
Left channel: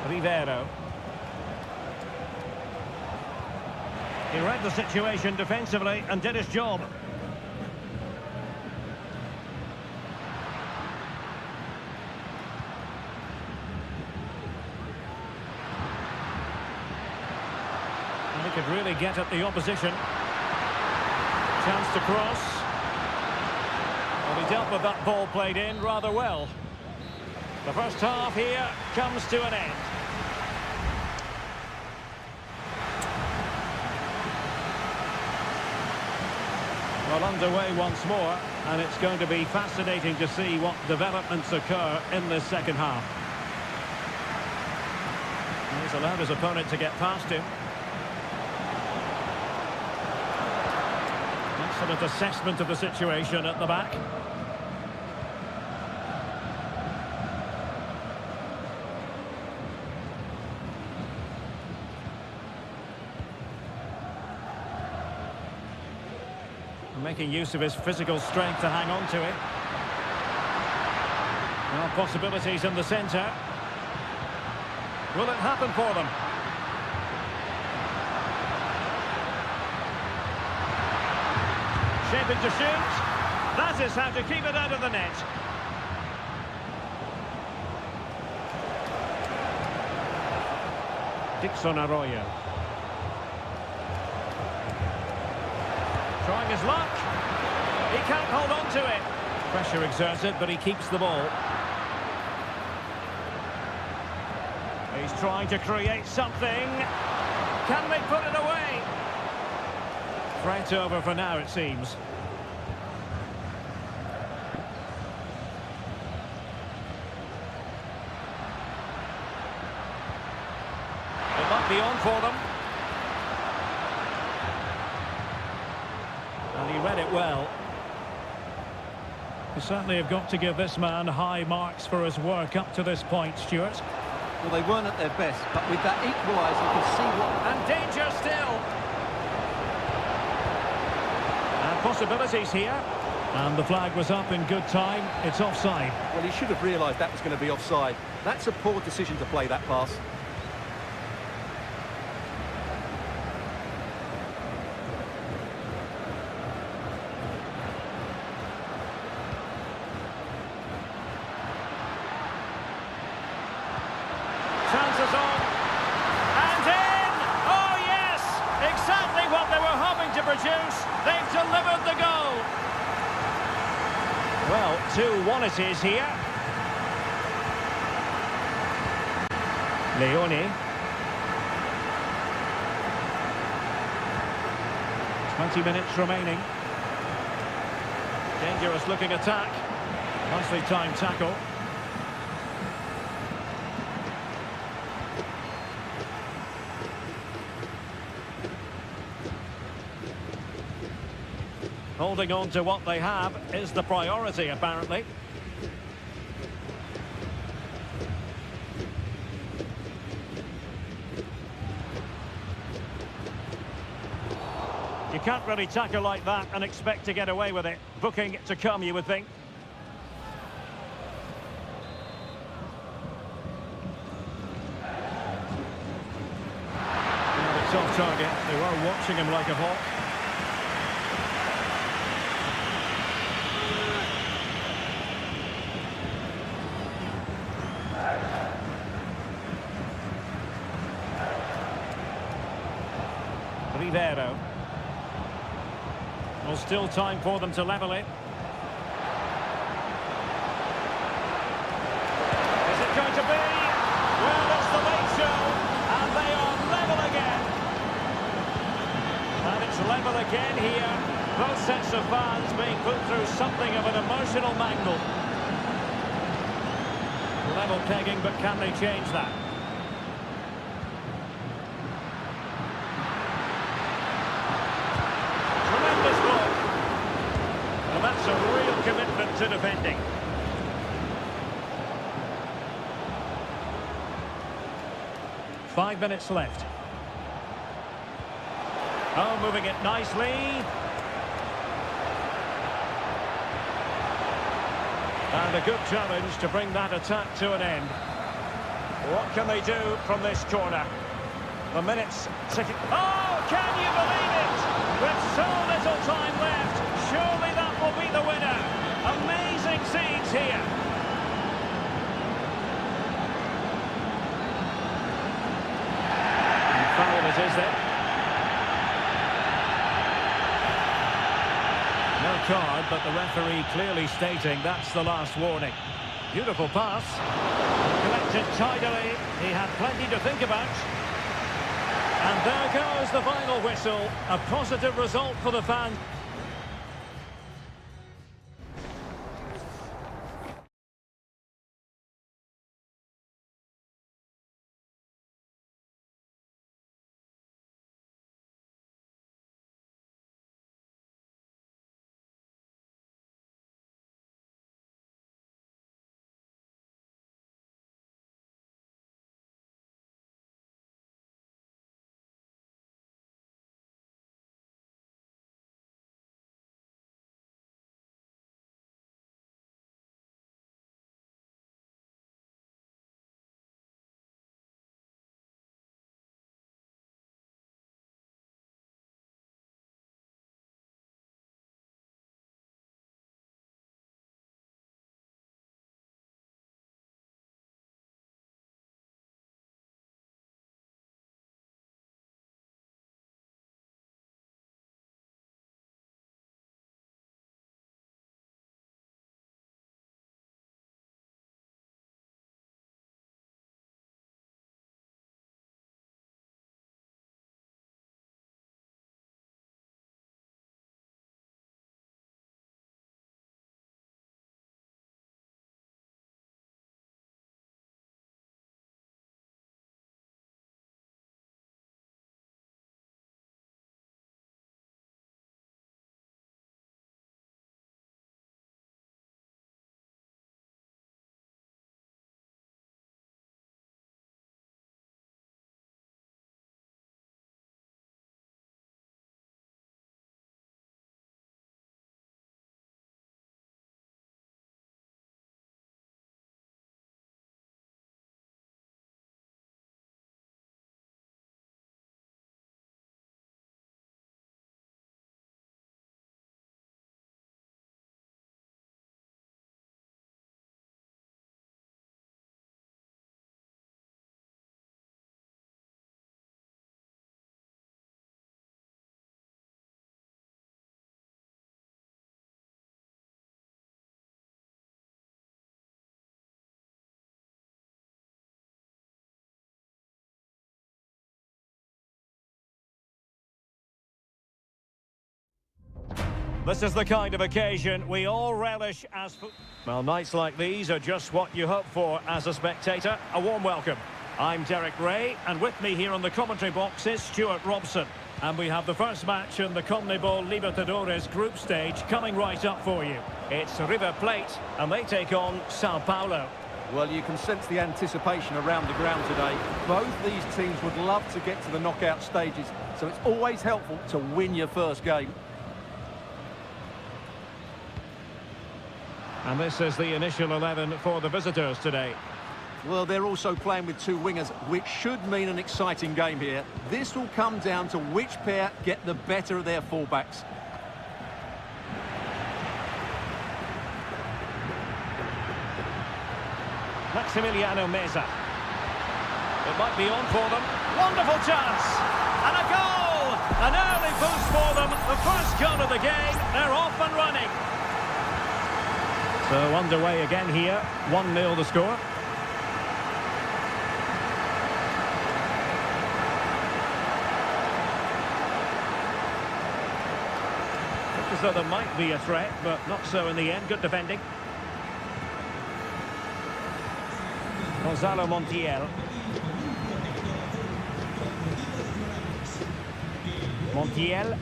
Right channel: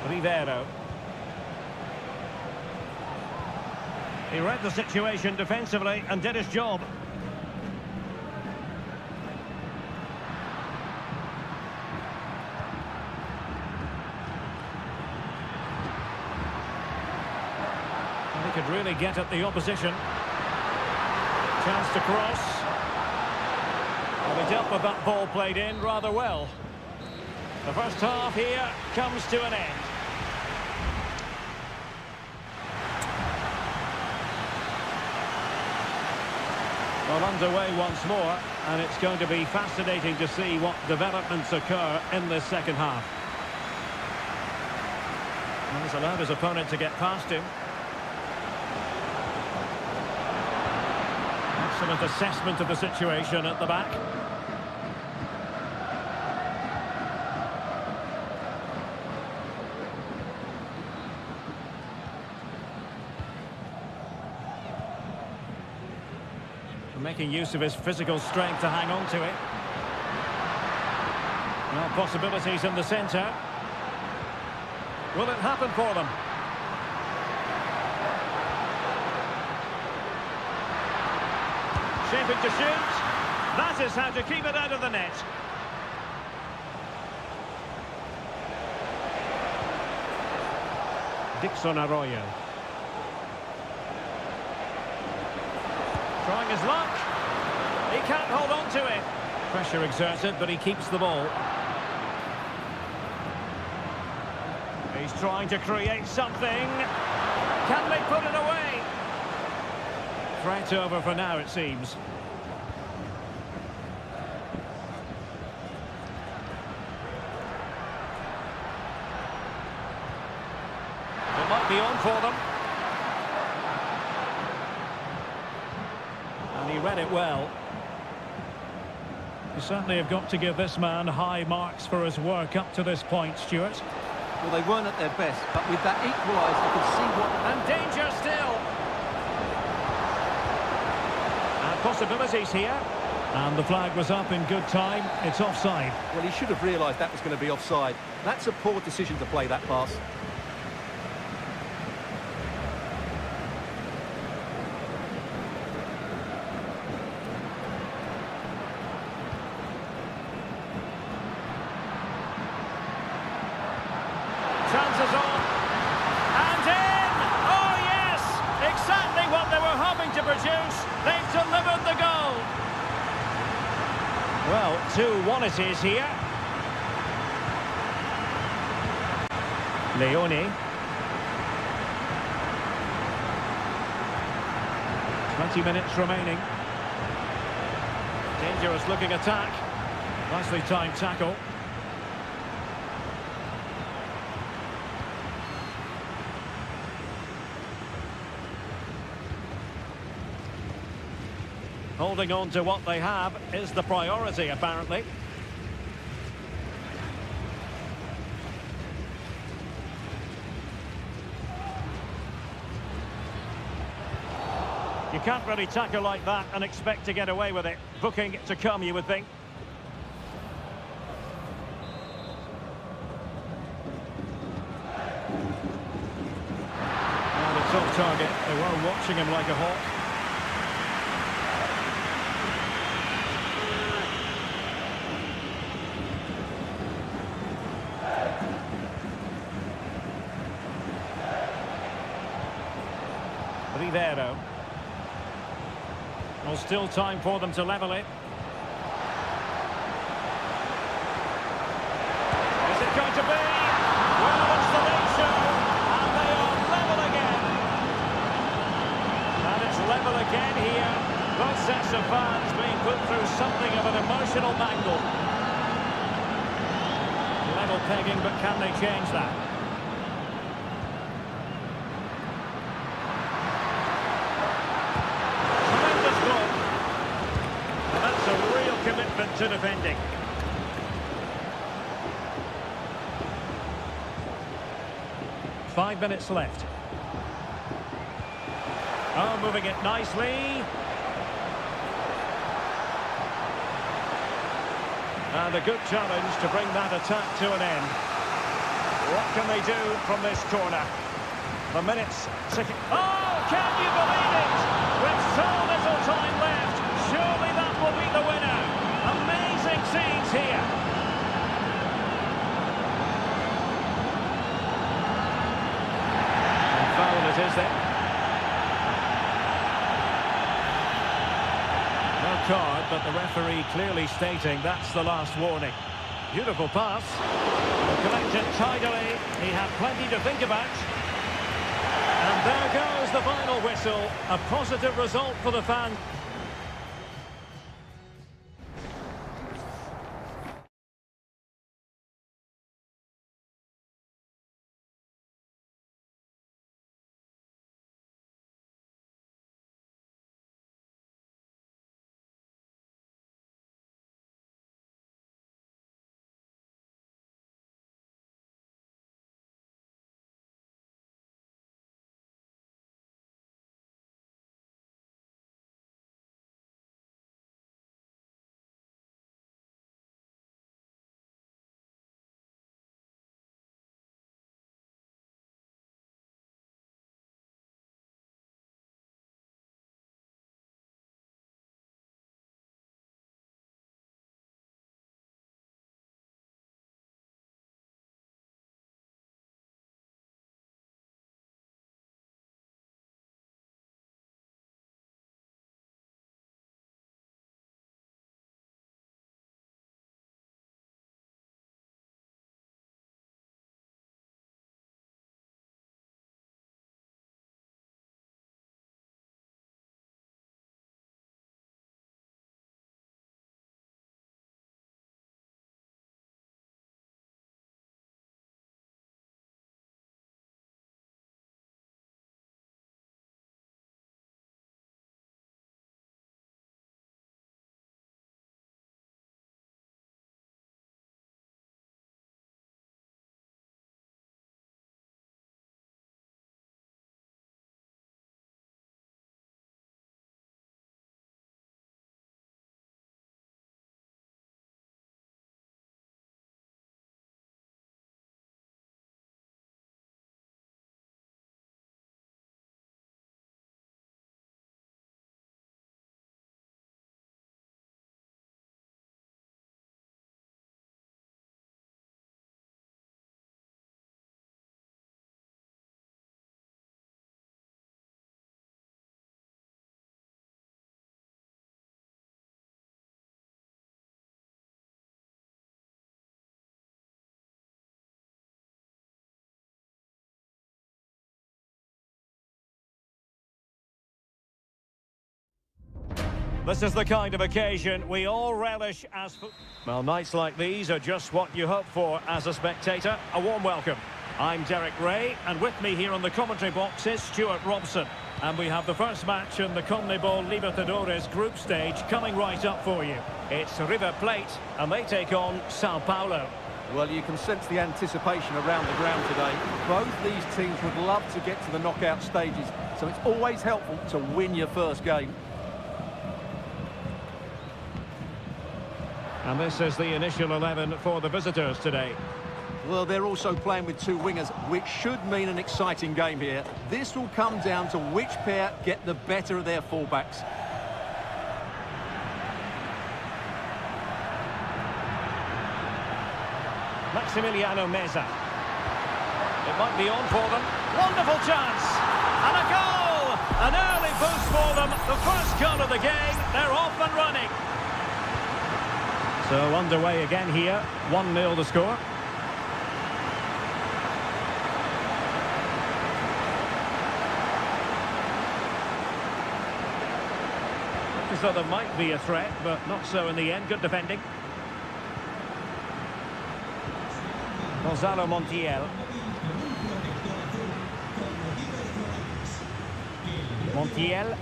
Rivero. He read the situation defensively and did his job. And he could really get at the opposition. Chance to cross. Well, he dealt with that ball played in rather well. The first half here comes to an end. Well, underway once more, and it's going to be fascinating to see what developments occur in this second half. Well, he's allowed his opponent to get past him. Excellent assessment of the situation at the back. Making use of his physical strength to hang on to it. Well, possibilities in the centre. Will it happen for them? Shaping to shoot. That is how to keep it out of the net. Dixon Arroyo. Trying his luck. He can't hold on to it. Pressure exerted, but he keeps the ball. He's trying to create something. Can they put it away? Threat over for now, it seems. It might be on for them. And he read it well. You certainly have got to give this man high marks for his work up to this point, Stuart. Well, they weren't at their best, but with that equaliser, you can see what... And danger still. And possibilities here. And the flag was up in good time. It's offside. Well, he should have realised that was going to be offside. That's a poor decision to play that pass. Chances on. And in! Oh, yes! Exactly what they were hoping to produce. They've delivered the goal. Well, 2-1 it is here. Leone. 20 minutes remaining. Dangerous looking attack. Nicely timed tackle. Holding on to what they have is the priority, apparently. You can't really tackle like that and expect to get away with it. Booking to come, you would think. Now it's off target. They were watching him like a hawk. Rivero. Well, still time for them to level it. Is it going to be? Well, it's the late show, and they are level again. And it's level again here. Both sets of fans being put through something of an emotional mangle. Level pegging, but can they change that? Tremendous block. And that's a real commitment to defending. Five minutes left. Oh, moving it nicely. And a good challenge to bring that attack to an end. What can they do from this corner? The minutes ticking. Oh, can you believe it? With so little time left, surely that will be the winner. Amazing scenes here. And foul it is then. No card, but the referee clearly stating that's the last warning. Beautiful pass. And collected tidily. He had plenty to think about. And there goes the final whistle. A positive result for the fans. This is the kind of occasion we all relish as... Well, nights like these are just what you hope for as a spectator. A warm welcome. I'm Derek Ray, and with me here on the commentary box is Stuart Robson. And we have the first match in the CONMEBOL Libertadores group stage coming right up for you. It's River Plate, and they take on Sao Paulo. Well, you can sense the anticipation around the ground today. Both these teams would love to get to the knockout stages, so it's always helpful to win your first game. And this is the initial 11 for the visitors today. Well, they're also playing with two wingers, which should mean an exciting game here. This will come down to which pair get the better of their fullbacks. Maximiliano Meza. It might be on for them. Wonderful chance. And a goal! An early boost for them. The first goal of the game. They're off and running. So underway again here. 1-0 the score. Looks as though there might be a threat, but not so in the end. Good defending. Gonzalo Montiel. Montiel.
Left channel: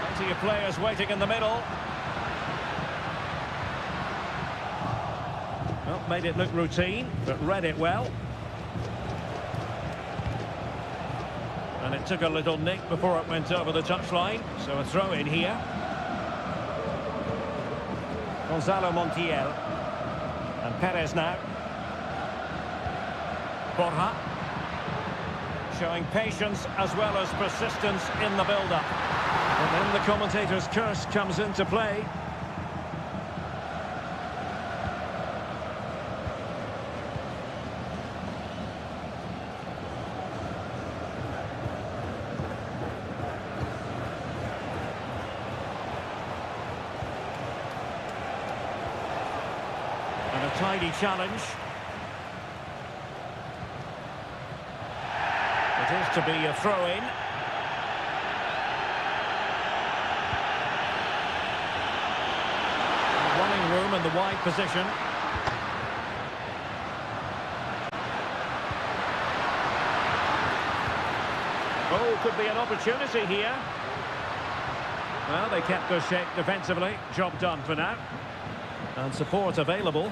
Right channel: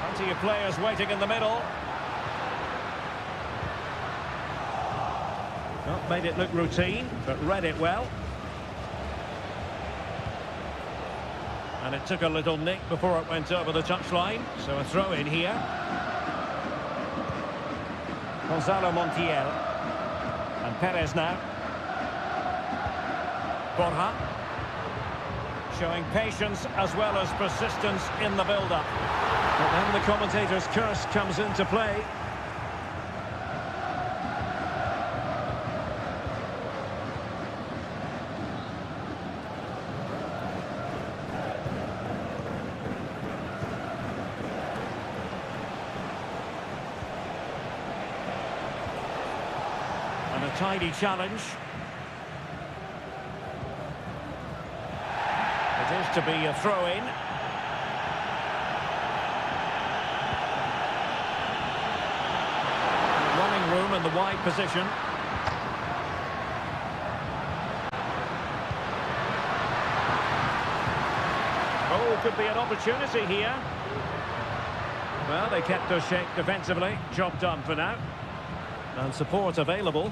Plenty of players waiting in the middle. Well, made it look routine, but read it well. And it took a little nick before it went over the touchline, so a throw in here. Gonzalo Montiel. And Perez now. Borja. Showing patience as well as persistence in the build-up. But then the commentator's curse comes into play. And a tidy challenge. It is to be a throw-in. Running room in the wide position. Oh, could be an opportunity here. Well, they kept their shape defensively. Job done for now. And support available.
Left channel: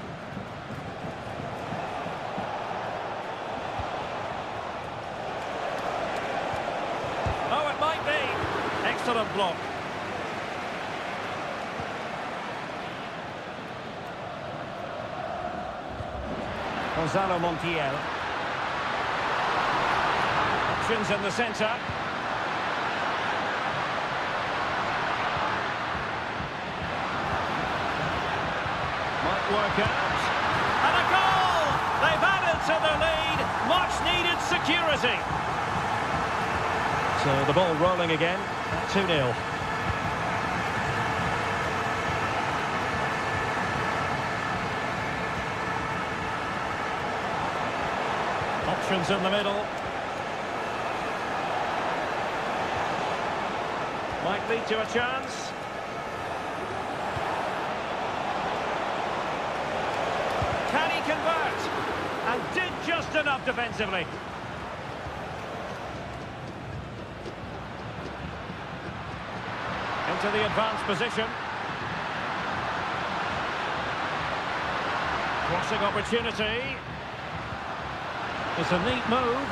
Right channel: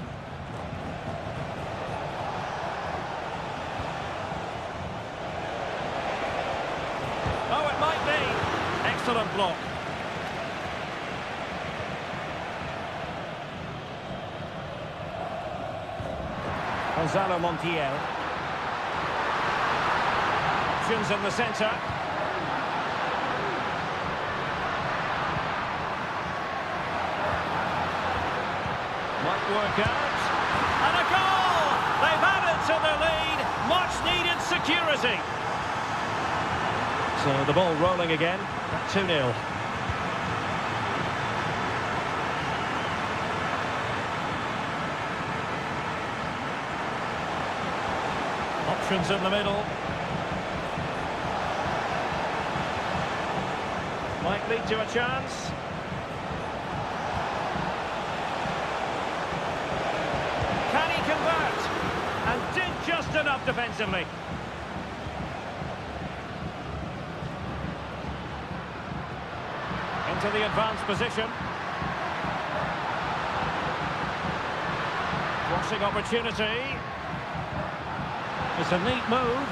Oh, it might be. Excellent block. Gonzalo Montiel. Options in the centre. Might work out. And a goal! They've added to their lead. Much needed security. So the ball rolling again at 2-0. Options in the middle. Might lead to a chance. Can he convert? And did just enough defensively. Into the advanced position. Crossing opportunity. It's a neat move.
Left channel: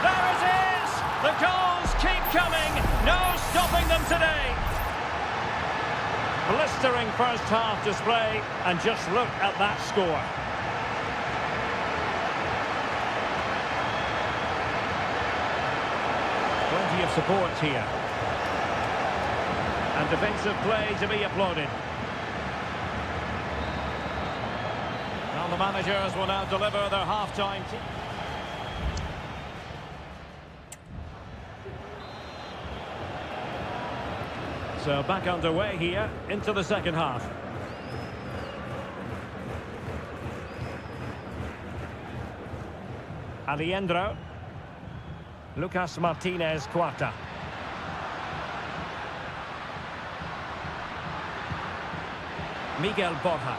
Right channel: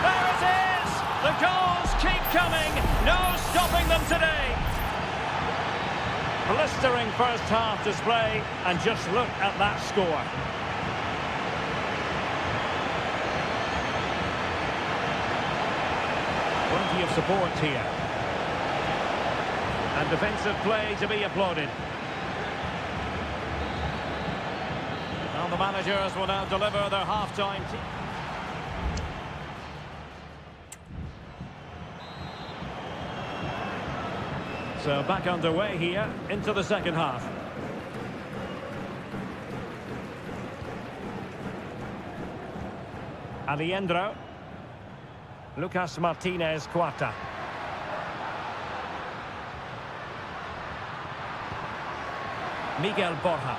There it is! The goals keep coming. No stopping them today. Blistering first half display, and just look at that score. Plenty of support here. And defensive play to be applauded. Well, the managers will now deliver their half-time team. So back underway here into the second half. Aliendro. Lucas Martinez Quarta. Miguel Borja.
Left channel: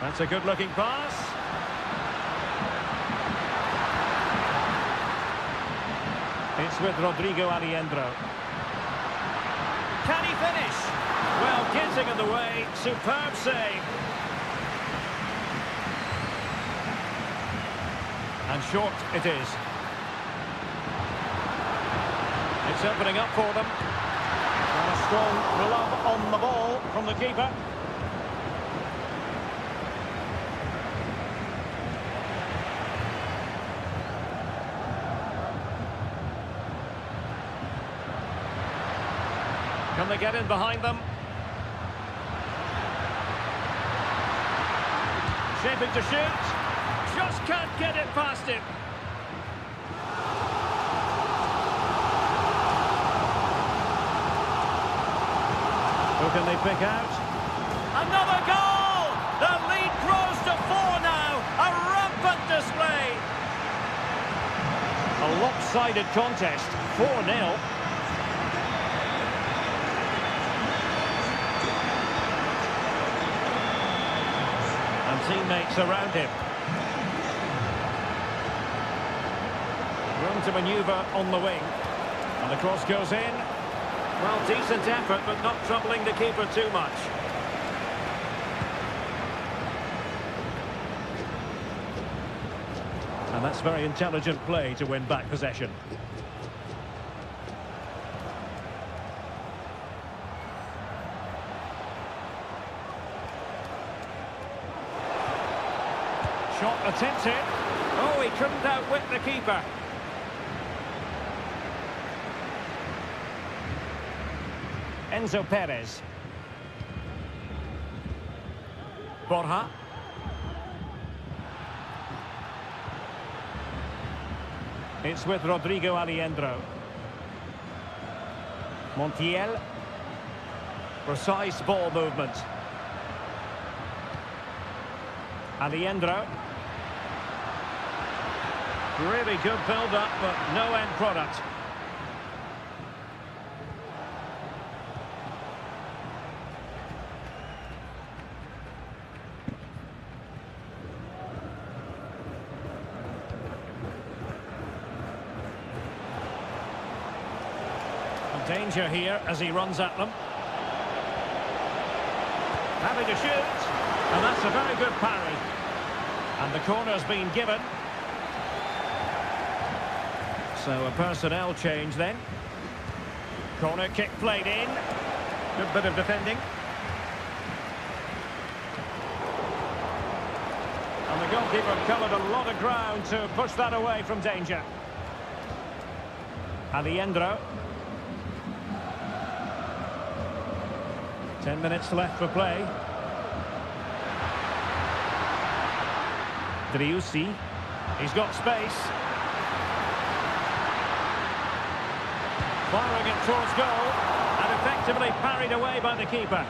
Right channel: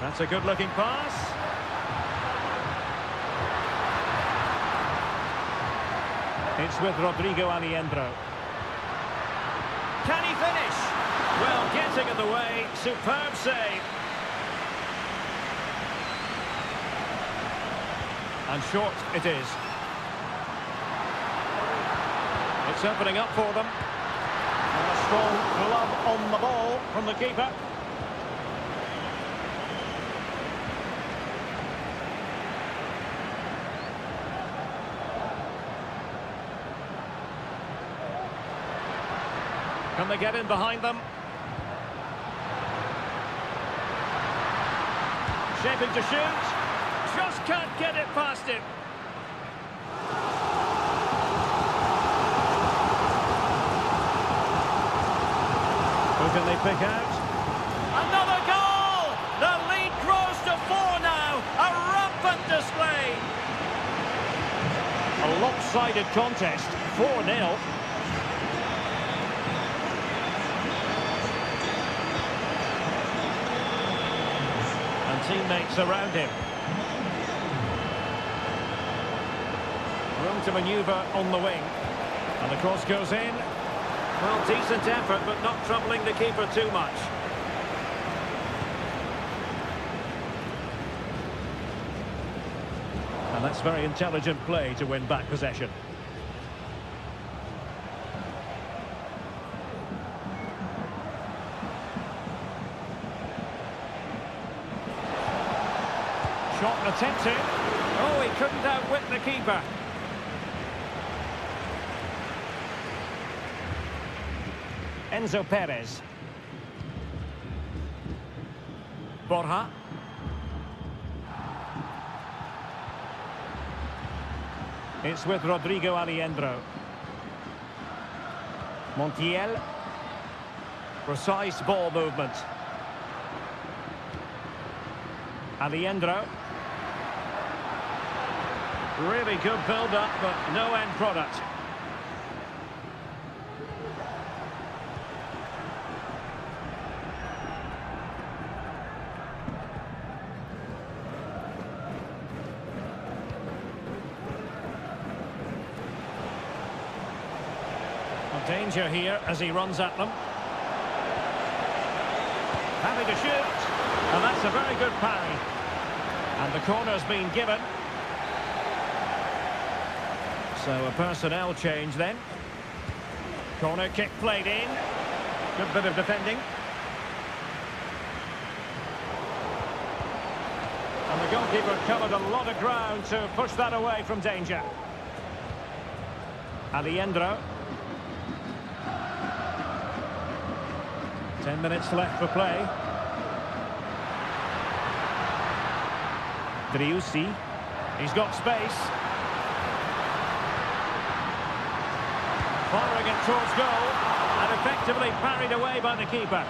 That's a good-looking pass. It's with Rodrigo Aliendro. Can he finish? Well, getting in the way. Superb save. And short it is. It's opening up for them. And a strong glove on the ball from the keeper. Can they get in behind them? Shaping to shoot. Just can't get it past him. Who can they pick out? Another goal! The lead grows to 4 now. A rampant display. A lopsided contest. 4-0. And teammates around him. Room to manoeuvre on the wing. And the cross goes in. Well, decent effort, but not troubling the keeper too much. And that's very intelligent play to win back possession. Shot attempted. Oh, he couldn't outwit the keeper. Enzo Perez. Borja. It's with Rodrigo Aliendro. Montiel. Precise ball movement. Aliendro. Really good build-up, but no end product. Danger here as he runs at them. Having to shoot, and that's a very good parry. And the corner's been given. So a personnel change then. Corner kick played in. Good bit of defending. And the goalkeeper covered a lot of ground to push that away from danger. Aliendro. 10 minutes left for play. Driussi. He's got space. Firing it towards goal. And effectively parried away by the keeper.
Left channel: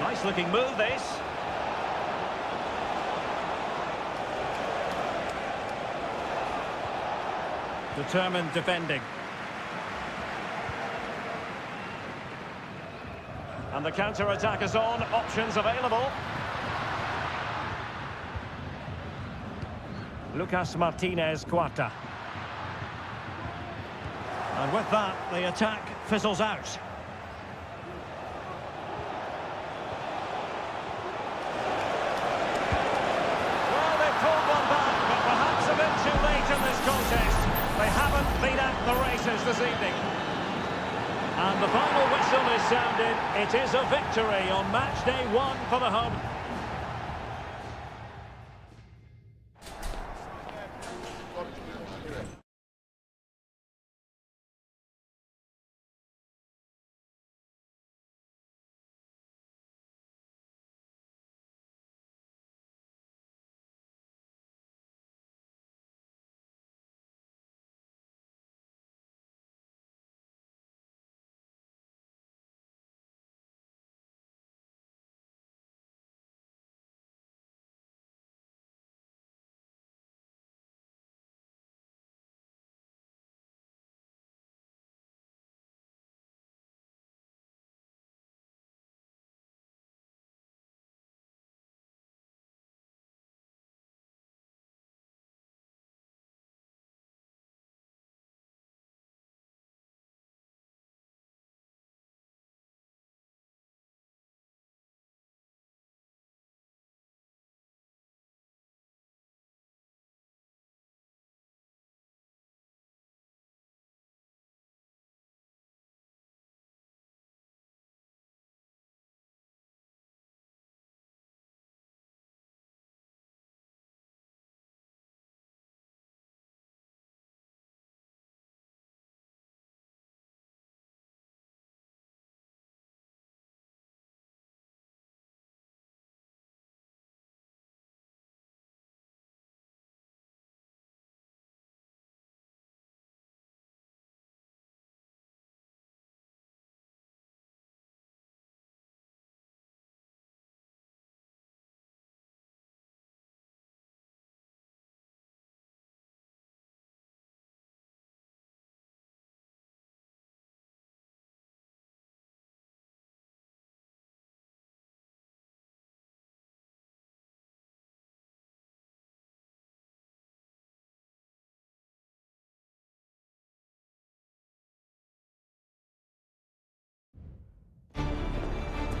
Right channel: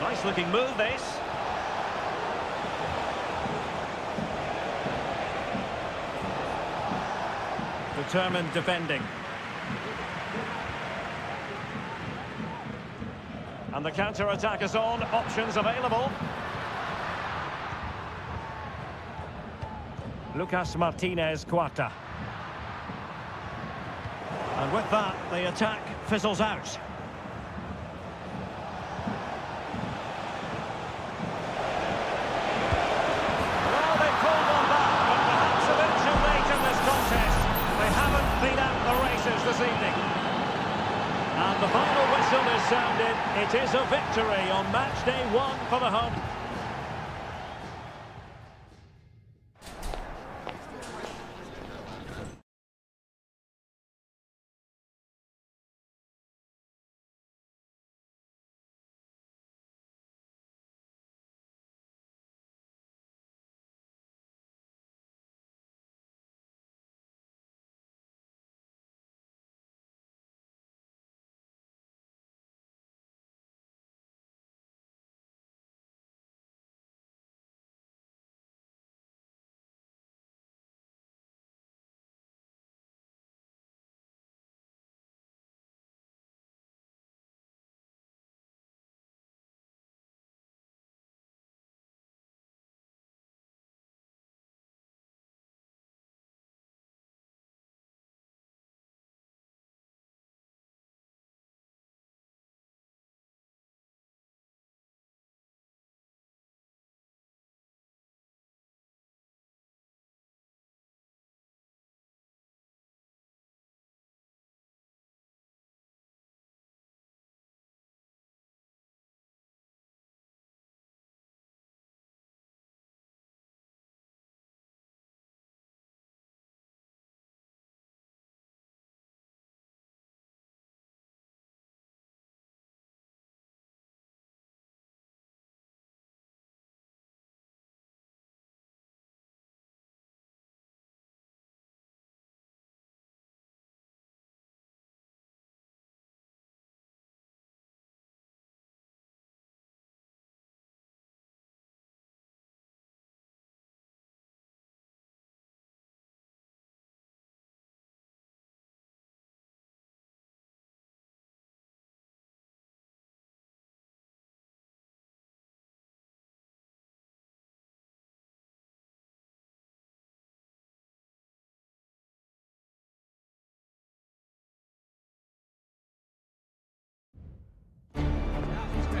Nice looking move this. Determined defending. And the counter-attack is on. Options available. Lucas Martinez Cuarta. And with that, the attack fizzles out. Well, they pulled one back, but perhaps a bit too late in this contest. They haven't been at the races this evening. And the final whistle is sounded. It is a victory on match day 1 for the home.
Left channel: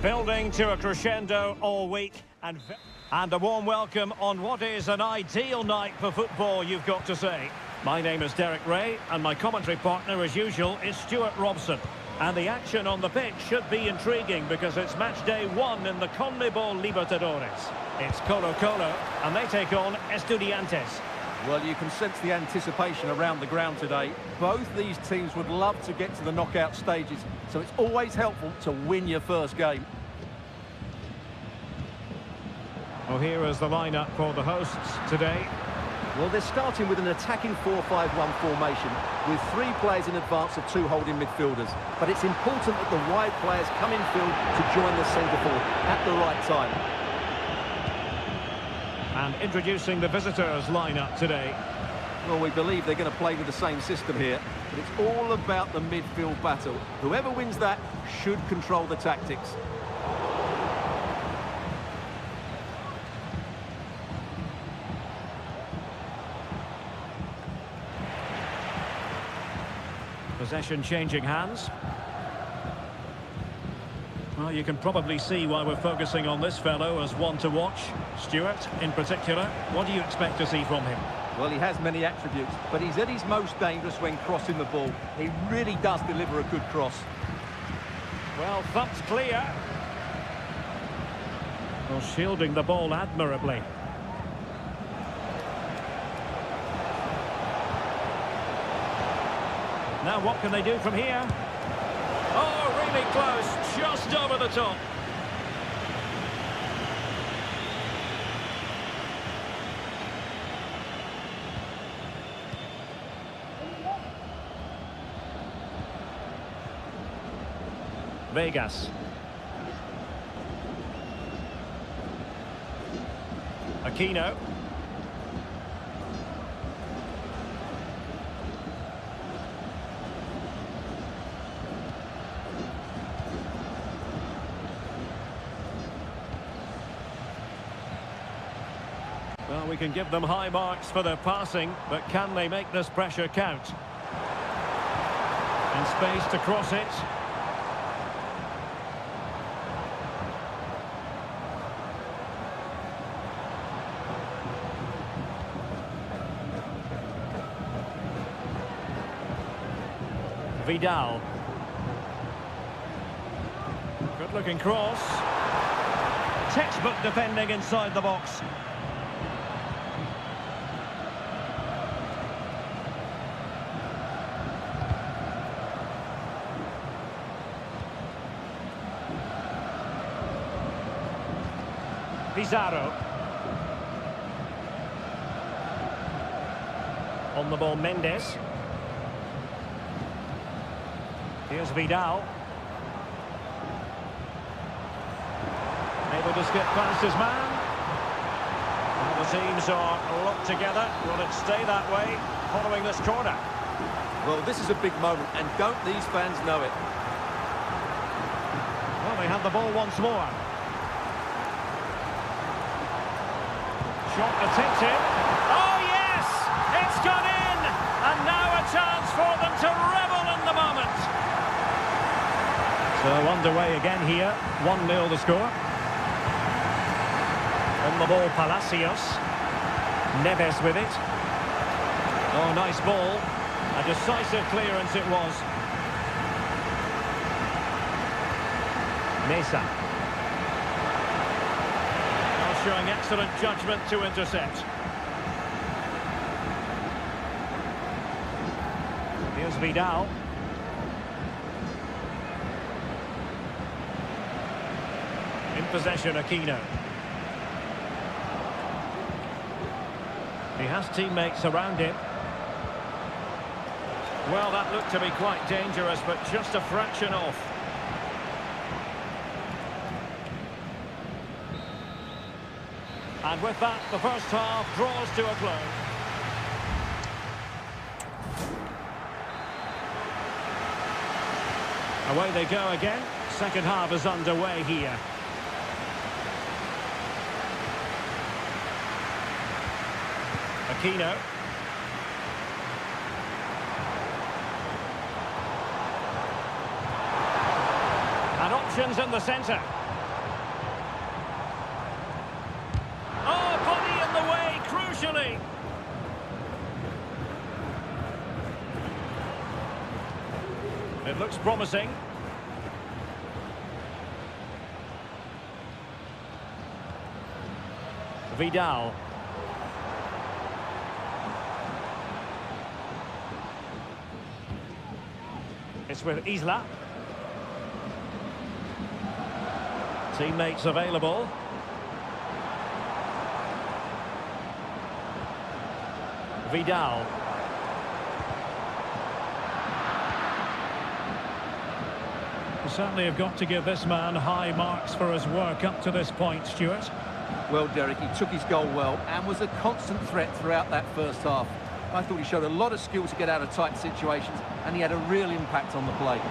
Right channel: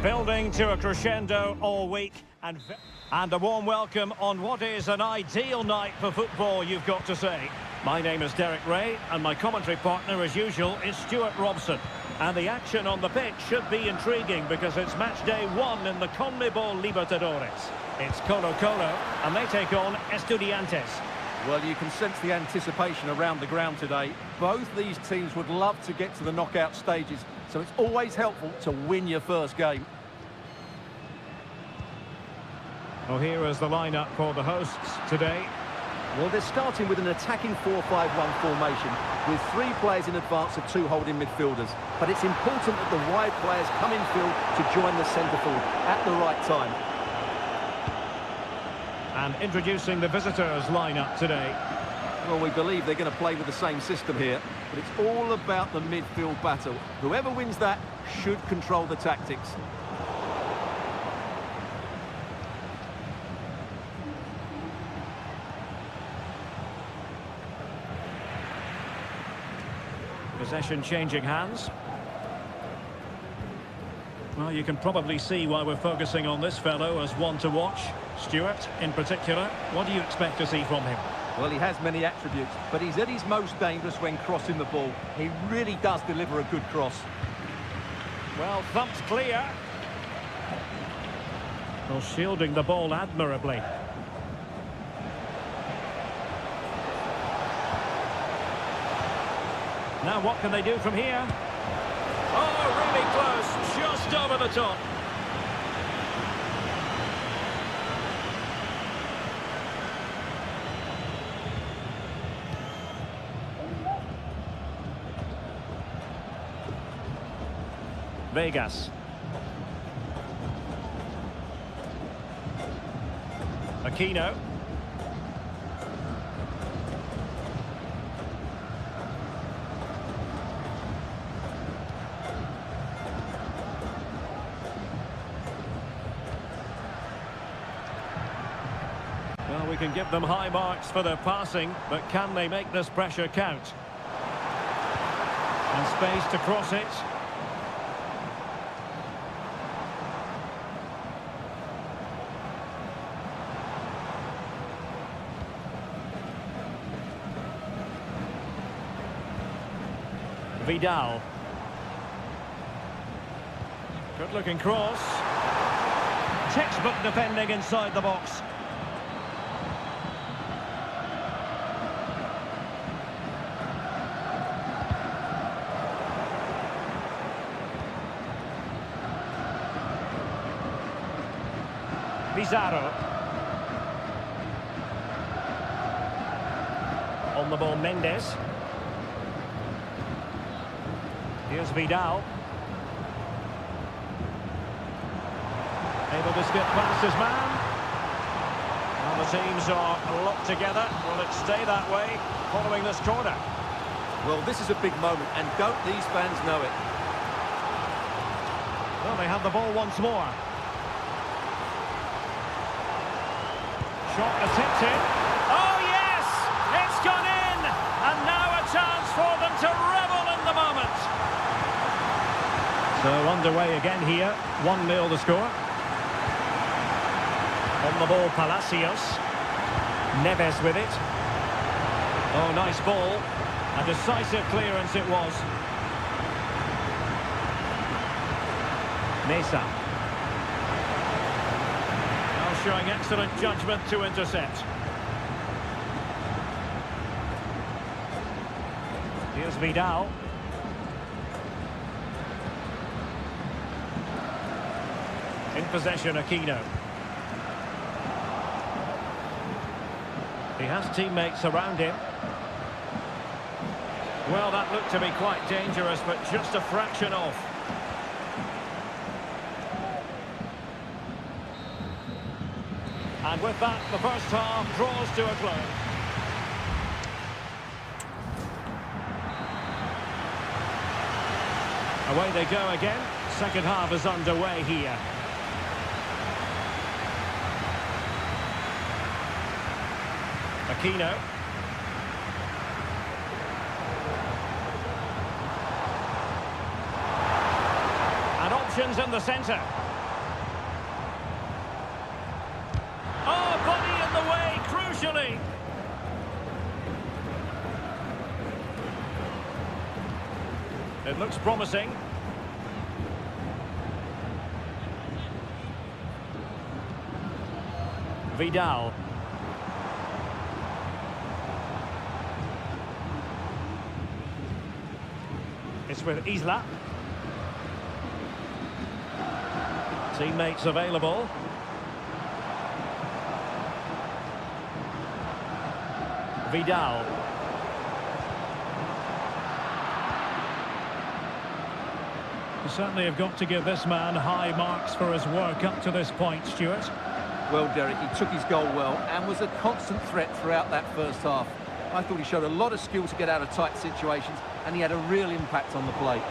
Building to a crescendo all week, and a warm welcome on what is an ideal night for football, you've got to say. My name is Derek Ray, and my commentary partner, as usual, is Stuart Robson. And the action on the pitch should be intriguing because it's match day 1 in the CONMEBOL Libertadores. It's Colo-Colo, and they take on Estudiantes. Well, you can sense the anticipation around the ground today. Both these teams would love to get to the knockout stages, so it's always helpful to win your first game. Well, here is the lineup for the hosts today. Well, they're starting with an attacking 4-5-1 formation with 3 players in advance of 2 holding midfielders. But it's important that the wide players come in field to join the centre forward at the right time. And introducing the visitors' lineup today. Well, we believe they're going to play with the same system here, but it's all about the midfield battle. Whoever wins that should control the tactics. Possession changing hands. Well, you can probably see why we're focusing on this fellow as one to watch. Stuart, in particular, what do you expect to see from him? Well, he has many attributes, but he's at his most dangerous when crossing the ball. He really does deliver a good cross. Well, thumped clear. Well, shielding the ball admirably. Now what can they do from here? Oh, really close, just over the top. Vegas. Aquino. Well, we can give them high marks for their passing, but can they make this pressure count? And space to cross it. Vidal. Good-looking cross. Textbook defending inside the box. Pizarro. On the ball, Mendes. Here's Vidal. Able to skip past his man. Well, the teams are locked together. Will it stay that way following this corner? Well, this is a big moment, and don't these fans know it? Well, they have the ball once more. Shot attempted. Oh, yes! It's gone in! And now a chance for them to revel in the moment. So underway again here. 1-0 the score. On the ball, Palacios. Neves with it. Oh, nice ball. A decisive clearance it was. Mesa. Showing excellent judgment to intercept. Here's Vidal. In possession, Aquino. He has teammates around him. Well, that looked to be quite dangerous, but just a fraction off. And with that, the first half draws to a close. Away they go again. Second half is underway here. Aquino. And options in the centre. It looks promising. Vidal. It's with Isla. Teammates available. Vidal. You certainly have got to give this man high marks for his work up to this point, Stuart. Well, Derek, he took his goal well and was a constant threat throughout that first half. I thought he showed a lot of skill to get out of tight situations, and he had a real impact on the play.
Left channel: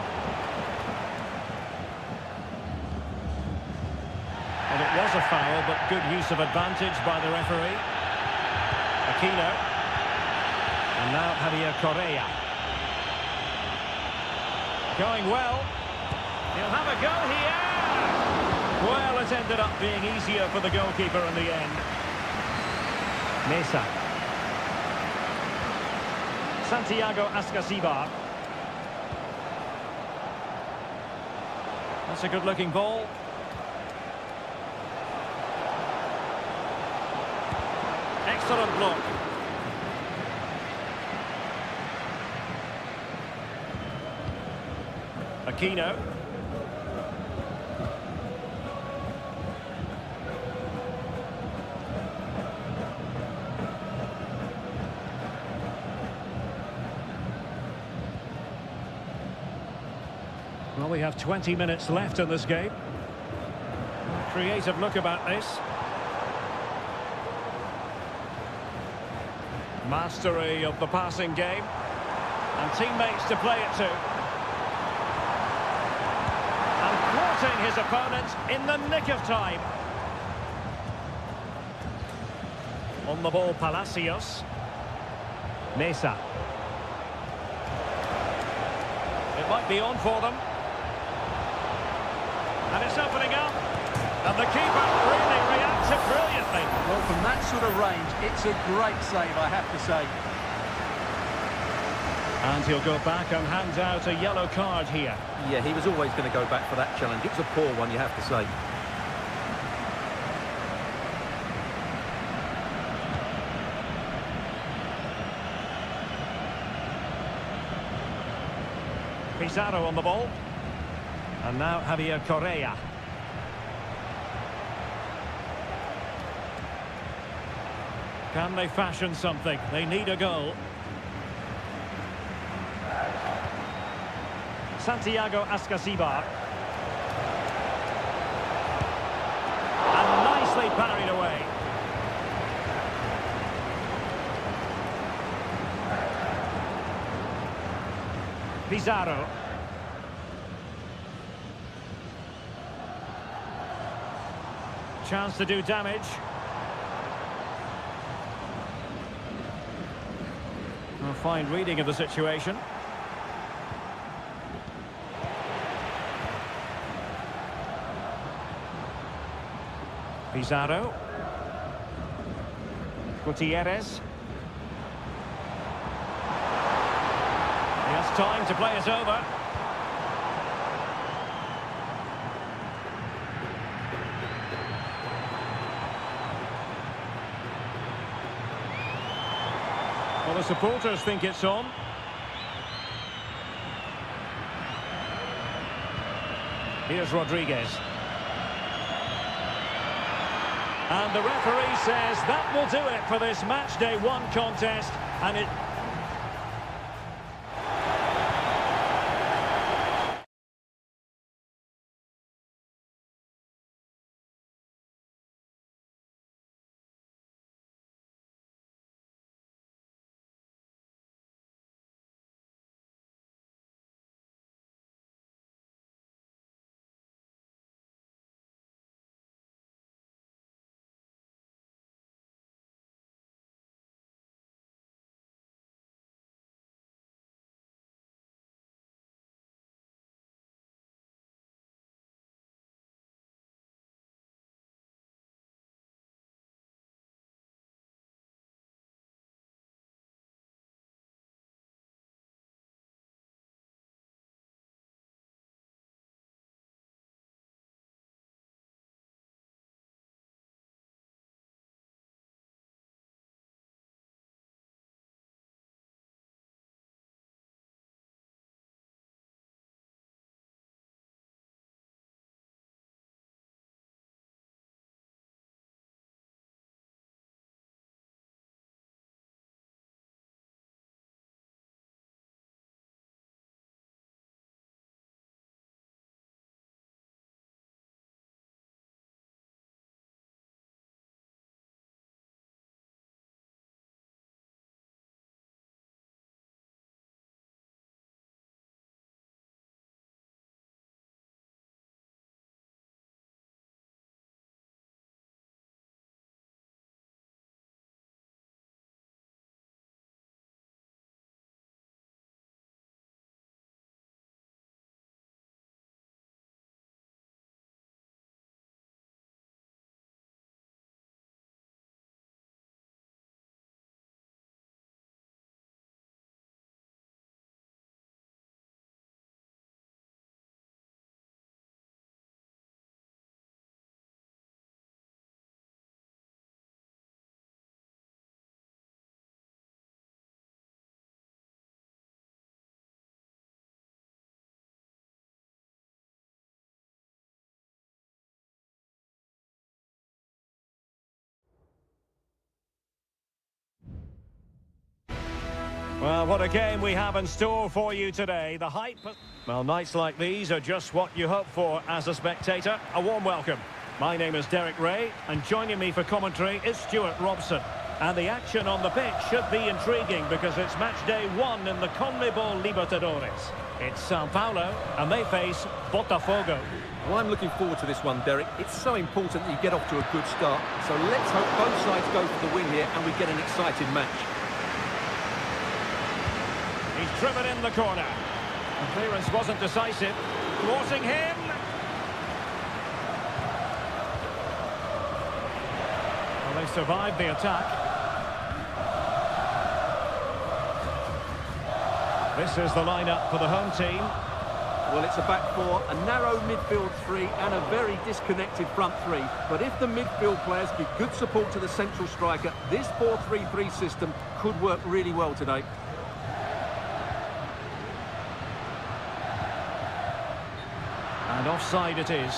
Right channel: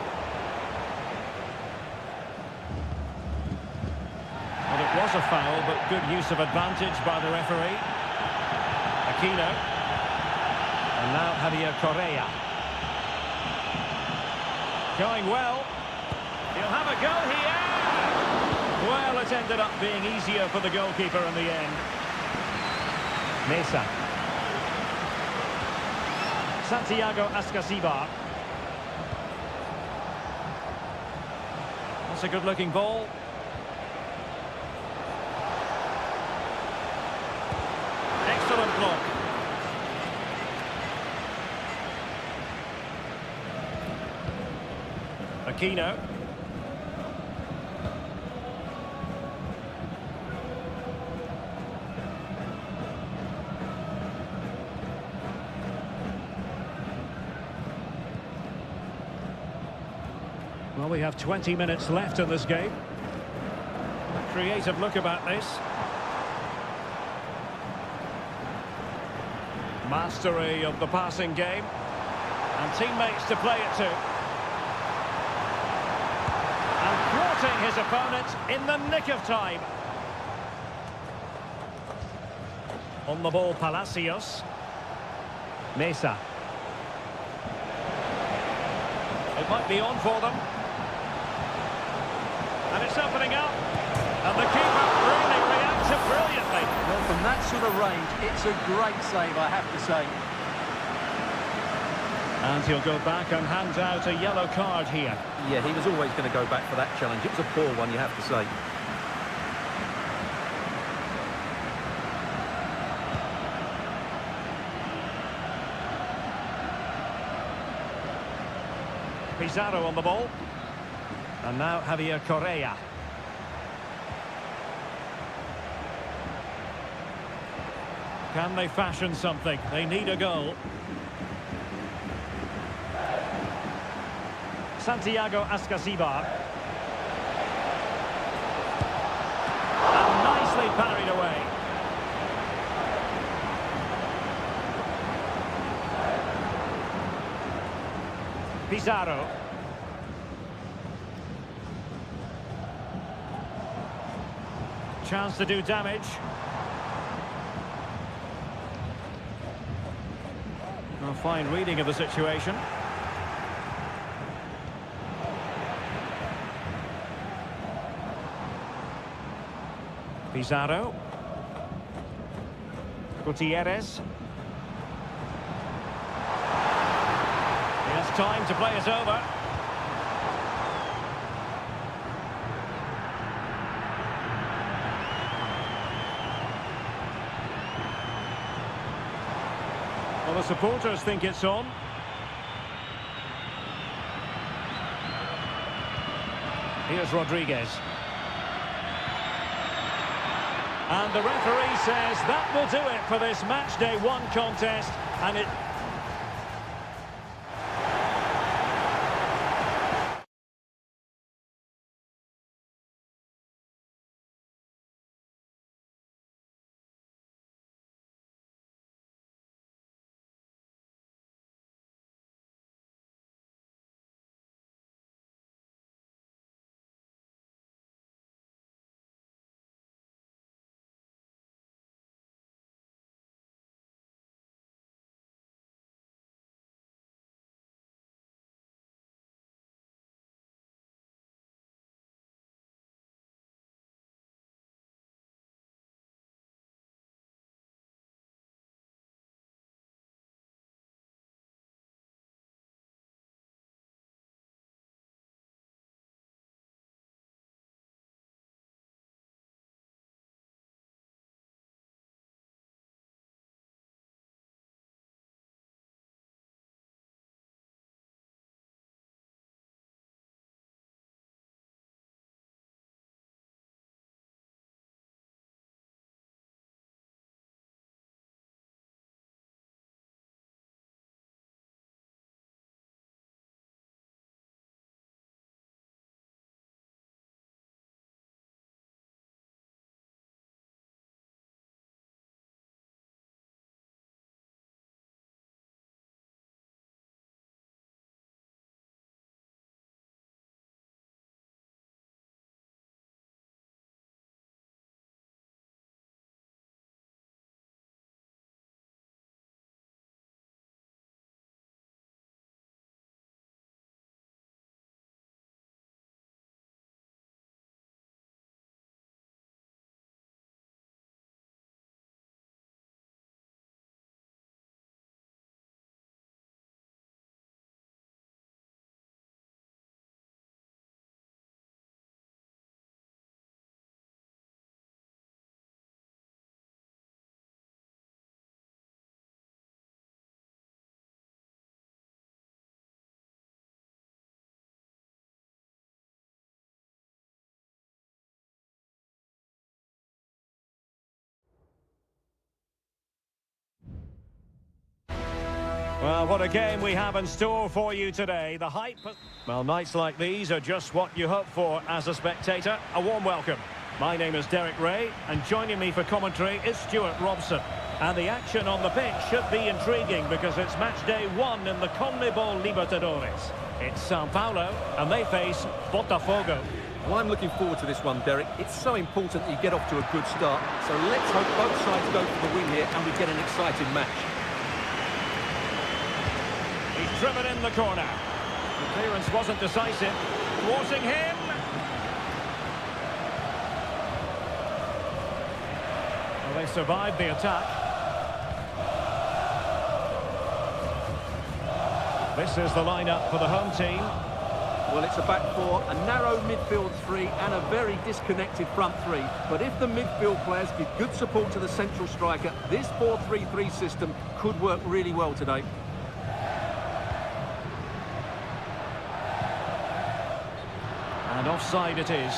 Well, it was a foul, but good use of advantage by the referee. Aquino. And now Javier Correa. Going well. He'll have a go here. Well, it ended up being easier for the goalkeeper in the end. Mesa. Santiago Ascasibar. That's a good-looking ball. Excellent block. Aquino. Well, we have 20 minutes left in this game. A creative look about this. Mastery of the passing game. And teammates to play it to. And thwarting his opponent in the nick of time. On the ball, Palacios. Mesa. It might be on for them. And it's opening up. And the keeper really reacted brilliantly. Well, from that sort of range, it's a great save, I have to say. And he'll go back and hand out a yellow card here. Yeah, he was always going to go back for that challenge. It was a poor one, you have to say. Pizarro on the ball. And now Javier Correa. Can they fashion something? They need a goal. Santiago Ascasibar. And nicely parried away. Pizarro. Chance to do damage. A fine reading of the situation. Pizarro. Gutierrez. He has time to play it over. Well, the supporters think it's on. Here's Rodriguez. And the referee says that will do it for this match day 1 contest, and it Well, what a game we have in store for you today. The hype... Well, nights like these are just what you hope for as a spectator. A warm welcome. My name is Derek Ray, and joining me for commentary is Stuart Robson. And the action on the pitch should be intriguing because it's match day 1 in the CONMEBOL Libertadores. It's Sao Paulo, and they face Botafogo. Well, I'm looking forward to this one, Derek. It's so important that you get off to a good start. So let's hope both sides go for the win here and we get an exciting match. He's driven in the corner. The clearance wasn't decisive. Thwarting him. Well, they survived the attack. This is the lineup for the home team. Well, it's a back four, a narrow midfield three and a very disconnected front three. But if the midfield players give good support to the central striker, this 4-3-3 system could work really well today. And offside it is.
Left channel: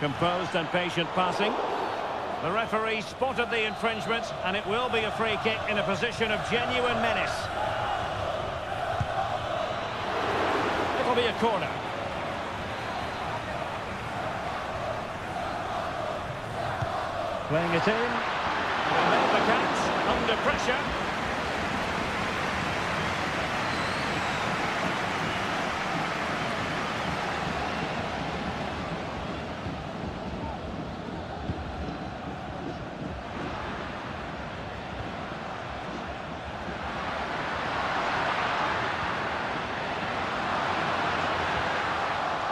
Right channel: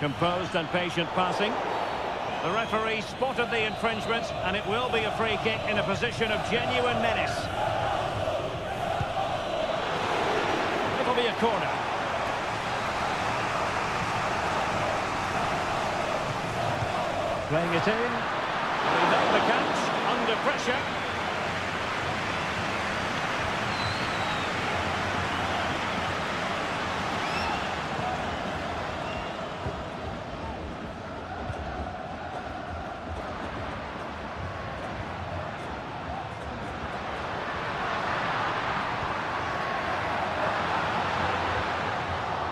Composed and patient passing. The referee spotted the infringement, and it will be a free kick in a position of genuine menace. It'll be a corner. Playing it in. Well, he made the catch under pressure.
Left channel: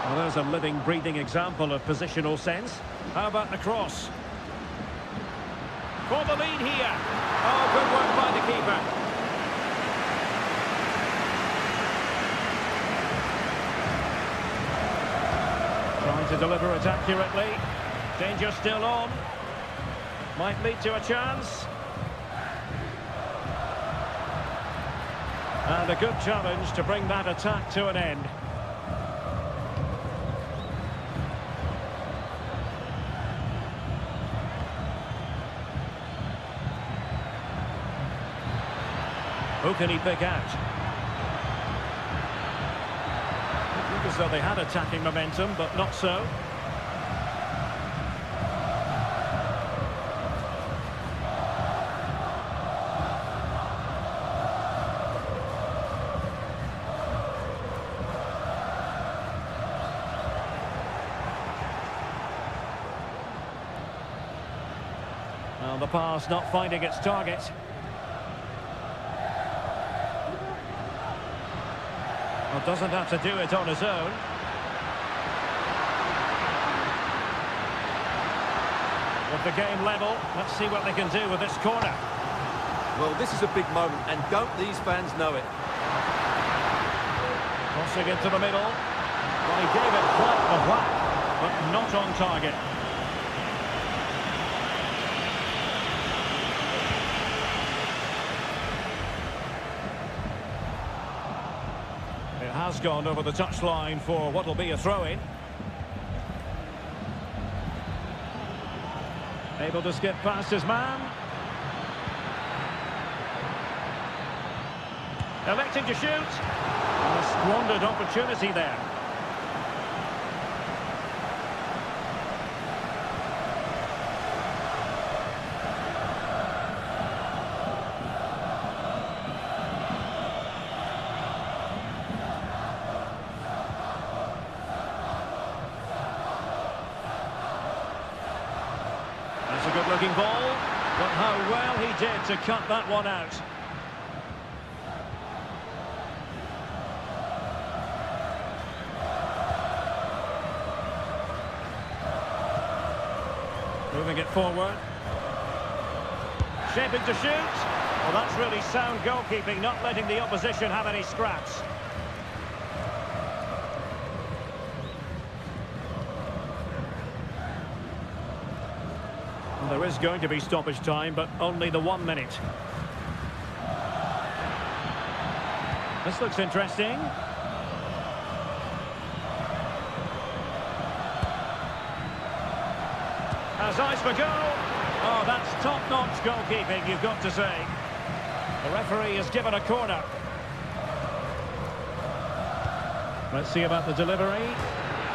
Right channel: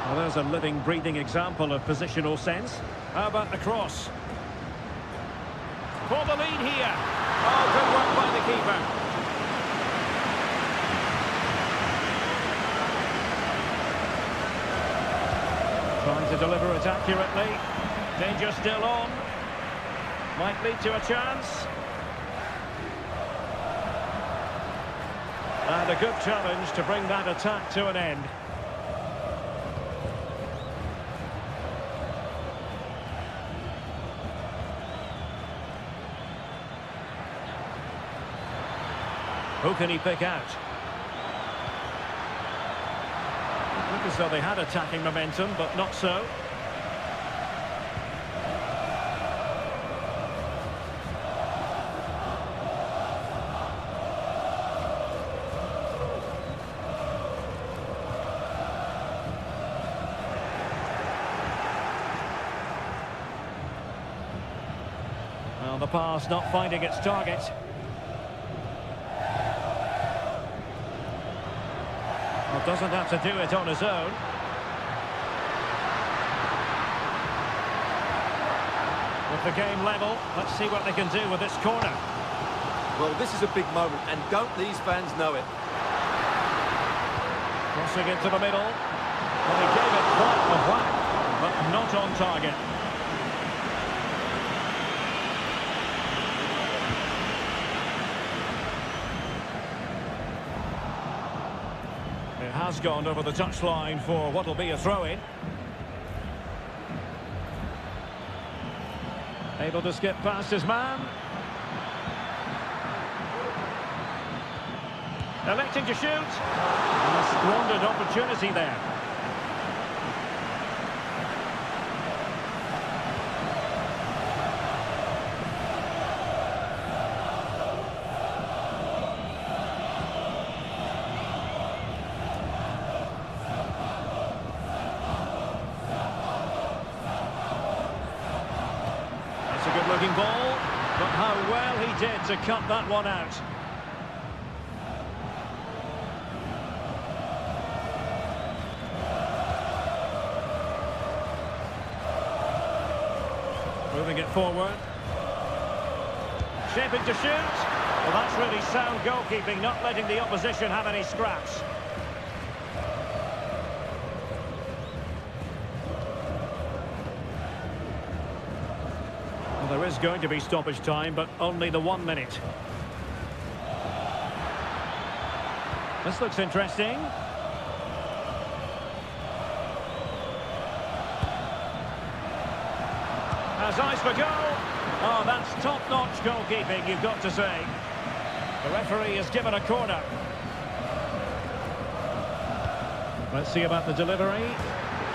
Well, there's a living, breathing example of positional sense. How about the cross? For the lead here. Oh, good work by the keeper. Trying to deliver it accurately. Danger still on. Might lead to a chance. And a good challenge to bring that attack to an end. Who can he pick out? It looked as though they had attacking momentum, but not so. Well, the pass not finding its target. Well, doesn't have to do it on his own. With the game level, let's see what they can do with this corner. Well, this is a big moment, and don't these fans know it? Crossing into the middle. Well, he gave it quite a whack, but not on target. It has gone over the touchline for what will be a throw-in. Able to skip past his man. Electing to shoot. And a squandered opportunity there. That's a good-looking ball, but how well he did to cut that one out. Moving it forward. Shaping to shoot. Well, that's really sound goalkeeping, not letting the opposition have any scraps. Well, there is going to be stoppage time, but only the 1 minute. This looks interesting. Has eyes for goal. Oh, that's top-notch goalkeeping, you've got to say. The referee has given a corner. Let's see about the delivery.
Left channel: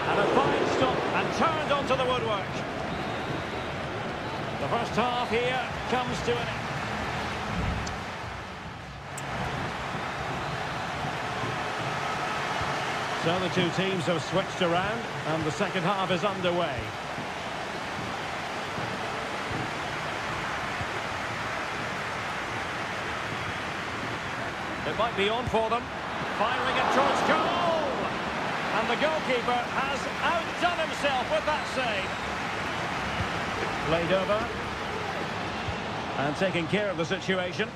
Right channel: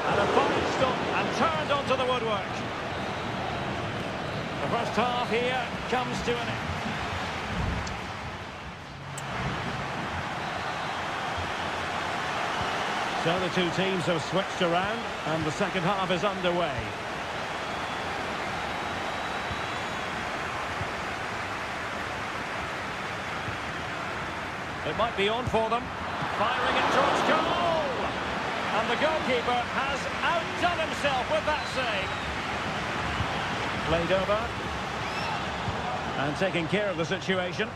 And a fine stop and turned onto the woodwork. The first half here comes to an end. So the two teams have switched around and the second half is underway. It might be on for them. Firing it towards goal! And the goalkeeper has outdone himself with that save. Played over. And taking care of the situation.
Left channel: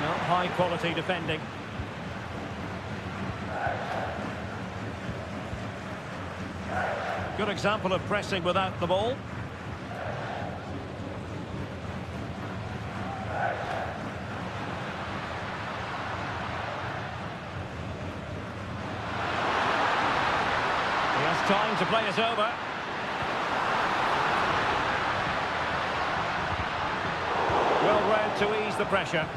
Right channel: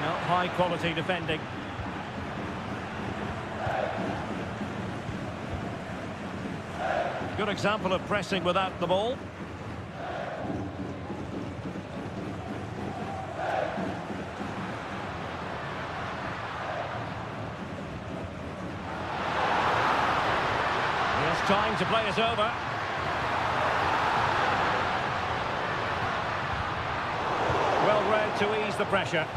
Now, high quality defending. Good example of pressing without the ball. He has time to play it over. Well read to ease the pressure.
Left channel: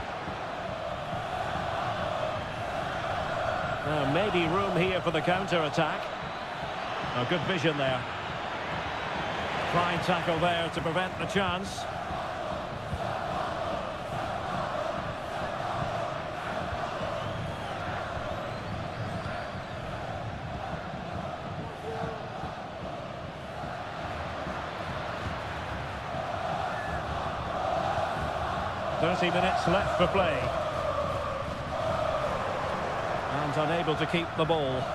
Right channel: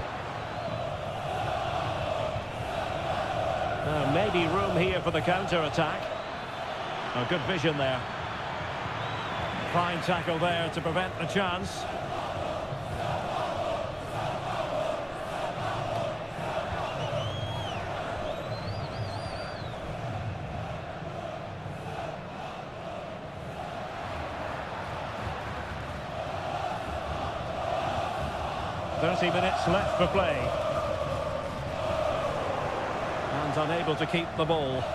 Maybe room here for the counter-attack. Oh, good vision there. Fine tackle there to prevent the chance. "30 minutes left for play. And unable to keep the ball.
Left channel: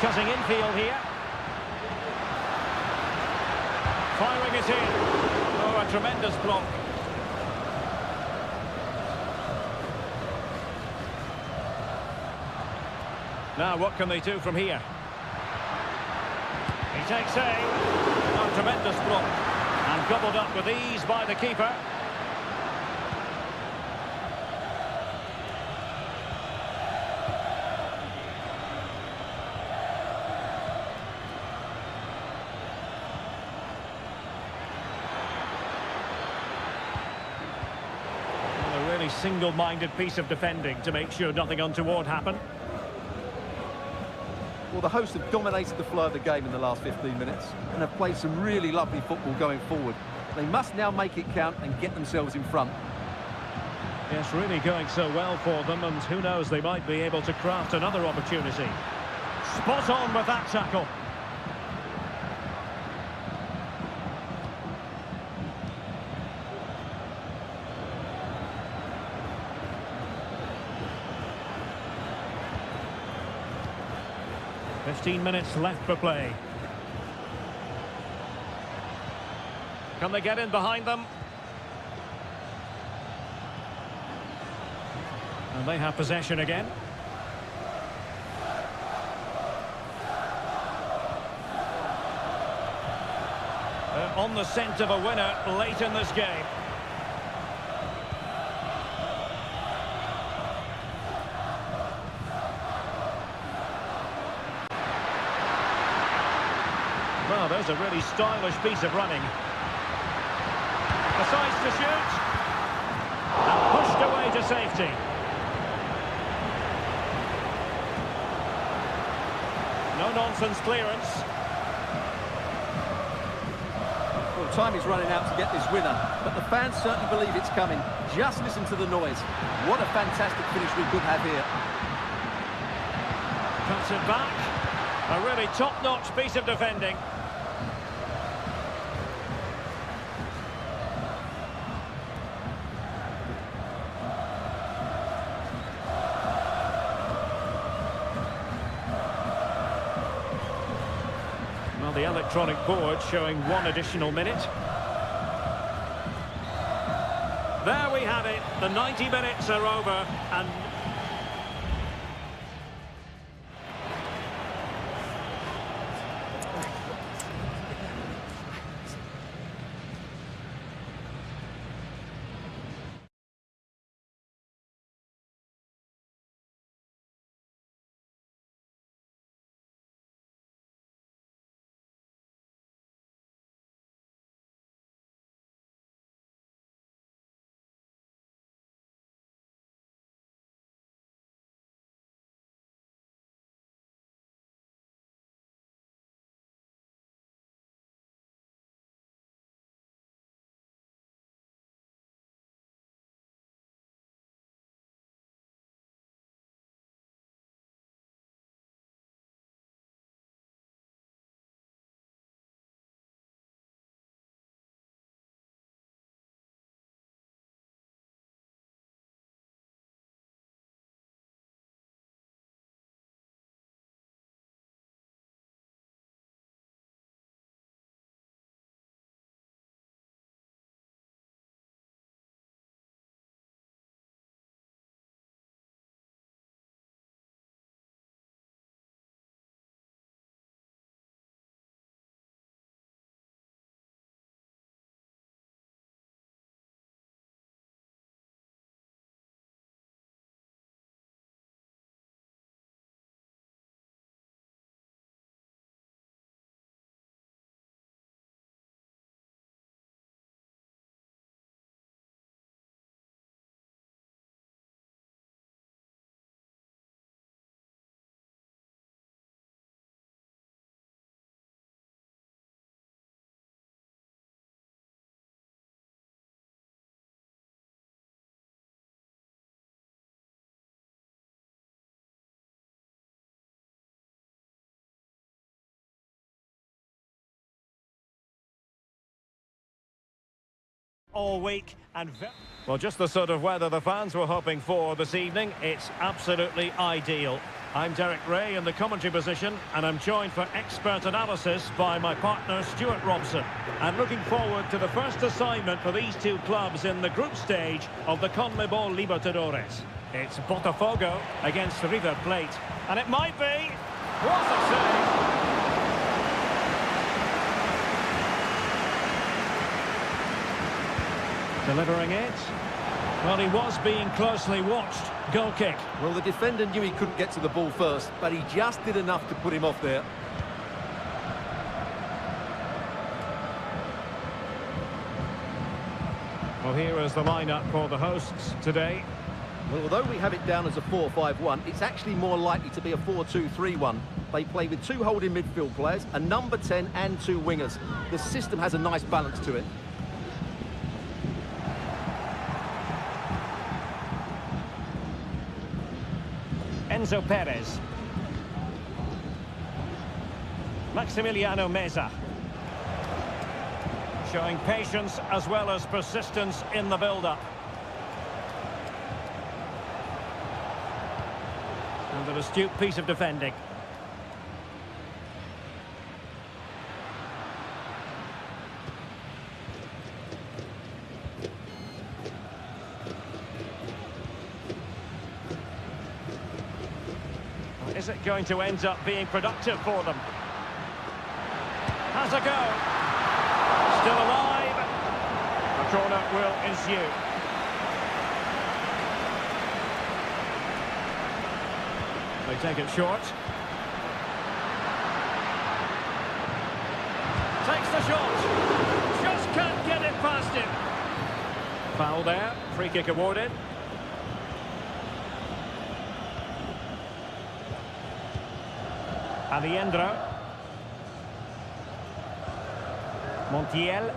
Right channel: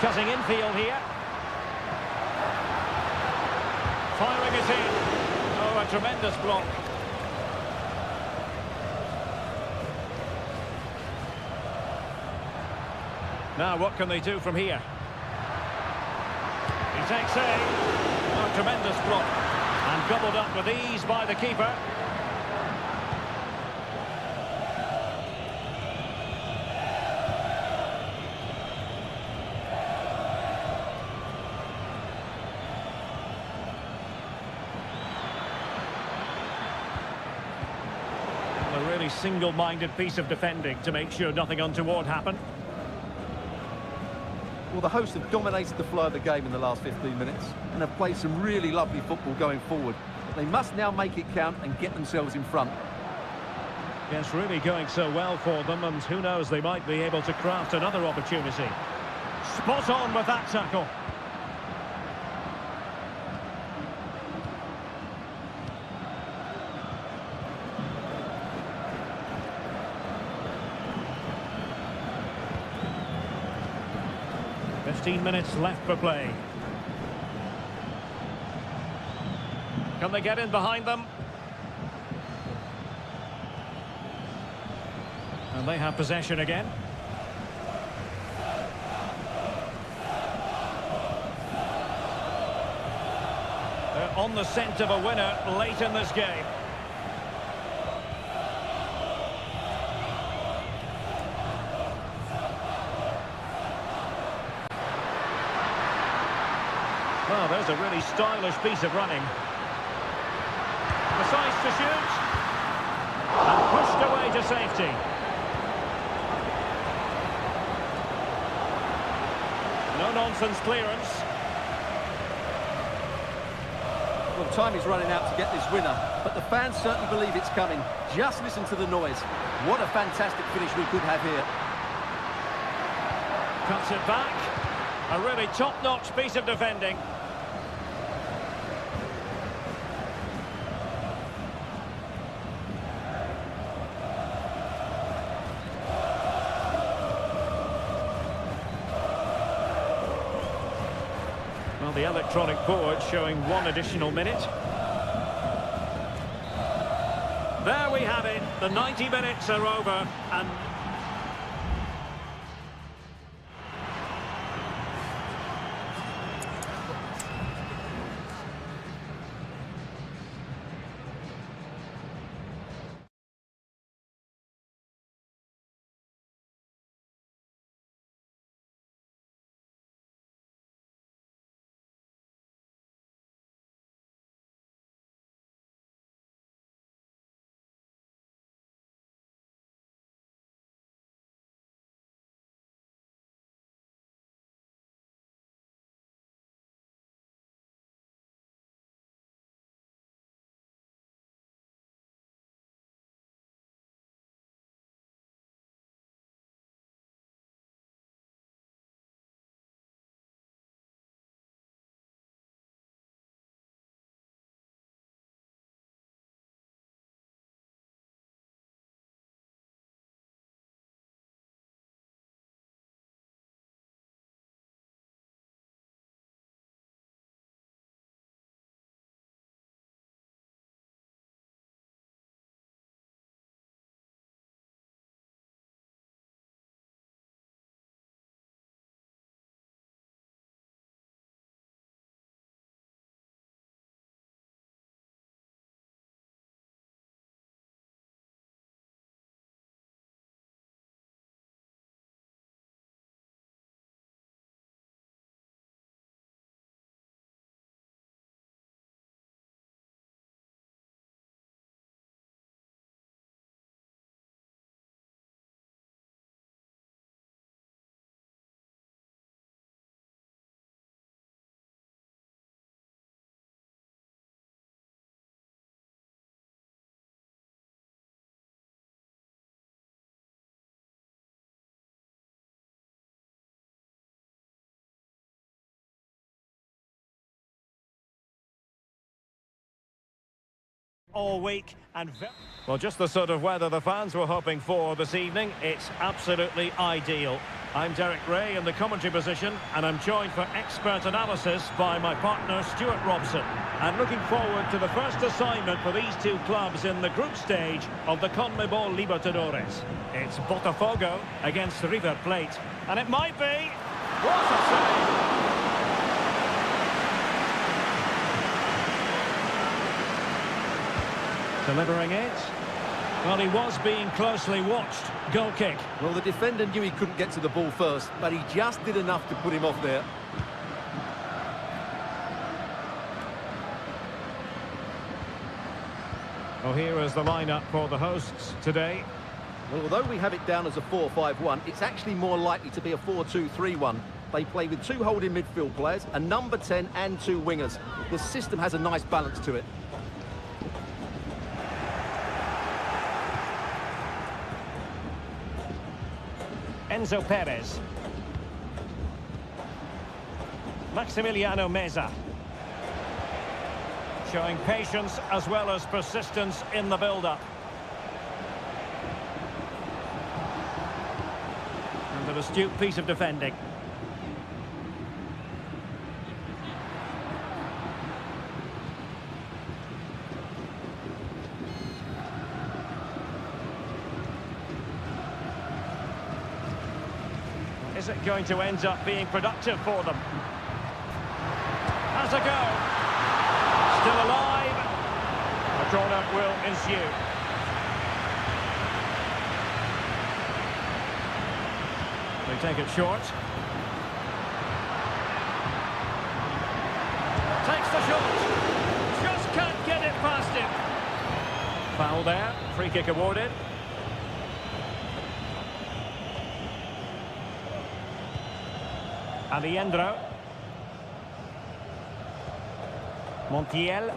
Cutting infield here. Firing it in. Oh, a tremendous block. Now, what can they do from here? He takes aim. Oh, tremendous block. And gobbled up with ease by the keeper. A really single-minded piece of defending to make sure nothing untoward happened. Well, the hosts have dominated the flow of the game in the last 15 minutes and have played some really lovely football going forward. They must now make it count and get themselves in front. Yes, really going so well for them, and who knows, they might be able to craft another opportunity. Spot on with that tackle. "15 minutes left for play. Can they get in behind them? And they have possession again. They're on the scent of a winner late in this game. Well, there's a really stylish piece of running. Decides to shoot. And pushed away to safety. No-nonsense clearance. Well, time is running out to get this winner, but the fans certainly believe it's coming. Just listen to the noise. What a fantastic finish we could have here. Cuts it back. A really top-notch piece of defending. Well, the electronic board showing 1 additional minute. There we have it. The 90 minutes are over and all week. Well, just the sort of weather the fans were hoping for this evening. It's absolutely ideal. I'm Derek Ray in the commentary position, and I'm joined for expert analysis by my partner Stuart Robson. And looking forward to the first assignment for these two clubs in the group stage of the CONMEBOL Libertadores. It's Botafogo against River Plate. And it might be... What a save! Delivering it. Well, he was being closely watched. Goal kick. Well, the defender knew he couldn't get to the ball first, but he just did enough to put him off there. Well, here is the lineup for the hosts today. Well, although we have it down as a 4-5-1, it's actually more likely to be a 4-2-3-1. They play with two holding midfield players, a number 10 and two wingers. The system has a nice balance to it. Enzo Perez. Maximiliano Meza. Showing patience as well as persistence in the build-up. And an astute piece of defending. Is it going to end up being productive for them? Has a go. Still alive. A corner will ensue. They take it short. Takes the shot. Just can't get it past him. Foul there. Free kick awarded. Alejandro. Montiel.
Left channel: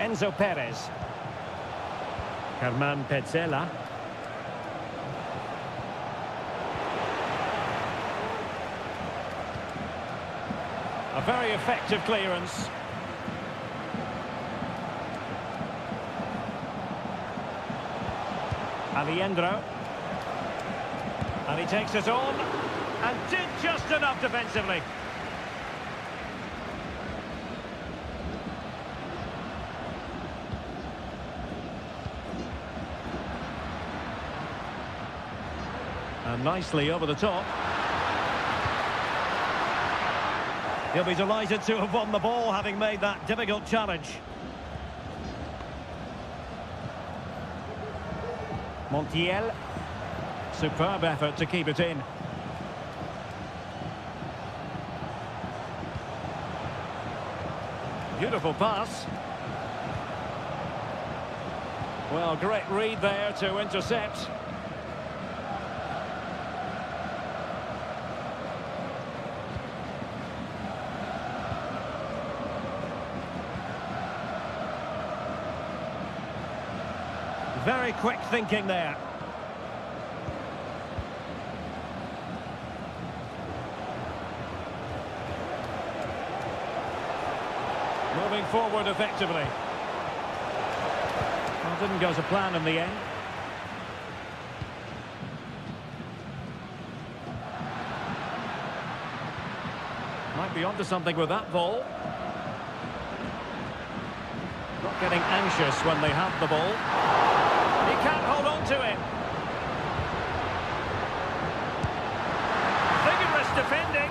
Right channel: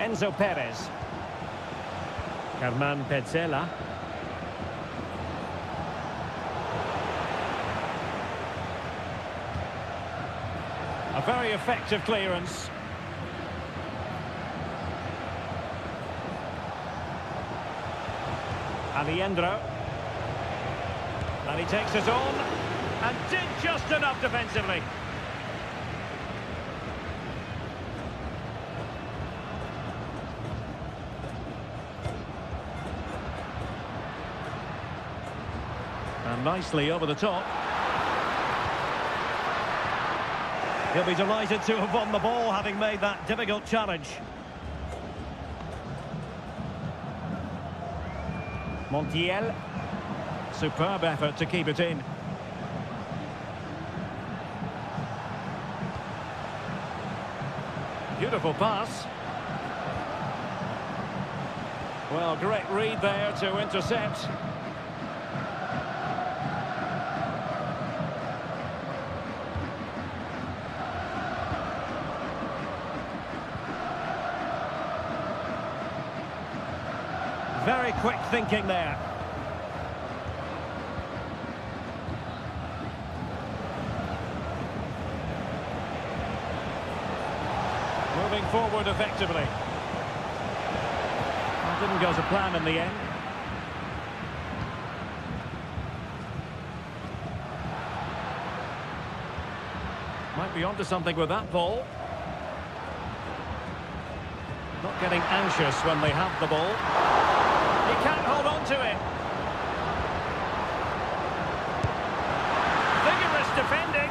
Enzo Perez. Germán Petzela. A very effective clearance. Alejandro. And he takes it on and did just enough defensively. And nicely over the top. He'll be delighted to have won the ball, having made that difficult challenge. Montiel. Superb effort to keep it in. Beautiful pass. Well, great read there to intercept. Very quick thinking there. Moving forward effectively. Well, didn't go to plan in the end. Might be onto something with that ball. Not getting anxious when they have the ball. He can't hold on to it. Vigorous defending.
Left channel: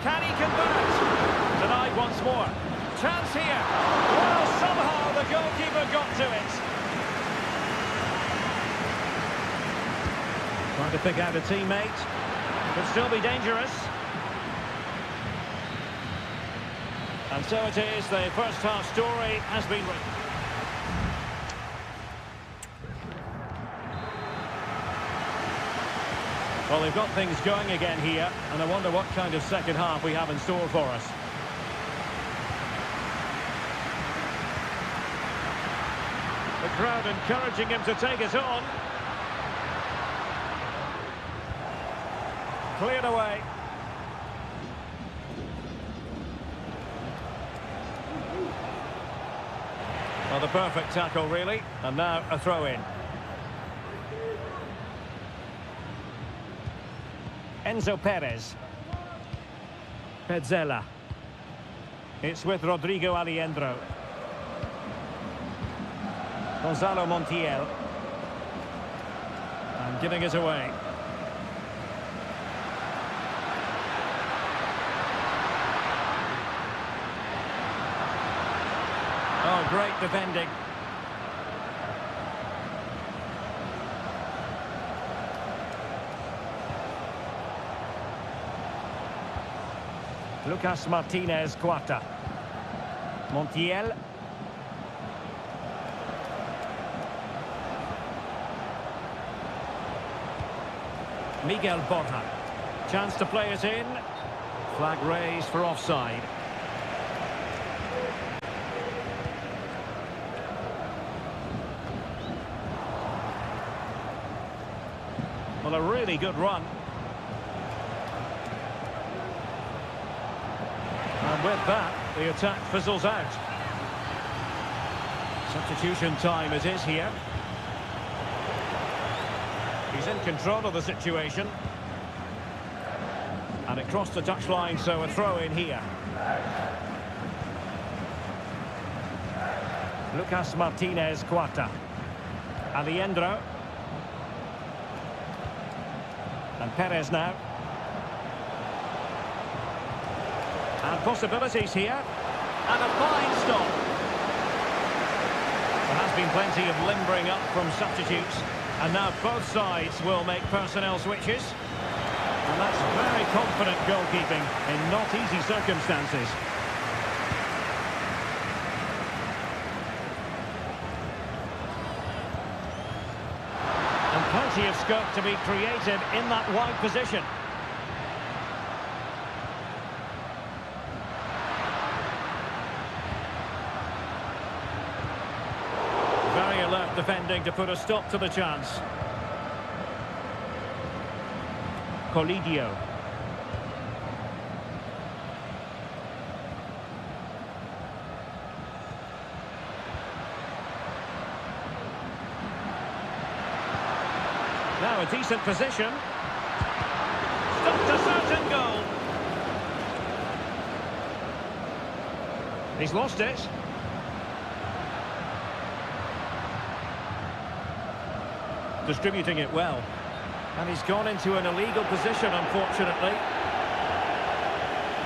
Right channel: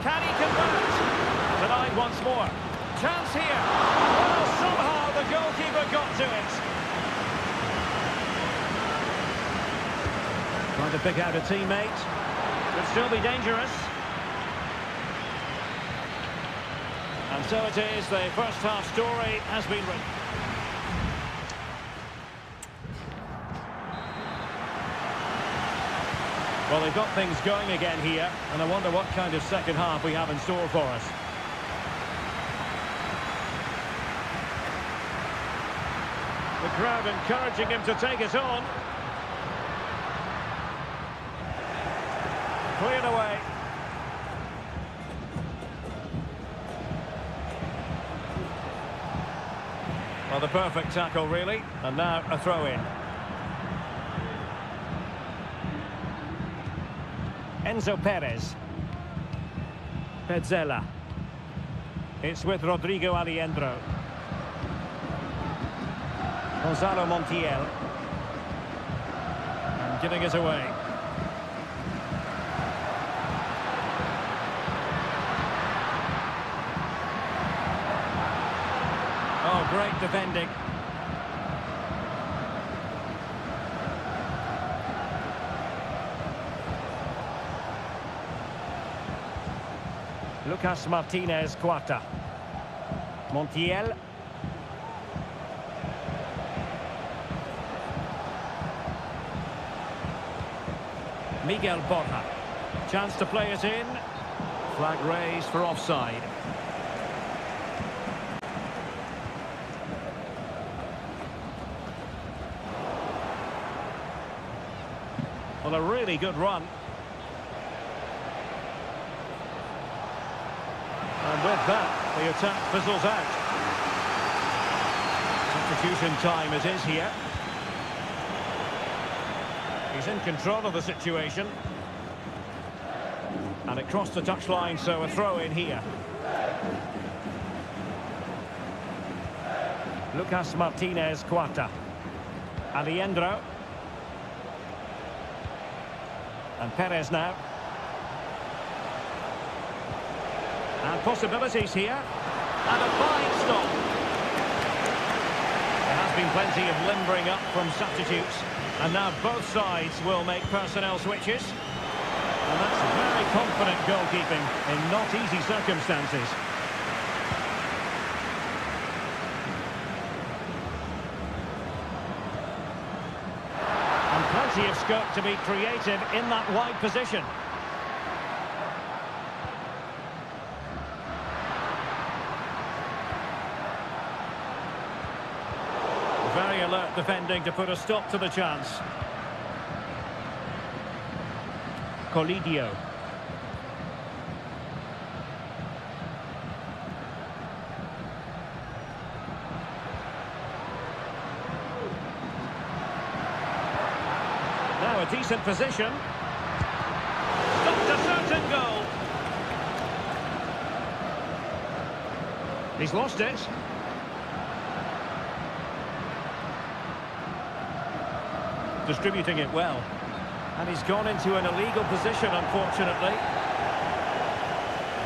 Can he convert? Denied once more. Chance here. Well, somehow the goalkeeper got to it. Trying to pick out a teammate. Could still be dangerous. And so it is, the first half story has been written. Well, they've got things going again here, and I wonder what kind of second half we have in store for us. The crowd encouraging him to take it on. Cleared away. Well, the perfect tackle, really. And now a throw-in. Enzo Perez. Pezzella. It's with Rodrigo Aliendro. Gonzalo Montiel. And giving it away. Oh, great defending. Lucas Martinez Quarta. Montiel. Miguel Borja. Chance to play it in. Flag raised for offside. Well, a really good run. And with that, the attack fizzles out. Substitution time it is here. He's in control of the situation. And it crossed the touchline, so a throw in here. Lucas Martinez Quarta. Aliendro. And Perez now. And possibilities here. And a fine stop. There has been plenty of limbering up from substitutes. And now both sides will make personnel switches. And that's very confident goalkeeping in not easy circumstances. And plenty of scope to be creative in that wide position. Very alert defending to put a stop to the chance. Colidio. Now a decent position. Stopped a certain goal. He's lost it. Distributing it well. And he's gone into an illegal position, unfortunately.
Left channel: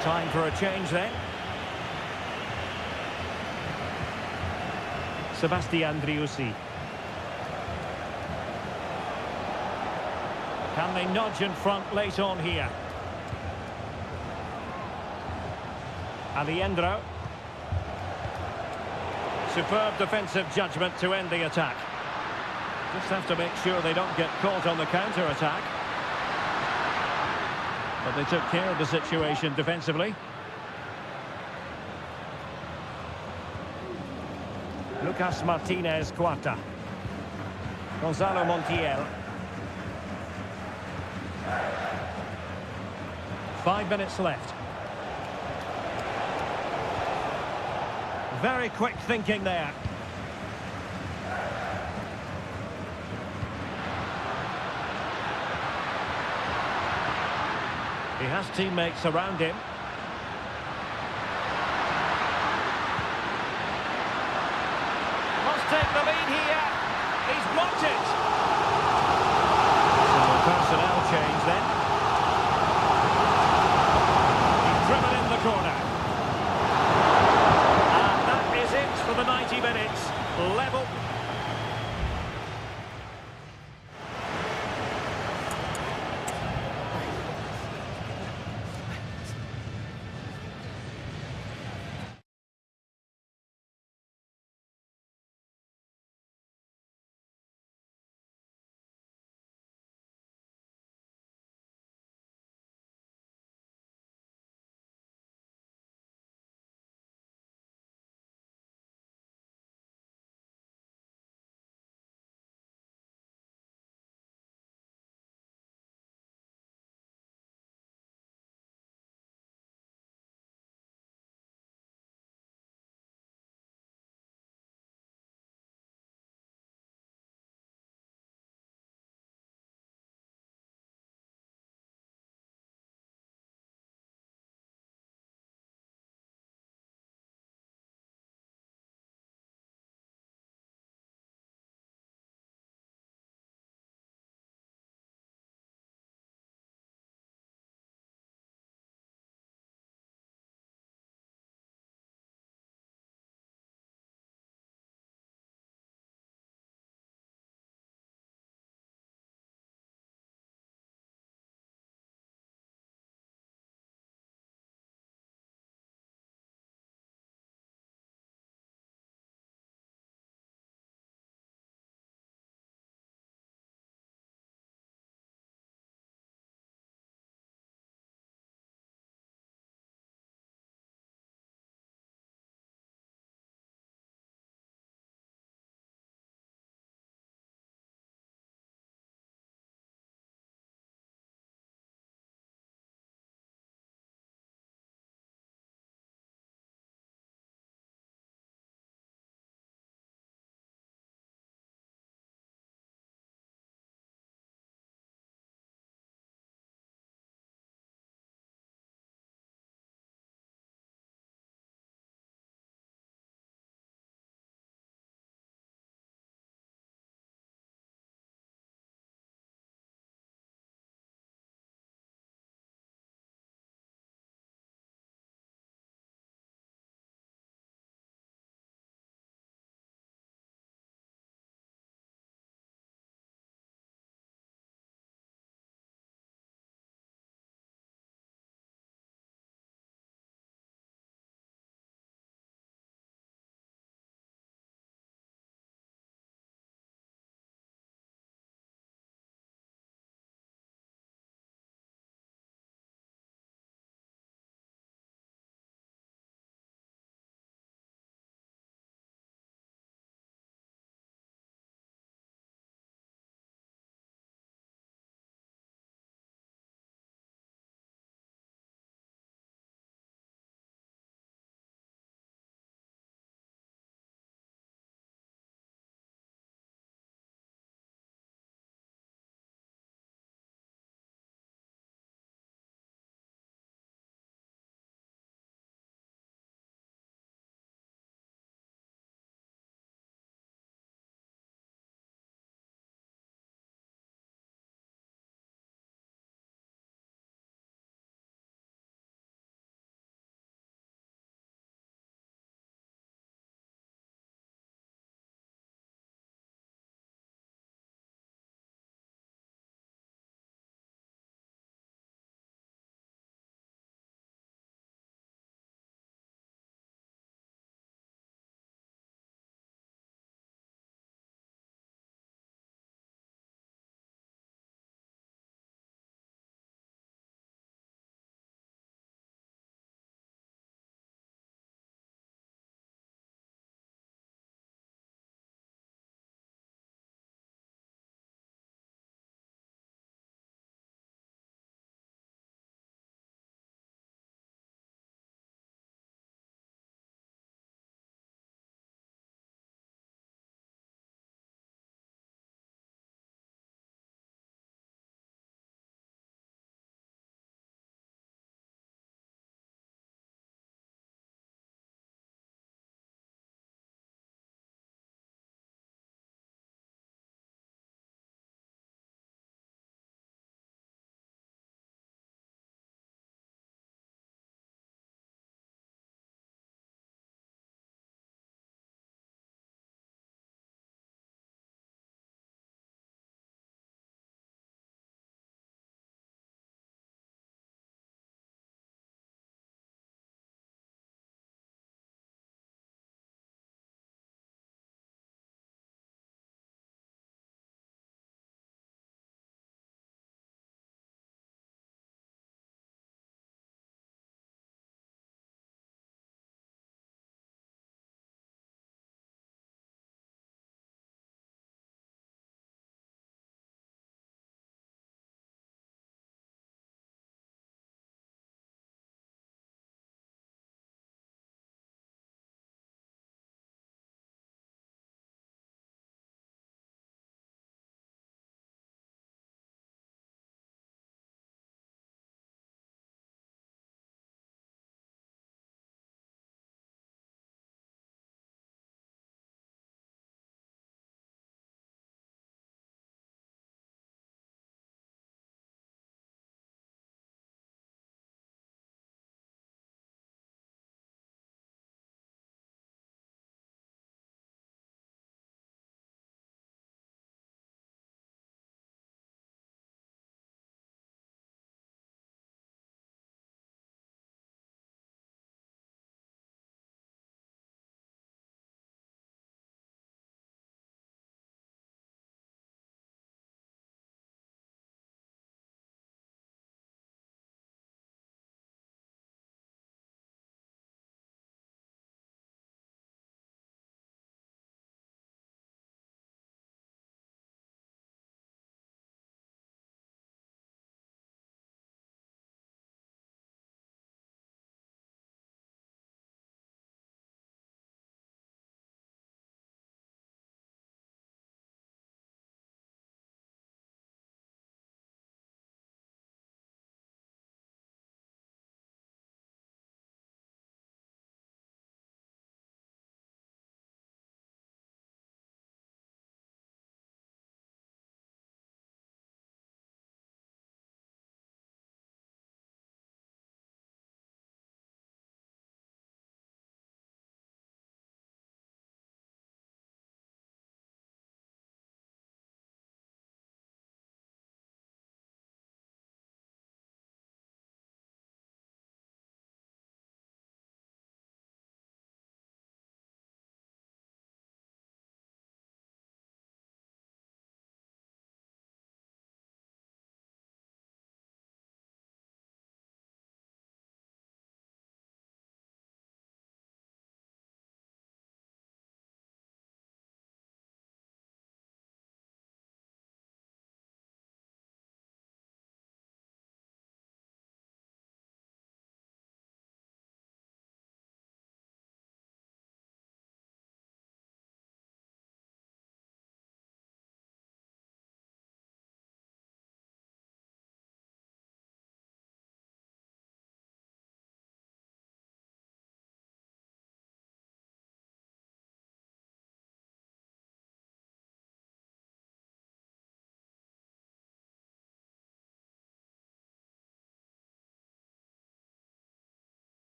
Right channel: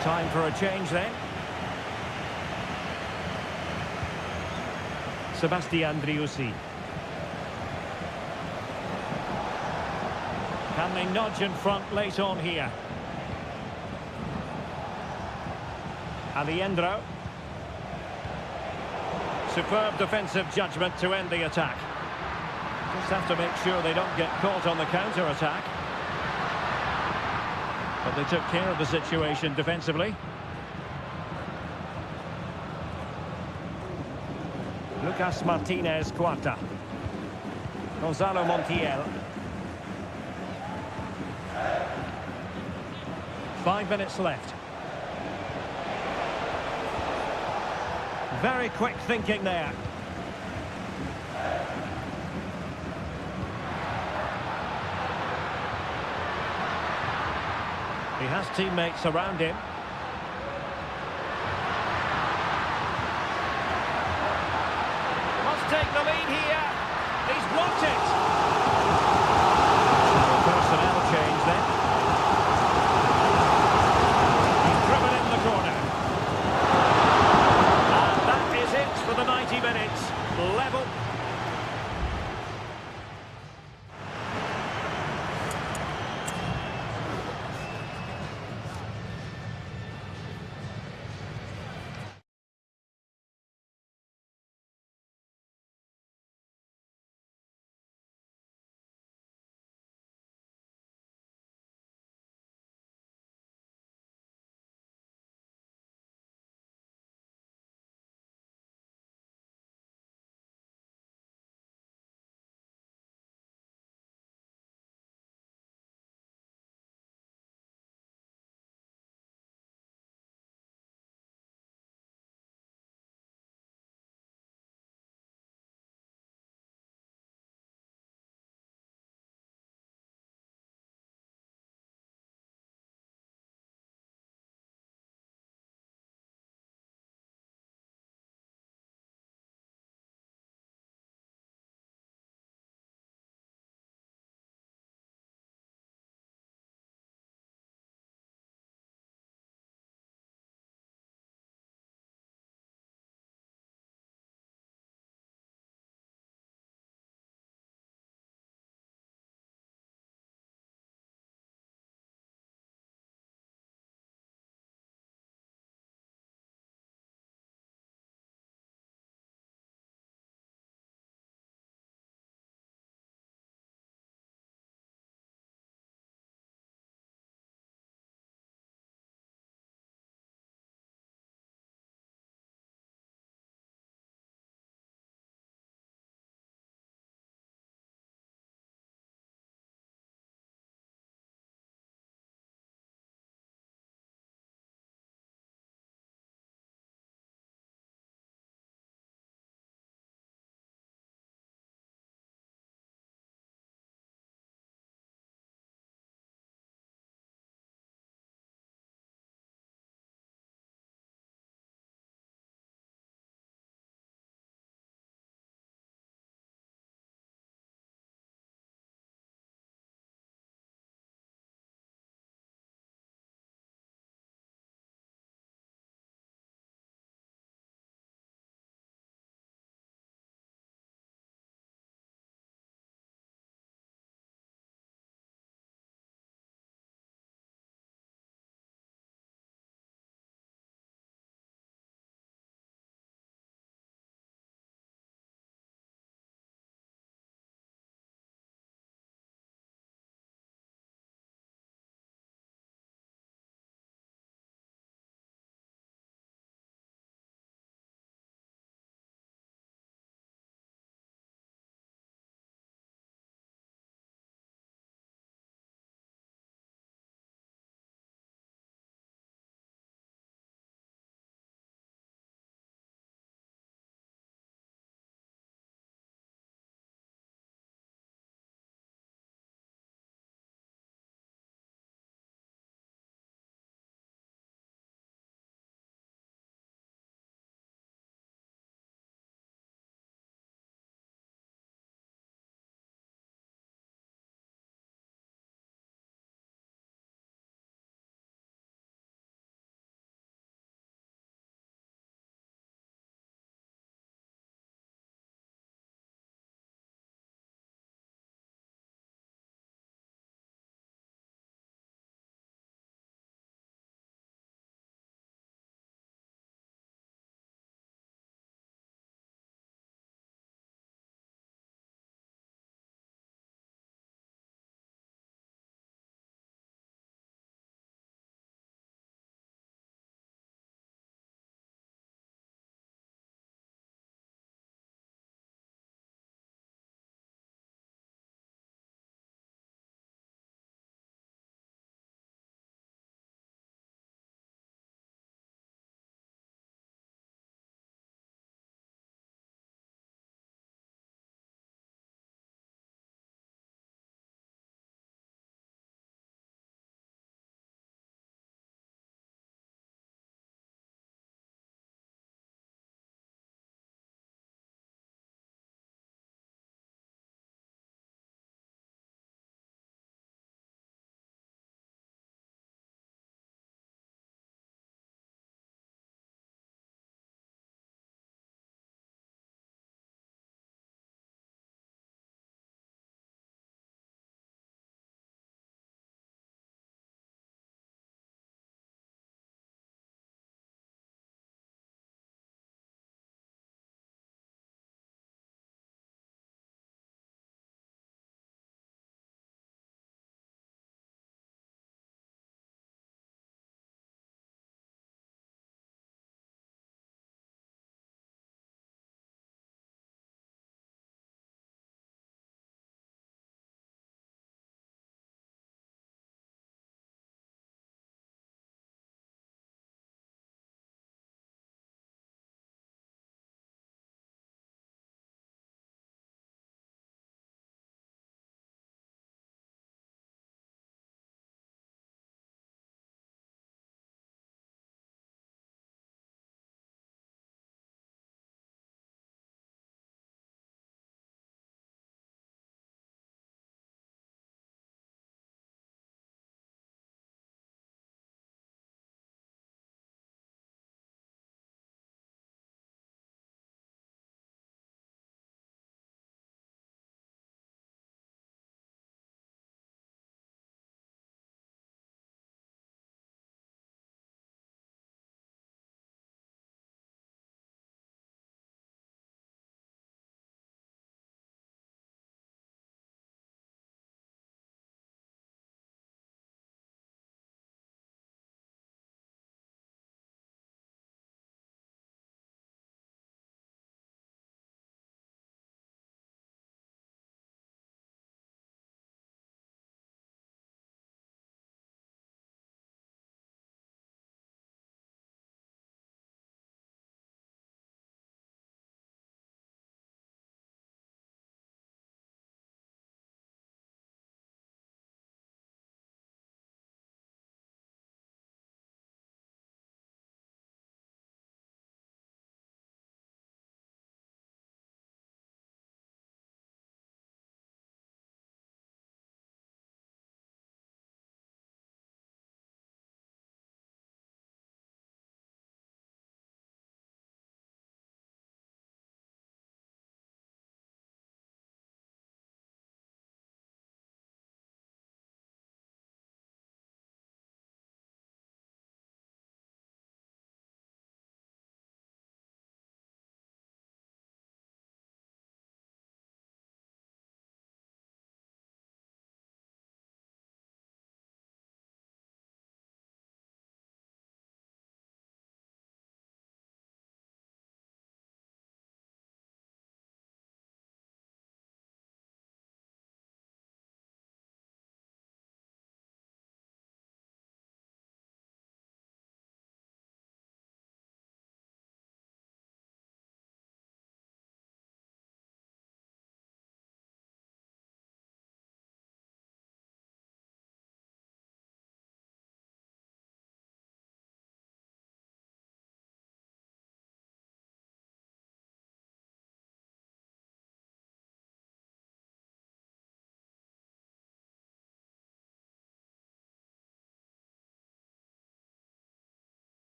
Time for a change then. Sebastian Driussi. Can they nudge in front late on here? Aliendro. Superb defensive judgment to end the attack. Just have to make sure they don't get caught on the counter-attack. But they took care of the situation defensively. Lucas Martinez Quarta. Gonzalo Montiel. 5 minutes left. Very quick thinking there. He has teammates around him. Must take the lead here. He's blocked it. So a personnel change then. He's driven in the corner. And that is it for the 90 minutes. Level.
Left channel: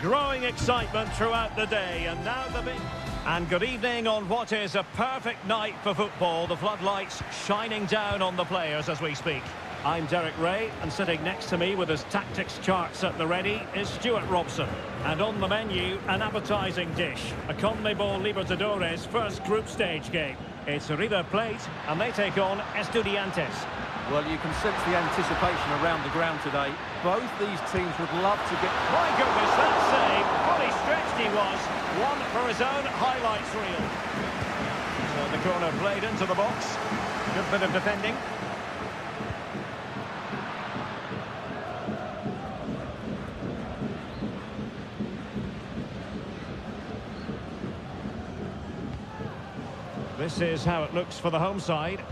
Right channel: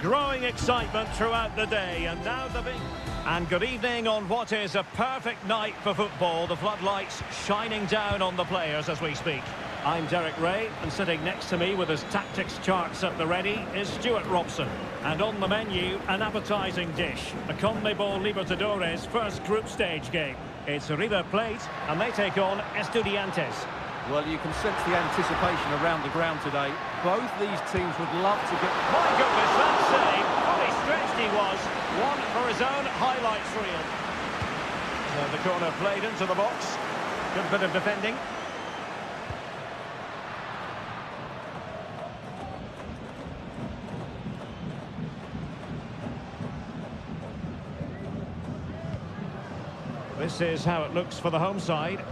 Growing excitement throughout the day, and now the big... And good evening on what is a perfect night for football. The floodlights shining down on the players as we speak. I'm Derek Ray, and sitting next to me with his tactics charts at the ready is Stuart Robson. And on the menu, an appetising dish, a CONMEBOL Libertadores first group stage game. It's River Plate, and they take on Estudiantes. Well, you can sense the anticipation around the ground today. Both these teams would love to get... My goodness, that save! Fully stretched he was. One for his own highlights reel. So the corner played into the box. Good bit of defending. This is how it looks for the home side.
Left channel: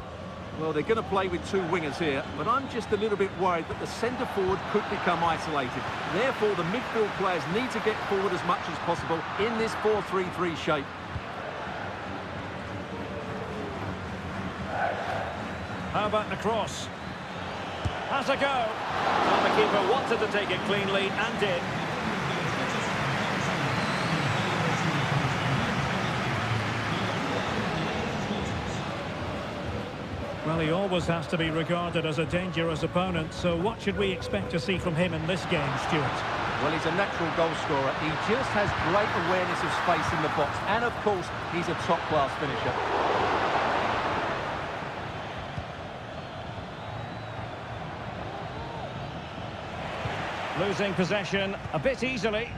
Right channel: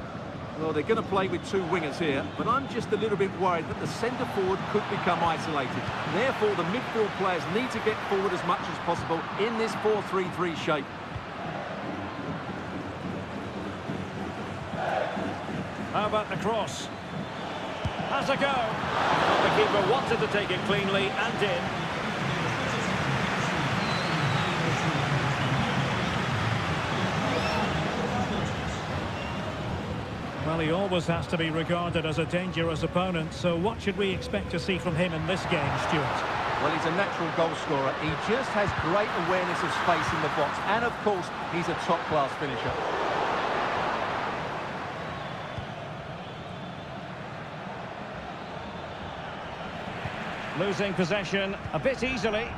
Well, they're going to play with two wingers here, but I'm just a little bit worried that the centre-forward could become isolated. Therefore, the midfield players need to get forward as much as possible in this 4-3-3 shape. How about the cross? Has a go. Well, the keeper wanted to take it cleanly and did. Well, he always has to be regarded as a dangerous opponent, so what should we expect to see from him in this game, Stuart? Well, he's a natural goal scorer. He just has great awareness of space in the box. And, of course, he's a top-class finisher. Losing possession a bit easily.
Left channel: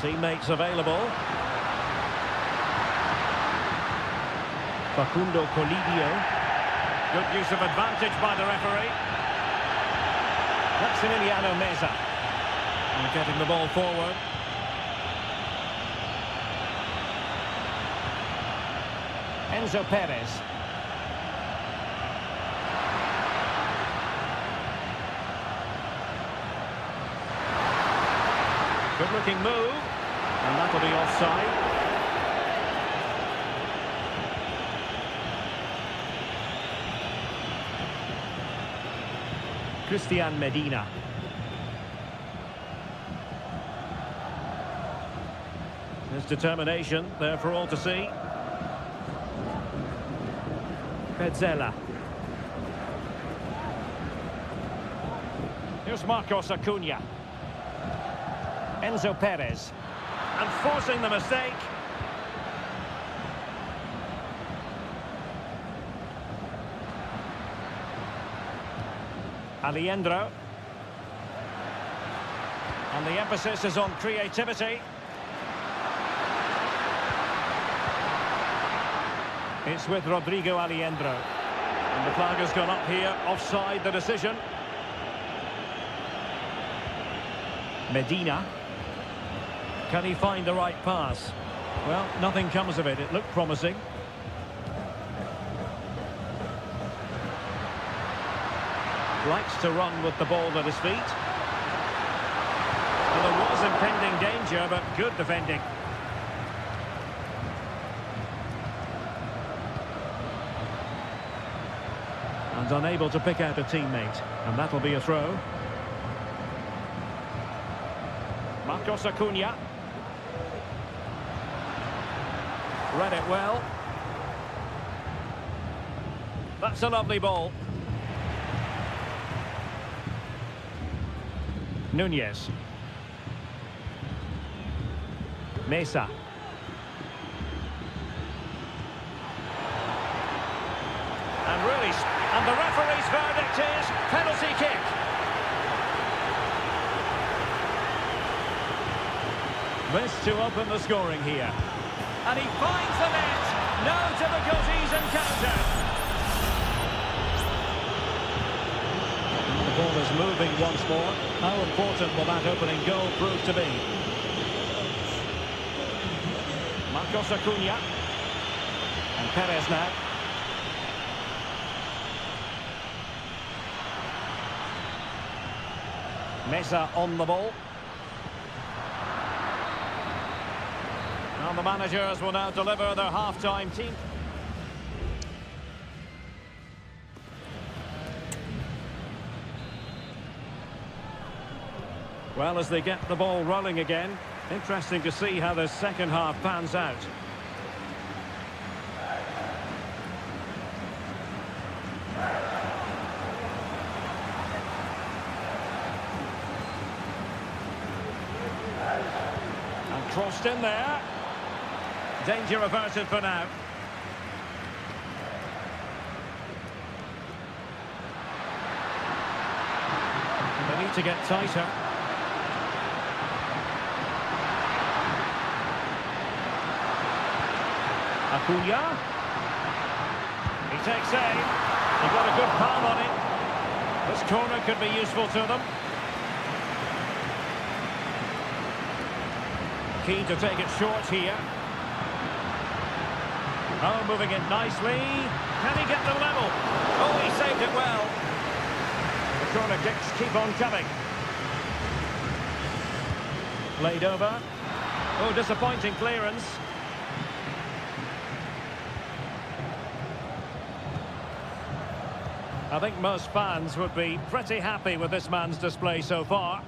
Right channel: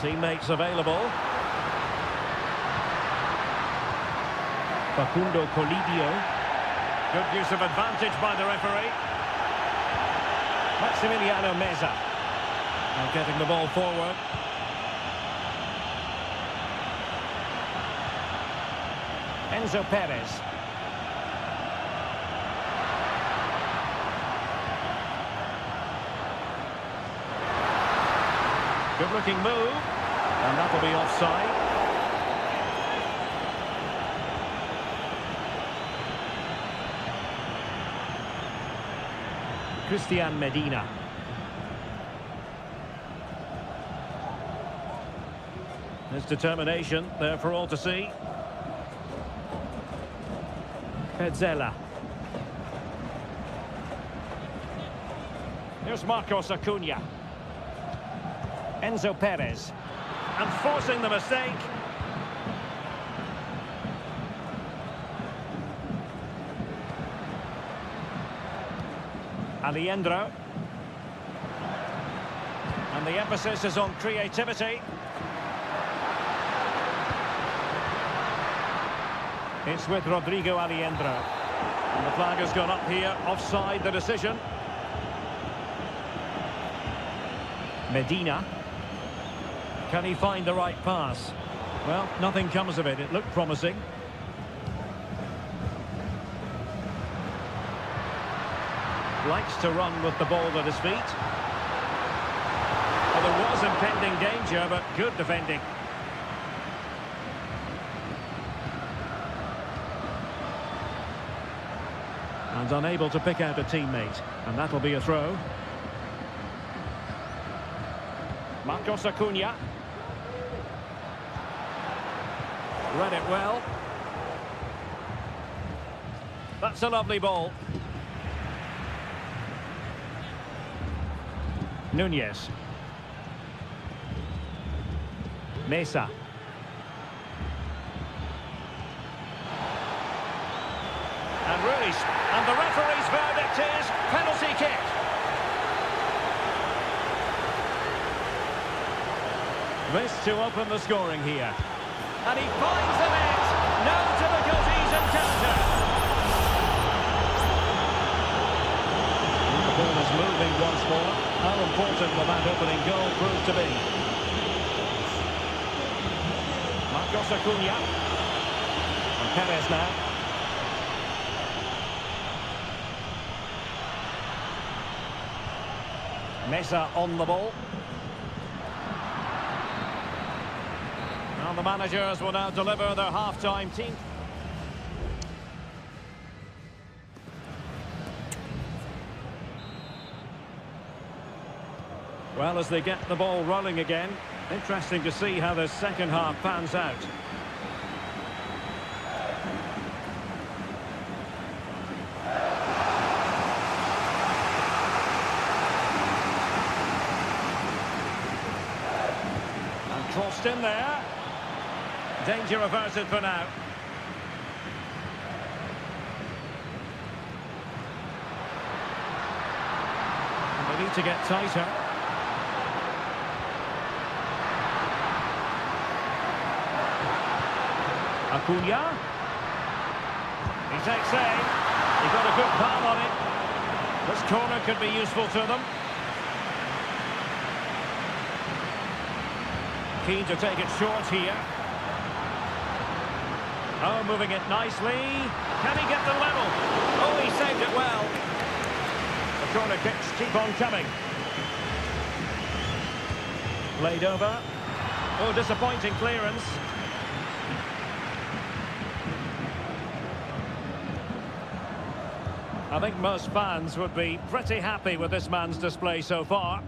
Teammates available. Facundo Colidio. Good use of advantage by the referee. Maximiliano Meza. And getting the ball forward. Enzo Perez. Good-looking move. And that'll be offside. Christian Medina. His determination there for all to see. Petzela. Here's Marcos Acuna. Enzo Perez. And forcing the mistake. Alejandro. And the emphasis is on creativity. It's with Rodrigo Alejandro. And the flag has gone up here, offside the decision. Medina. Can he find the right pass? Well, nothing comes of it. It looked promising. Likes to run with the ball at his feet. Well, there was impending danger, but good defending. And unable to pick out a teammate. And that'll be a throw. Marcos Acuna. Read it well. That's a lovely ball. Nunez. Mesa. And the referee's verdict is penalty kick. This to open the scoring here. And he finds the net. No difficulties encountered. The ball is moving once more. How important will that opening goal prove to be? Marcos Acuna. And Perez now. Mesa on the ball. Well, the managers will now deliver their half-time team. Well, as they get the ball rolling again, interesting to see how the second half pans out. And crossed in there. Danger averted for now. They need to get tighter. Acuna. He takes aim. He got a good palm on it. This corner could be useful to them. Keen to take it short here. Oh, moving it nicely. Can he get the level? Oh, he saved it well. The corner kicks keep on coming. Played over. Oh, disappointing clearance. I think most fans would be pretty happy with this man's display so far.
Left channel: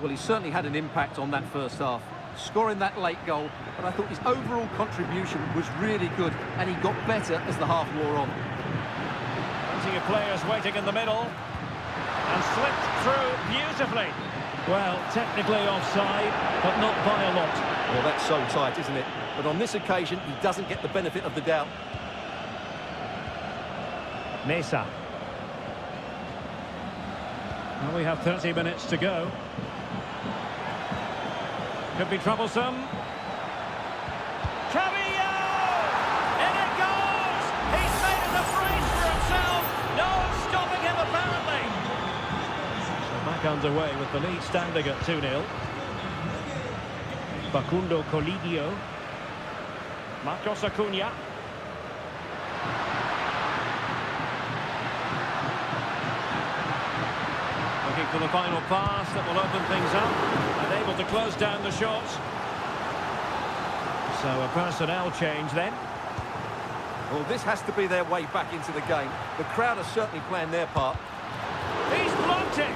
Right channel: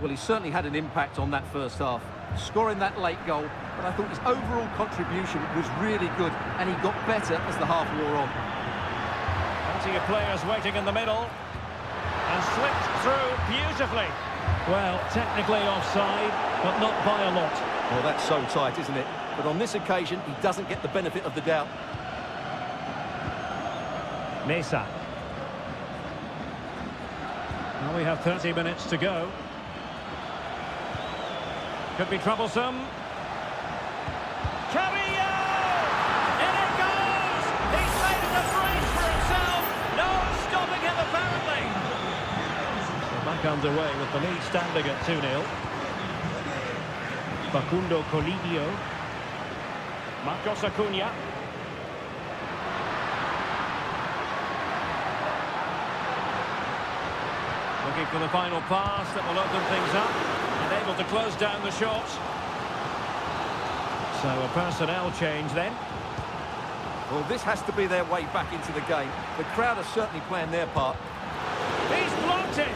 Well, he certainly had an impact on that first half, scoring that late goal, but I thought his overall contribution was really good, and he got better as the half wore on. Plenty of players waiting in the middle, and slipped through beautifully. Well, technically offside, but not by a lot. Well, that's so tight, isn't it? But on this occasion, he doesn't get the benefit of the doubt. Mesa. Well, we have 30 minutes to go. Could be troublesome. Carrillo! In it goes! He's made it a brace for himself. No stopping him, apparently. So back underway with the lead standing at 2-0. Facundo Colidio. Marcos Acuna. Looking for the final pass that will open things up and able to close down the shots. So a personnel change then. Well, this has to be their way back into the game. The crowd are certainly playing their part. He's blocked it!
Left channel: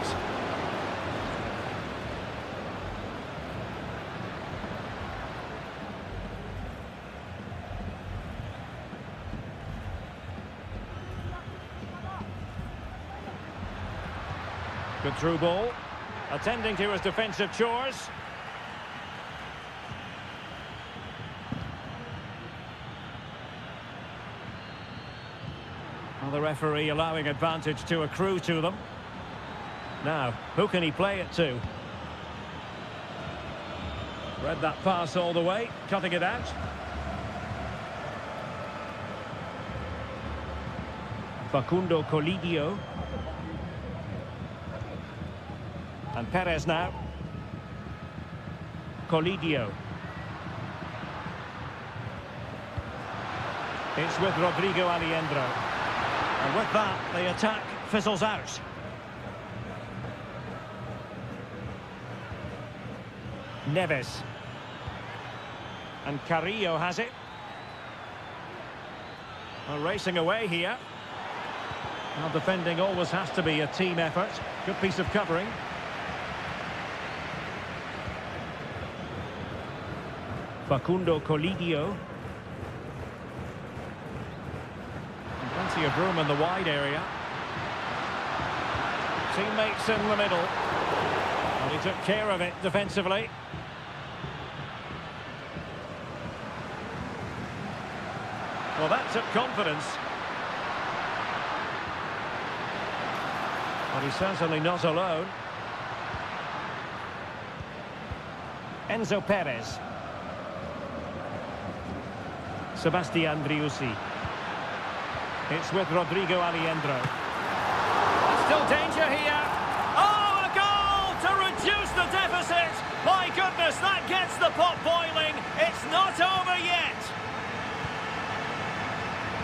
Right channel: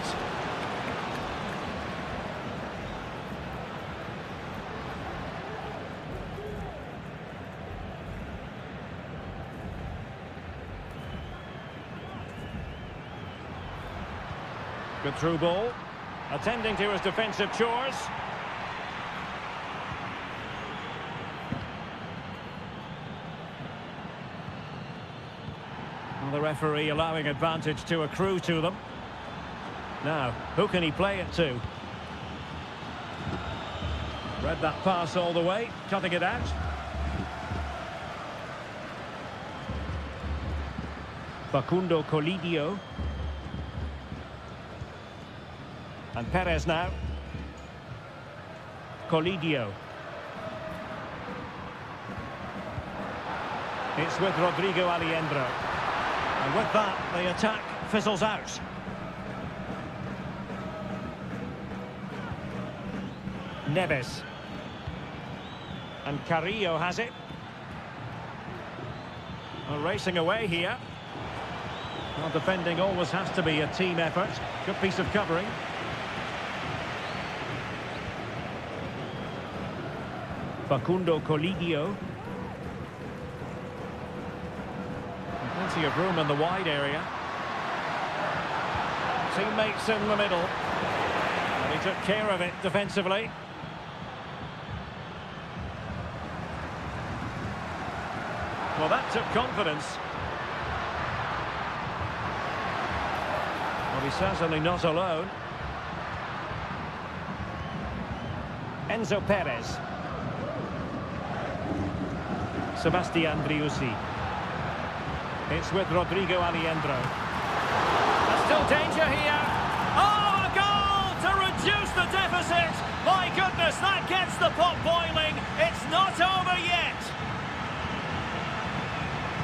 Good through ball. Attending to his defensive chores. Well, the referee allowing advantage to accrue to them. Now, who can he play it to? Read that pass all the way, cutting it out. Facundo Colidio. And Perez now. Colidio. It's with Rodrigo Aliendro. And with that, the attack fizzles out. Neves. And Carrillo has it. Well, racing away here. Well, defending always has to be a team effort. Good piece of covering. Facundo Colidio. And plenty of room in the wide area. Teammates in the middle. And he took care of it defensively. Well, that took confidence. Well, he's certainly not alone. Enzo Perez. Sebastian Driussi. It's with Rodrigo Aliendro. And still danger here. Oh, a goal to reduce the deficit. My goodness, that gets the pot boiling. It's not over yet.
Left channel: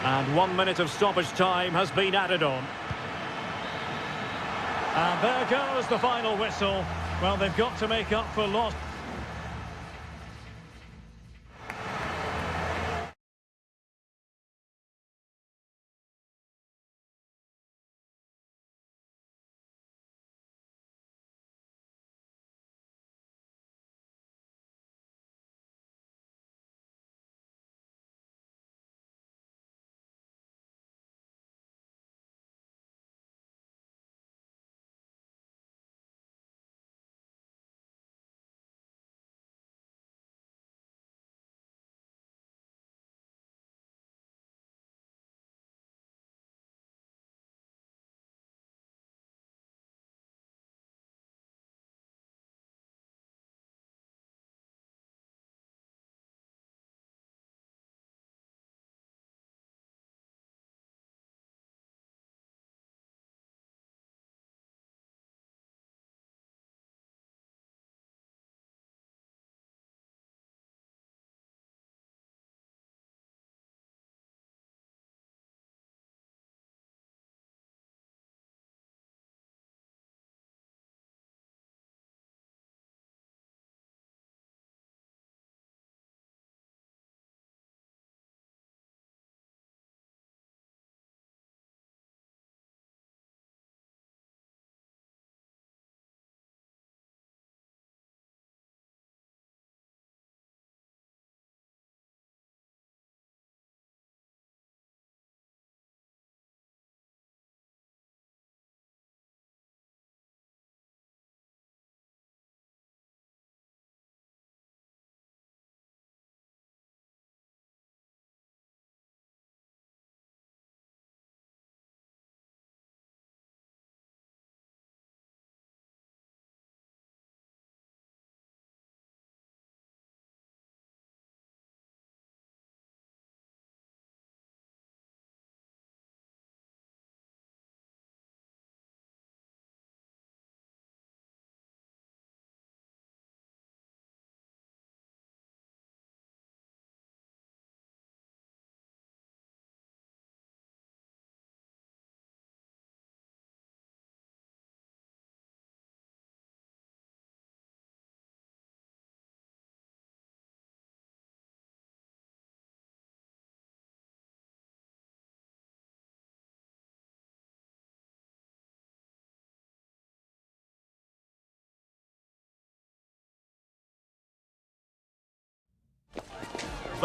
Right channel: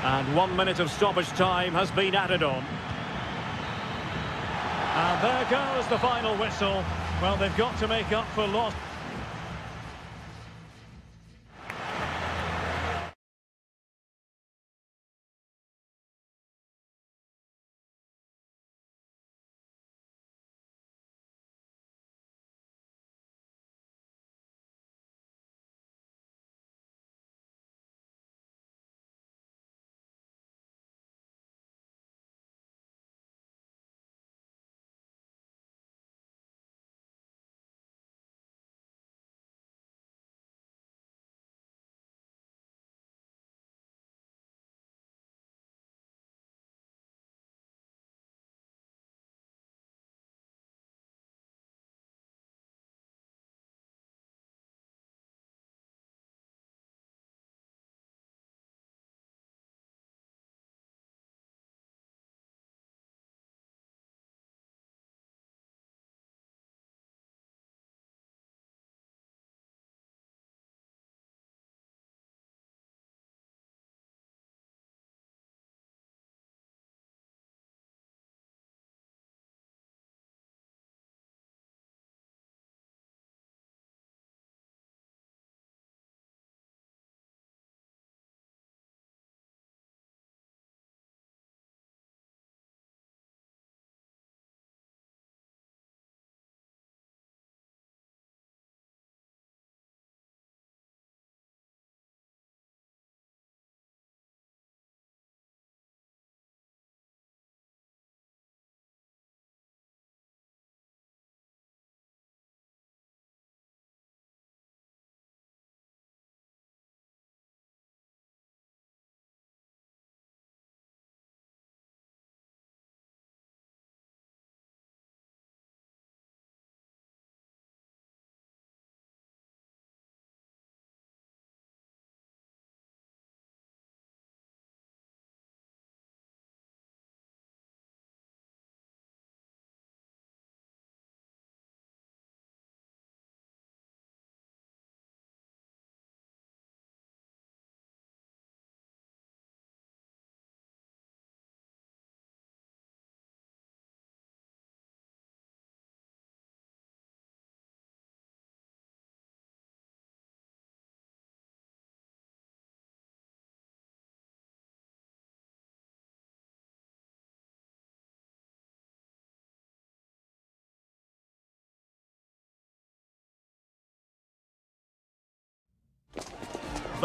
And 1 minute of stoppage time has been added on. And there goes the final whistle. Well, they've got to make up for lost.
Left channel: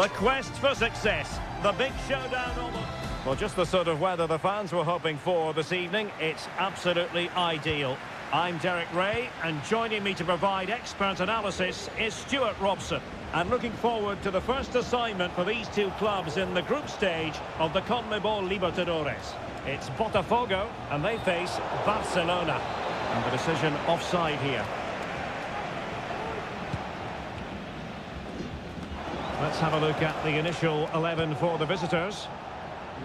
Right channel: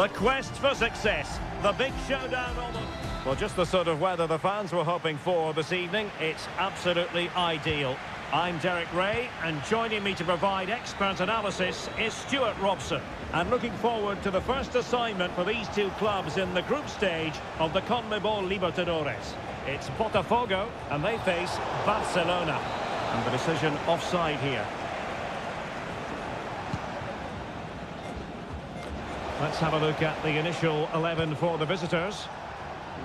The quest for success. The big showdown almost. Well, just the sort of weather the fans were hoping for this evening. It's absolutely ideal. I'm Derek Ray, and joining me to provide expert analysis is Stuart Robson. And looking forward to the first assignment for these two clubs in the group stage of the CONMEBOL Libertadores. It's Botafogo, and they face Barcelona. And the decision offside here. Let's have a look at the initial 11 for the visitors.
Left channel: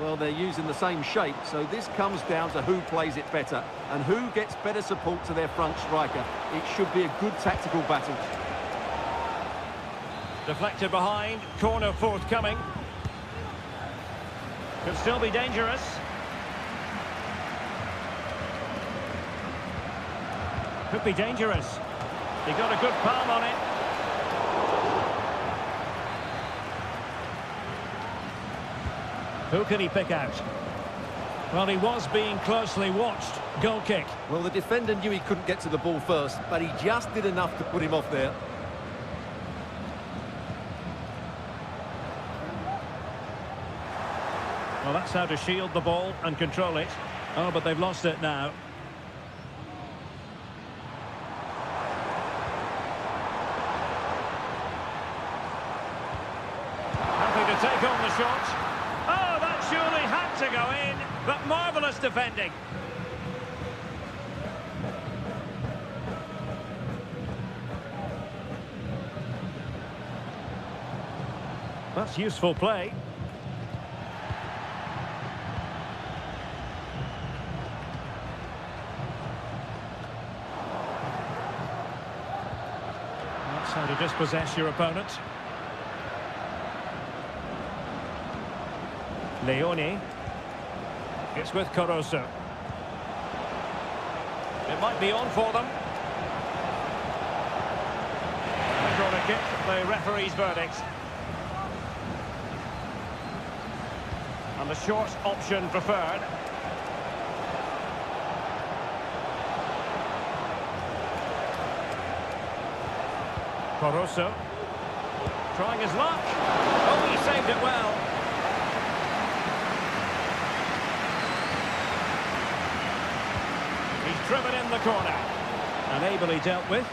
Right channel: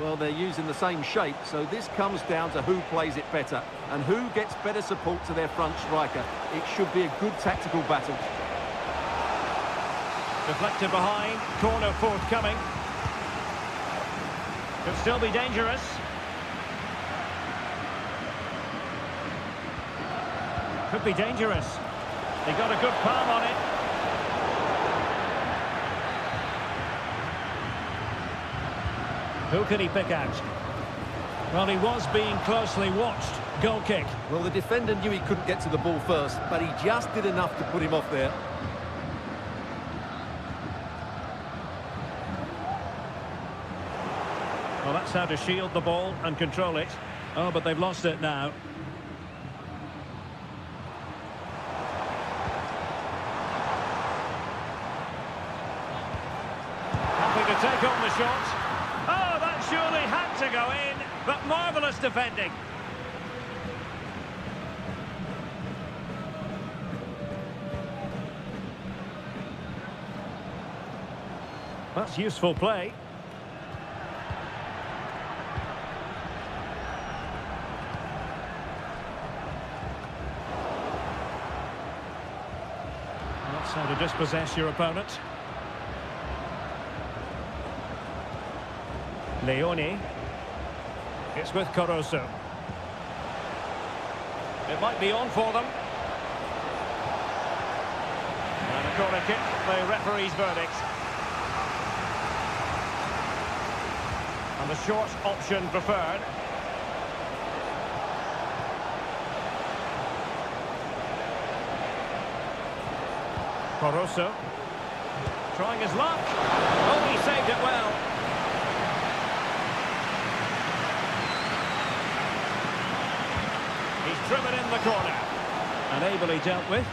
Well, they're using the same shape, so this comes down to who plays it better and who gets better support to their front striker. It should be a good tactical battle. Deflected behind, corner forthcoming. Could still be dangerous. Could be dangerous. He got a good palm on it. Who can he pick out? Well, he was being closely watched. Goal kick. Well, the defender knew he couldn't get to the ball first, but he just did enough to put him off there. Well, that's how to shield the ball and control it. Oh, but they've lost it now. Happy to take on the shot. Oh, that surely had to go in, but marvellous defending. That's useful play. That's how to dispossess your opponent. Leone. It's with Caruso. It might be on for them. And a corner kick, the referee's verdict. And the short option preferred. Caruso. Trying his luck. Oh, he saved it well. He's driven in the corner. And ably dealt with.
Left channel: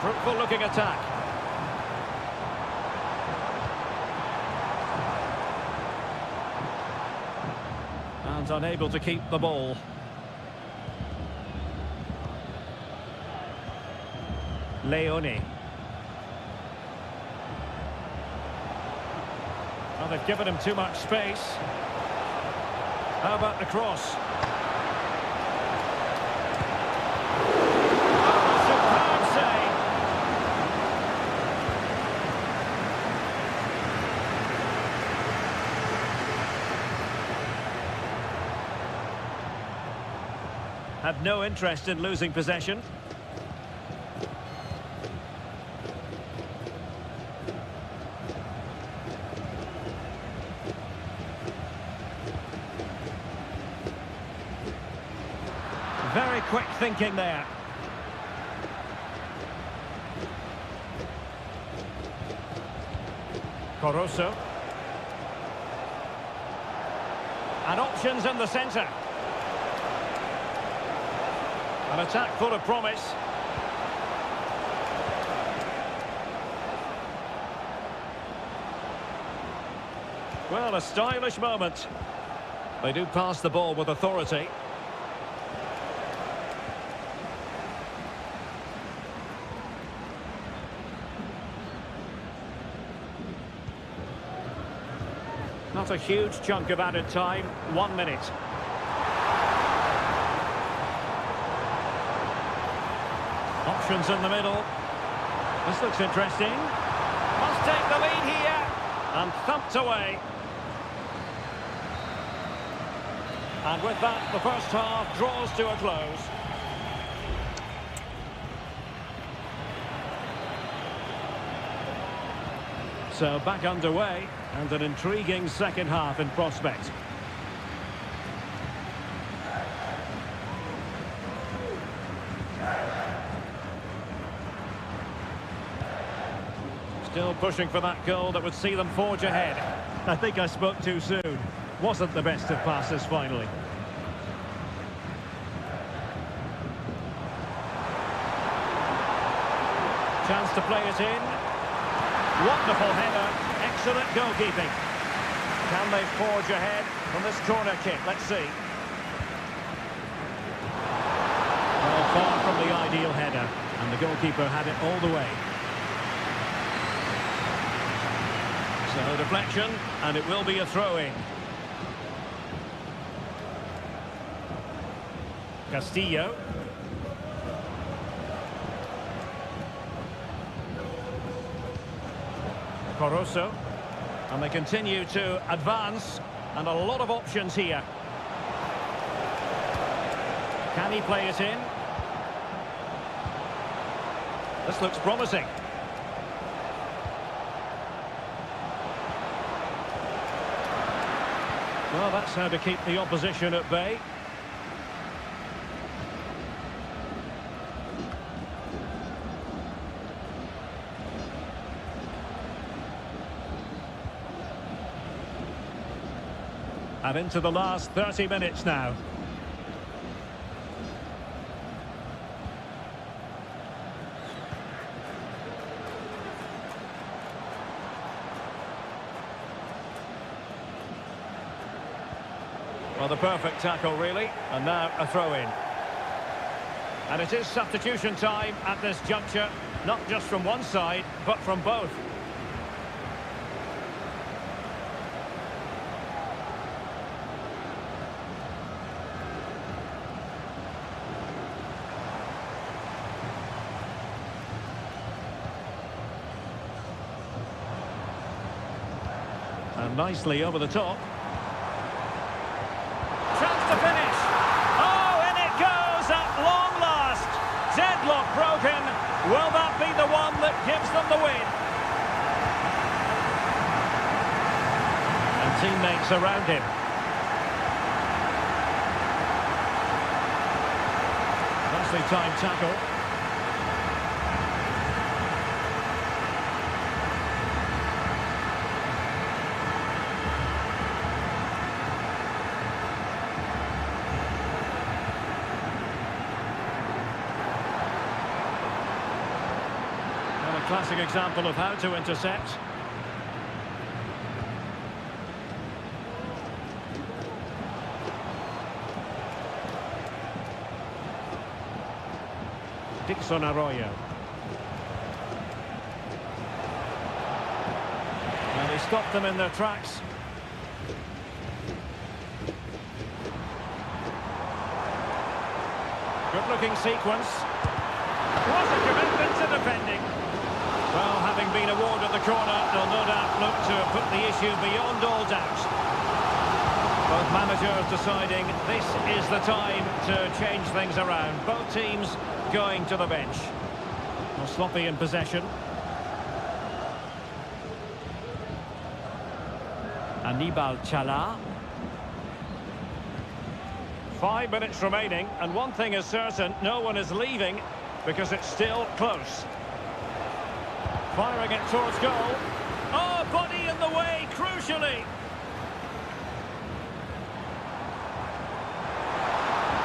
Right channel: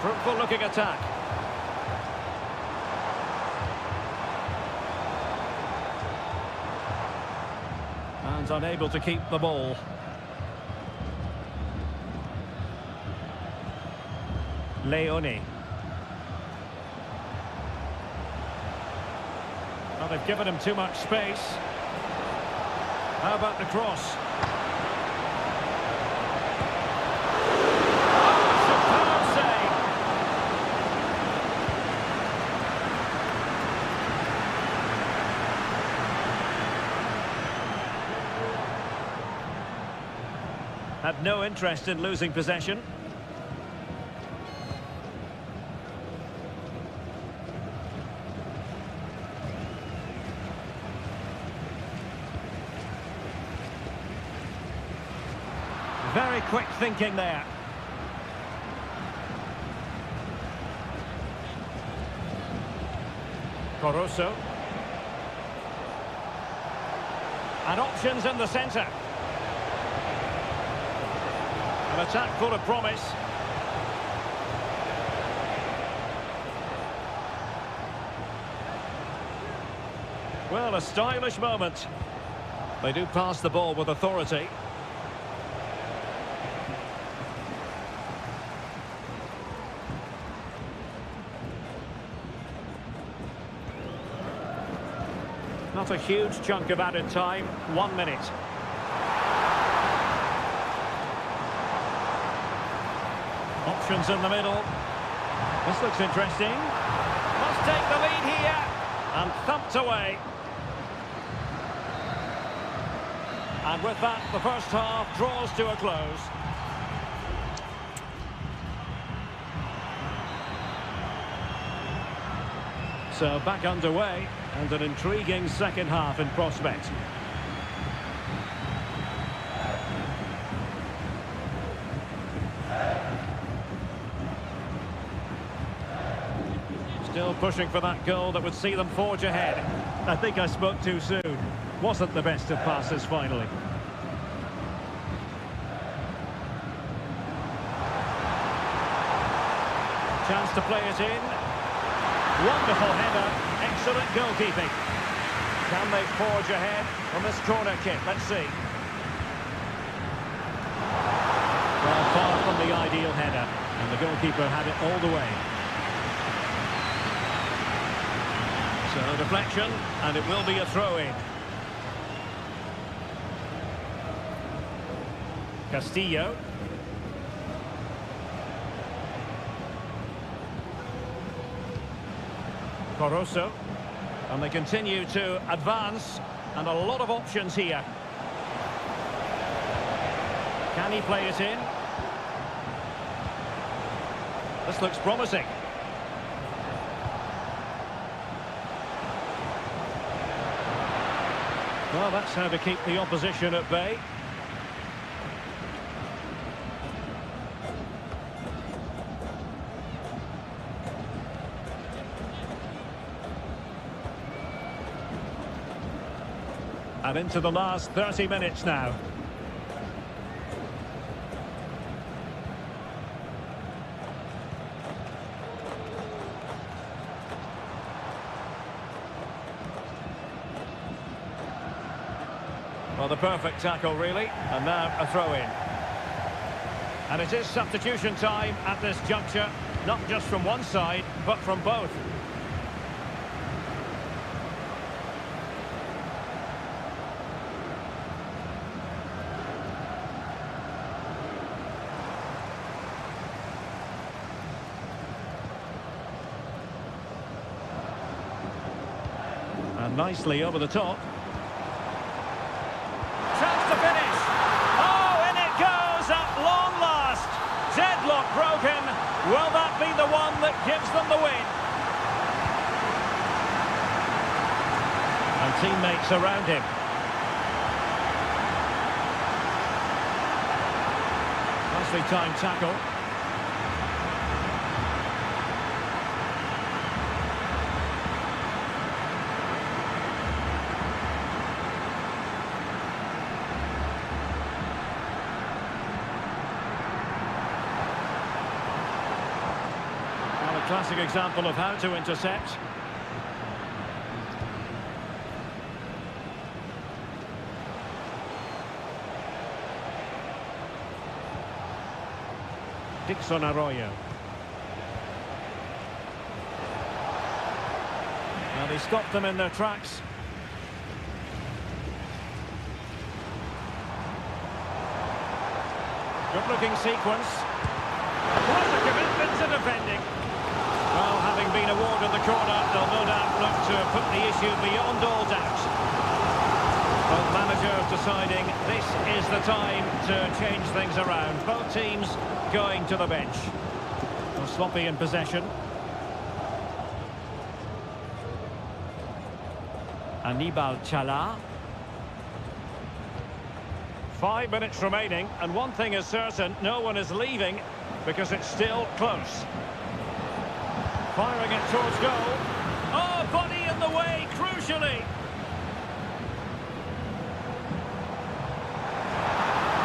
Fruitful looking attack. And unable to keep the ball. Leone. Well, they've given him too much space. How about the cross? Oh, a superb save. Had no interest in losing possession. Very quick thinking there. Caruso. And options in the centre. An attack full of promise. Well, a stylish moment. They do pass the ball with authority. Not a huge chunk of added time. 1 minute. Options in the middle. This looks interesting. Must take the lead here. And thumped away. And with that, the first half draws to a close. So back underway, and an intriguing second half in prospect. Still pushing for that goal that would see them forge ahead. I think I spoke too soon. Wasn't the best of passes finally. Chance to play it in. Wonderful header. Excellent goalkeeping. Can they forge ahead from this corner kick? Let's see. Well, far from the ideal header. And the goalkeeper had it all the way. So deflection, and it will be a throw-in. Castillo. Coroso. And they continue to advance, and a lot of options here. Can he play it in? This looks promising. Well, that's how to keep the opposition at bay. And into the last 30 minutes now. Well, the perfect tackle, really. And now a throw-in. And it is substitution time at this juncture. Not just from one side, but from both. And nicely over the top. Chance to finish. Oh, in it goes at long last. Deadlock broken. Will that be the one that gives them the win? And teammates around him. Nicely timed tackle. A classic example of how to intercept. Dixon Arroyo. Well, he stopped them in their tracks. Good-looking sequence. What a commitment to defending. Well, having been awarded the corner, they'll no doubt look to put the issue beyond all doubt. Both managers deciding this is the time to change things around. Both teams going to the bench. Well, sloppy in possession. Anibal Chala. 5 minutes remaining, and one thing is certain, no one is leaving because it's still close. Firing it towards goal. Oh, body in the way, crucially.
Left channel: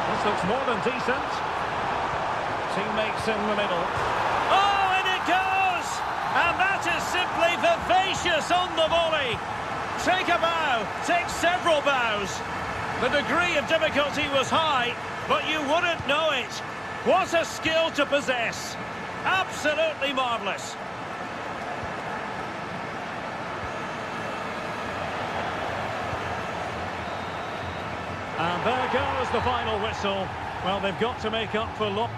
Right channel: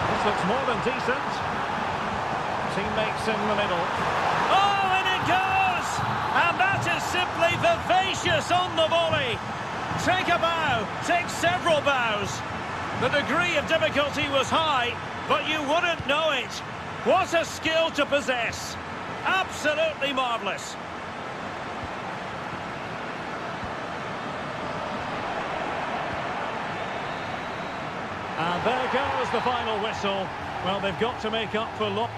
This looks more than decent. Teammates in the middle. Oh, and it goes! And that is simply vivacious on the volley. Take a bow, take several bows. The degree of difficulty was high, but you wouldn't know it. What a skill to possess. Absolutely marvellous. And there goes the final whistle. Well, they've got to make up for loss.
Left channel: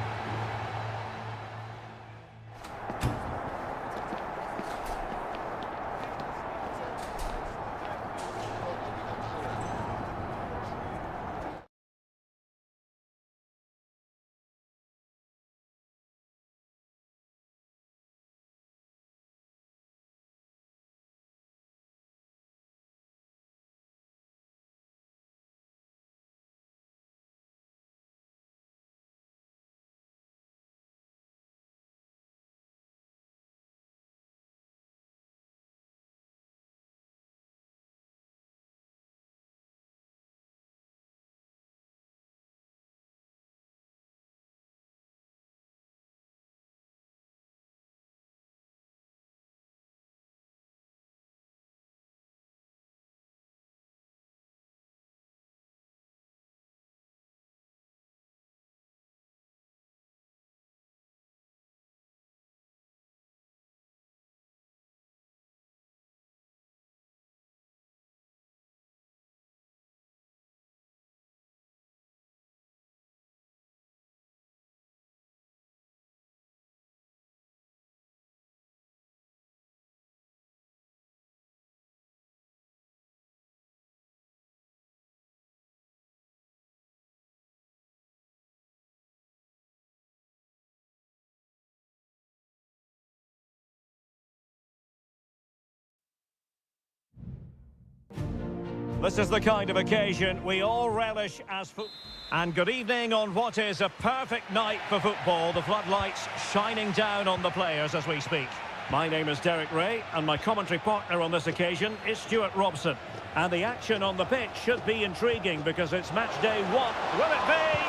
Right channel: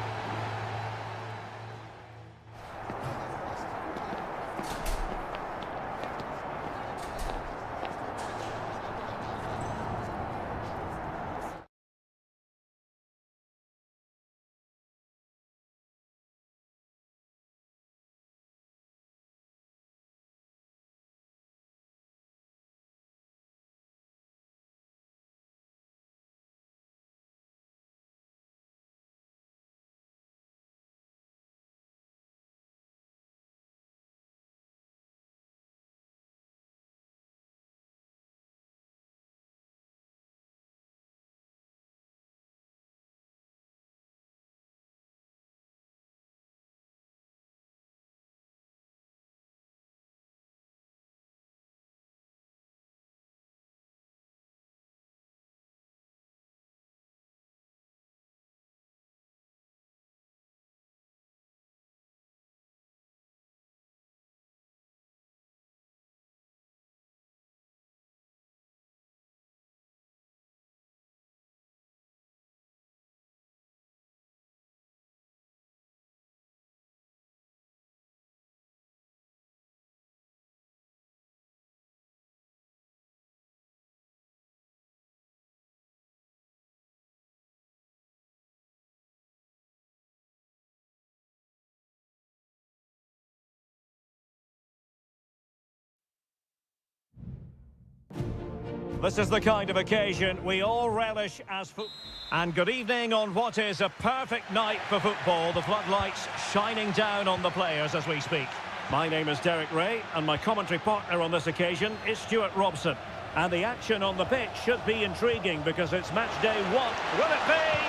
This is the kind of occasion we all relish as football. And good evening on what is a perfect night for football. The floodlights shining down on the players as we speak. My name is Derek Ray, and my commentary partner on this occasion is Stuart Robson. And the action on the pitch should be intriguing because it's match day 1. Will it be?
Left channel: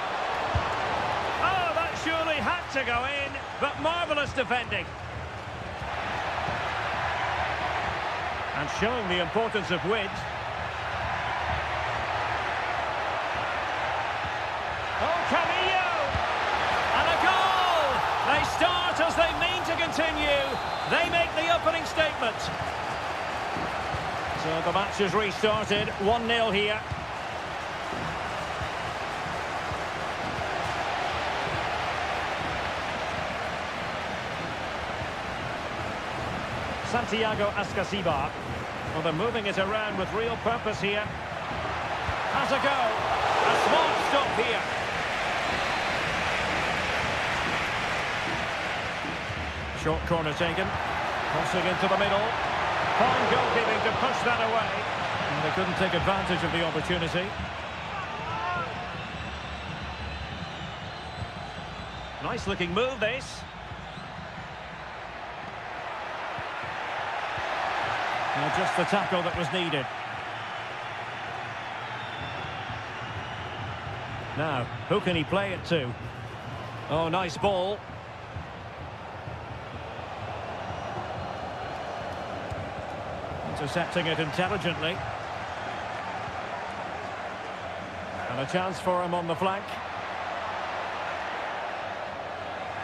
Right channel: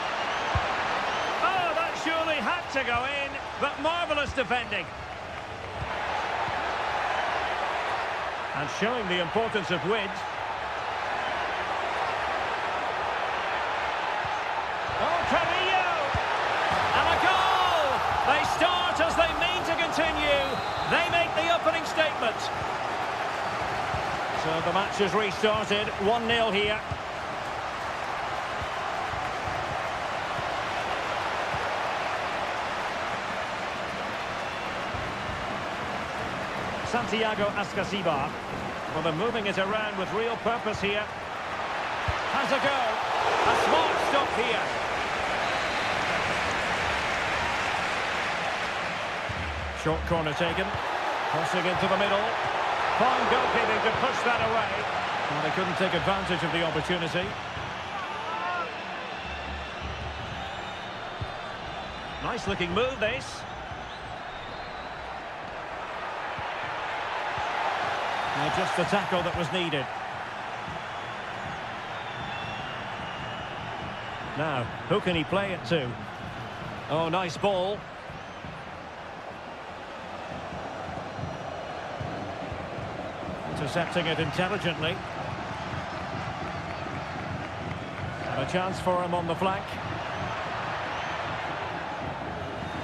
Oh, that surely had to go in, but marvellous defending. And showing the importance of width. Oh, Carrillo! And a goal! They start as they mean to continue. They make the opening statement. So the match has restarted. 1-0 here. Santiago Ascasibar. Well, they're moving it around with real purpose here. Has a go. A smart stop here. Short corner taken. Crossing into the middle. Fine goalkeeping to push that away. Well, they couldn't take advantage of the opportunity. Nice looking move, this. Now just the tackle that was needed. Now, who can he play it to? Oh, nice ball. Intercepting it intelligently. And a chance for him on the flank.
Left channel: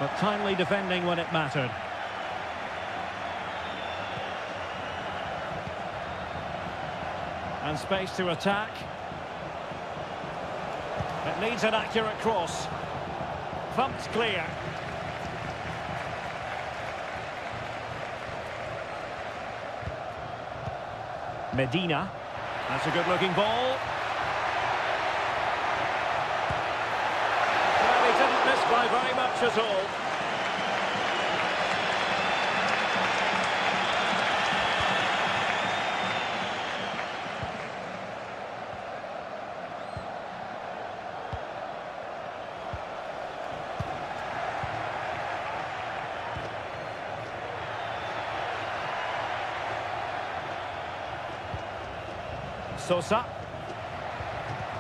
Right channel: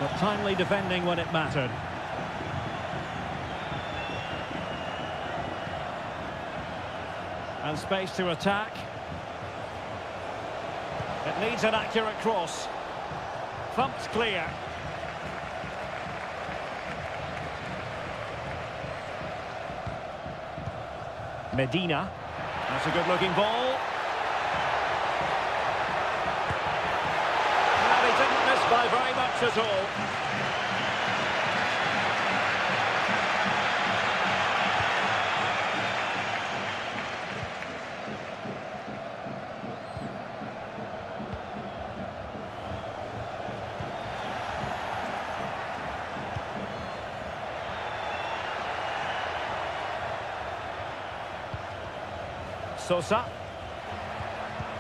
But timely defending when it mattered. And space to attack. It needs an accurate cross. Thumped clear. Medina. That's a good-looking ball. Well, he didn't miss by very much at all. Sosa.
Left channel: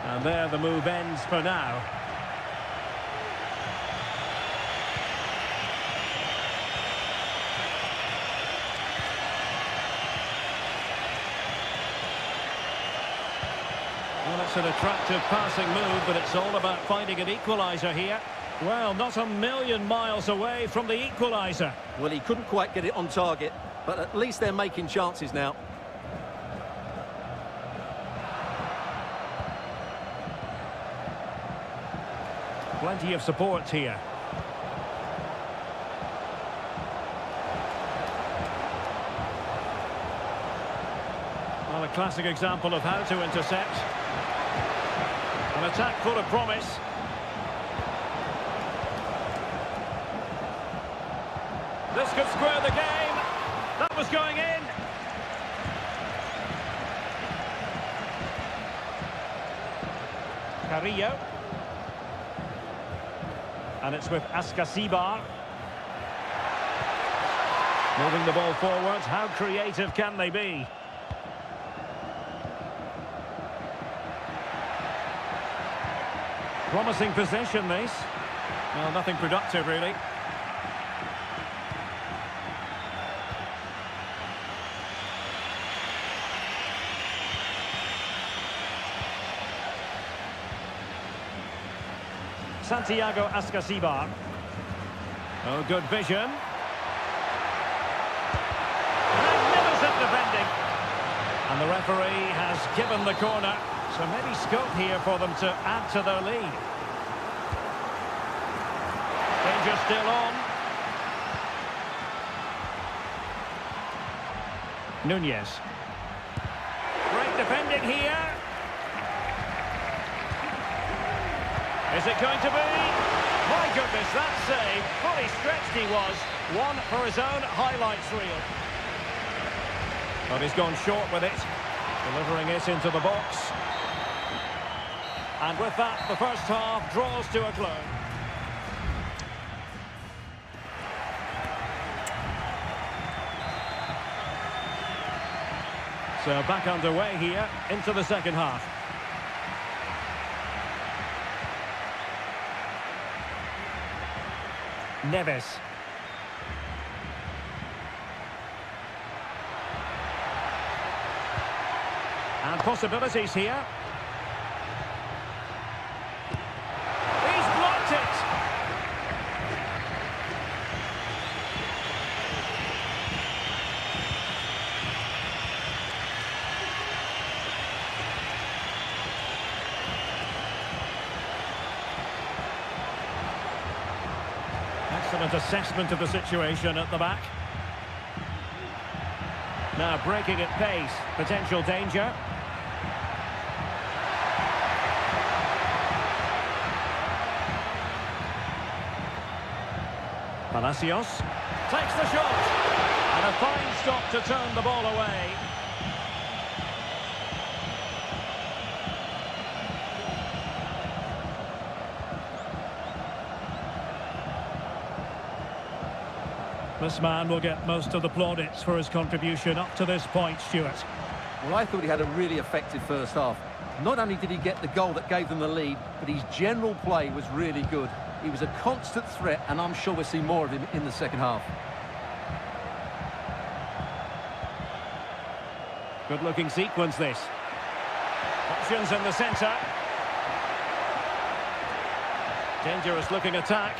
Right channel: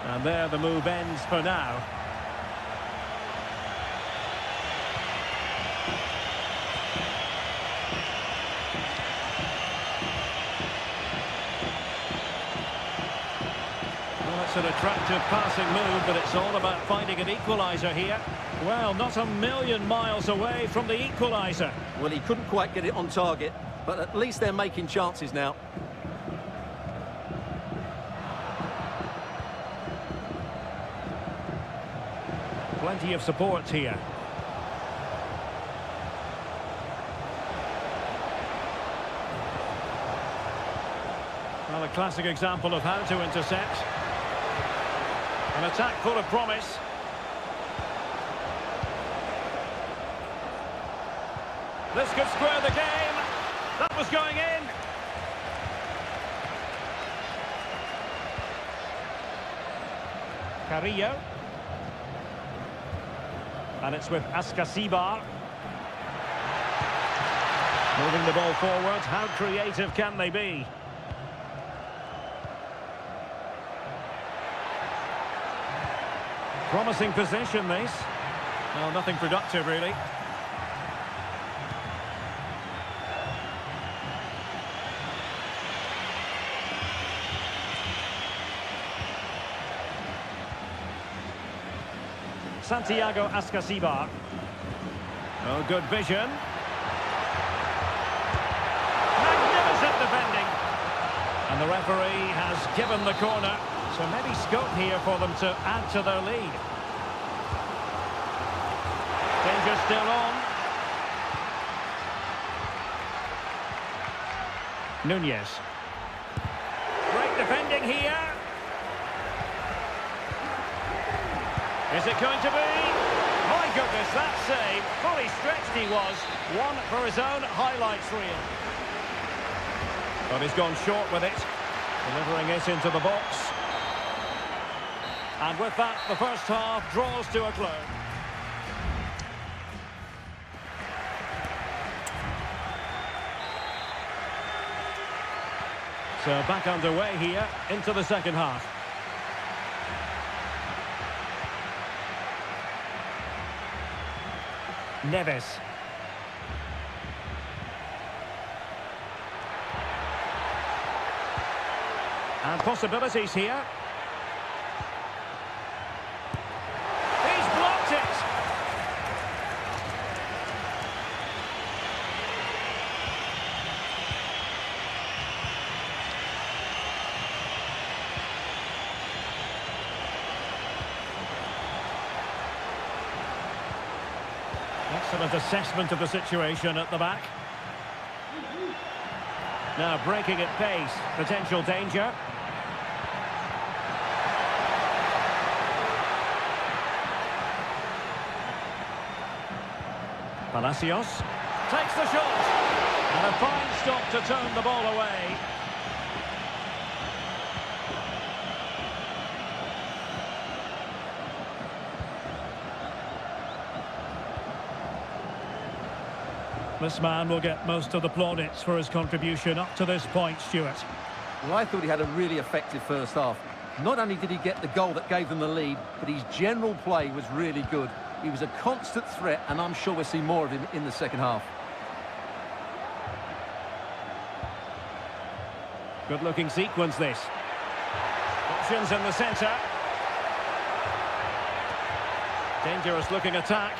And there the move ends for now. Well, that's an attractive passing move, but it's all about finding an equaliser here. Well, not a million miles away from the equaliser. Well, he couldn't quite get it on target, but at least they're making chances now. Plenty of support here. Well, a classic example of how to intercept. An attack full of promise. This could square the game. That was going in. Carrillo. And it's with Ascasibar. Moving the ball forward. How creative can they be? Promising possession, this. Well, nothing productive, really. Santiago Ascasibar. Oh, good vision. Magnificent defending. And the referee has given the corner. So maybe scope here for them to add to their lead. Danger still on. Nunez. Great defending here. Is it going to be? My goodness, that save. Fully stretched he was. One for his own highlights reel. But he's gone short with it. Delivering it into the box. And with that, the first half draws to a close. So back underway here into the second half. Neves. And possibilities here. He's blocked it. Excellent assessment of the situation at the back. Now breaking at pace, potential danger. Palacios takes the shot. And a fine stop to turn the ball away. This man will get most of the plaudits for his contribution up to this point, Stuart. Well, I thought he had a really effective first half. Not only did he get the goal that gave them the lead, but his general play was really good. He was a constant threat, and I'm sure we'll see more of him in the second half. Good-looking sequence, this. Options in the centre. Dangerous-looking attack.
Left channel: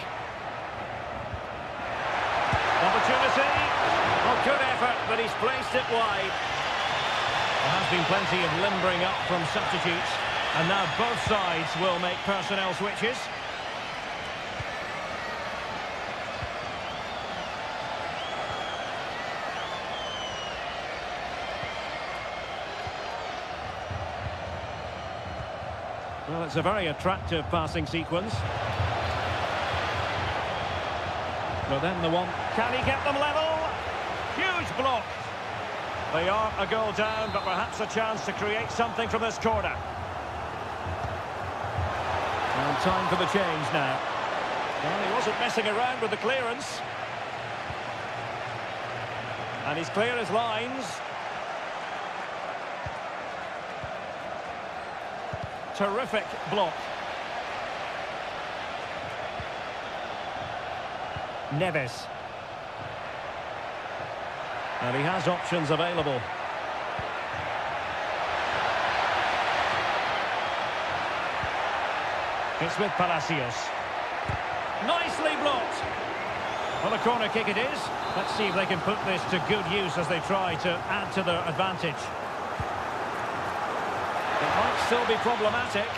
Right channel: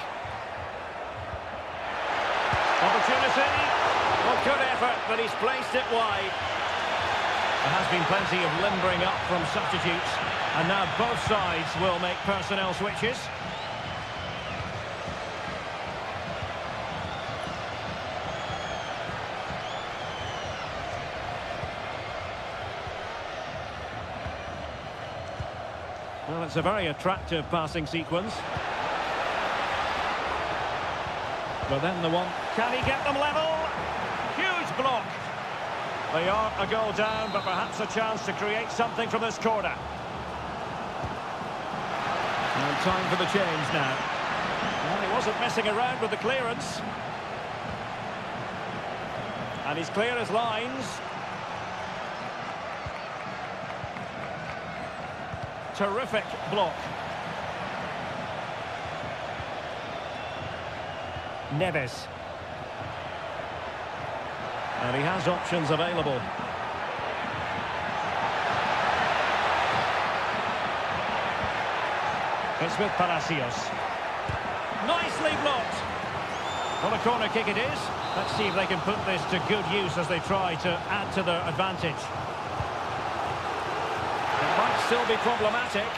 Opportunity. Well, good effort, but he's placed it wide. There has been plenty of limbering up from substitutes, and now both sides will make personnel switches. Well, it's a very attractive passing sequence. But then the one... Can he get them level? Huge block. They are a goal down, but perhaps a chance to create something from this corner. And time for the change now. Well, he wasn't messing around with the clearance. And he's clear as lines. Terrific block. Neves. And he has options available. It's with Palacios. Nicely blocked. Well, a corner kick it is. Let's see if they can put this to good use as they try to add to their advantage. It might still be problematic.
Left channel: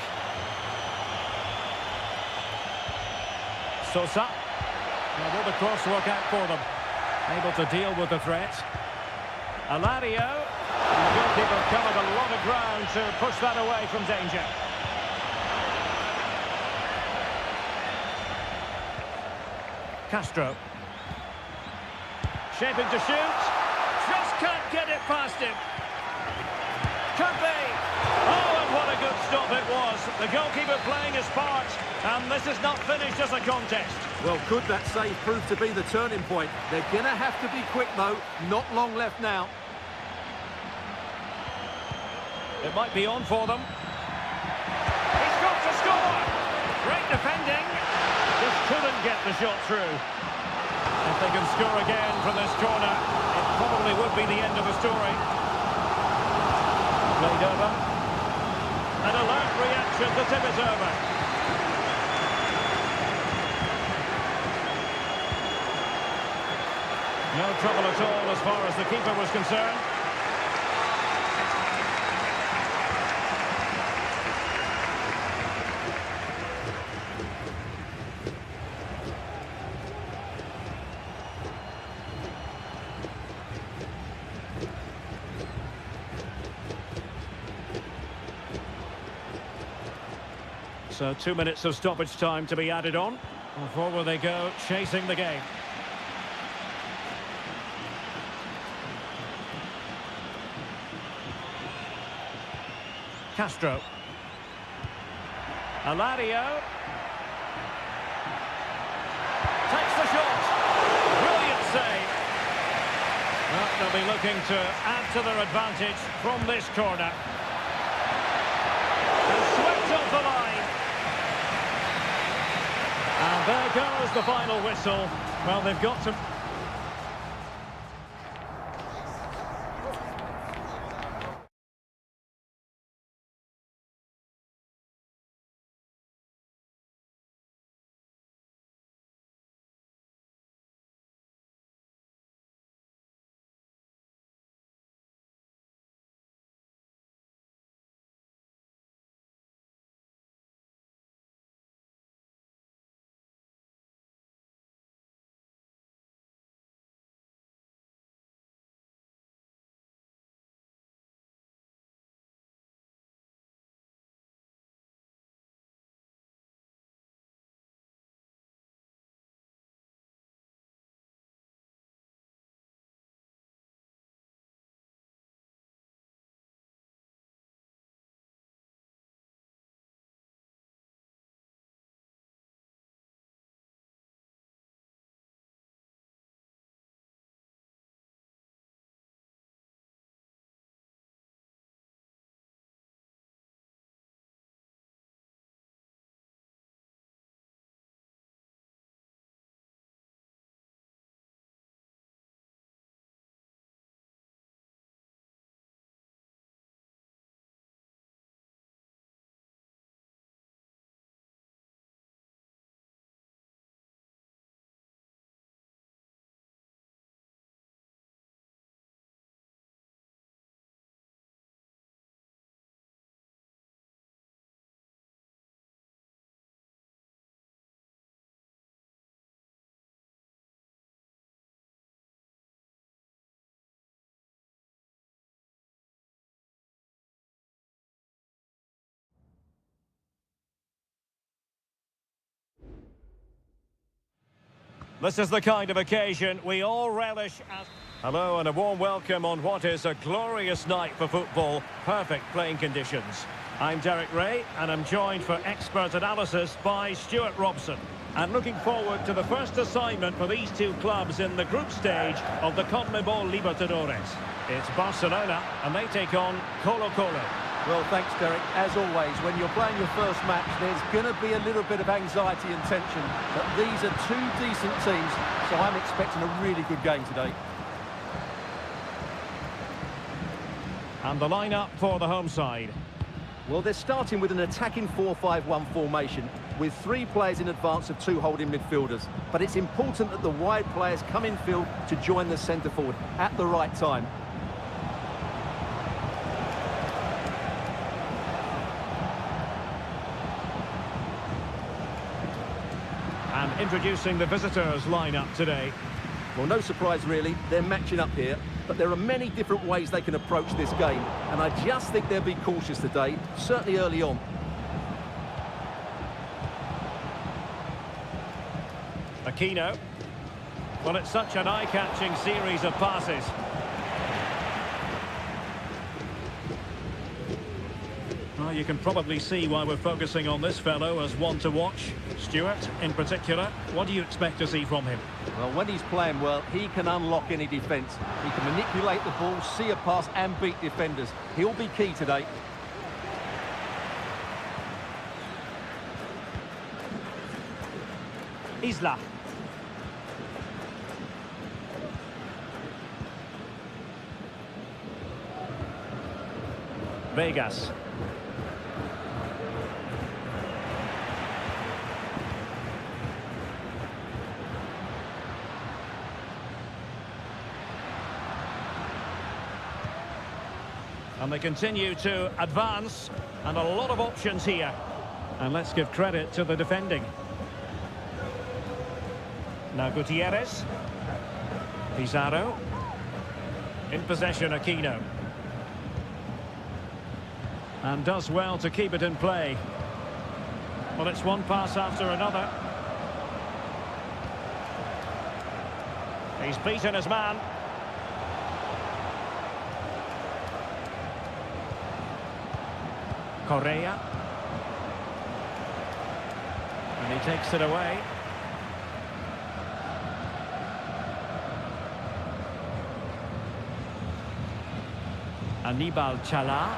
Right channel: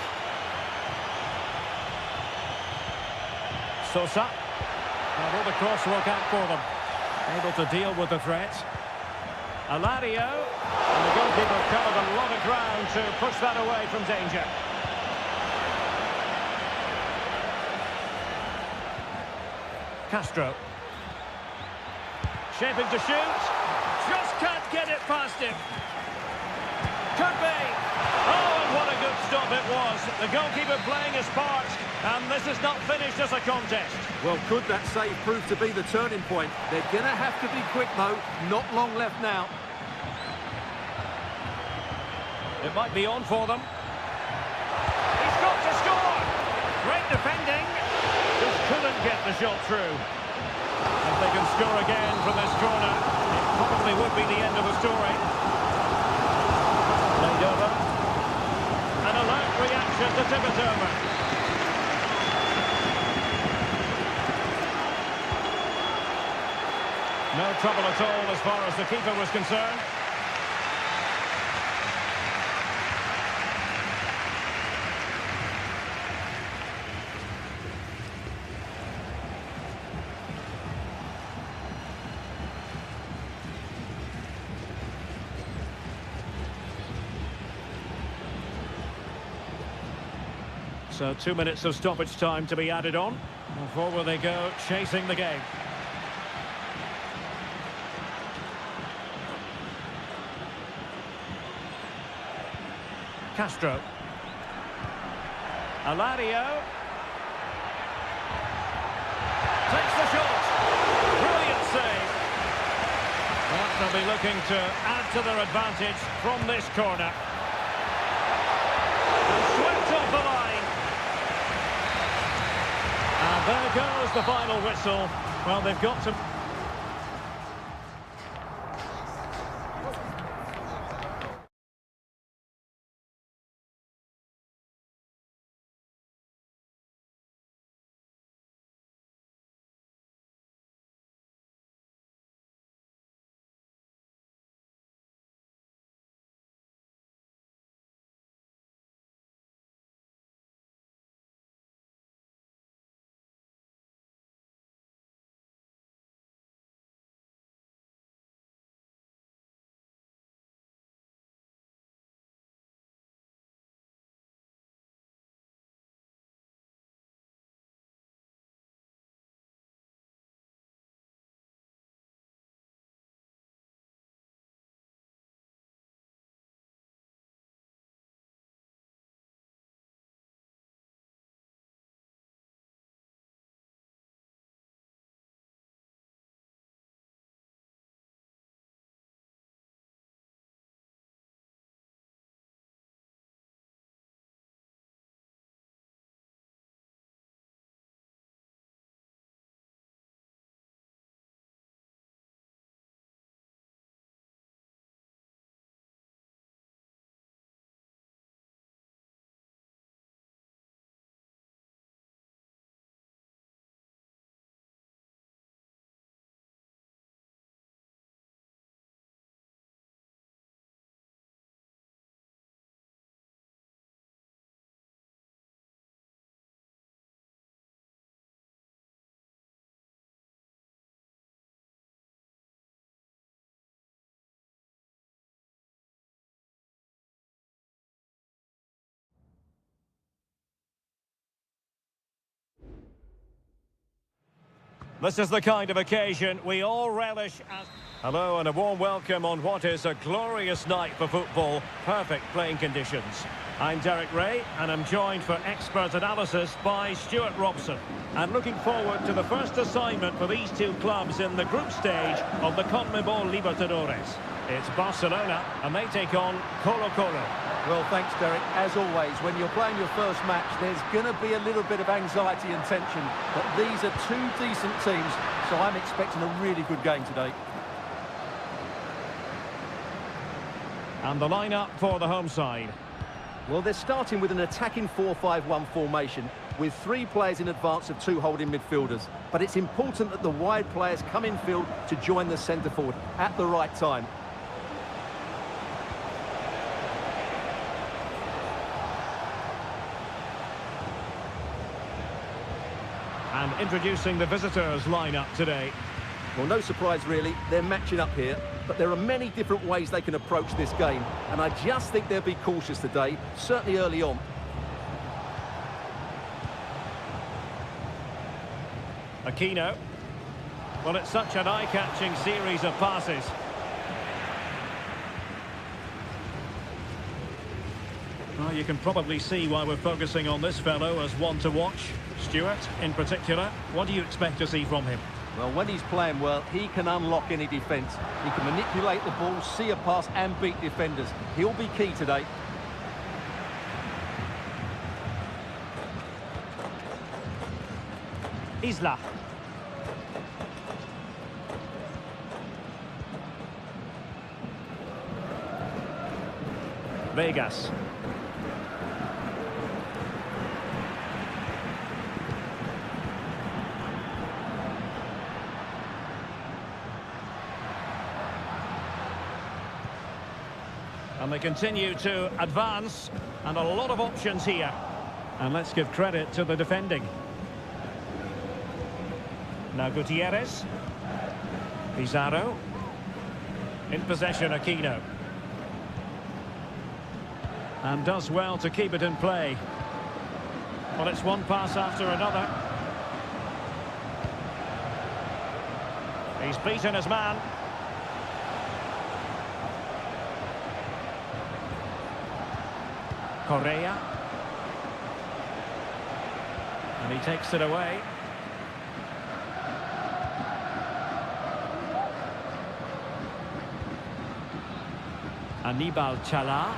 Sosa. Now will the cross work out for them? Able to deal with the threat. Alario. And the goalkeeper covered a lot of ground to push that away from danger. Castro. Shaping to shoot. Just can't get it past him. Could be. Oh, and what a good stop it was. The goalkeeper playing his part. And this is not finished as a contest. Well, could that save prove to be the turning point? They're going to have to be quick, though. Not long left now. It might be on for them. He's got to score. Great defending. Just couldn't get the shot through. If they can score again from this corner, it probably would be the end of the story. Played over. An alert reaction to tip it over. No trouble at all as far as the keeper was concerned. So 2 minutes of stoppage time to be added on. And forward they go, chasing the game. Castro. Alario. Takes the shot. Brilliant save. Well, they'll be looking to add to their advantage from this corner. And swept off the line. And there goes the final whistle. Well, they've got to... This is the kind of occasion we all relish as... Hello and a warm welcome on what is a glorious night for football. Perfect playing conditions. I'm Derek Ray and I'm joined for expert analysis by Stuart Robson. And looking forward to the first assignment for these two clubs in the group stage of the CONMEBOL Libertadores. It's Barcelona and they take on Colo-Colo. Well, thanks, Derek. As always, when you're playing your first match, there's going to be a little bit of anxiety and tension. But these are two decent teams, so I'm expecting a really good game today. And the lineup for the home side. Well, they're starting with an attacking 4-5-1 formation with 3 players in advance of 2 holding midfielders. But it's important that the wide players come in field to join the centre forward at the right time. And introducing the visitors lineup today. Well, no surprise really, they're matching up here, but there are many different ways they can approach this game, and I just think they'll be cautious today, certainly early on. Aquino. Well, it's such an eye-catching series of passes. Well, you can probably see why we're focusing on this fellow as one to watch. Stuart, in particular, what do you expect to see from him? Well, when he's playing well, he can unlock any defence. He can manipulate the ball, see a pass and beat defenders. He'll be key today. Isla. Vegas. And they continue to advance, and a lot of options here. And let's give credit to the defending. Now Gutierrez. Pizarro. In possession, Aquino. And does well to keep it in play. Well, it's one pass after another. He's beaten his man. Correa. And he takes it away. Anibal Chala.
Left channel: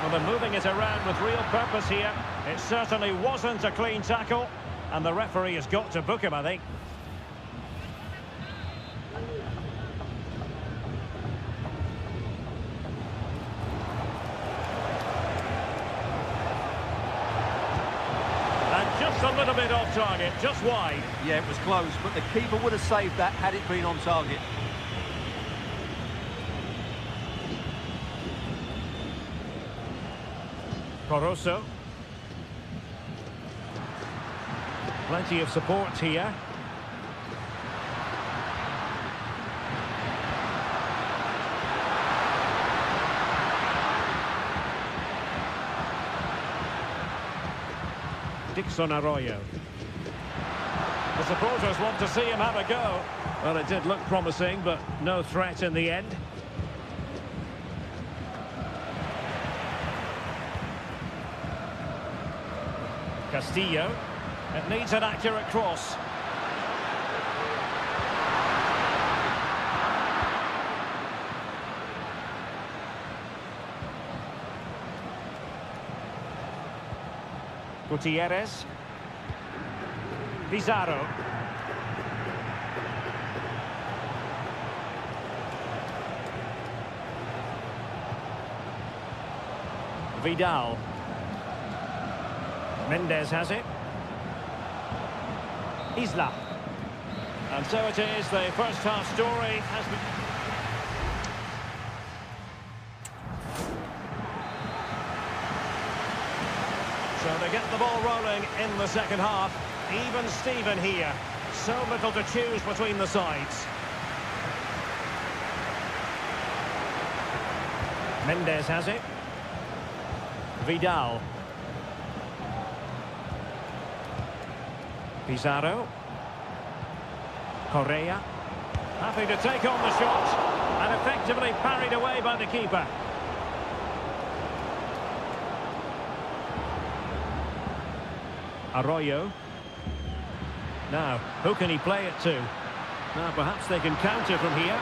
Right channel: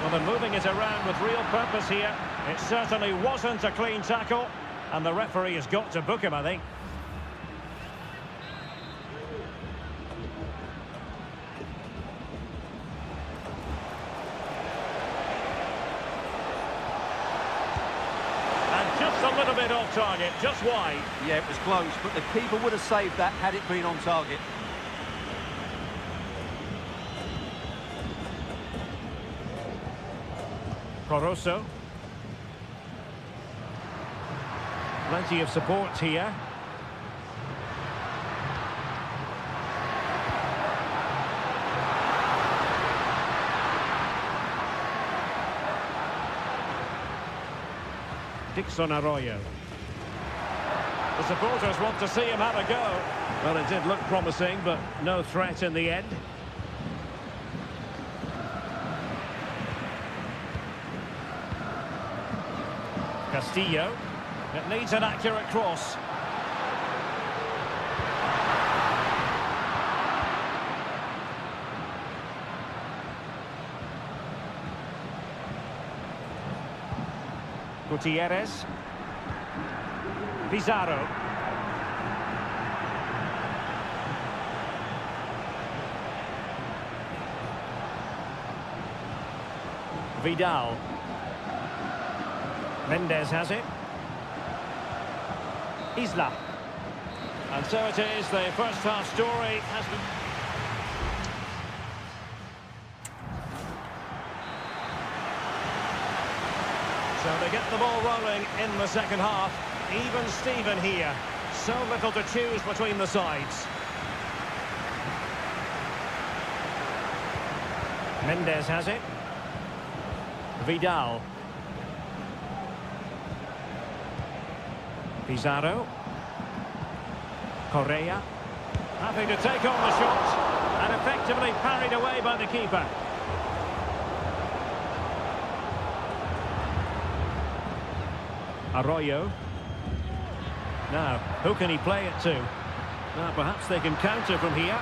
Well, they're moving it around with real purpose here. It certainly wasn't a clean tackle, and the referee has got to book him, I think. And just a little bit off target, just wide. Yeah, it was close, but the keeper would have saved that had it been on target. Coroso. Plenty of support here. Dixon Arroyo. The supporters want to see him have a go. Well, it did look promising, but no threat in the end. Castillo. It needs an accurate cross. Gutierrez. Pizarro. Vidal. Mendes has it. Isla. And so it is, the first half story has been... So they get the ball rolling in the second half. Even Steven here. So little to choose between the sides. Mendes has it. Vidal. Pizarro. Correa. Happy to take on the shot. And effectively parried away by the keeper. Arroyo. Now, who can he play it to? Now, perhaps they can counter from here.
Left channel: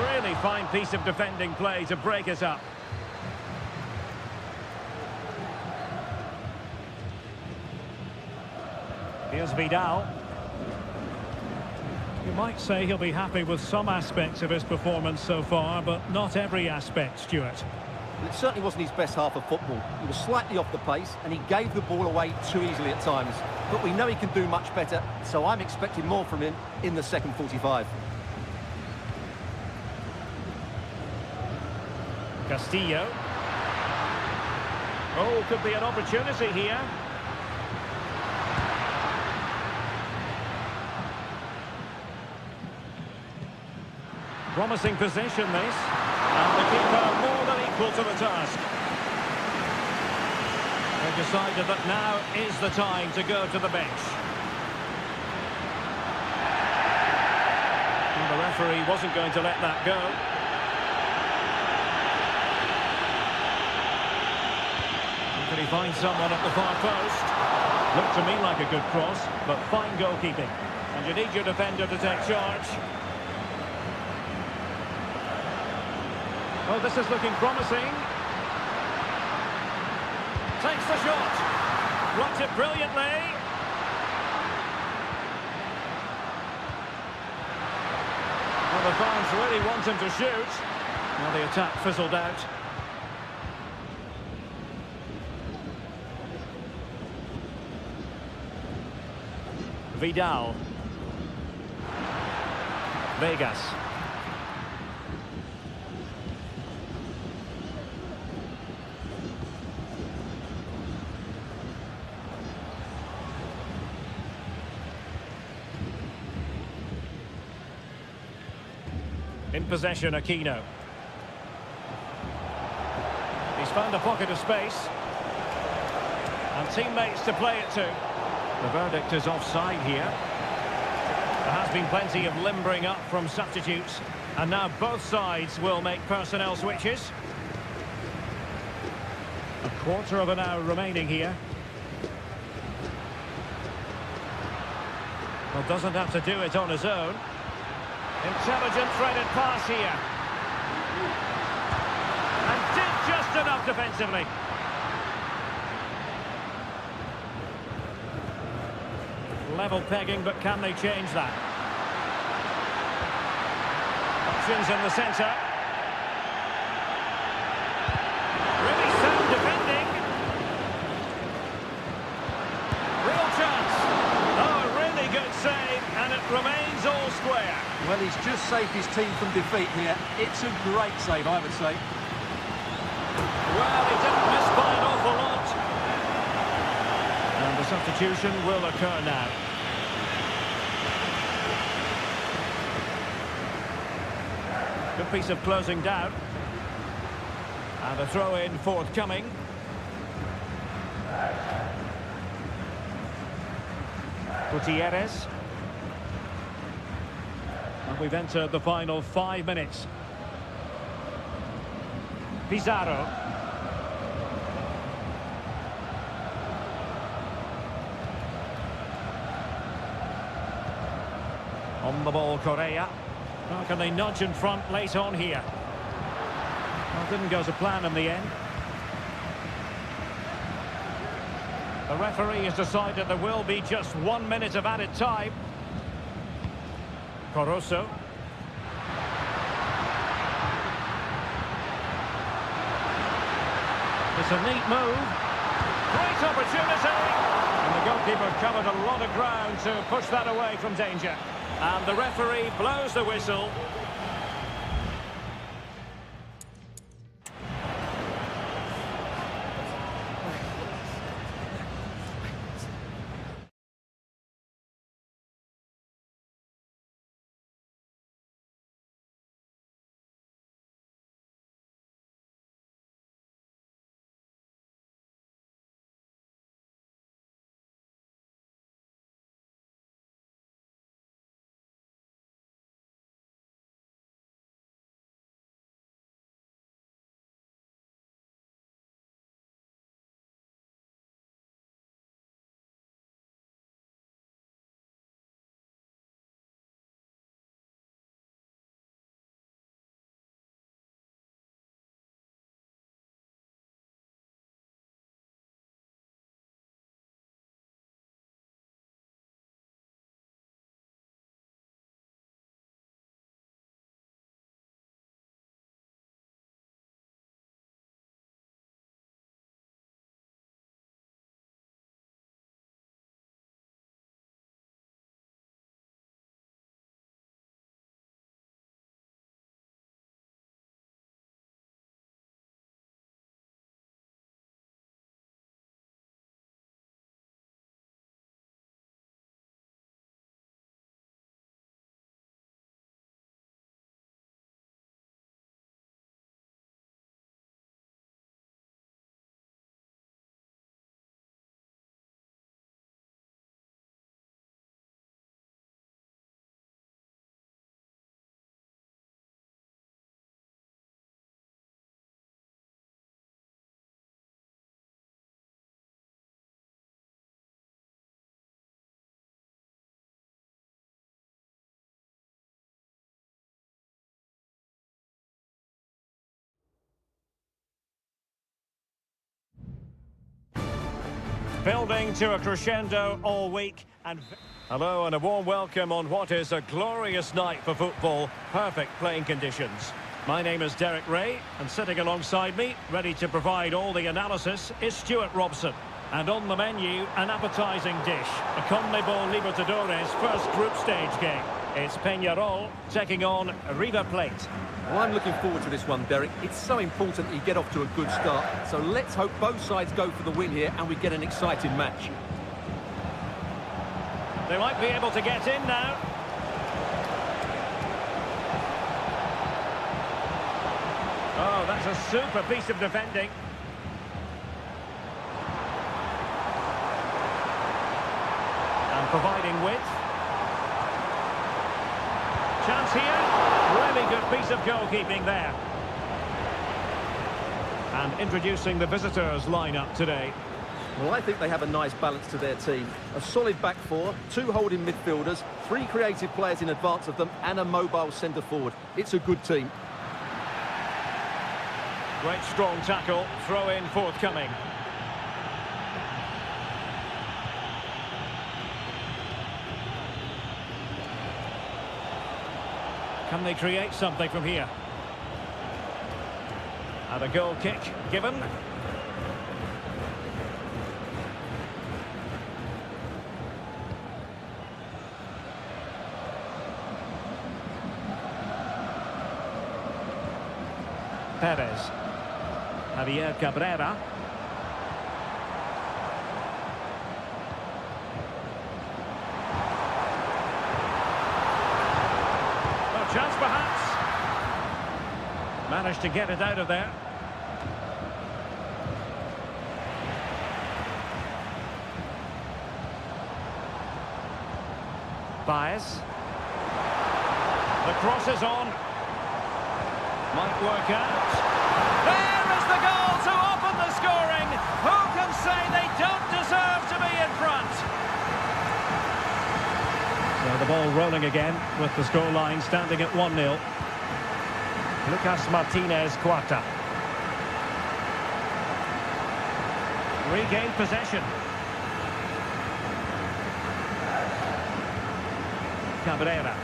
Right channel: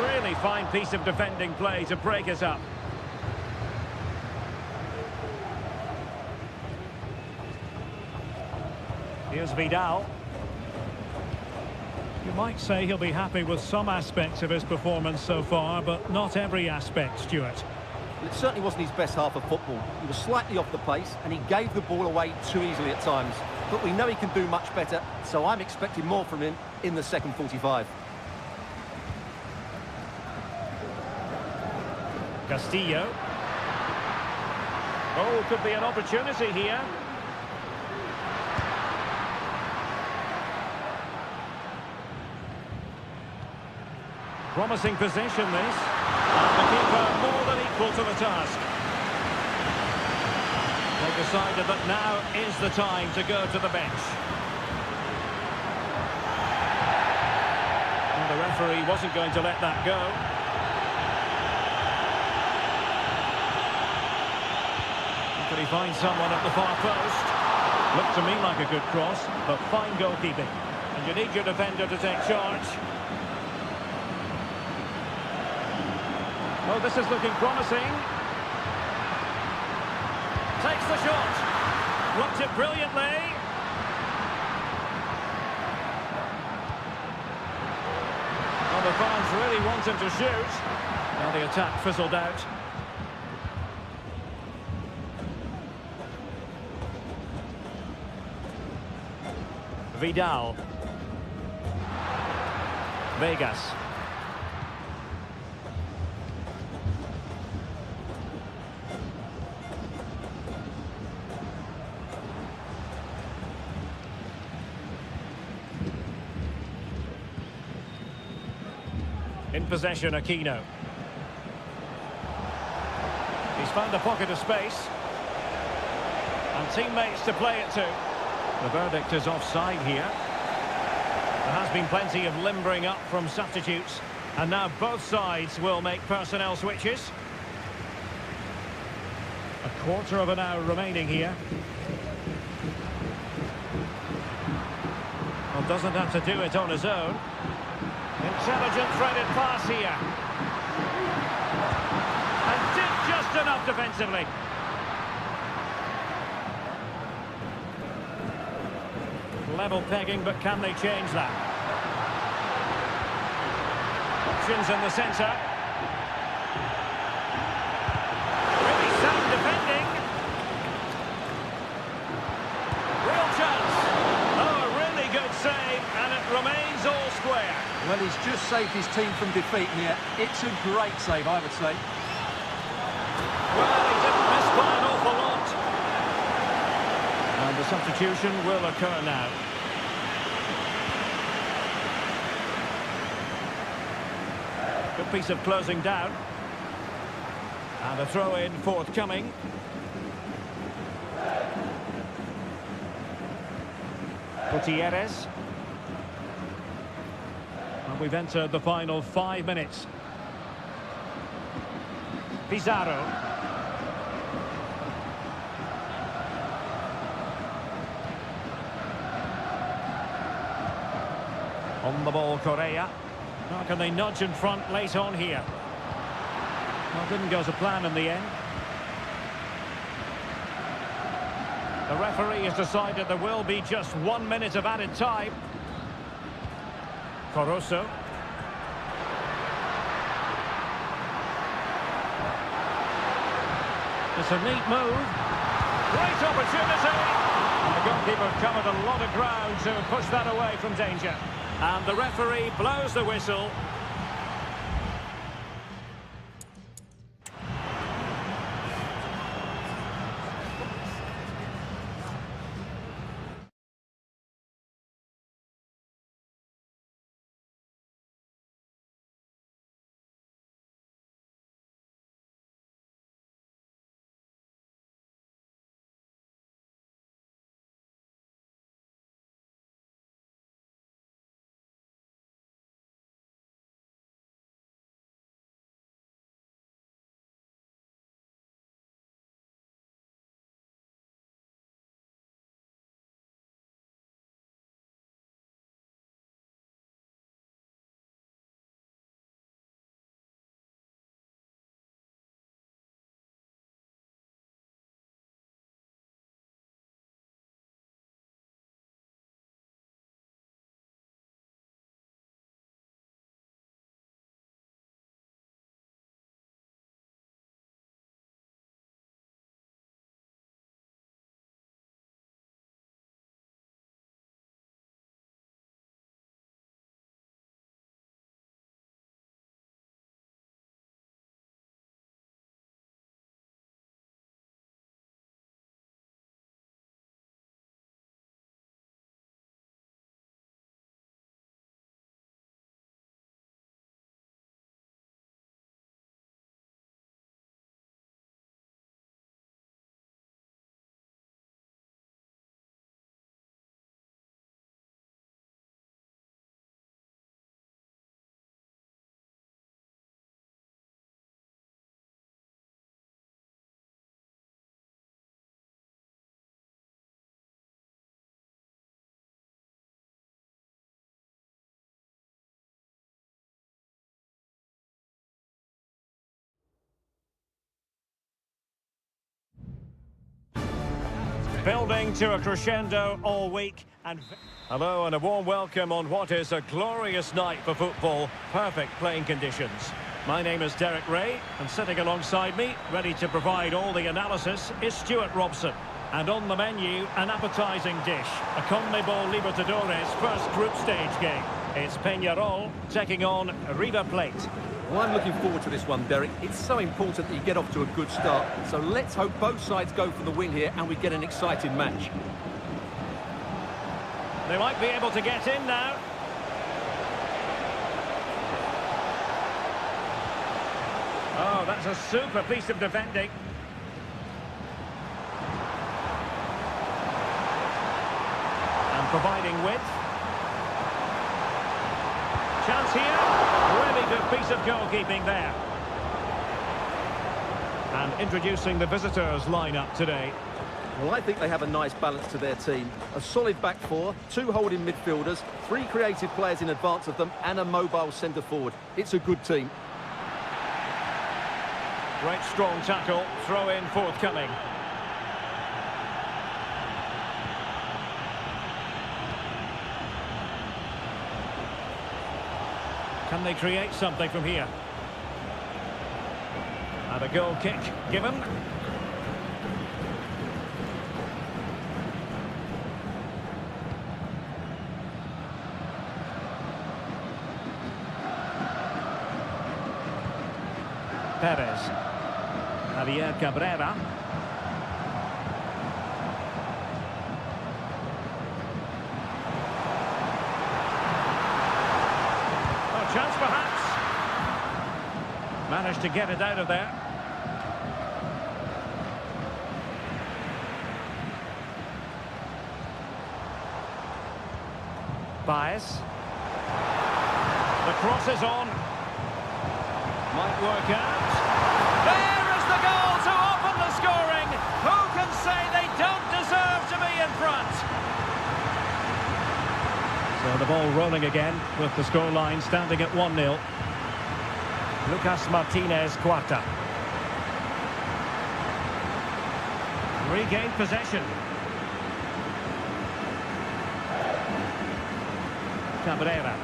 Really fine piece of defending play to break it up. Here's Vidal. You might say he'll be happy with some aspects of his performance so far, but not every aspect, Stuart. Well, it certainly wasn't his best half of football. He was slightly off the pace and he gave the ball away too easily at times. But we know he can do much better, so I'm expecting more from him in the second 45. Castillo. Oh, could be an opportunity here. Promising position, this. And the keeper more than equal to the task. They've decided that now is the time to go to the bench. Well, the referee wasn't going to let that go. Could he find someone at the far post? Looked to me like a good cross, but fine goalkeeping. And you need your defender to take charge. Oh, this is looking promising. Takes the shot. Blocked it brilliantly. Well, the fans really want him to shoot. Now the attack fizzled out. Vidal. Vegas. In possession, Aquino. He's found a pocket of space. And teammates to play it to. The verdict is offside here. There has been plenty of limbering up from substitutes. And now both sides will make personnel switches. A quarter of an hour remaining here. Well, doesn't have to do it on his own. Intelligent threaded pass here. And did just enough defensively. Level pegging, but can they change that? Options in the centre. Really sound defending. Real chance. Oh, a really good save, and it remains all square. Well, he's just saved his team from defeat here. It's a great save, I would say. Well, he didn't miss by an awful lot. And the substitution will occur now. Good piece of closing down. And a throw-in forthcoming. Gutierrez. And we've entered the final 5 minutes. Pizarro. On the ball, Correa. Now can they nudge in front late on here? Well, didn't go to plan in the end. The referee has decided there will be just 1 minute of added time. Caruso. It's a neat move. Great opportunity. And the goalkeeper covered a lot of ground to push that away from danger. And the referee blows the whistle. Building to a crescendo all week. And hello and a warm welcome on what is a glorious night for football. Perfect playing conditions. My name is Derek Ray, and sitting alongside me, ready to provide all the analysis, is Stuart Robson. And on the menu, an appetising dish, a CONMEBOL Libertadores first group stage game. It's Peñarol taking on River Plate. Well, I'm looking forward to this one, Derek. It's so important that you get off to a good start. So let's hope both sides go for the win here and we get an exciting match. They might be able to get in now. Oh, that's a super piece of defending. And providing width. Chance here. Really good piece of goalkeeping there. And introducing the visitors lineup today. Well, I think they have a nice balance to their team. A solid back four, 2 holding midfielders, 3 creative players in advance of them, and a mobile centre forward. It's a good team. Great strong tackle, throw in forthcoming. Can they create something from here? And a goal kick given. Perez. Javier Cabrera. Oh, chance perhaps. Managed to get it out of there. Baez. The cross is on. Might work out. There is the goal to open the scoring. Who can say they don't deserve to be in front? So the ball rolling again with the scoreline standing at 1-0. Lucas Martinez Cuarta. Regained possession. Cabrera.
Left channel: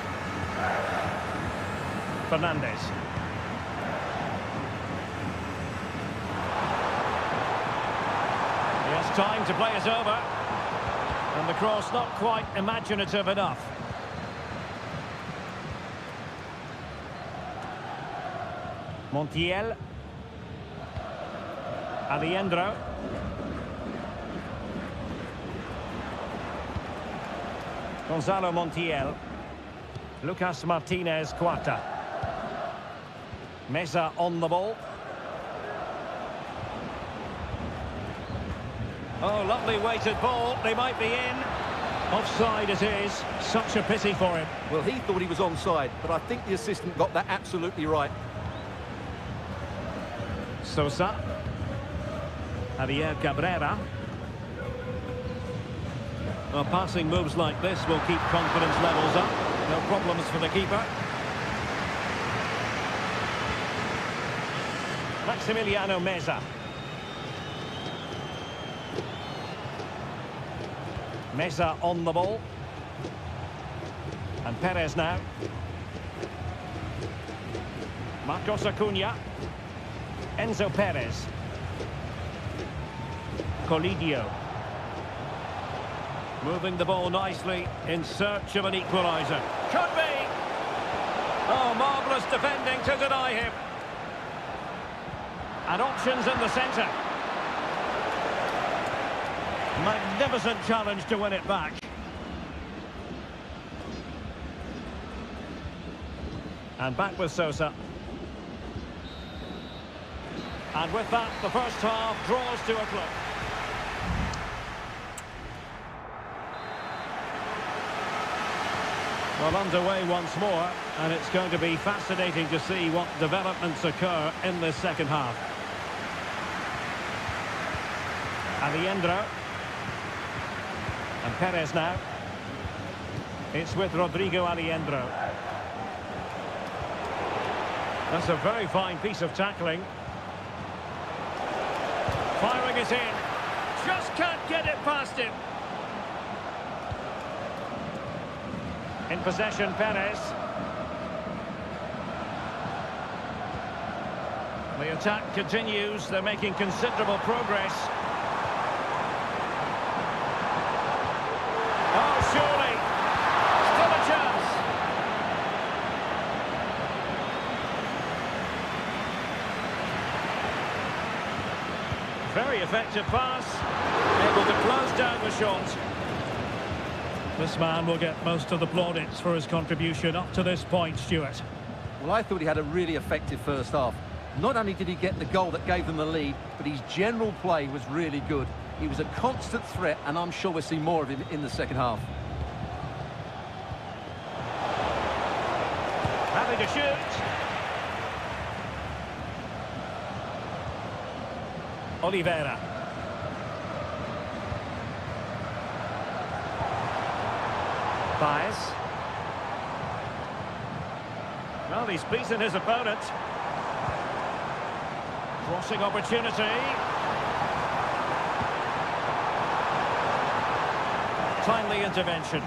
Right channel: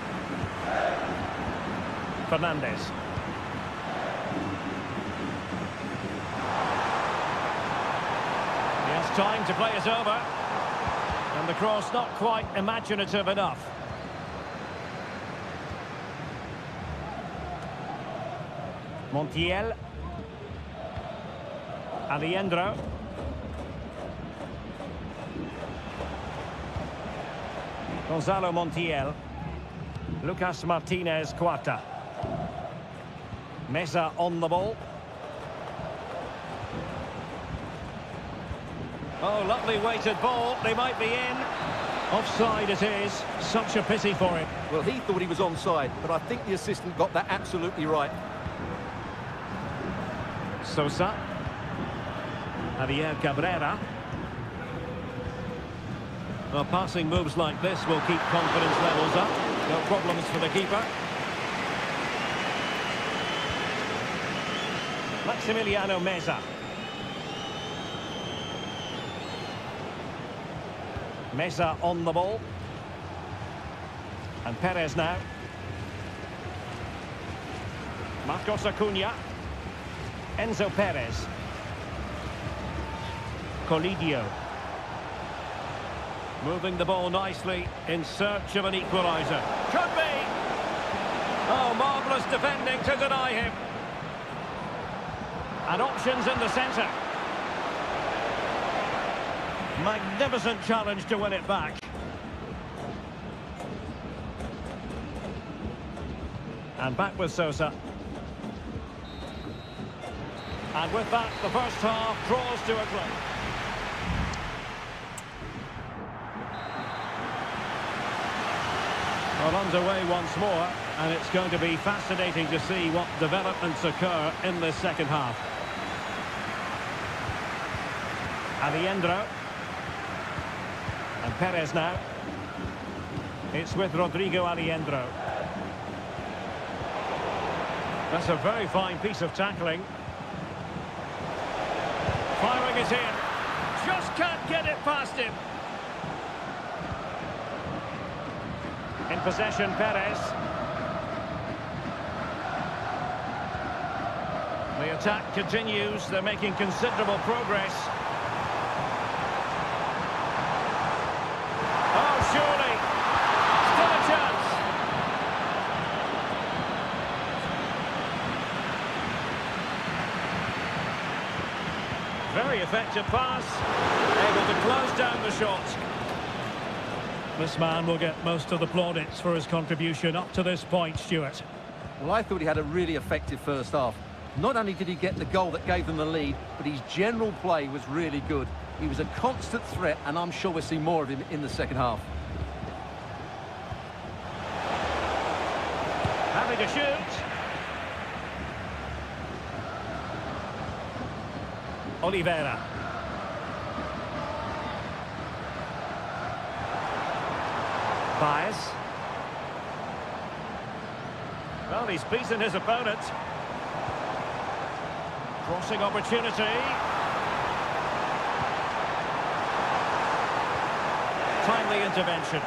Fernandez. He has time to play it over. And the cross not quite imaginative enough. Montiel. Alejandro. Gonzalo Montiel. Lucas Martinez Cuarta. Mesa on the ball. Oh, lovely weighted ball. They might be in. Offside it is. Such a pity for him. Well, he thought he was onside, but I think the assistant got that absolutely right. Sosa. Javier Cabrera. Well, passing moves like this will keep confidence levels up. No problems for the keeper. Maximiliano Meza. Meza on the ball. And Perez now. Marcos Acuna. Enzo Perez. Colidio. Moving the ball nicely in search of an equaliser. Could be! Oh, marvellous defending to deny him. And options in the centre. Magnificent challenge to win it back. And back with Sosa. And with that, the first half draws to a close. Well, underway once more, and it's going to be fascinating to see what developments occur in this second half. Alejandro. And Perez now. It's with Rodrigo Alejandro. That's a very fine piece of tackling. Firing it in. Just can't get it past him. In possession, Perez. The attack continues. They're making considerable progress. Oh, surely. Still a chance. Very effective pass. Able to close down the shot. This man will get most of the plaudits for his contribution up to this point, Stuart. Well, I thought he had a really effective first half. Not only did he get the goal that gave them the lead, but his general play was really good. He was a constant threat, and I'm sure we'll see more of him in the second half. Ready to shoot. Oliveira. Baez. Well, he's beaten his opponent. Crossing opportunity. Timely intervention.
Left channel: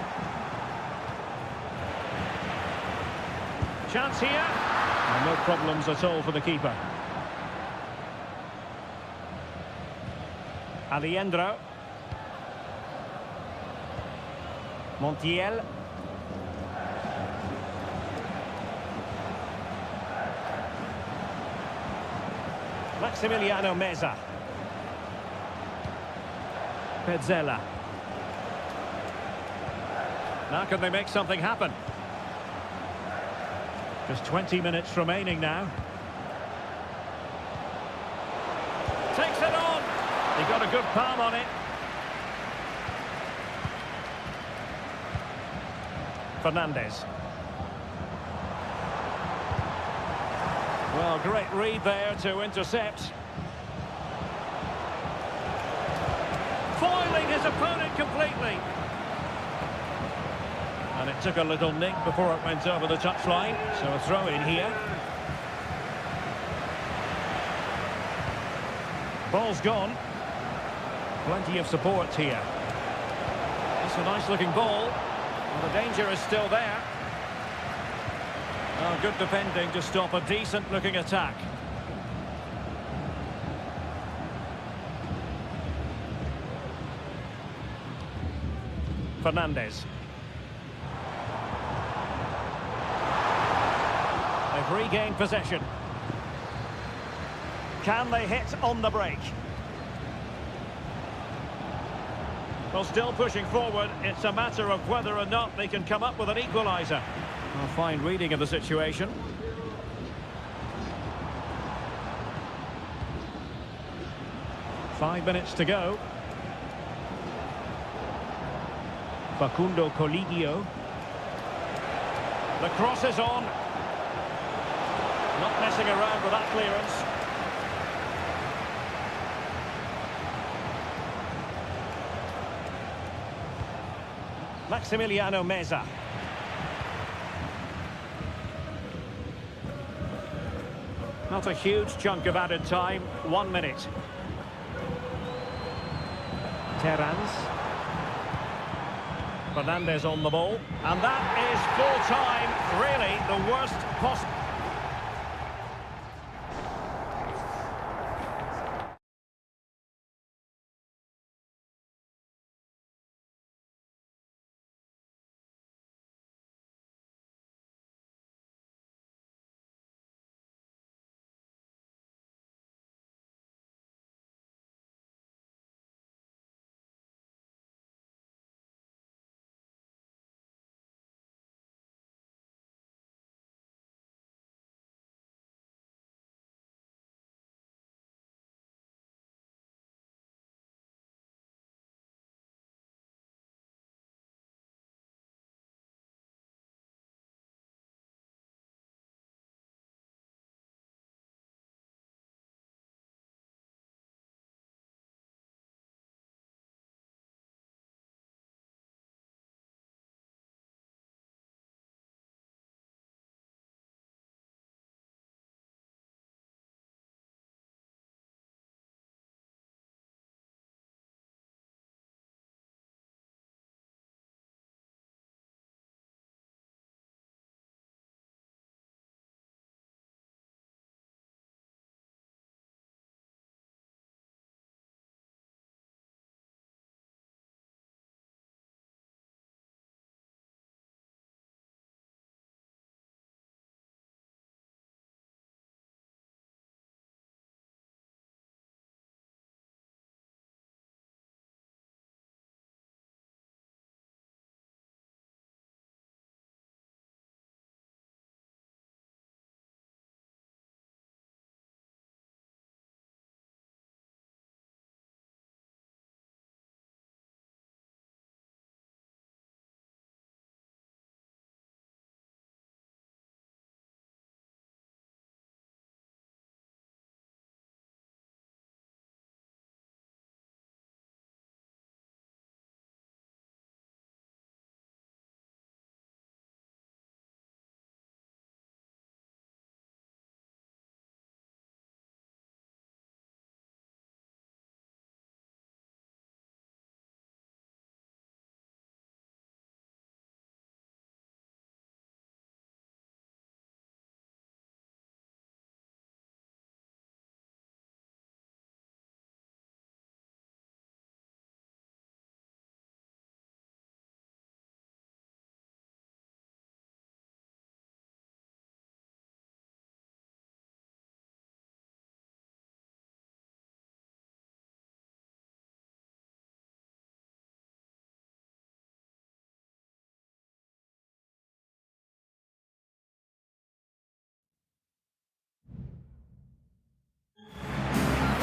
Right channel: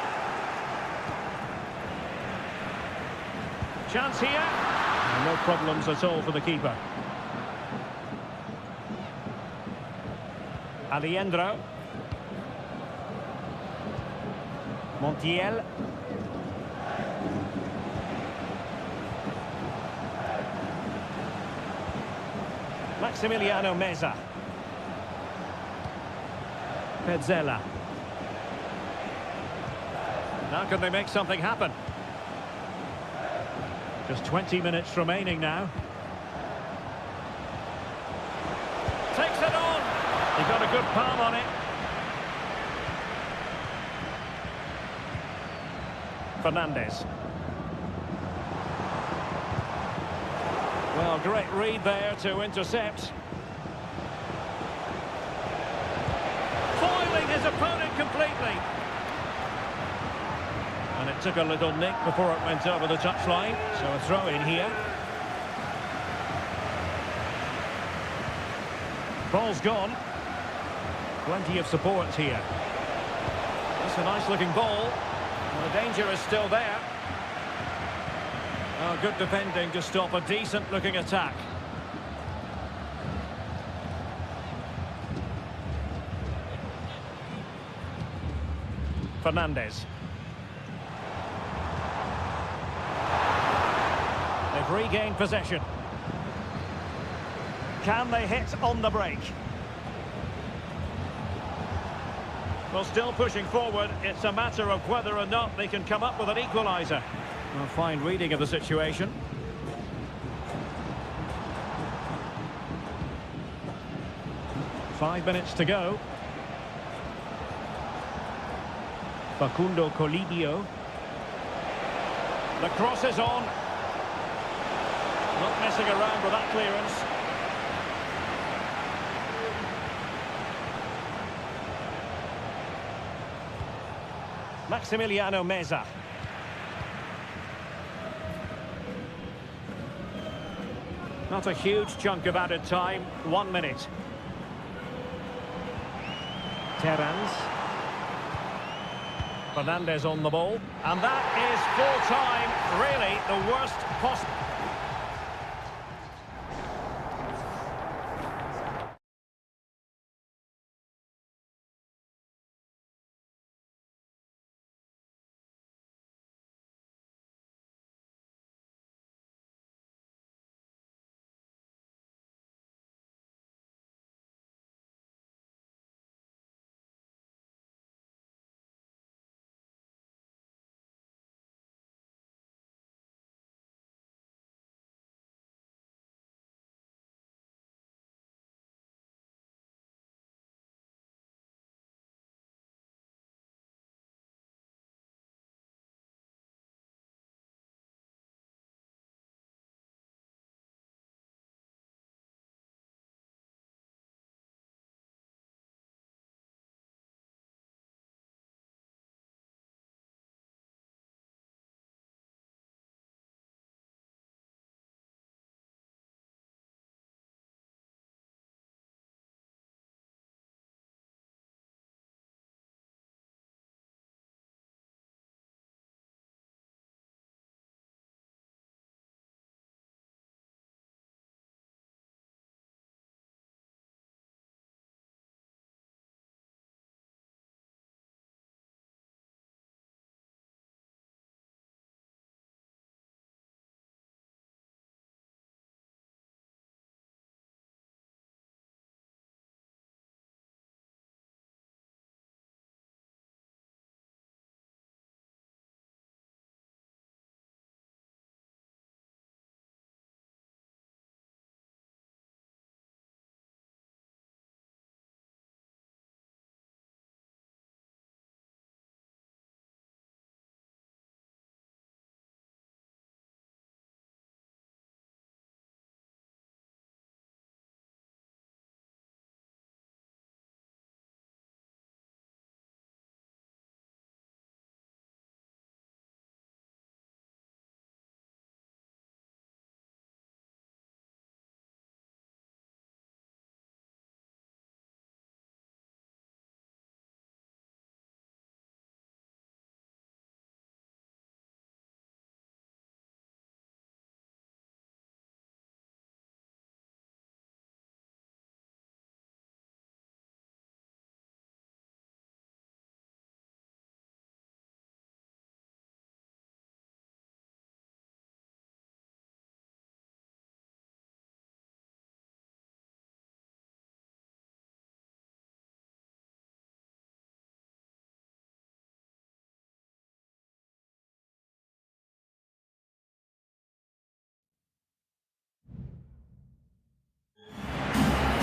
Chance here. And no problems at all for the keeper. Aliendro. Montiel. Maximiliano Meza. Pezzella. Now can they make something happen? Just 20 minutes remaining now. Takes it on. He got a good palm on it. Fernandez. Well, great read there to intercept. Foiling his opponent completely. And it took a little nick before it went over the touchline. So a throw in here. Ball's gone. Plenty of support here. It's a nice looking ball. Well, the danger is still there. Oh, good defending to stop a decent looking attack. Fernandez. They've regained possession. Can they hit on the break? Well, still pushing forward. It's a matter of whether or not they can come up with an equaliser. A fine reading of the situation. Five minutes to go. Facundo Colidio. The cross is on. Not messing around with that clearance. Maximiliano Meza. Not a huge chunk of added time. 1 minute. Terrans. Fernandez on the ball. And that is full time. Really the worst possible.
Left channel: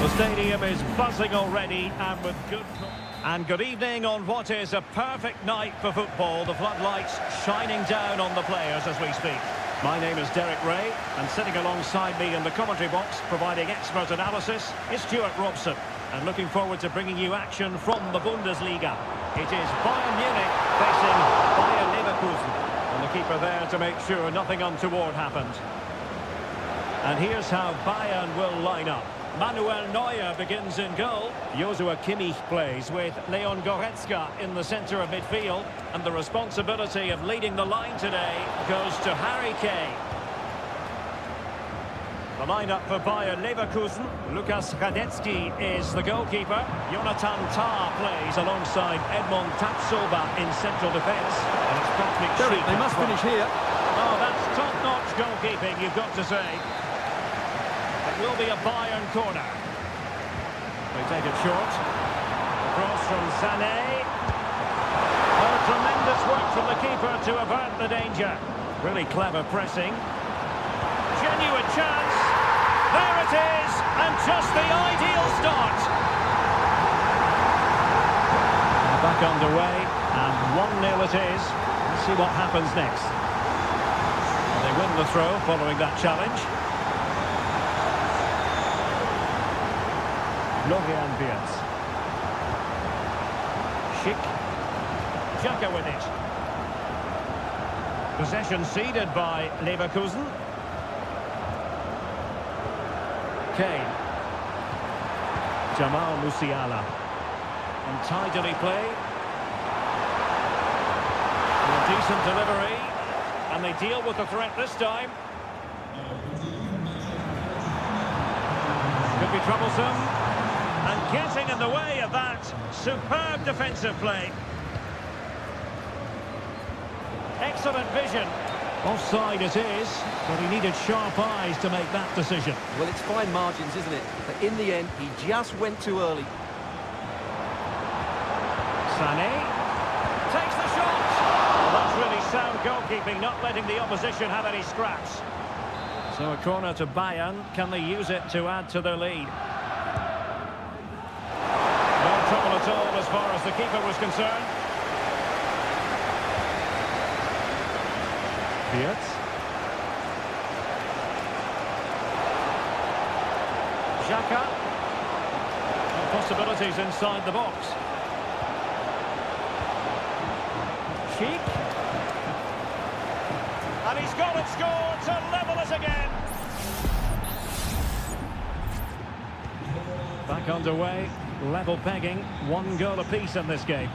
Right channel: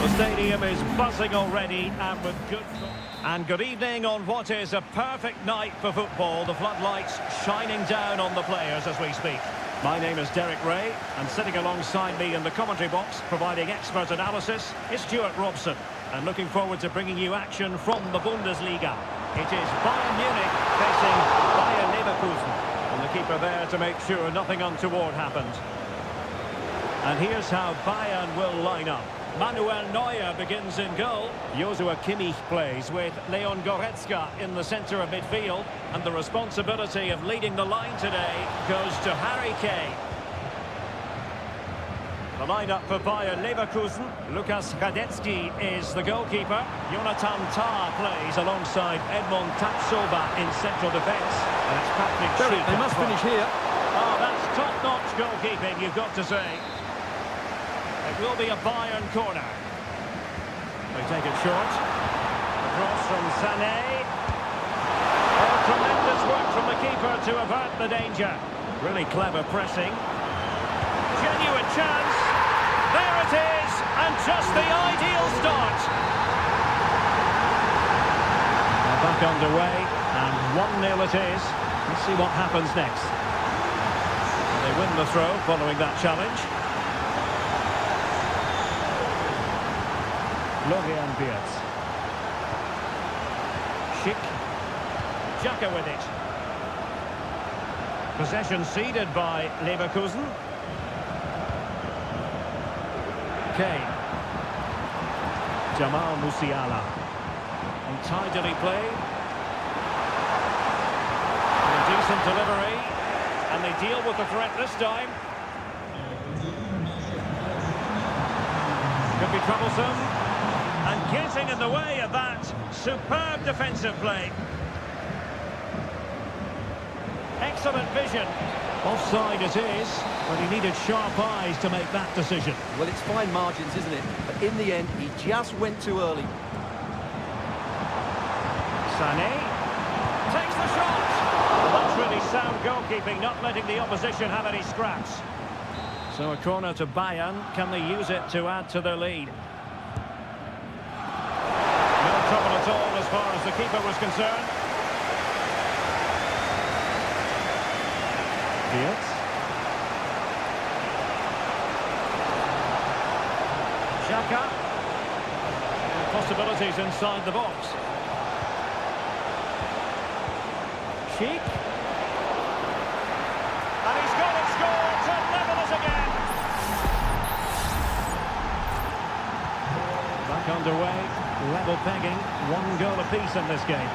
The stadium is buzzing already and with good... And good evening on what is a perfect night for football. The floodlights shining down on the players as we speak. My name is Derek Ray, and sitting alongside me in the commentary box, providing expert analysis, is Stuart Robson. And looking forward to bringing you action from the Bundesliga. It is Bayern Munich facing Bayer Leverkusen. And the keeper there to make sure nothing untoward happens. And here's how Bayern will line up. Manuel Neuer begins in goal. Joshua Kimmich plays with Leon Goretzka in the centre of midfield. And the responsibility of leading the line today goes to Harry Kane. The lineup for Bayer Leverkusen. Lukas Radetzky is the goalkeeper. Jonathan Tah plays alongside Edmond Tapsoba in central defence. And it's Patrick Schick. They must finish here. Oh, that's top-notch goalkeeping, you've got to say. It will be a Bayern corner. They take it short. Across from Sané. Oh, tremendous work from the keeper to avert the danger. Really clever pressing. Genuine chance. There it is. And just the ideal start. Now back underway. And 1-0 it is. Let's see what happens next. Well, they win the throw following that challenge. Florian Wirtz. Schick. Xhaka with it. Possession ceded by Leverkusen. Kane. Jamal Musiala. And tidily played. And a decent delivery. And they deal with the threat this time. Could be troublesome. And getting in the way of that superb defensive play. Excellent vision. Offside it is, but he needed sharp eyes to make that decision. Well, it's fine margins, isn't it? But in the end, he just went too early. Sané takes the shot. Well, that's really sound goalkeeping, not letting the opposition have any scraps. So a corner to Bayern. Can they use it to add to their lead? No trouble at all as far as the keeper was concerned. Wirtz. Xhaka. And possibilities inside the box. Schick. And he's got it scored to level it again. Back underway. Level pegging, 1 goal apiece in this game.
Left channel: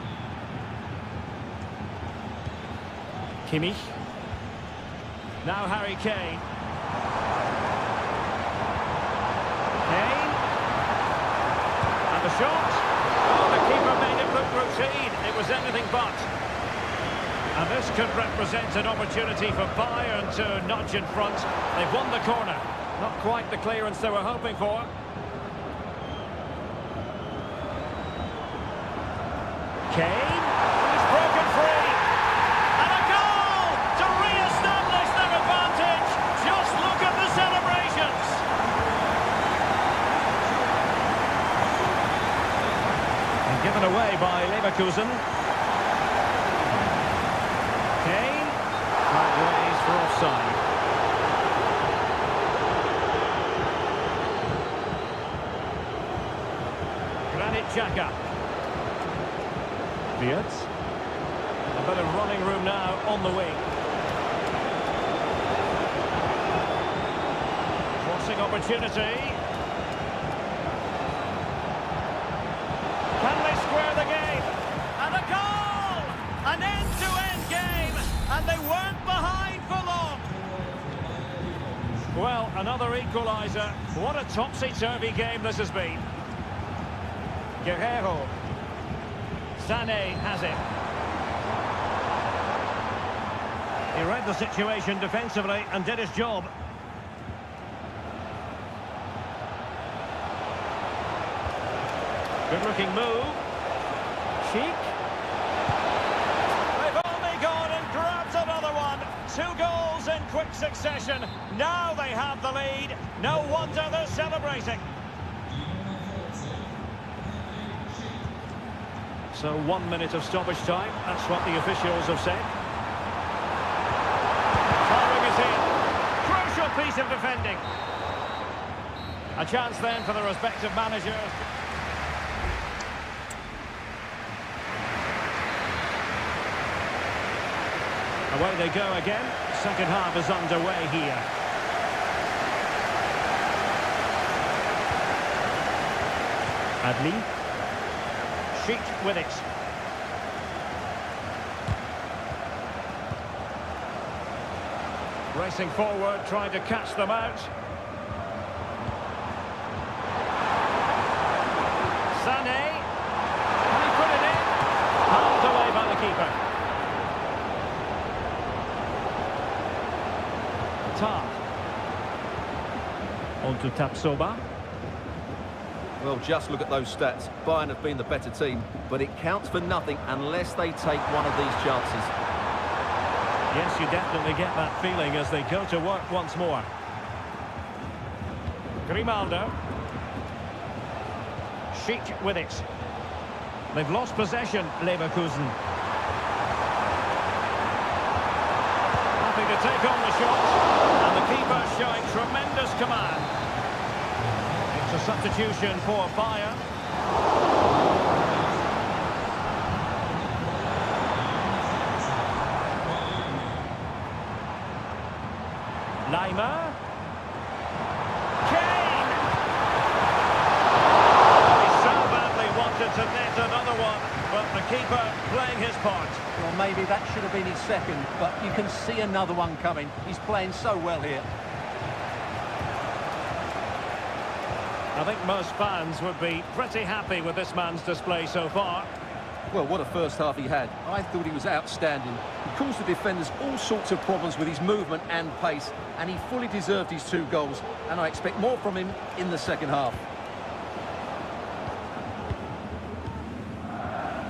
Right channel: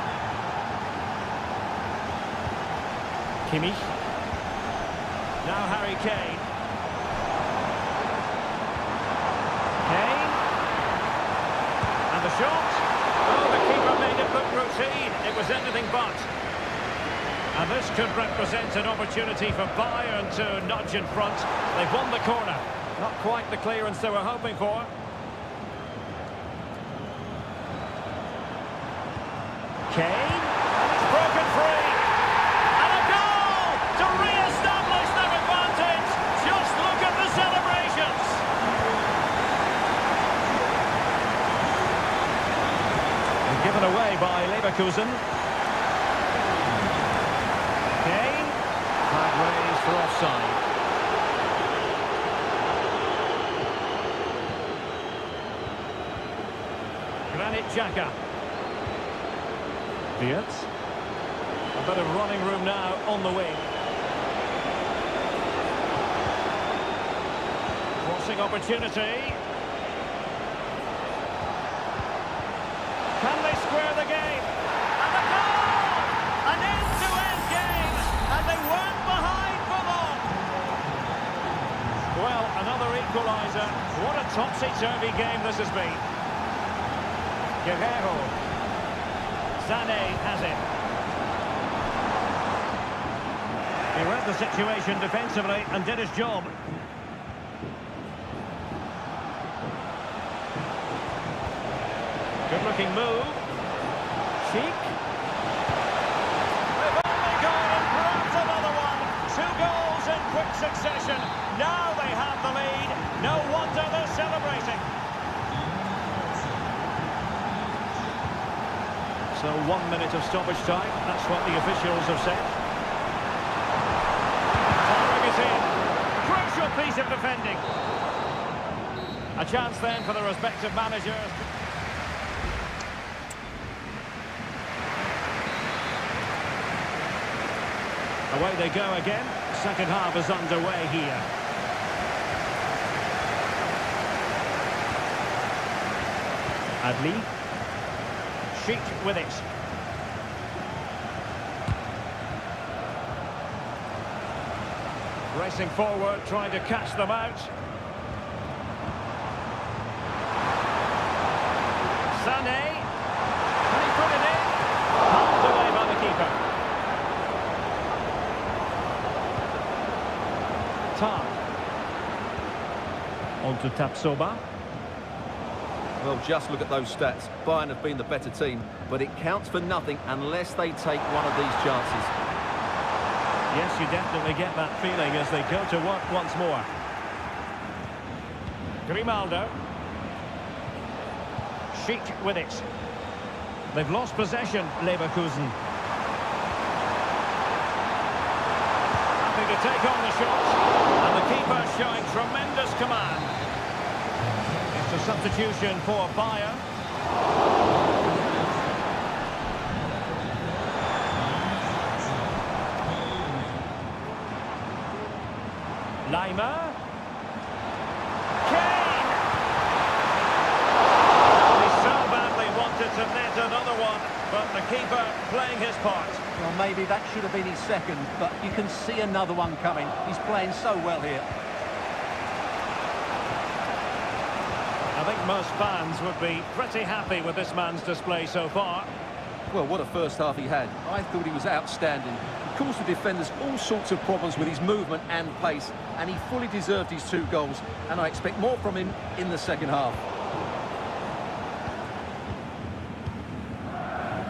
Kimmich. Now Harry Kane. Kane. And the shot. Oh, the keeper made it look routine. It was anything but. And this could represent an opportunity for Bayern to nudge in front. They've won the corner. Not quite the clearance they were hoping for. Kane, and he's broken free, and a goal to re-establish their advantage. Just look at the celebrations. And given away by Leverkusen. Kane, flag raised for offside. Granit Xhaka. Wirtz. A bit of running room now on the wing. Crossing opportunity. Can they square the game? And a goal! An end-to-end game! And they weren't behind for long. Well, another equaliser. What a topsy-turvy game this has been. Guerrero. Sané has it. He read the situation defensively and did his job. Good-looking move. Schick. They've only gone and grabbed another one. 2 goals in quick succession. Now they have the lead. No wonder they're celebrating. So 1 minute of stoppage time. That's what the officials have said. Firing it in. Crucial piece of defending. A chance then for the respective managers. Away they go again. Second half is underway here. Adli. Sheet with it. Racing forward, trying to catch them out. Sané. Can he put it in? Palmed away by the keeper. Tar. On to Tapsoba. Well, just look at those stats. Bayern have been the better team, but it counts for nothing unless they take one of these chances. Yes, you definitely get that feeling as they go to work once more. Grimaldo. Sheet with it. They've lost possession, Leverkusen. Happy to take on the shot. And the keeper showing tremendous command. It's a substitution for Bayern. Lima. Kane! Oh, he so badly wanted to net another one, but the keeper playing his part. Well, maybe that should have been his second, but you can see another one coming. He's playing so well here. I think most fans would be pretty happy with this man's display so far. Well, what a first half he had. I thought he was outstanding. He caused the defenders all sorts of problems with his movement and pace, and he fully deserved his 2 goals, and I expect more from him in the second half.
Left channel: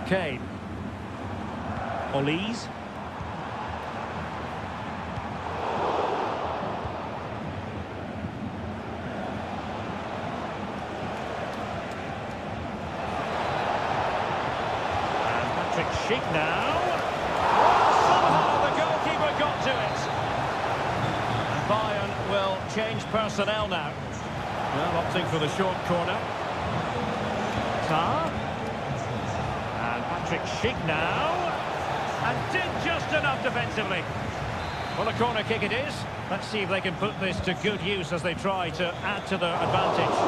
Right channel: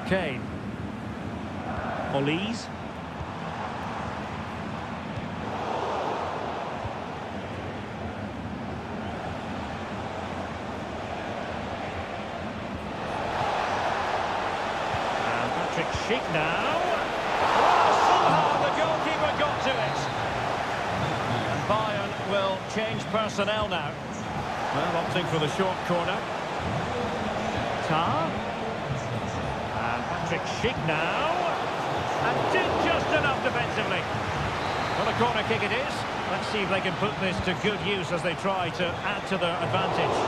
Kane. Olise. Sheik now. Well, somehow the goalkeeper got to it. And Bayern will change personnel now. Well, opting for the short corner. Tar. And Patrick Sheik now. And did just enough defensively. Well, a corner kick it is. Let's see if they can put this to good use as they try to add to their advantage.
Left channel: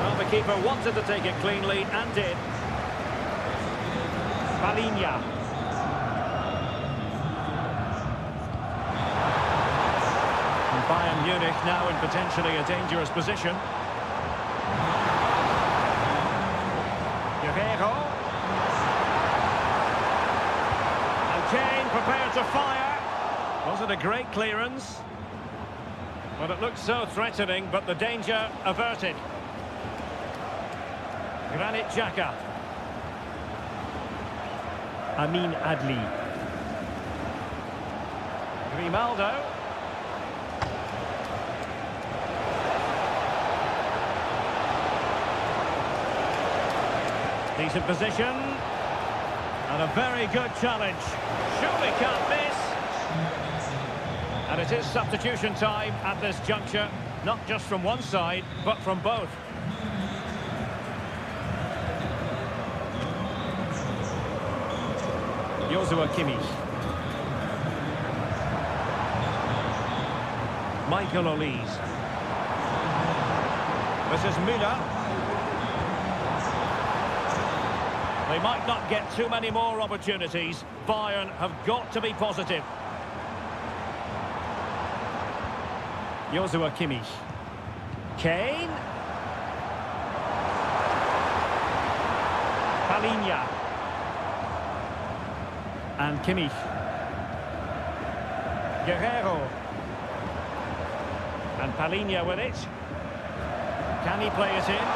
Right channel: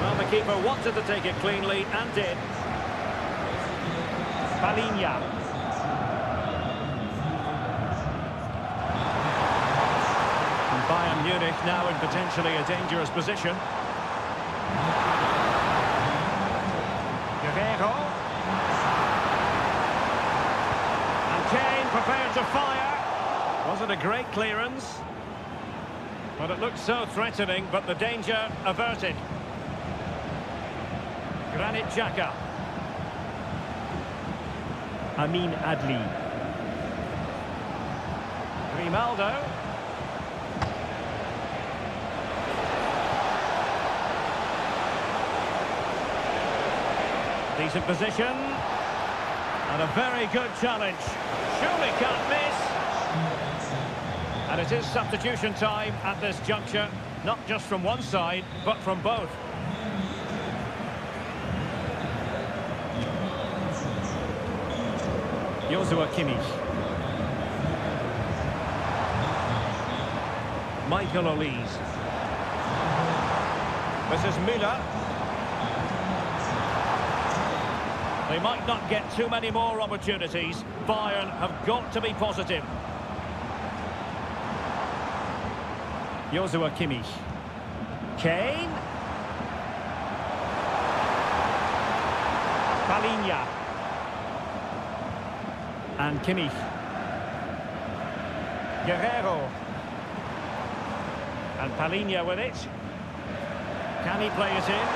Well, the keeper wanted to take it cleanly and did. Palinha. And Bayern Munich now in potentially a dangerous position. Guerrero. And Kane prepared to fire. Wasn't a great clearance. But it looked so threatening, but the danger averted. Granit Xhaka. Amin Adli. Grimaldo. Decent position. And a very good challenge. Surely can't miss. And it is substitution time at this juncture. Not just from one side, but from both. Joshua Kimmich. Michael Olise. This is Müller. They might not get too many more opportunities. Bayern have got to be positive. Joshua Kimmich. Kane. Palinha. And Kimmich. Guerrero. And Palinha with it. Can he play it in?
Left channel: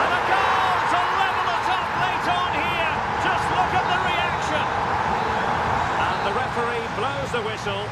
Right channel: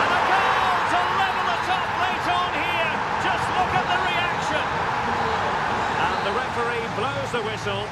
And a goal to level it up late on here. Just look at the reaction. And the referee blows the whistle.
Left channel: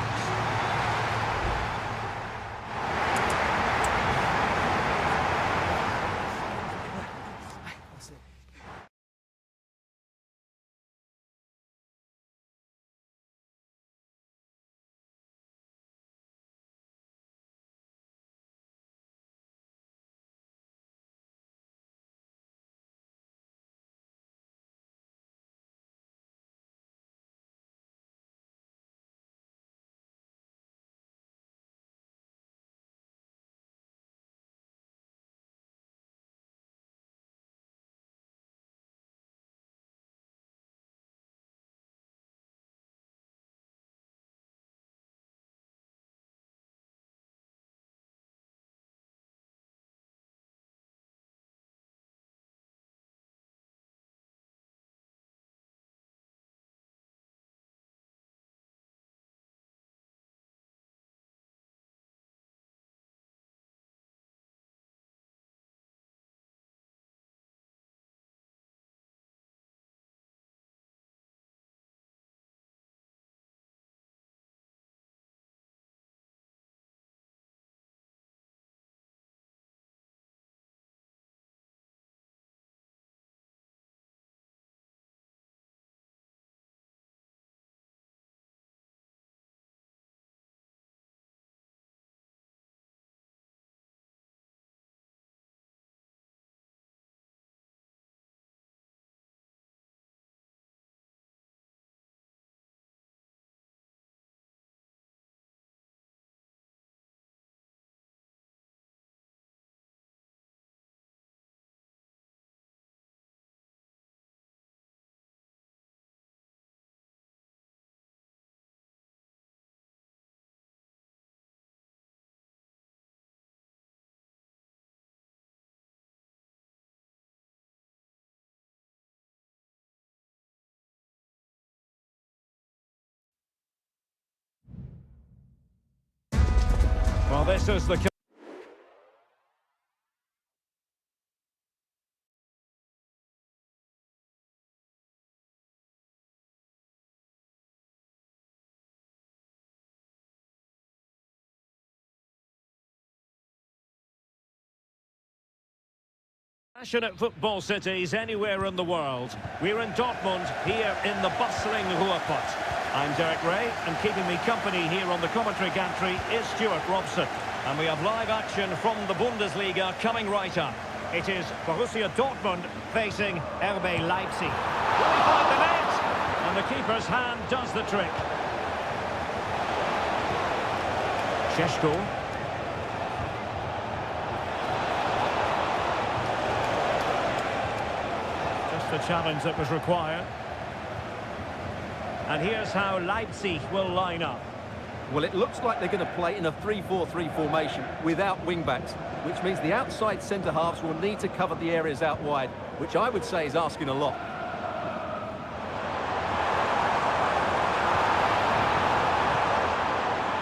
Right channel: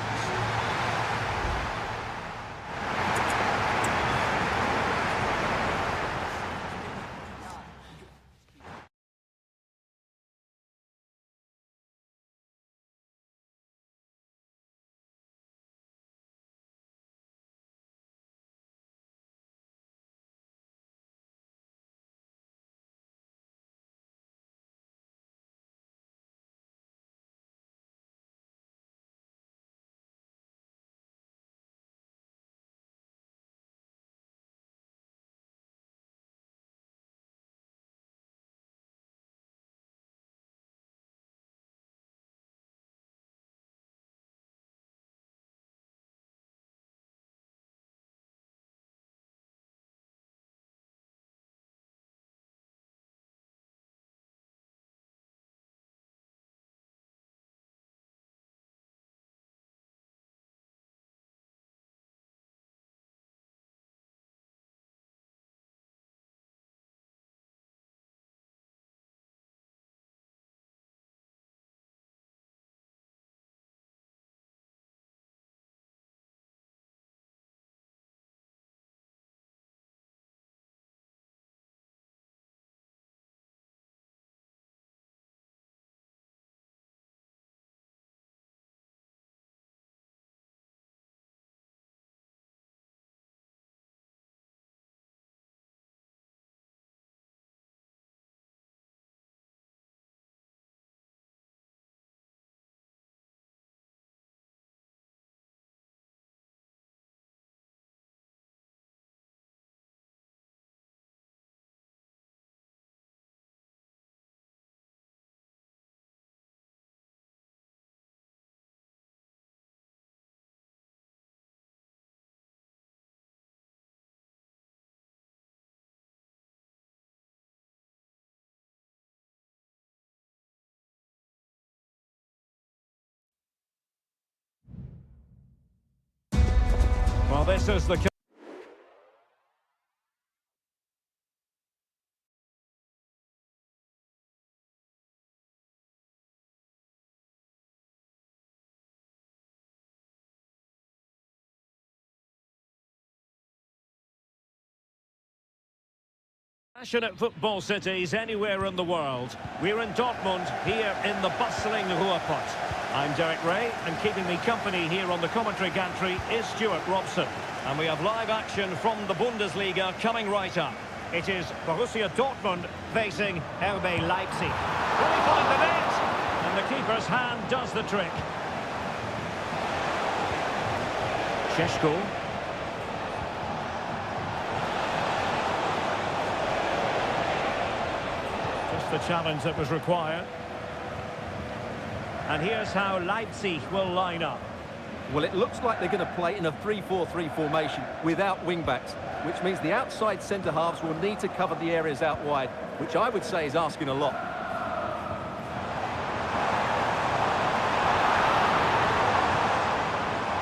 this is the passionate football cities anywhere in the world. We're in Dortmund, here in the bustling Ruhrpott. I'm Derek Ray, and keeping me company here on the commentary gantry is Stuart Robson. And we have live action from the Bundesliga coming right up. It is Borussia Dortmund facing RB Leipzig. Will he find the net? And the keeper's hand does the trick. Šeško. Just the challenge that was required. And here's how Leipzig will line up. Well, it looks like they're going to play in a 3-4-3 formation without wing-backs, which means the outside centre-halves will need to cover the areas out wide, which I would say is asking a lot.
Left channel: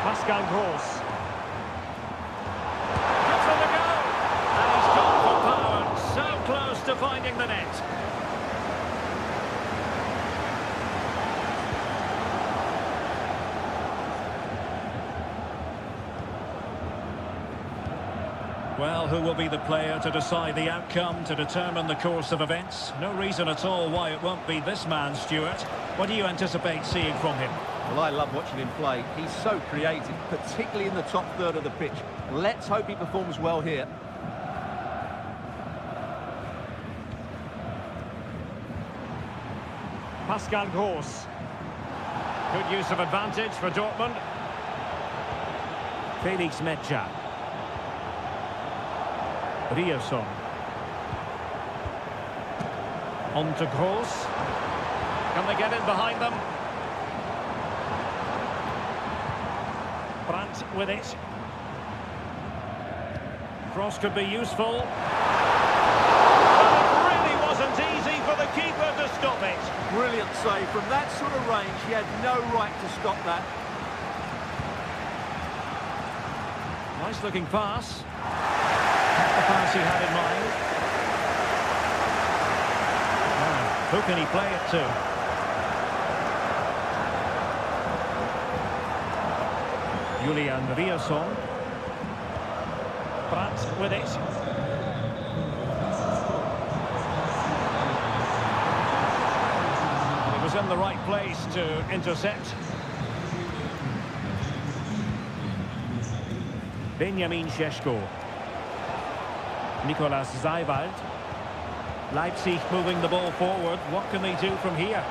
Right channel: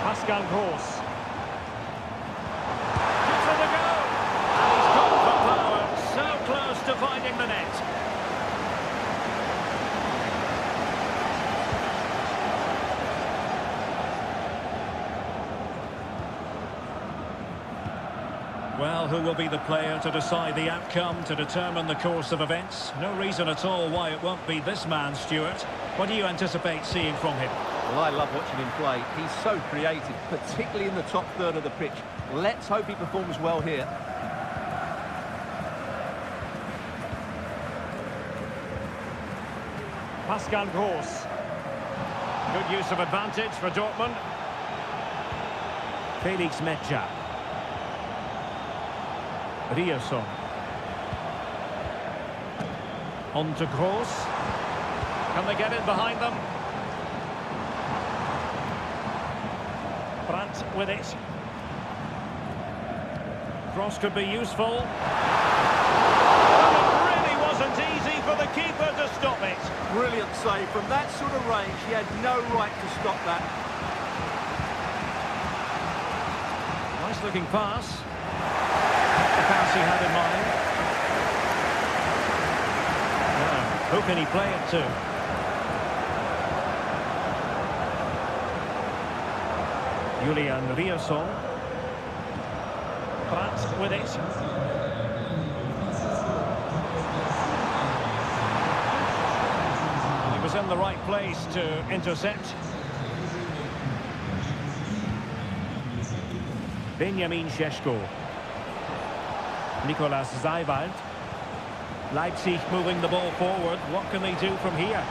Pascal Gross. Gives it a go. And he's gone for power. So close to finding the net. Well, who will be the player to decide the outcome, to determine the course of events? No reason at all why it won't be this man, Stuart. What do you anticipate seeing from him? Well, I love watching him play. He's so creative, particularly in the top third of the pitch. Let's hope he performs well here. Pascal Gross. Good use of advantage for Dortmund. Felix Metscher. Rierson. On to Gross. Can they get in behind them? Brandt with it. Cross could be useful. But it really wasn't easy for the keeper to stop it. Brilliant save. From that sort of range, he had no right to stop that. Nice looking pass. Not the pass he had in mind. Now, who can he play it to? Julian Rierson. Brandt with it. And he was in the right place to intercept. Benjamin Šeško. Nicolas Seiwald. Leipzig moving the ball forward. What can they do from here?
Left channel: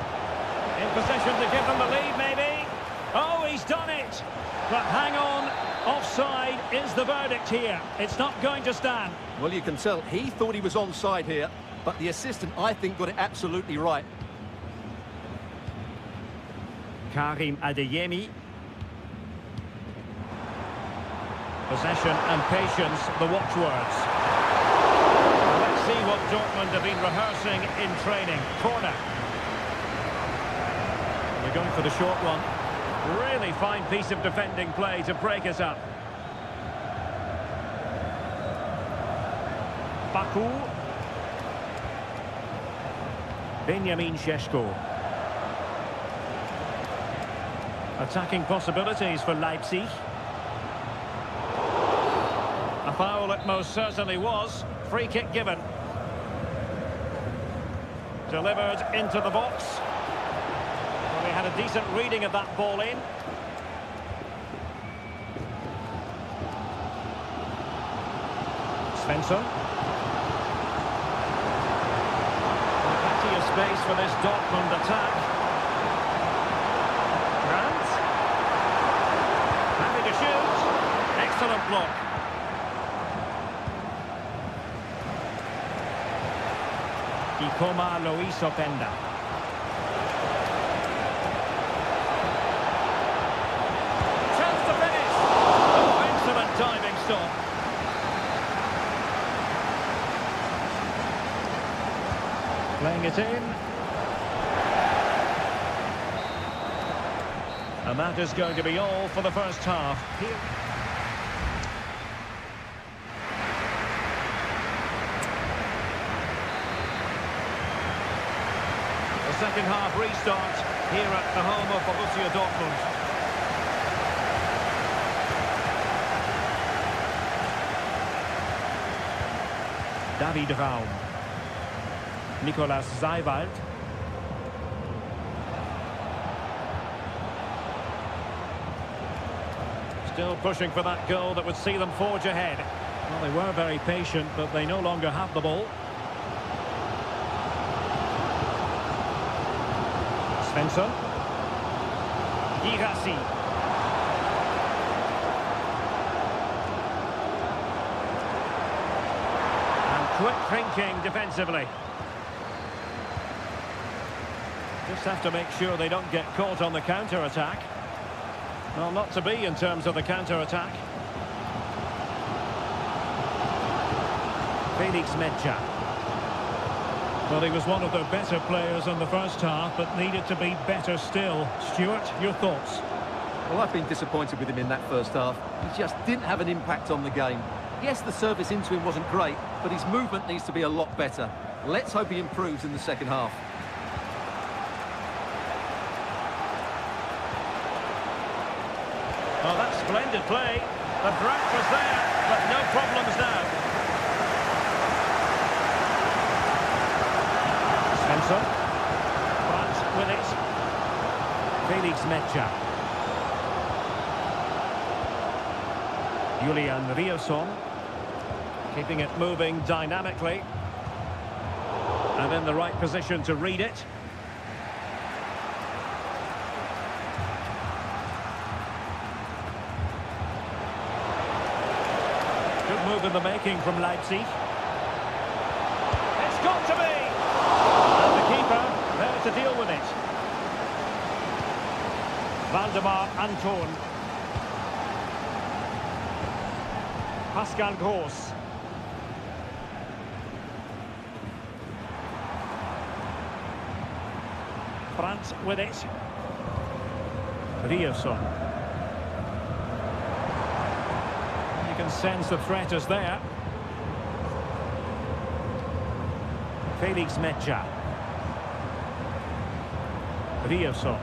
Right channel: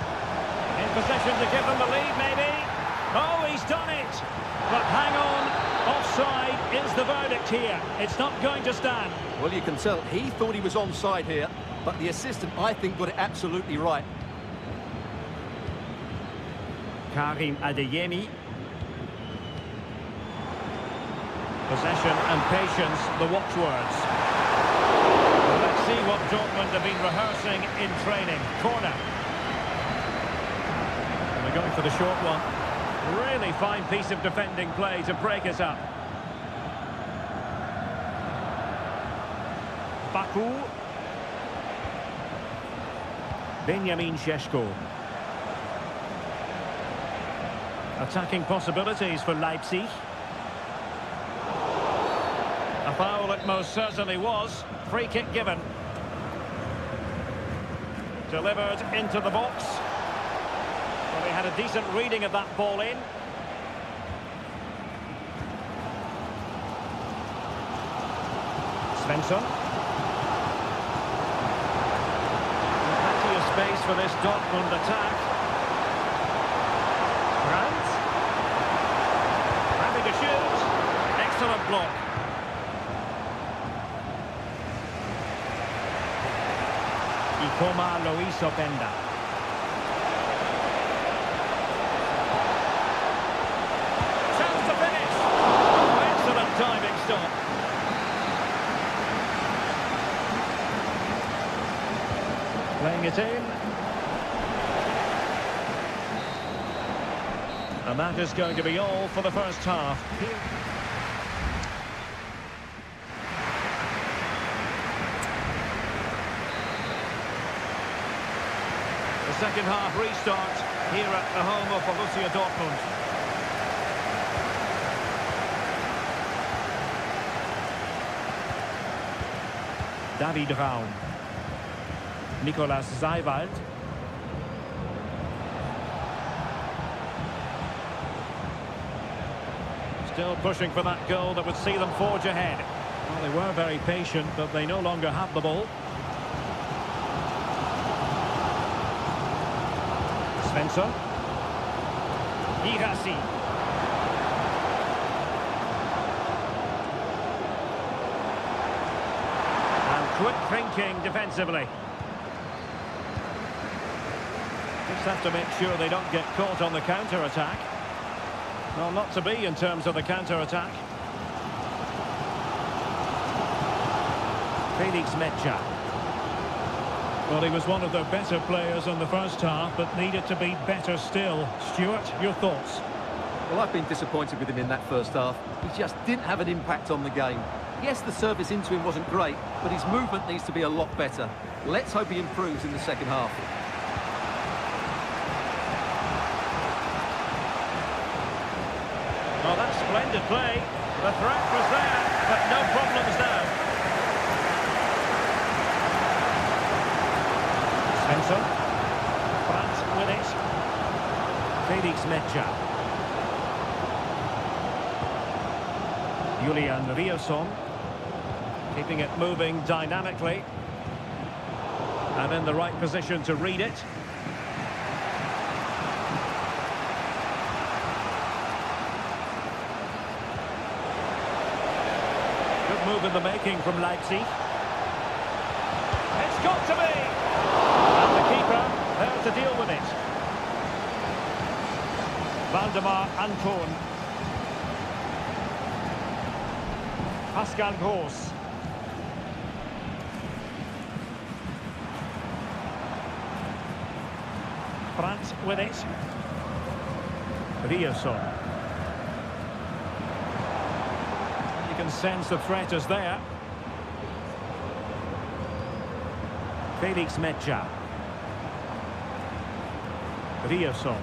In possession to give them the lead, maybe. Oh, he's done it. But hang on. Offside is the verdict here. It's not going to stand. Well, you can tell he thought he was onside here, but the assistant, I think, got it absolutely right. Karim Adeyemi. Possession and patience, the watchwords. Well, let's see what Dortmund have been rehearsing in training. Corner. And they're going for the short one. Really fine piece of defending play to break us up. Baku. Benjamin Šeško. Attacking possibilities for Leipzig. A foul it most certainly was. Free kick given. Delivered into the box. Well, he had a decent reading of that ball in. Svensson. And plenty of space for this Dortmund attack. Brandt. Happy to shoot. Excellent block. Ikoma Luis Openda. Chance to finish. Oh, excellent diving stop. Playing it in. And that is going to be all for the first half. Here. The second half restart here at the home of Borussia Dortmund. David Raum. Nicolas Seiwald. Still pushing for that goal that would see them forge ahead. Well, they were very patient, but they no longer have the ball. Svensson. Girassi. And quick thinking defensively. Just have to make sure they don't get caught on the counter-attack. Well, not to be in terms of the counter-attack. Felix Medja. Well, he was one of their better players in the first half, but needed to be better still. Stuart, your thoughts? Well, I've been disappointed with him in that first half. He just didn't have an impact on the game. Yes, the service into him wasn't great, but his movement needs to be a lot better. Let's hope he improves in the second half. Well, that's splendid play. The threat was there, but no problems now. Svensson. Brandt with it. Felix Medja. Julian Riosson. Keeping it moving dynamically. And in the right position to read it. Good move in the making from Leipzig. It's got to be! And the keeper there to deal with it. Valdemar Anton. Pascal Gross. Brandt with it. Riosson. You can sense the threat is there. Felix Medja. Riosson.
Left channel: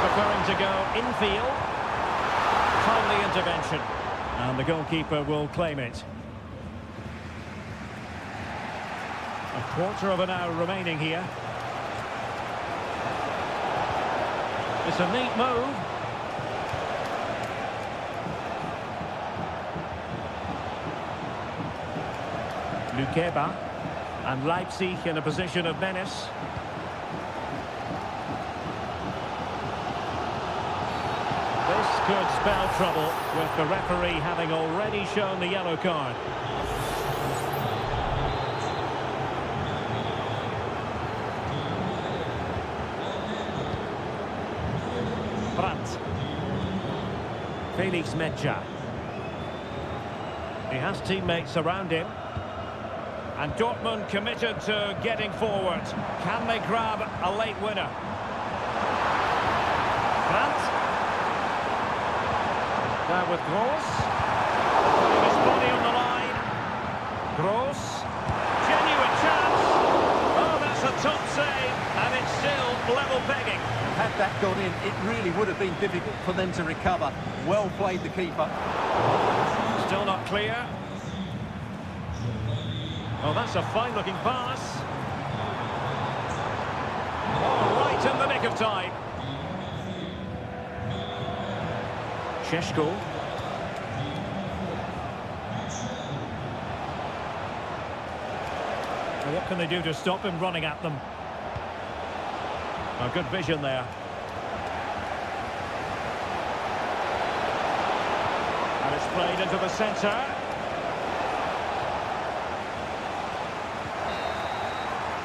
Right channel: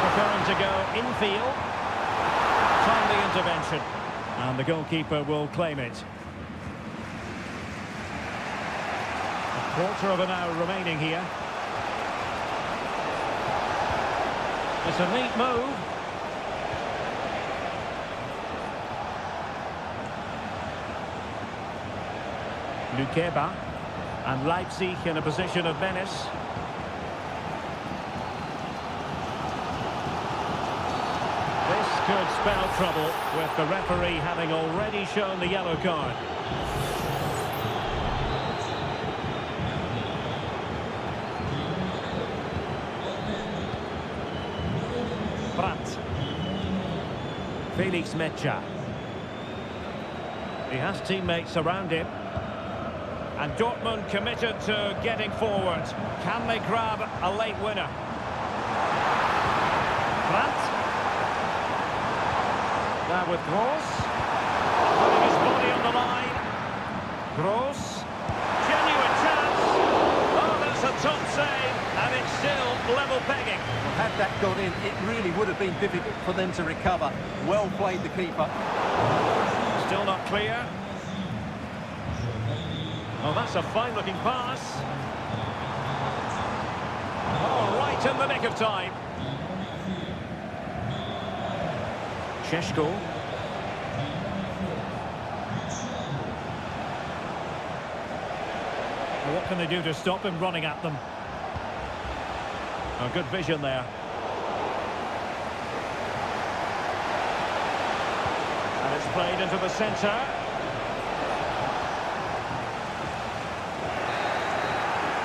Preferring to go infield. Timely intervention. And the goalkeeper will claim it. A quarter of an hour remaining here. It's a neat move. Lukeba. And Leipzig in a position of menace. This could spell trouble, with the referee having already shown the yellow card. Brandt. Felix Medja. He has teammates around him. And Dortmund committed to getting forward. Can they grab a late winner? Brandt. Now with Gross. Putting his body on the line. Gross. Genuine chance. Oh, that's a top save. And it's still level pegging. Had that gone in, it really would have been difficult for them to recover. Well played, the keeper. Still not clear. Oh, that's a fine-looking pass. Oh, right in the nick of time. Sheshko. Well, what can they do to stop him running at them? Oh, good vision there. And it's played into the centre.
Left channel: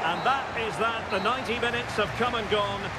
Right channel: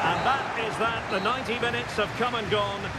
And that is that. The 90 minutes have come and gone.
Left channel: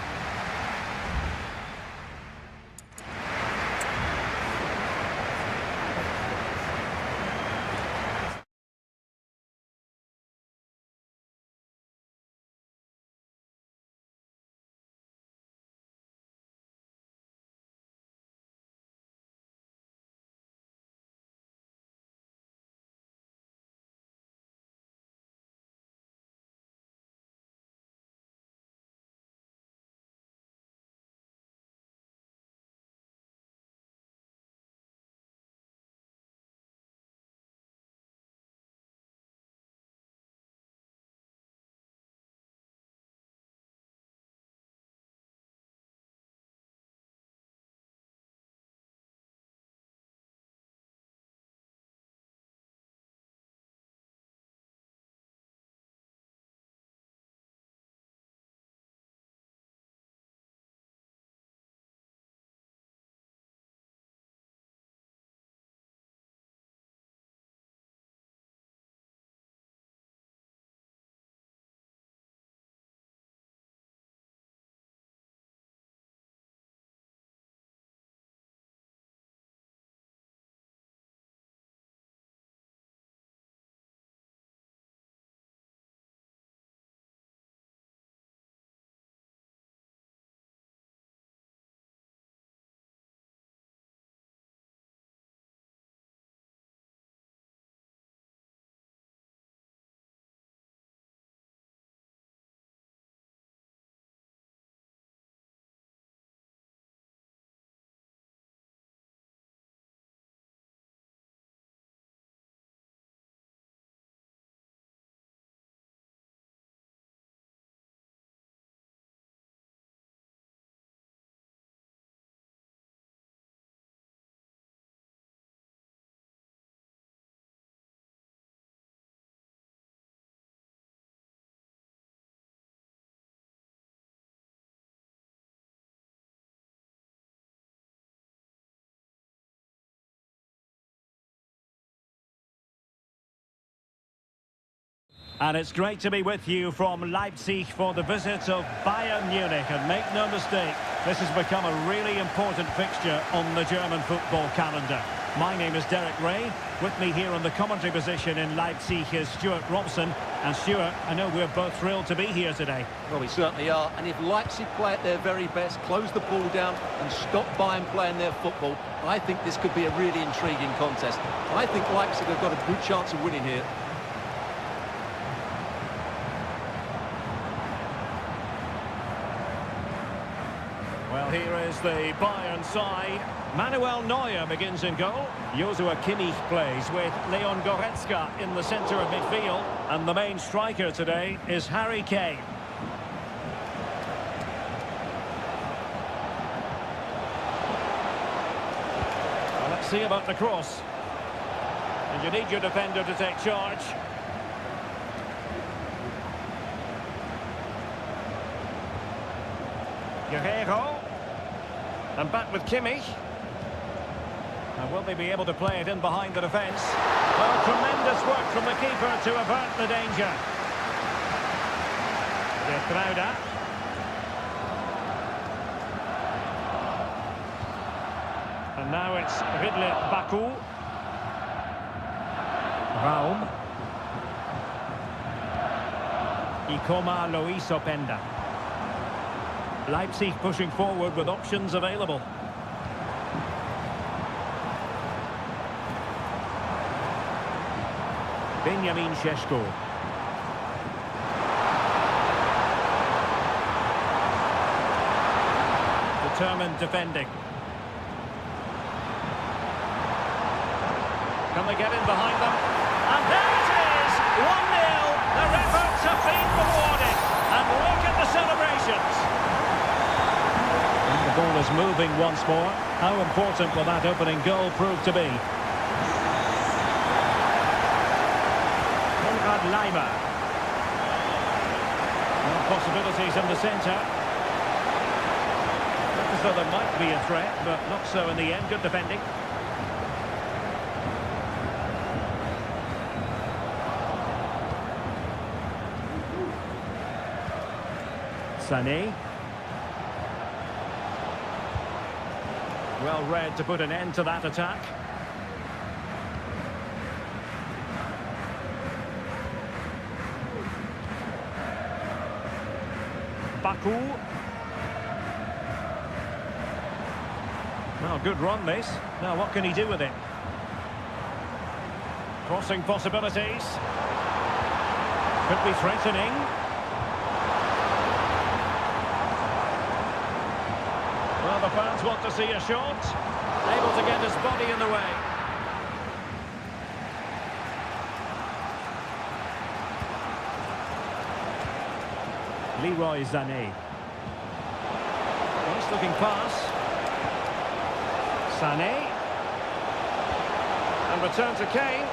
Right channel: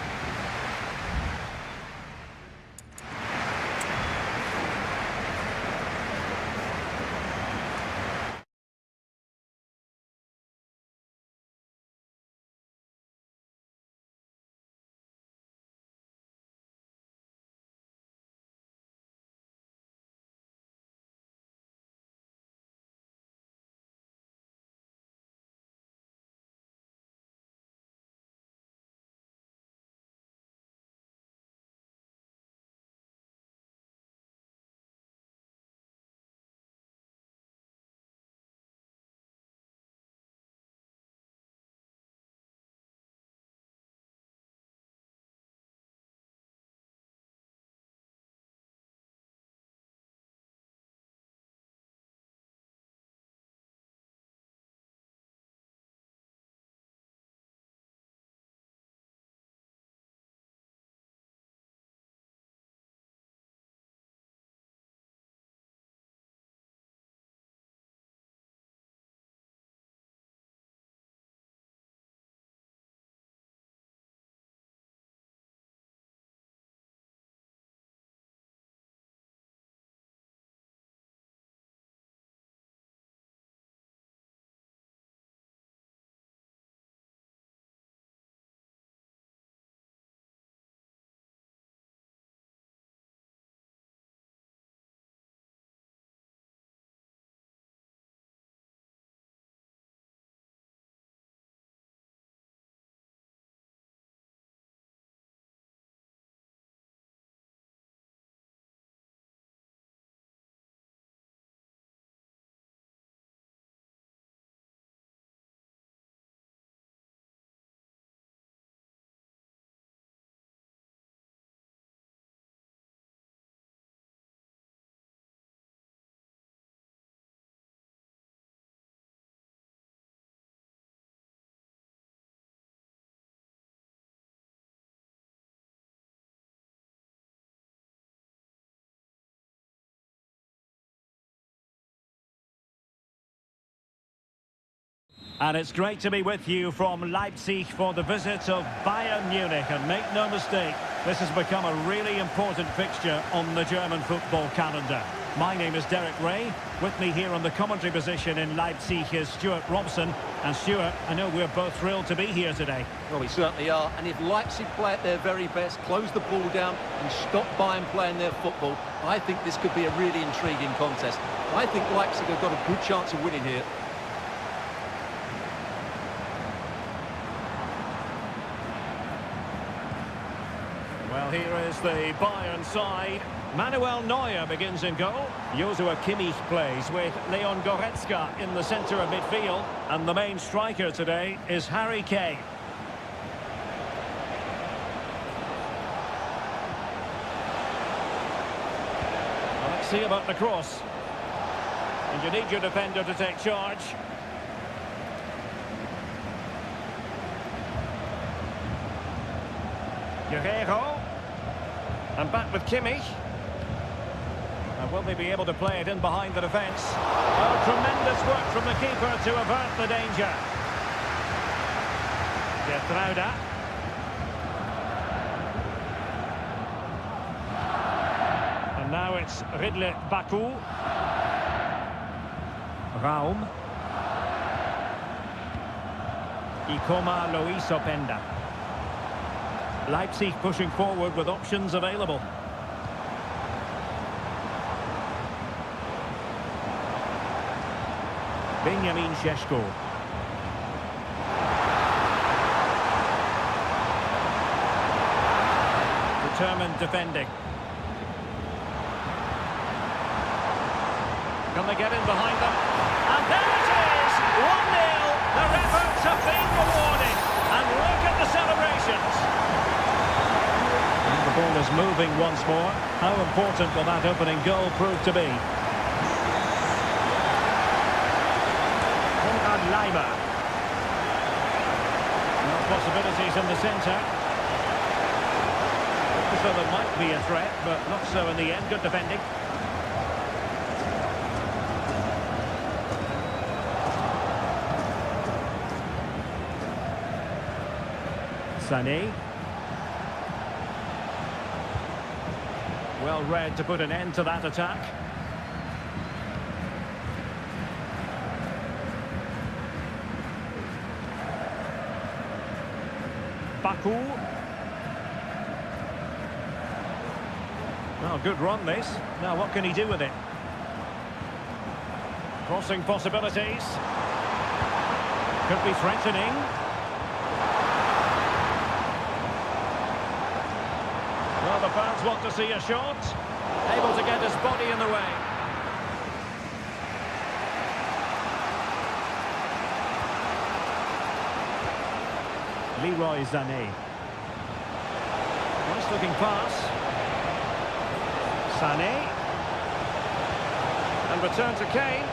And it's great to be with you from Leipzig for the visit of Bayern Munich. And make no mistake, this has become a really important fixture on the German football calendar. My name is Derek Ray. With me here on the commentary position in Leipzig is Stuart Robson. And Stuart, I know we're both thrilled to be here today. Well, we certainly are. And if Leipzig play at their very best, close the ball down and stop Bayern playing their football, I think this could be a really intriguing contest. I think Leipzig have got a good chance of winning here. Well, here is the Bayern side. Manuel Neuer begins in goal. Joshua Kimmich plays with Leon Goretzka in the centre of midfield. And the main striker today is Harry Kane. Well, let's see about the cross. And you need your defender to take charge. Guerreiro. And back with Kimmich. And will they be able to play it in behind the defence? Oh, tremendous work from the keeper to avert the danger. Getrauda. And now it's Ridley Baku. Raum. Ikoma Luis Openda. Leipzig pushing forward with options available. Benjamin Šeško. Determined defending. Can they get in behind them? And there it is! 1-0! Their efforts have been rewarded. And look at the celebrations. And the ball is moving once more. How important will that opening goal prove to be? Konrad Laimer. Well, possibilities in the centre. Looked as though there might be a threat, but not so in the end. Good defending. Sané. Well read to put an end to that attack. Baku. Well, good run this. Now what can he do with it? Crossing possibilities. Could be threatening. Well, the fans want to see a shot. Able to get his body in the way. Leroy Sané. Nice looking pass. Sané. And return to Kane.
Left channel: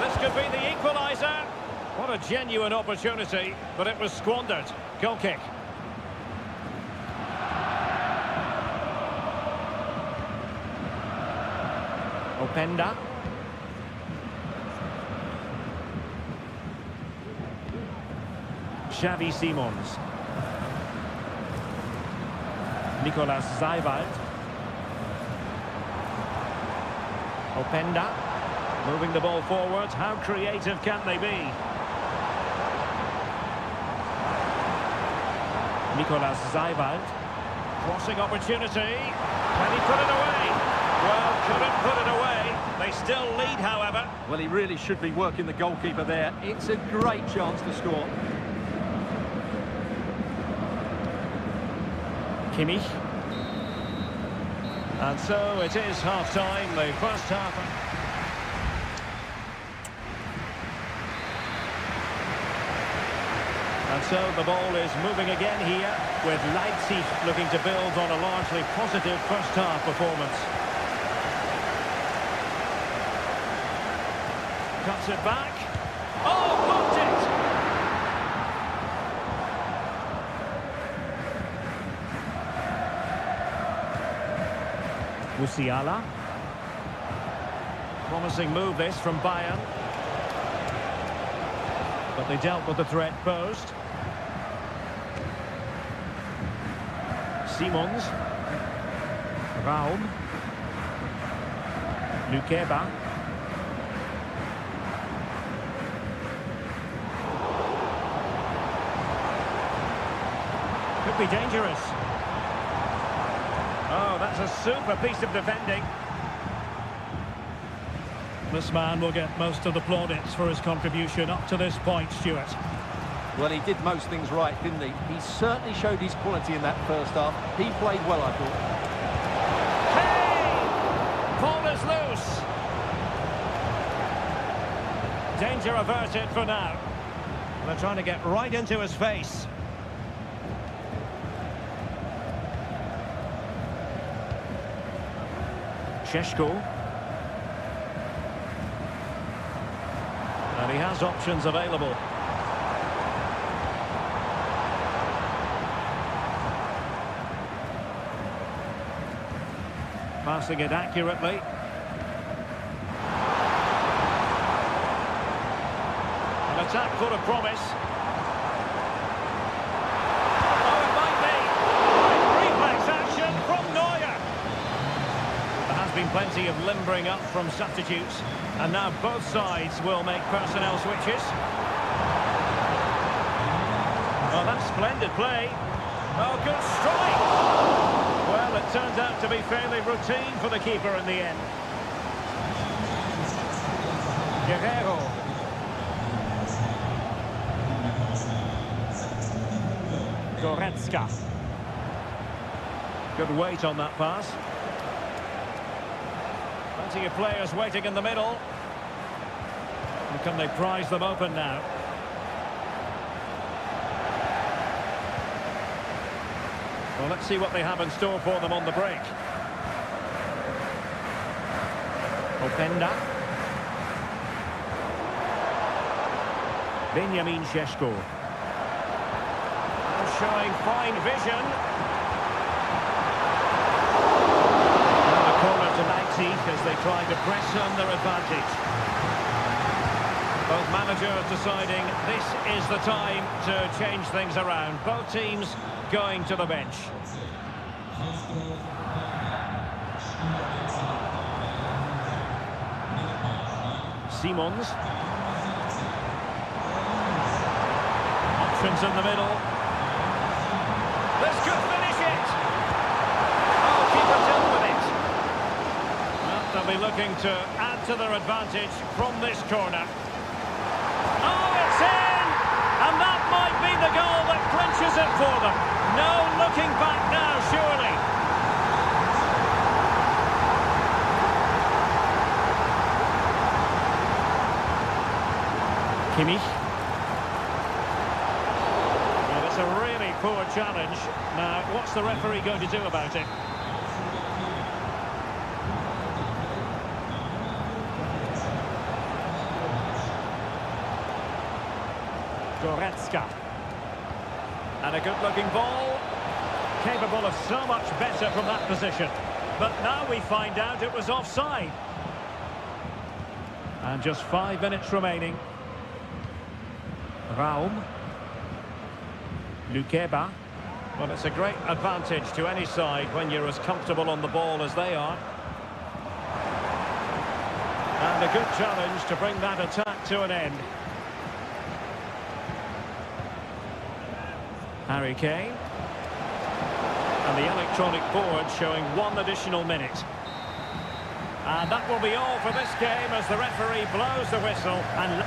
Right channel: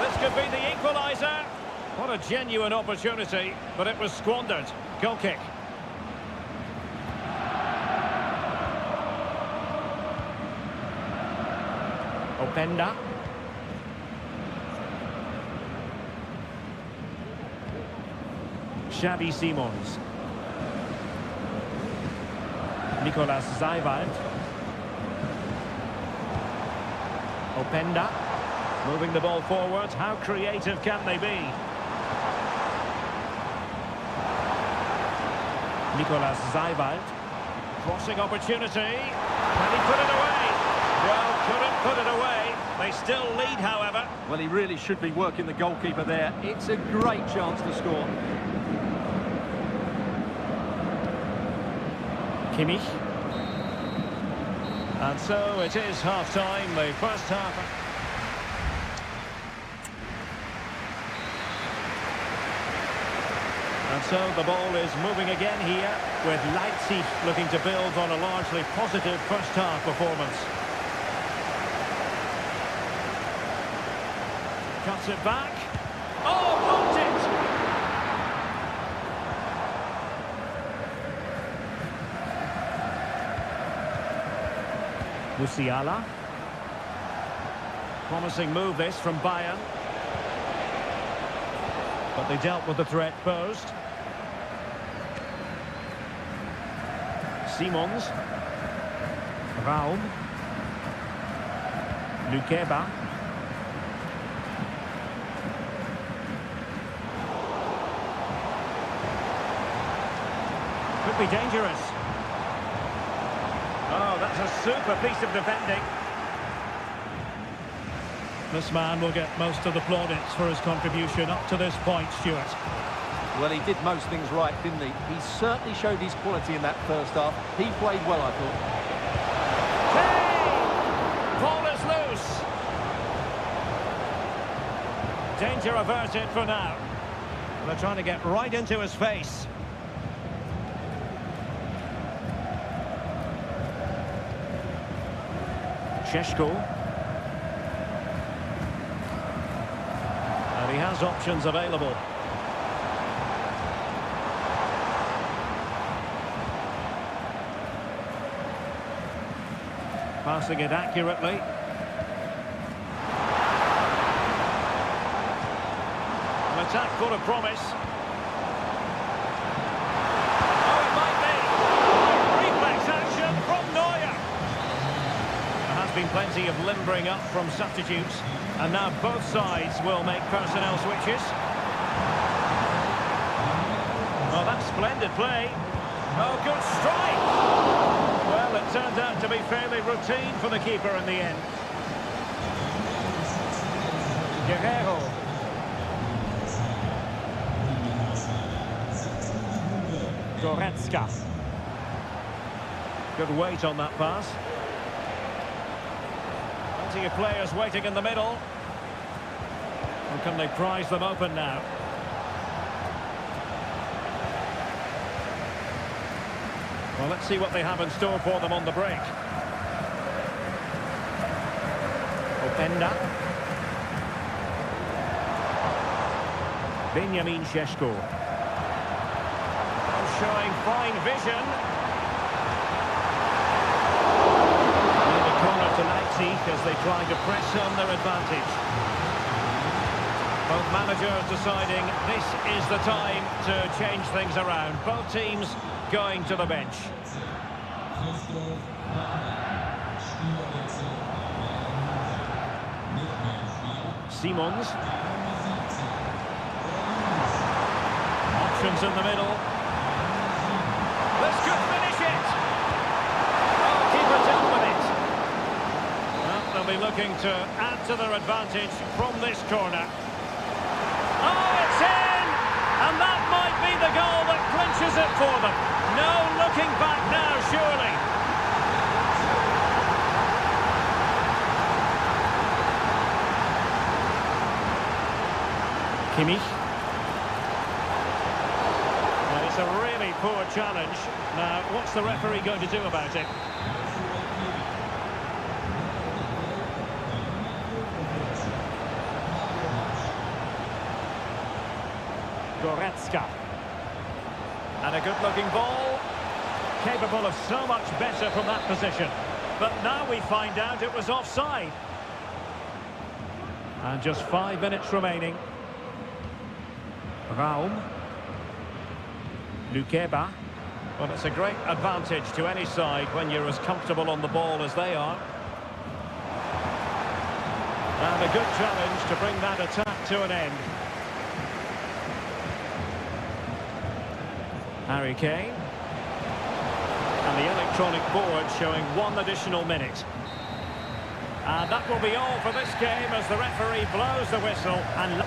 This could be the equaliser. What a genuine opportunity, but it was squandered. Goal kick. Openda. Xavi Simons. Nicolas Zaiwald. Openda. Moving the ball forward. How creative can they be? Nicolas Zaiwald. Crossing opportunity. Can he put it away? Well, couldn't put it away. They still lead, however. Well, he really should be working the goalkeeper there. It's a great chance to score. Kimmich. And so it is half-time, the first half. And so the ball is moving again here, with Leipzig looking to build on a largely positive first half performance. Cuts it back. Oh, blocked it! Musiala. Promising move this from Bayern. But they dealt with the threat posed. Simons. Raum. Lukeba. Could be dangerous. Oh, that's a super piece of defending. This man will get most of the plaudits for his contribution up to this point, Stuart. Well, he did most things right, didn't he? He certainly showed his quality in that first half. He played well, I thought. Kane! Ball is loose. Danger averted for now. They're trying to get right into his face. Sheshko. And he has options available. Passing it accurately. An attack full of promise. Oh, it might be. Reflex action from Neuer. There has been plenty of limbering up from substitutes, and now both sides will make personnel switches. Oh, that's splendid play. Oh, good strike. Well, it turns out to be fairly routine for the keeper in the end. Guerrero. Goretzka. Good weight on that pass. Plenty of players waiting in the middle. And can they prize them open now? Well, let's see what they have in store for them on the break. Openda. Benjamin Šeško. And showing fine vision. And the corner to Leipzig as they try to press home their advantage. Both managers deciding this is the time to change things around. Both teams going to the bench. Simons. Options in the middle. This could finish it. Oh, keeper dealt with it. Well, they'll be looking to add to their advantage from this corner. Oh, it's in! And that might be the goal that clinches it for them. No looking back now, surely. Kimmich. And it's a really poor challenge. Now, what's the referee going to do about it? Goretzka. And a good-looking ball. Capable of so much better from that position. But now we find out it was offside. And just 5 minutes remaining. Raum. Lukeba. Well, it's a great advantage to any side when you're as comfortable on the ball as they are. And a good challenge to bring that attack to an end. Harry Kane. And the electronic board showing 1 additional minute. And that will be all for this game as the referee blows the whistle and...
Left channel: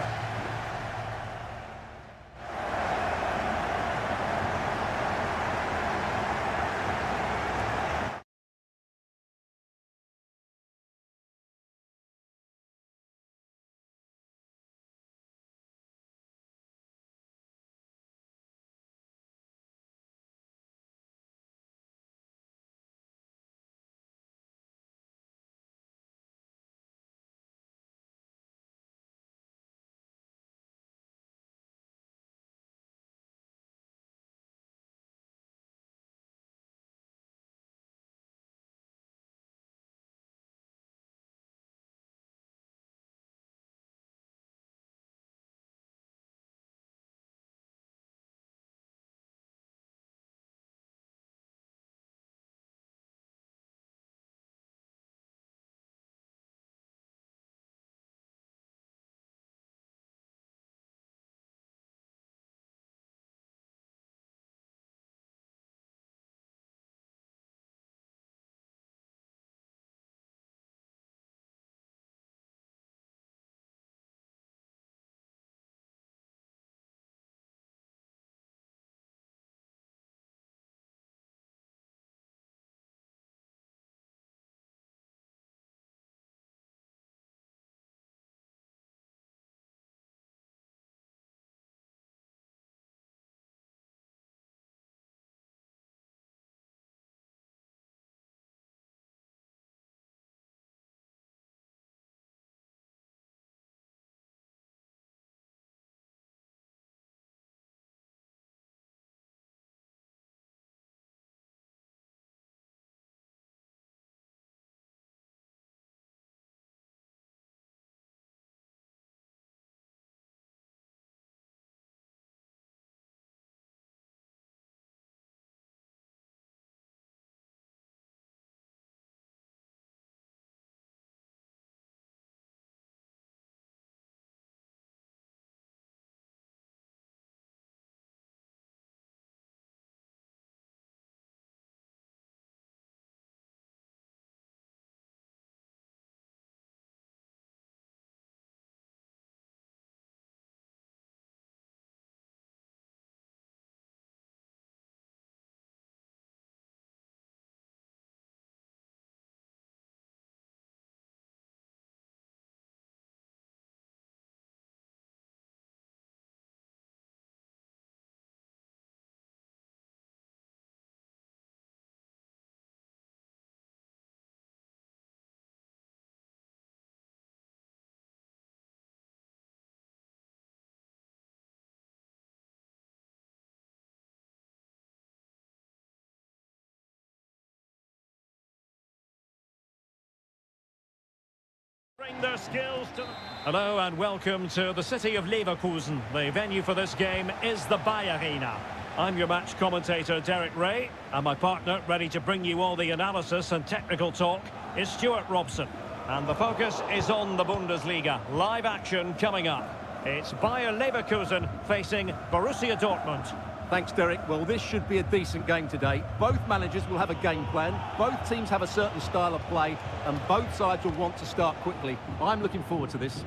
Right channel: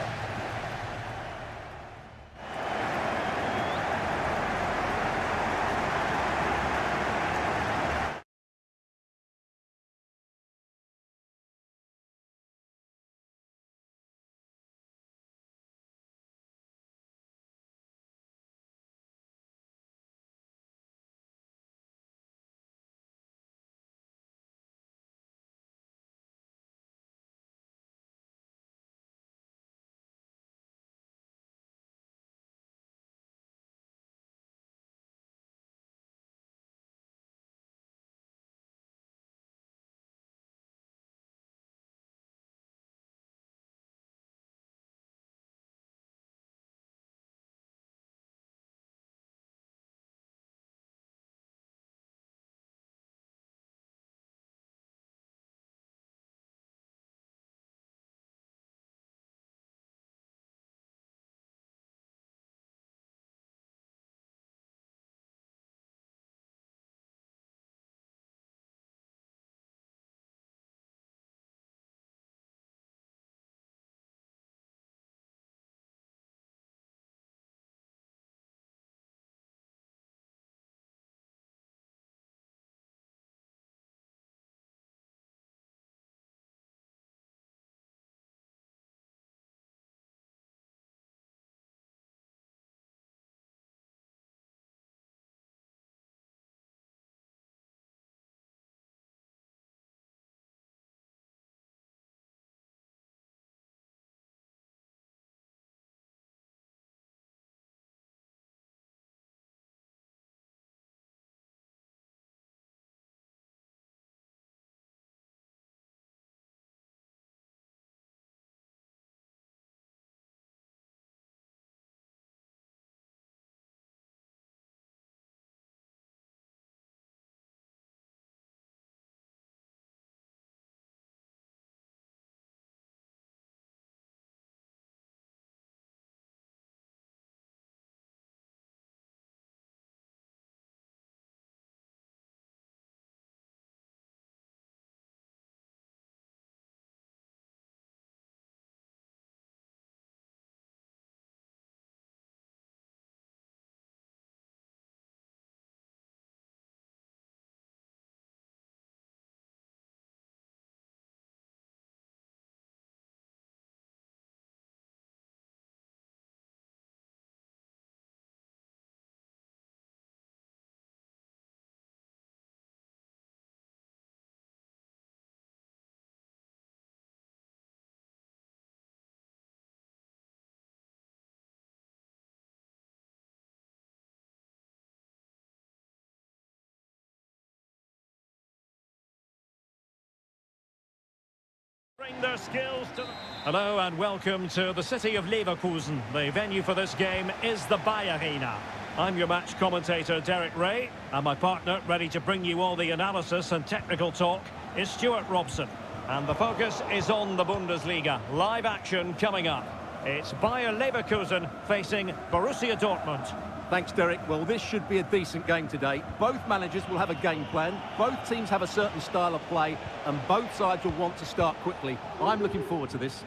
Bring their skills to... Hello and welcome to the city of Leverkusen. The venue for this game is the Bayer Arena. I'm your match commentator, Derek Ray, and my partner, ready to bring you all the analysis and technical talk, is Stuart Robson. And the focus is on the Bundesliga. Live action coming up. It's Bayer Leverkusen facing Borussia Dortmund. Thanks, Derek. Well, this should be a decent game today. Both managers will have a game plan. Both teams have a certain style of play, and both sides will want to start quickly. I'm looking forward to this.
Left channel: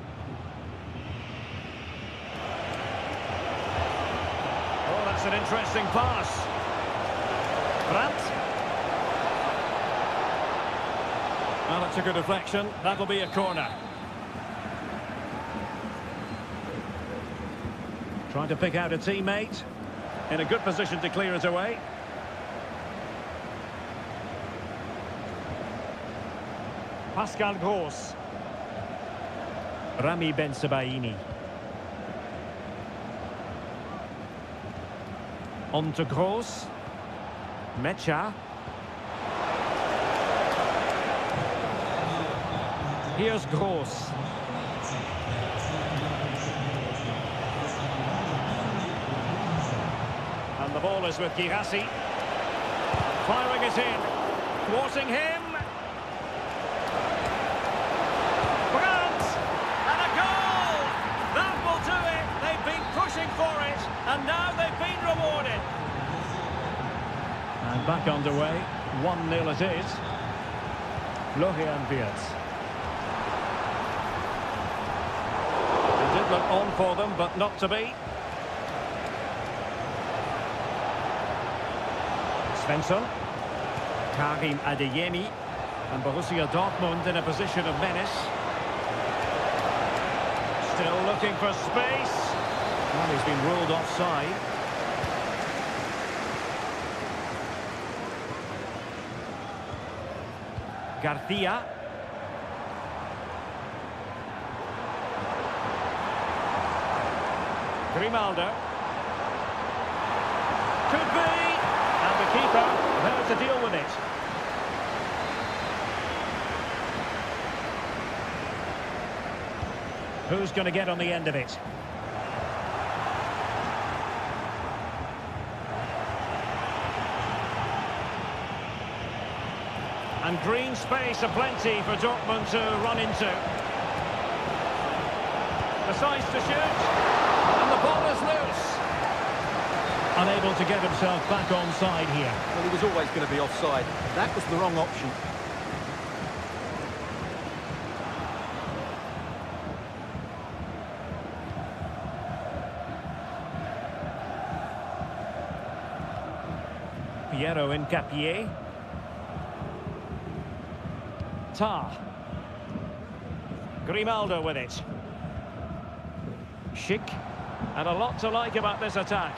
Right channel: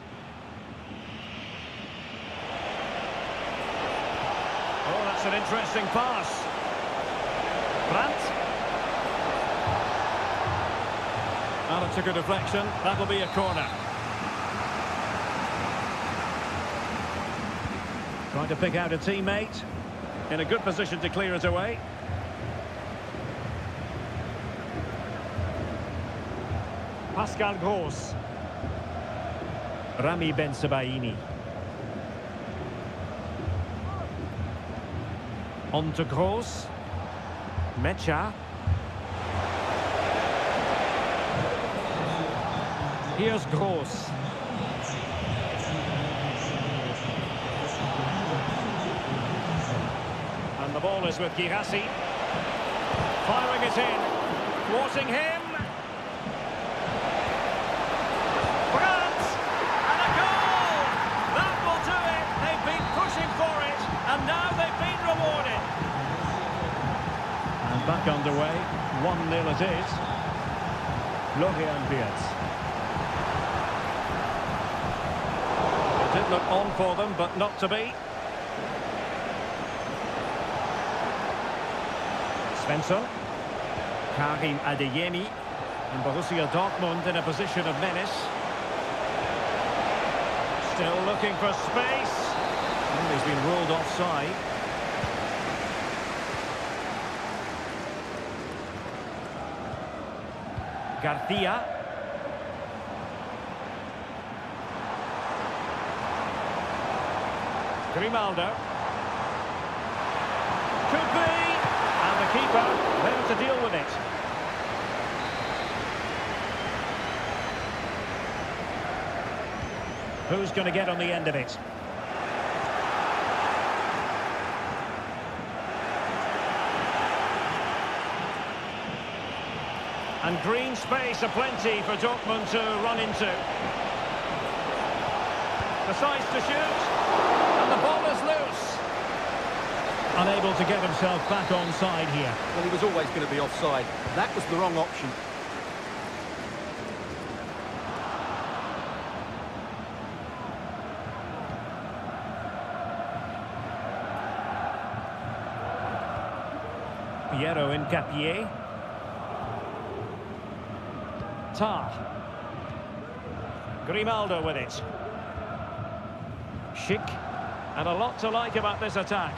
Oh, that's an interesting pass. Brandt. Well, it took a deflection. That'll be a corner. Trying to pick out a teammate. In a good position to clear it away. Pascal Gross. Rami Bensebaini. On to Gross. Mecha. Here's Gross. And the ball is with Girassi. Firing it in. Thwarting him. Brandt! And a goal! That will do it. They've been pushing for it. And now they've been rewarded. And back underway. 1-0 it is. Florian Wirtz. It did look on for them, but not to be. Svensson, Karim Adeyemi, and Borussia Dortmund in a position of menace. Still looking for space. Well, he's been ruled offside. Garcia. Grimaldo. Could be. And the keeper there to deal with it. Who's going to get on the end of it? And green space aplenty for Dortmund to run into. Decides to shoot. And the ball is loose. Unable to get himself back onside here. Well, he was always going to be offside. That was the wrong option. Piero Incapié. Tar. Grimaldo with it. Schick. And a lot to like about this attack.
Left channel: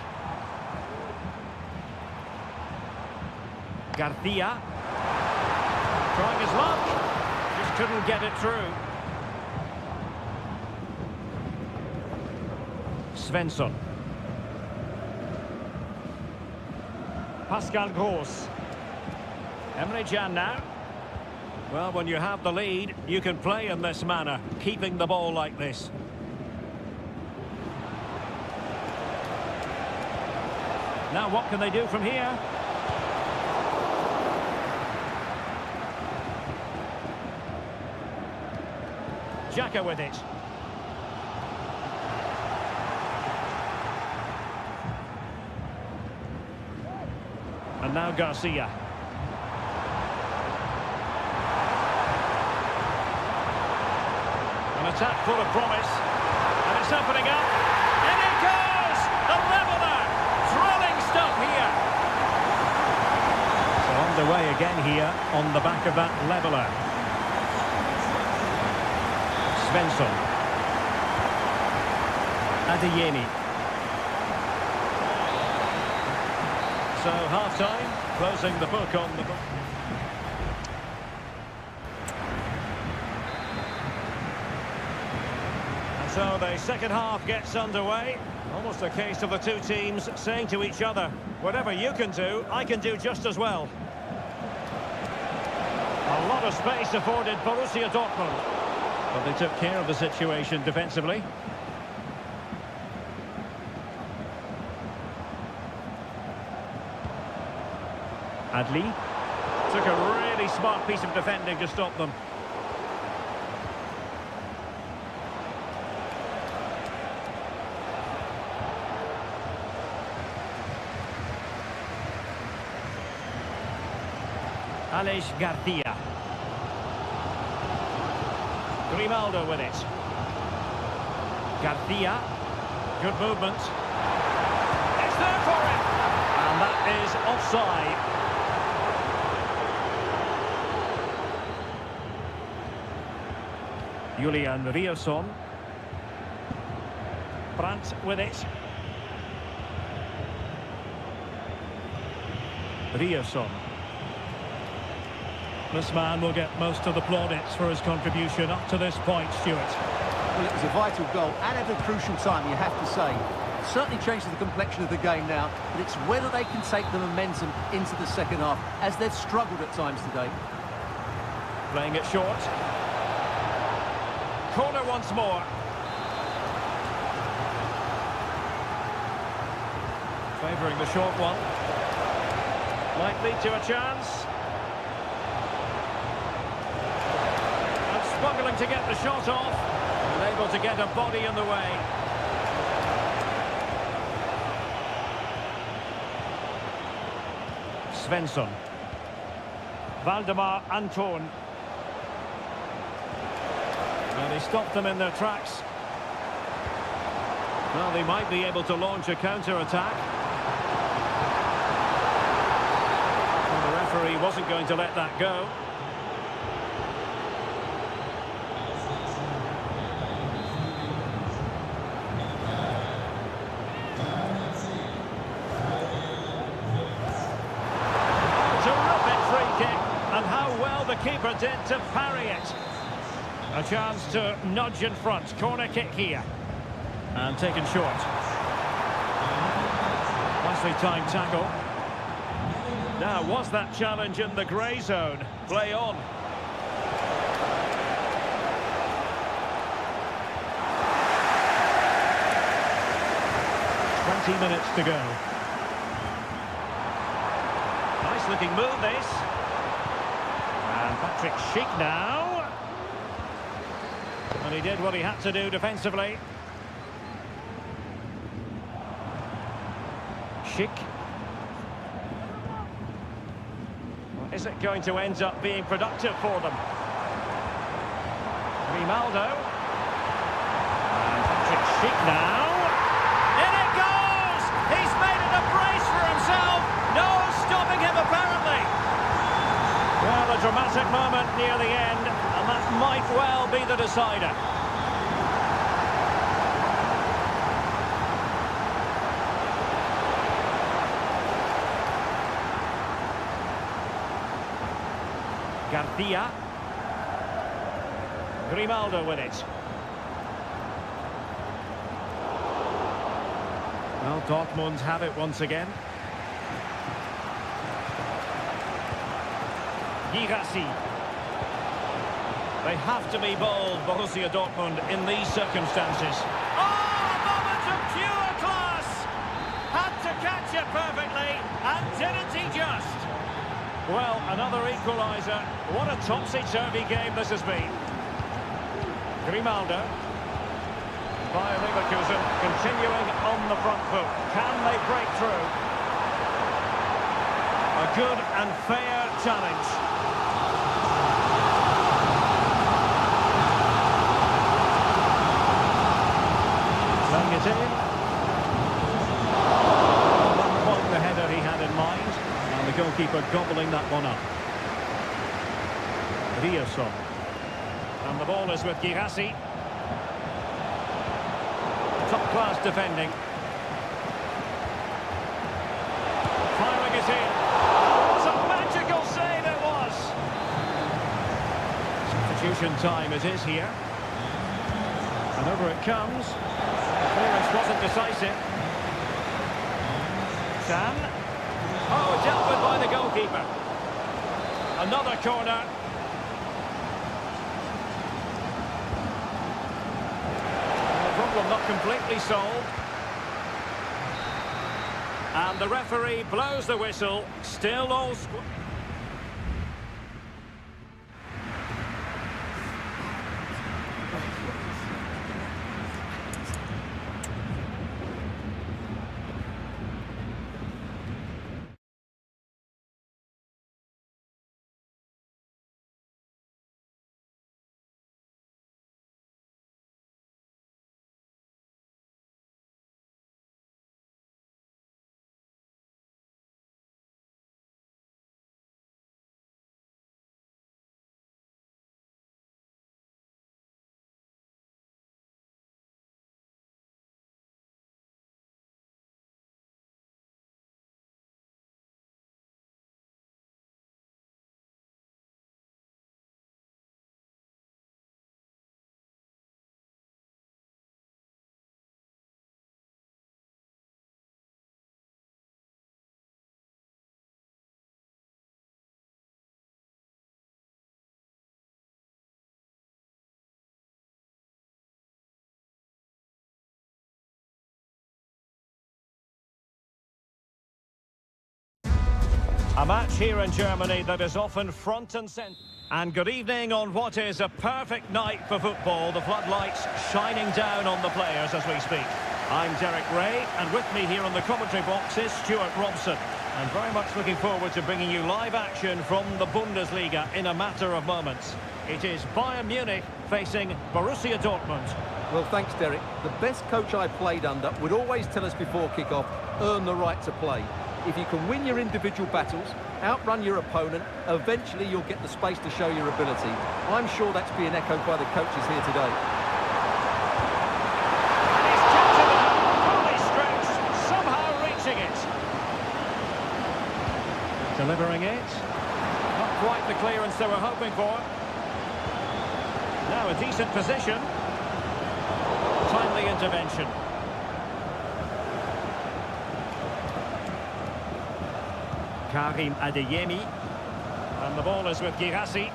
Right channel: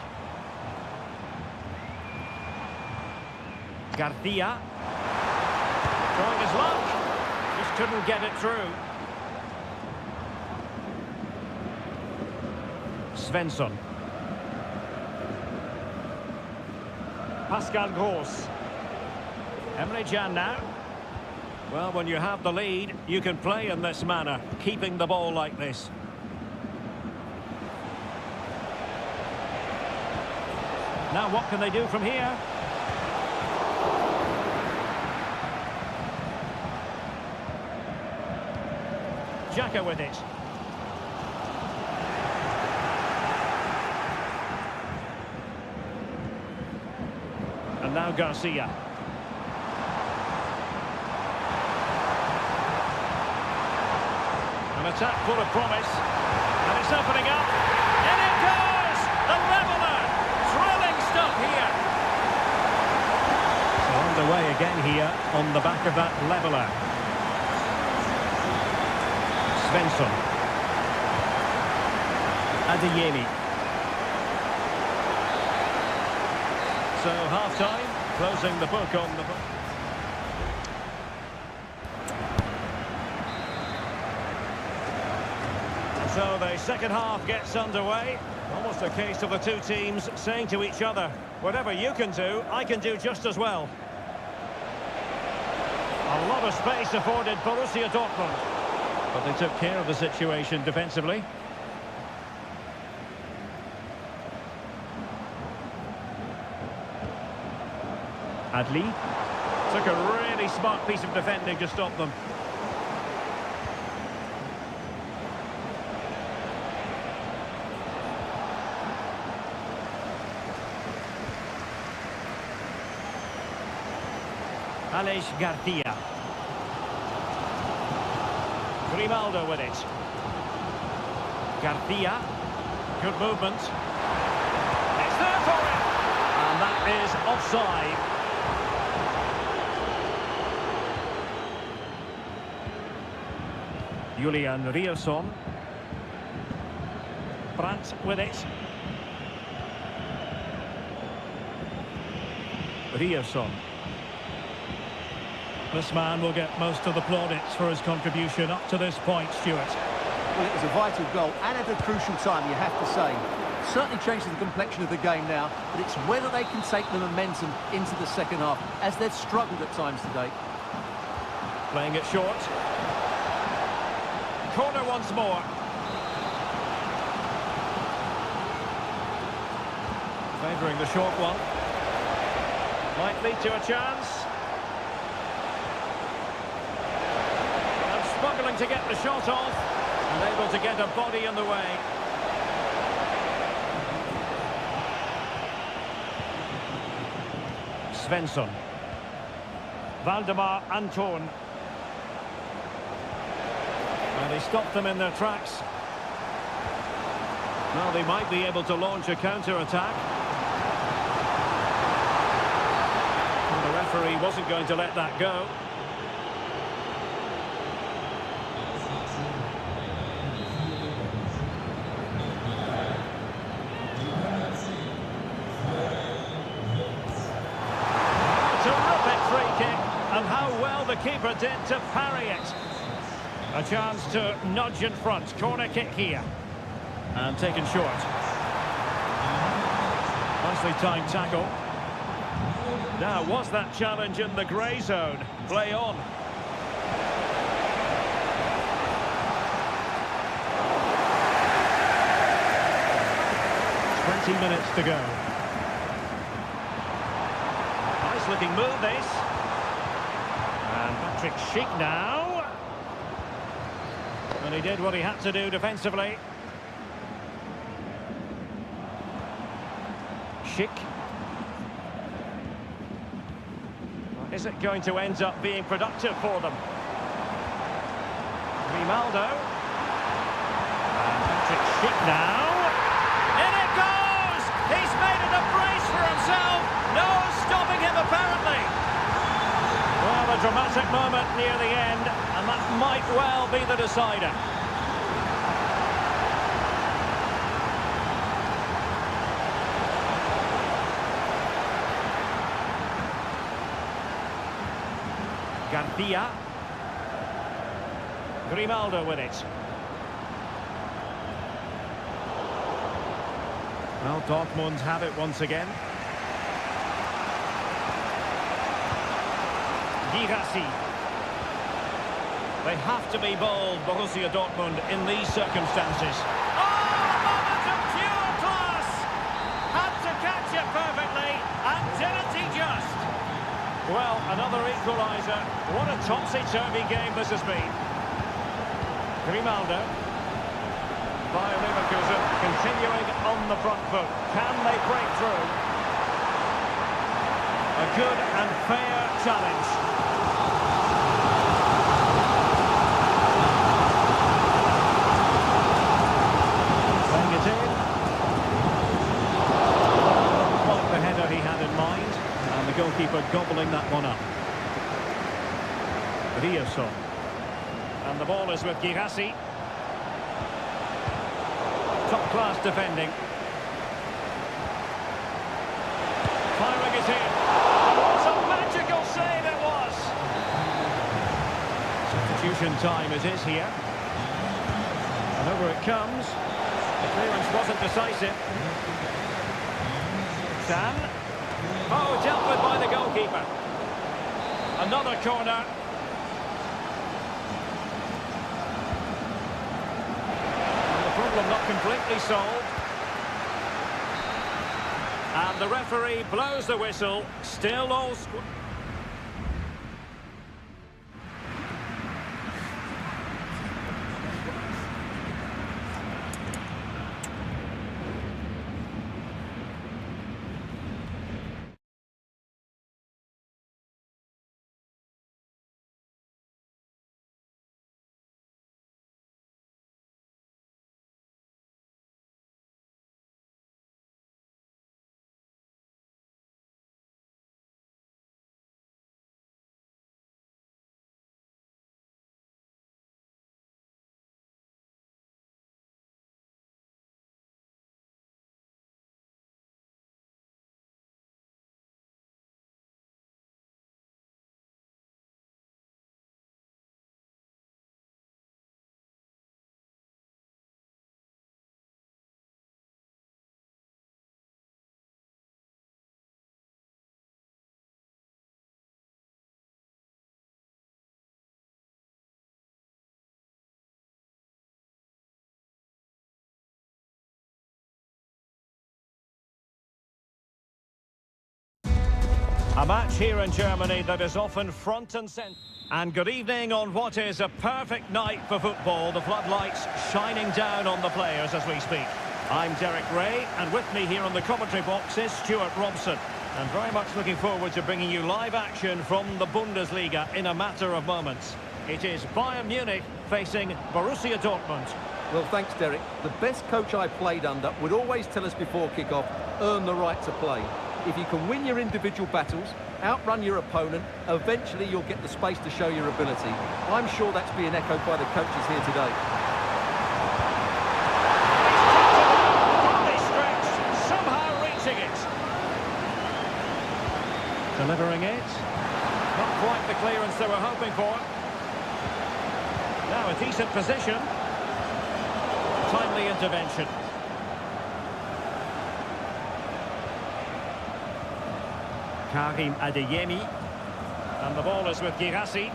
Garcia. Trying his luck. Just couldn't get it through. Svensson. Pascal Gross. Emre Can now. Well, when you have the lead, you can play in this manner, keeping the ball like this. Now what can they do from here? Xhaka with it. And now Garcia. An attack full of promise. And it's opening up. And it goes! The leveller! Thrilling stuff here. So underway again here on the back of that leveller. Svensson. Adeyemi. So half-time, closing the book on the book. And so the second half gets underway. Almost a case of the two teams saying to each other, whatever you can do, I can do just as well. A lot of space afforded Borussia Dortmund. But they took care of the situation defensively. Adli took a really smart piece of defending to stop them. Aleix Garcia. Grimaldo with it. Garcia. Good movement. It's there for him. And that is offside. Julian Rierson. Brandt with it. Rierson. This man will get most of the plaudits for his contribution up to this point, Stuart. Well, it was a vital goal and at a crucial time, you have to say. Certainly changes the complexion of the game now, but it's whether they can take the momentum into the second half, as they've struggled at times today. Playing it short. Corner once more. Favouring the short one. Might lead to a chance. And struggling to get the shot off. And able to get a body in the way. Svensson. Valdemar Anton. And he stopped them in their tracks. Well, they might be able to launch a counter-attack. Well, the referee wasn't going to let that go. Terrific free kick, and how well the keeper did to parry it. A chance to nudge in front. Corner kick here. And taken short. Nicely timed tackle. Now, was that challenge in the grey zone? Play on. "20 minutes to go. Nice looking move, this. And Patrick Schick now. And he did what he had to do defensively. Schick. Well, is it going to end up being productive for them? Grimaldo. And Patrick Schick now. In it goes! He's made it a brace for himself. No stopping him, apparently. Well, a dramatic moment near the end, and that might well be the decider. Garcia. Grimaldo with it. Well, Dortmund have it once again. Girassi. They have to be bold, Borussia Dortmund, in these circumstances. Oh, a moment of pure class! Had to catch it perfectly, and didn't he just? Well, another equaliser. What a topsy-turvy game this has been. Grimaldo. Bayer Leverkusen continuing on the front foot. Can they break through? A good and fair challenge. Playing it in. Not quite the header he had in mind. And the goalkeeper gobbling that one up. Rierson. And the ball is with Girassi. Top-class defending. Firing it in. And what a magical save it was! Substitution time it is here. And over it comes. The clearance wasn't decisive. San. Oh, dealt with by the goalkeeper. Another corner. problem not completely solved. And the referee blows the whistle. Still all square. A match here in Germany that is often front and centre. And good evening on what is a perfect night for football. The floodlights shining down on the players as we speak. I'm Derek Ray, and with me here on the commentary box is Stuart Robson. And very much looking forward to bringing you live action from the Bundesliga in a matter of moments. It is Bayern Munich facing Borussia Dortmund. Well, thanks, Derek. The best coach I played under would always tell us before kick-off, earn the right to play. If you can win your individual battles, outrun your opponent, eventually you'll get the space to show your ability. I'm sure that's being echoed by the coaches here today. And he's kept it out, fully stretched, somehow reaching it. Delivering it. Not quite the clearance they were hoping for. Now a decent position. Timely intervention. Karim Adeyemi, and the ball is with Girassi.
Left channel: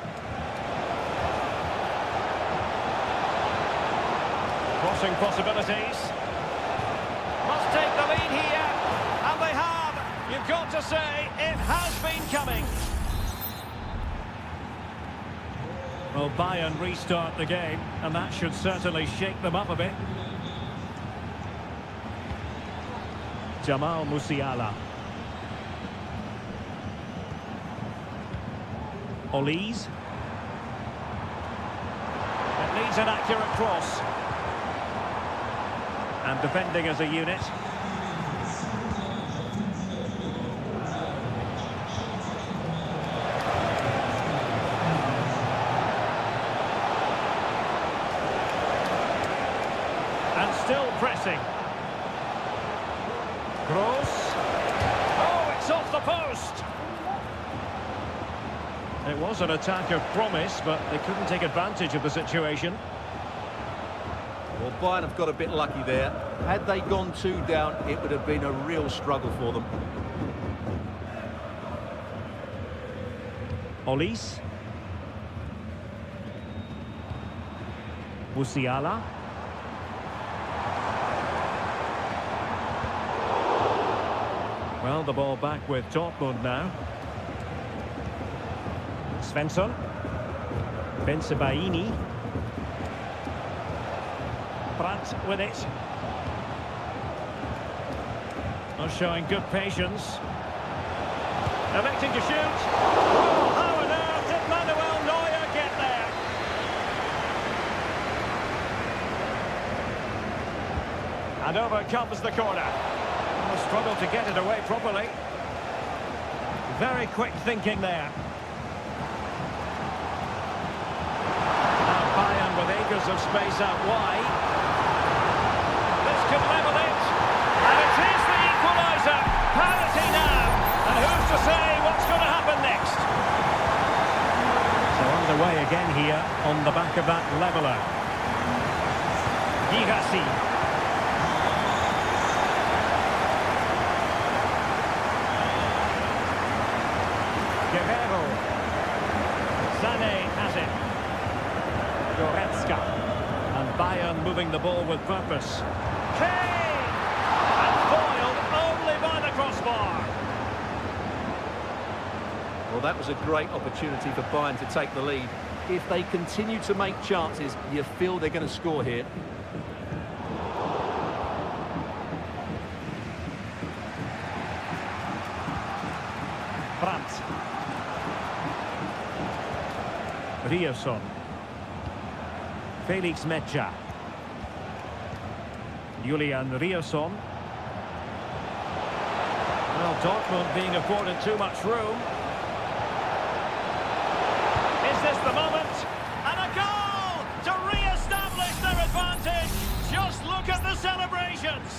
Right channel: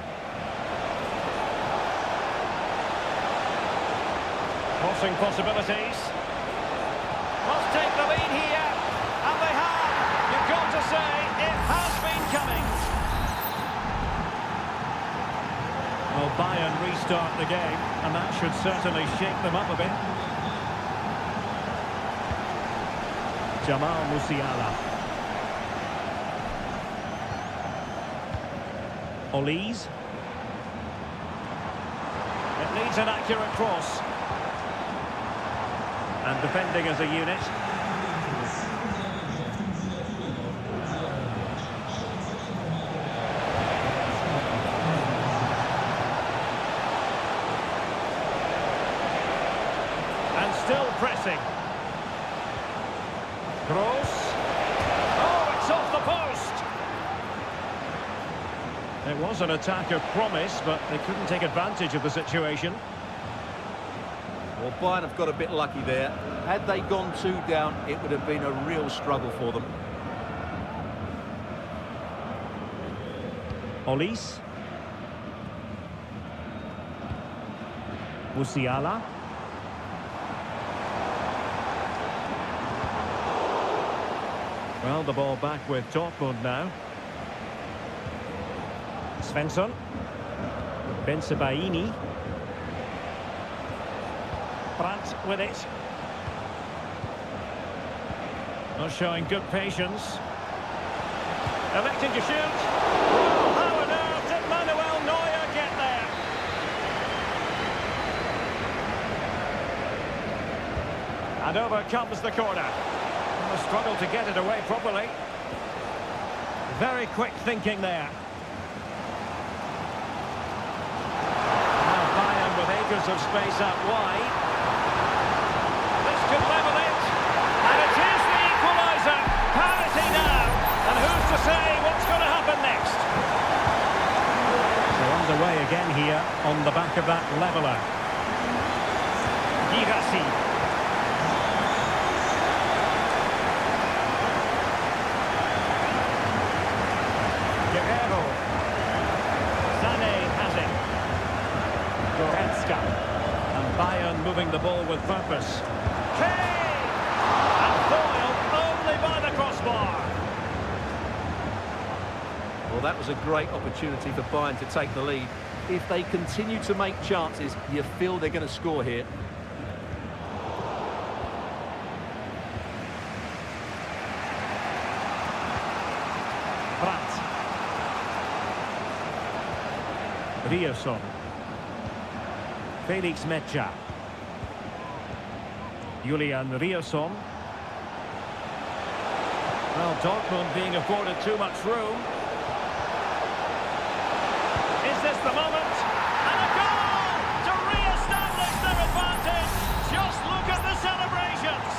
Crossing possibilities. Must take the lead here, and they have. You've got to say, it has been coming. Well, Bayern restart the game, and that should certainly shake them up a bit. Jamal Musiala. Olise. It needs an accurate cross. And defending as a unit. And still pressing. Gross. Oh, it's off the post. It was an attack of promise, but they couldn't take advantage of the situation. Well, Bayern have got a bit lucky there. Had they gone 2 down, it would have been a real struggle for them. Olise. Musiala. Well, the ball back with Dortmund now. Svensson. Bensebaini. Brandt with it. Not showing good patience. Electing to shoot. Oh, how on earth did Manuel Neuer get there? And over comes the corner. And the struggle to get it away properly. Very quick thinking there. Now Bayern with acres of space out wide. This could level it. And it is the equaliser. Parity now. And who's to say what's going to happen next? So underway again here on the back of that leveller. Girassi. Guerrero. Sané has it. Goretzka. And Bayern moving the ball with purpose. Kane! And foiled only by the crossbar. Well, that was a great opportunity for Bayern to take the lead. If they continue to make chances, you feel they're going to score here. Brandt. Rierson. Felix Mecha. Julian Rierson. Well, Dortmund being afforded too much room. Is this the moment? And a goal to re-establish their advantage. Just look at the celebrations.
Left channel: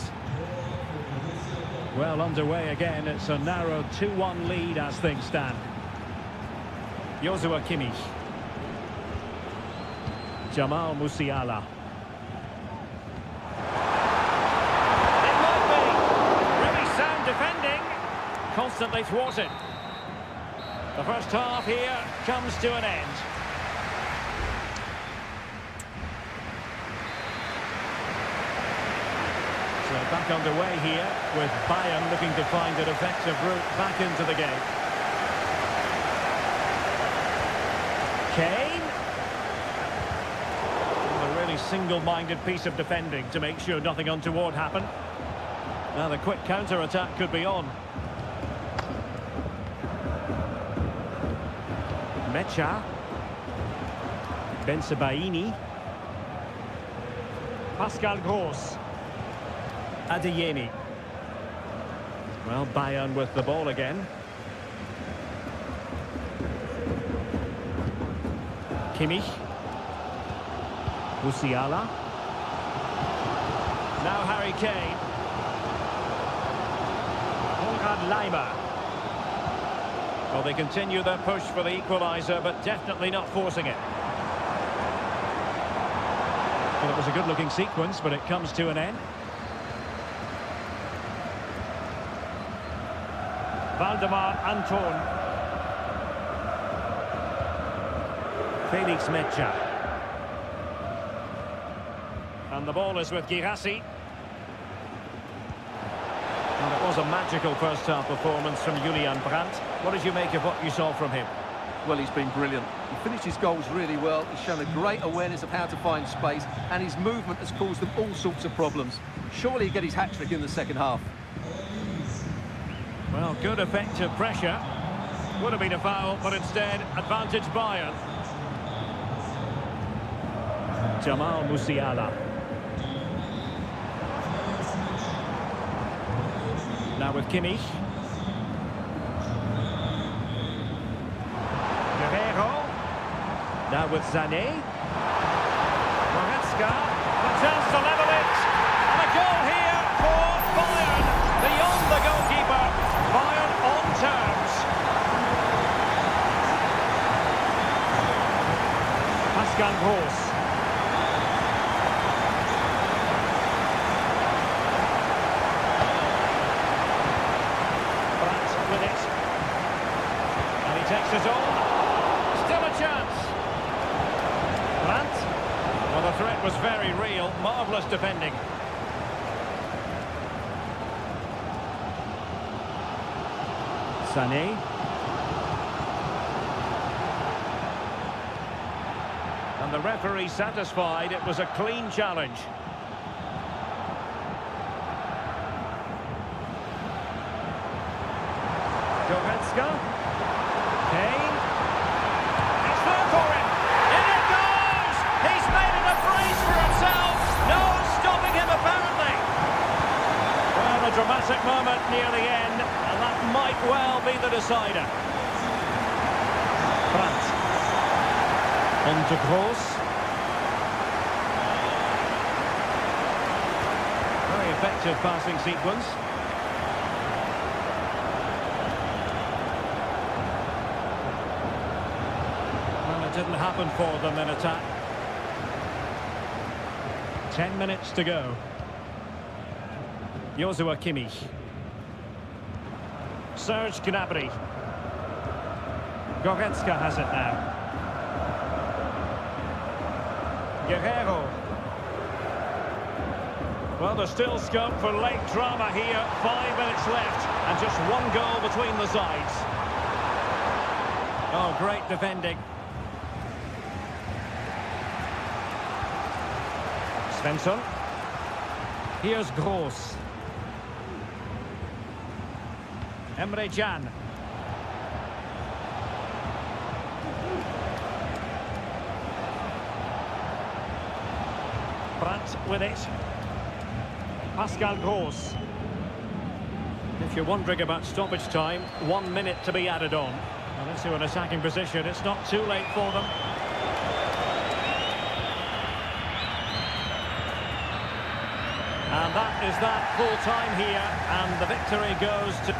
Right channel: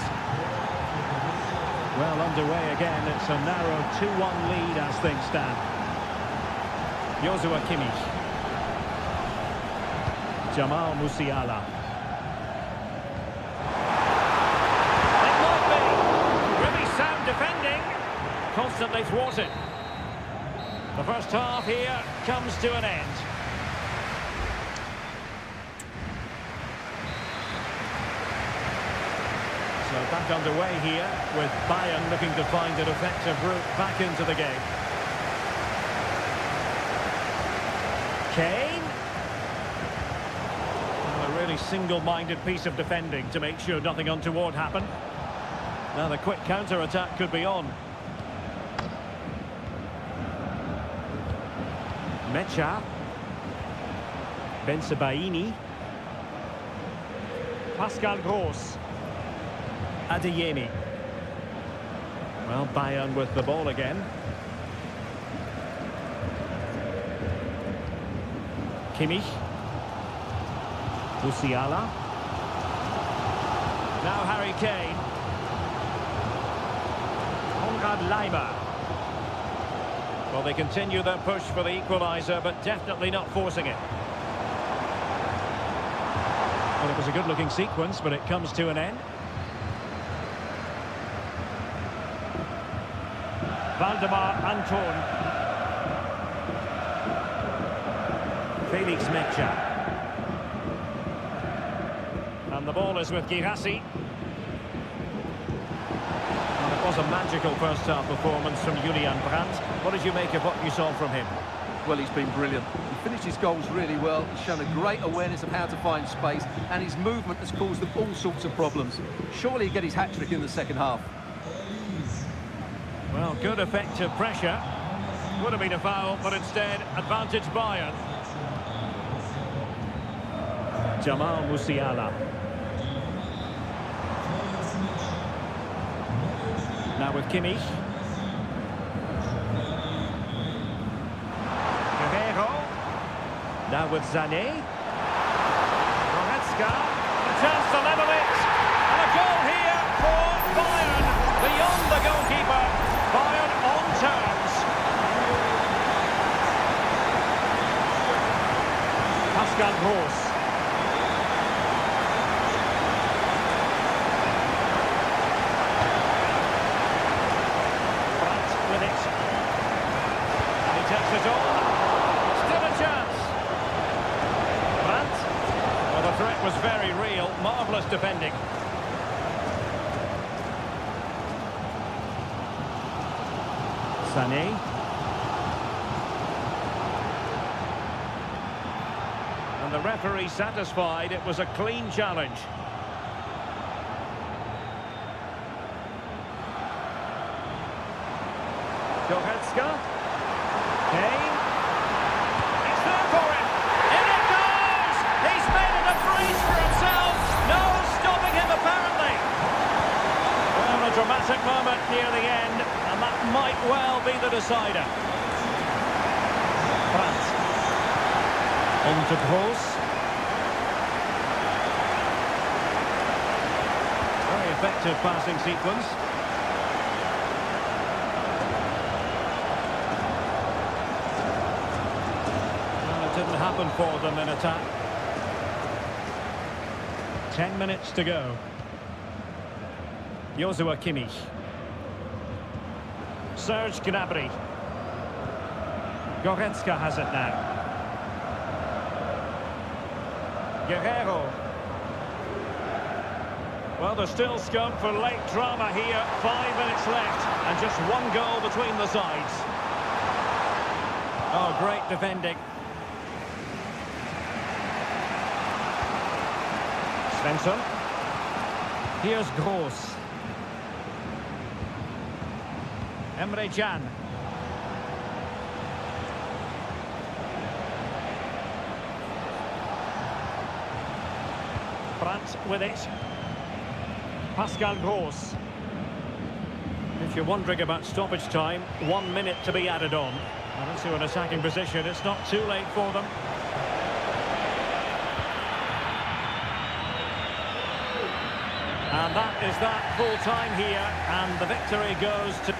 Well, underway again. It's a narrow 2-1 lead as things stand. Joshua Kimmich. Jamal Musiala. It might be. Really sound defending. Constantly thwarted. The first half here comes to an end. So back underway here with Bayern looking to find an effective route back into the game. Kane. Well, a really single-minded piece of defending to make sure nothing untoward happened. Now the quick counter-attack could be on. Mecha. Bensebaini. Pascal Gross. Adeyemi. Well, Bayern with the ball again. Kimmich. Musiala. Now Harry Kane. Konrad Laimer. Well, they continue their push for the equaliser, but definitely not forcing it. Well, it was a good-looking sequence, but it comes to an end. Valdemar Anton. Felix Mecha. And the ball is with Girassi. And it was a magical first-half performance from Julian Brandt. What did you make of what you saw from him? Well, he's been brilliant. He finished his goals really well. He's shown a great awareness of how to find space, and his movement has caused them all sorts of problems. Surely he'll get his hat-trick in the second half. Well, good effective pressure. Would have been a foul, but instead, advantage Bayern. Jamal Musiala. Now with Kimmich. Guerrero. Now with Sané. Goretzka. And a chance to level it. And a goal here for Bayern. Beyond the goalkeeper. Bayern on terms. Pascal Gross. Brandt with it. And he takes his own. Still a chance. Brandt. Well, the threat was very real. Marvellous defending. Sané. And the referee satisfied it was a clean challenge. Goretzka. Kane. It's there for him. In it goes! He's made it a brace for himself. No stopping him apparently. Well, a dramatic moment near the end, and that might well be the decider. Brandt. On to Gross. Very effective passing sequence. Well, it didn't happen for them in attack. 10 minutes to go. Joshua Kimmich. Serge Gnabry. Goretzka has it now. Guerrero. Well, there's still scope for late drama here. 5 minutes left and just one goal between the sides. Oh, great defending. Svensson. Here's Gross. Emre Can. Brandt with it. Pascal Gross. If you're wondering about stoppage time, 1 minute to be added on. And into an attacking position, it's not too late for them. And that is that full time here, and the victory goes to...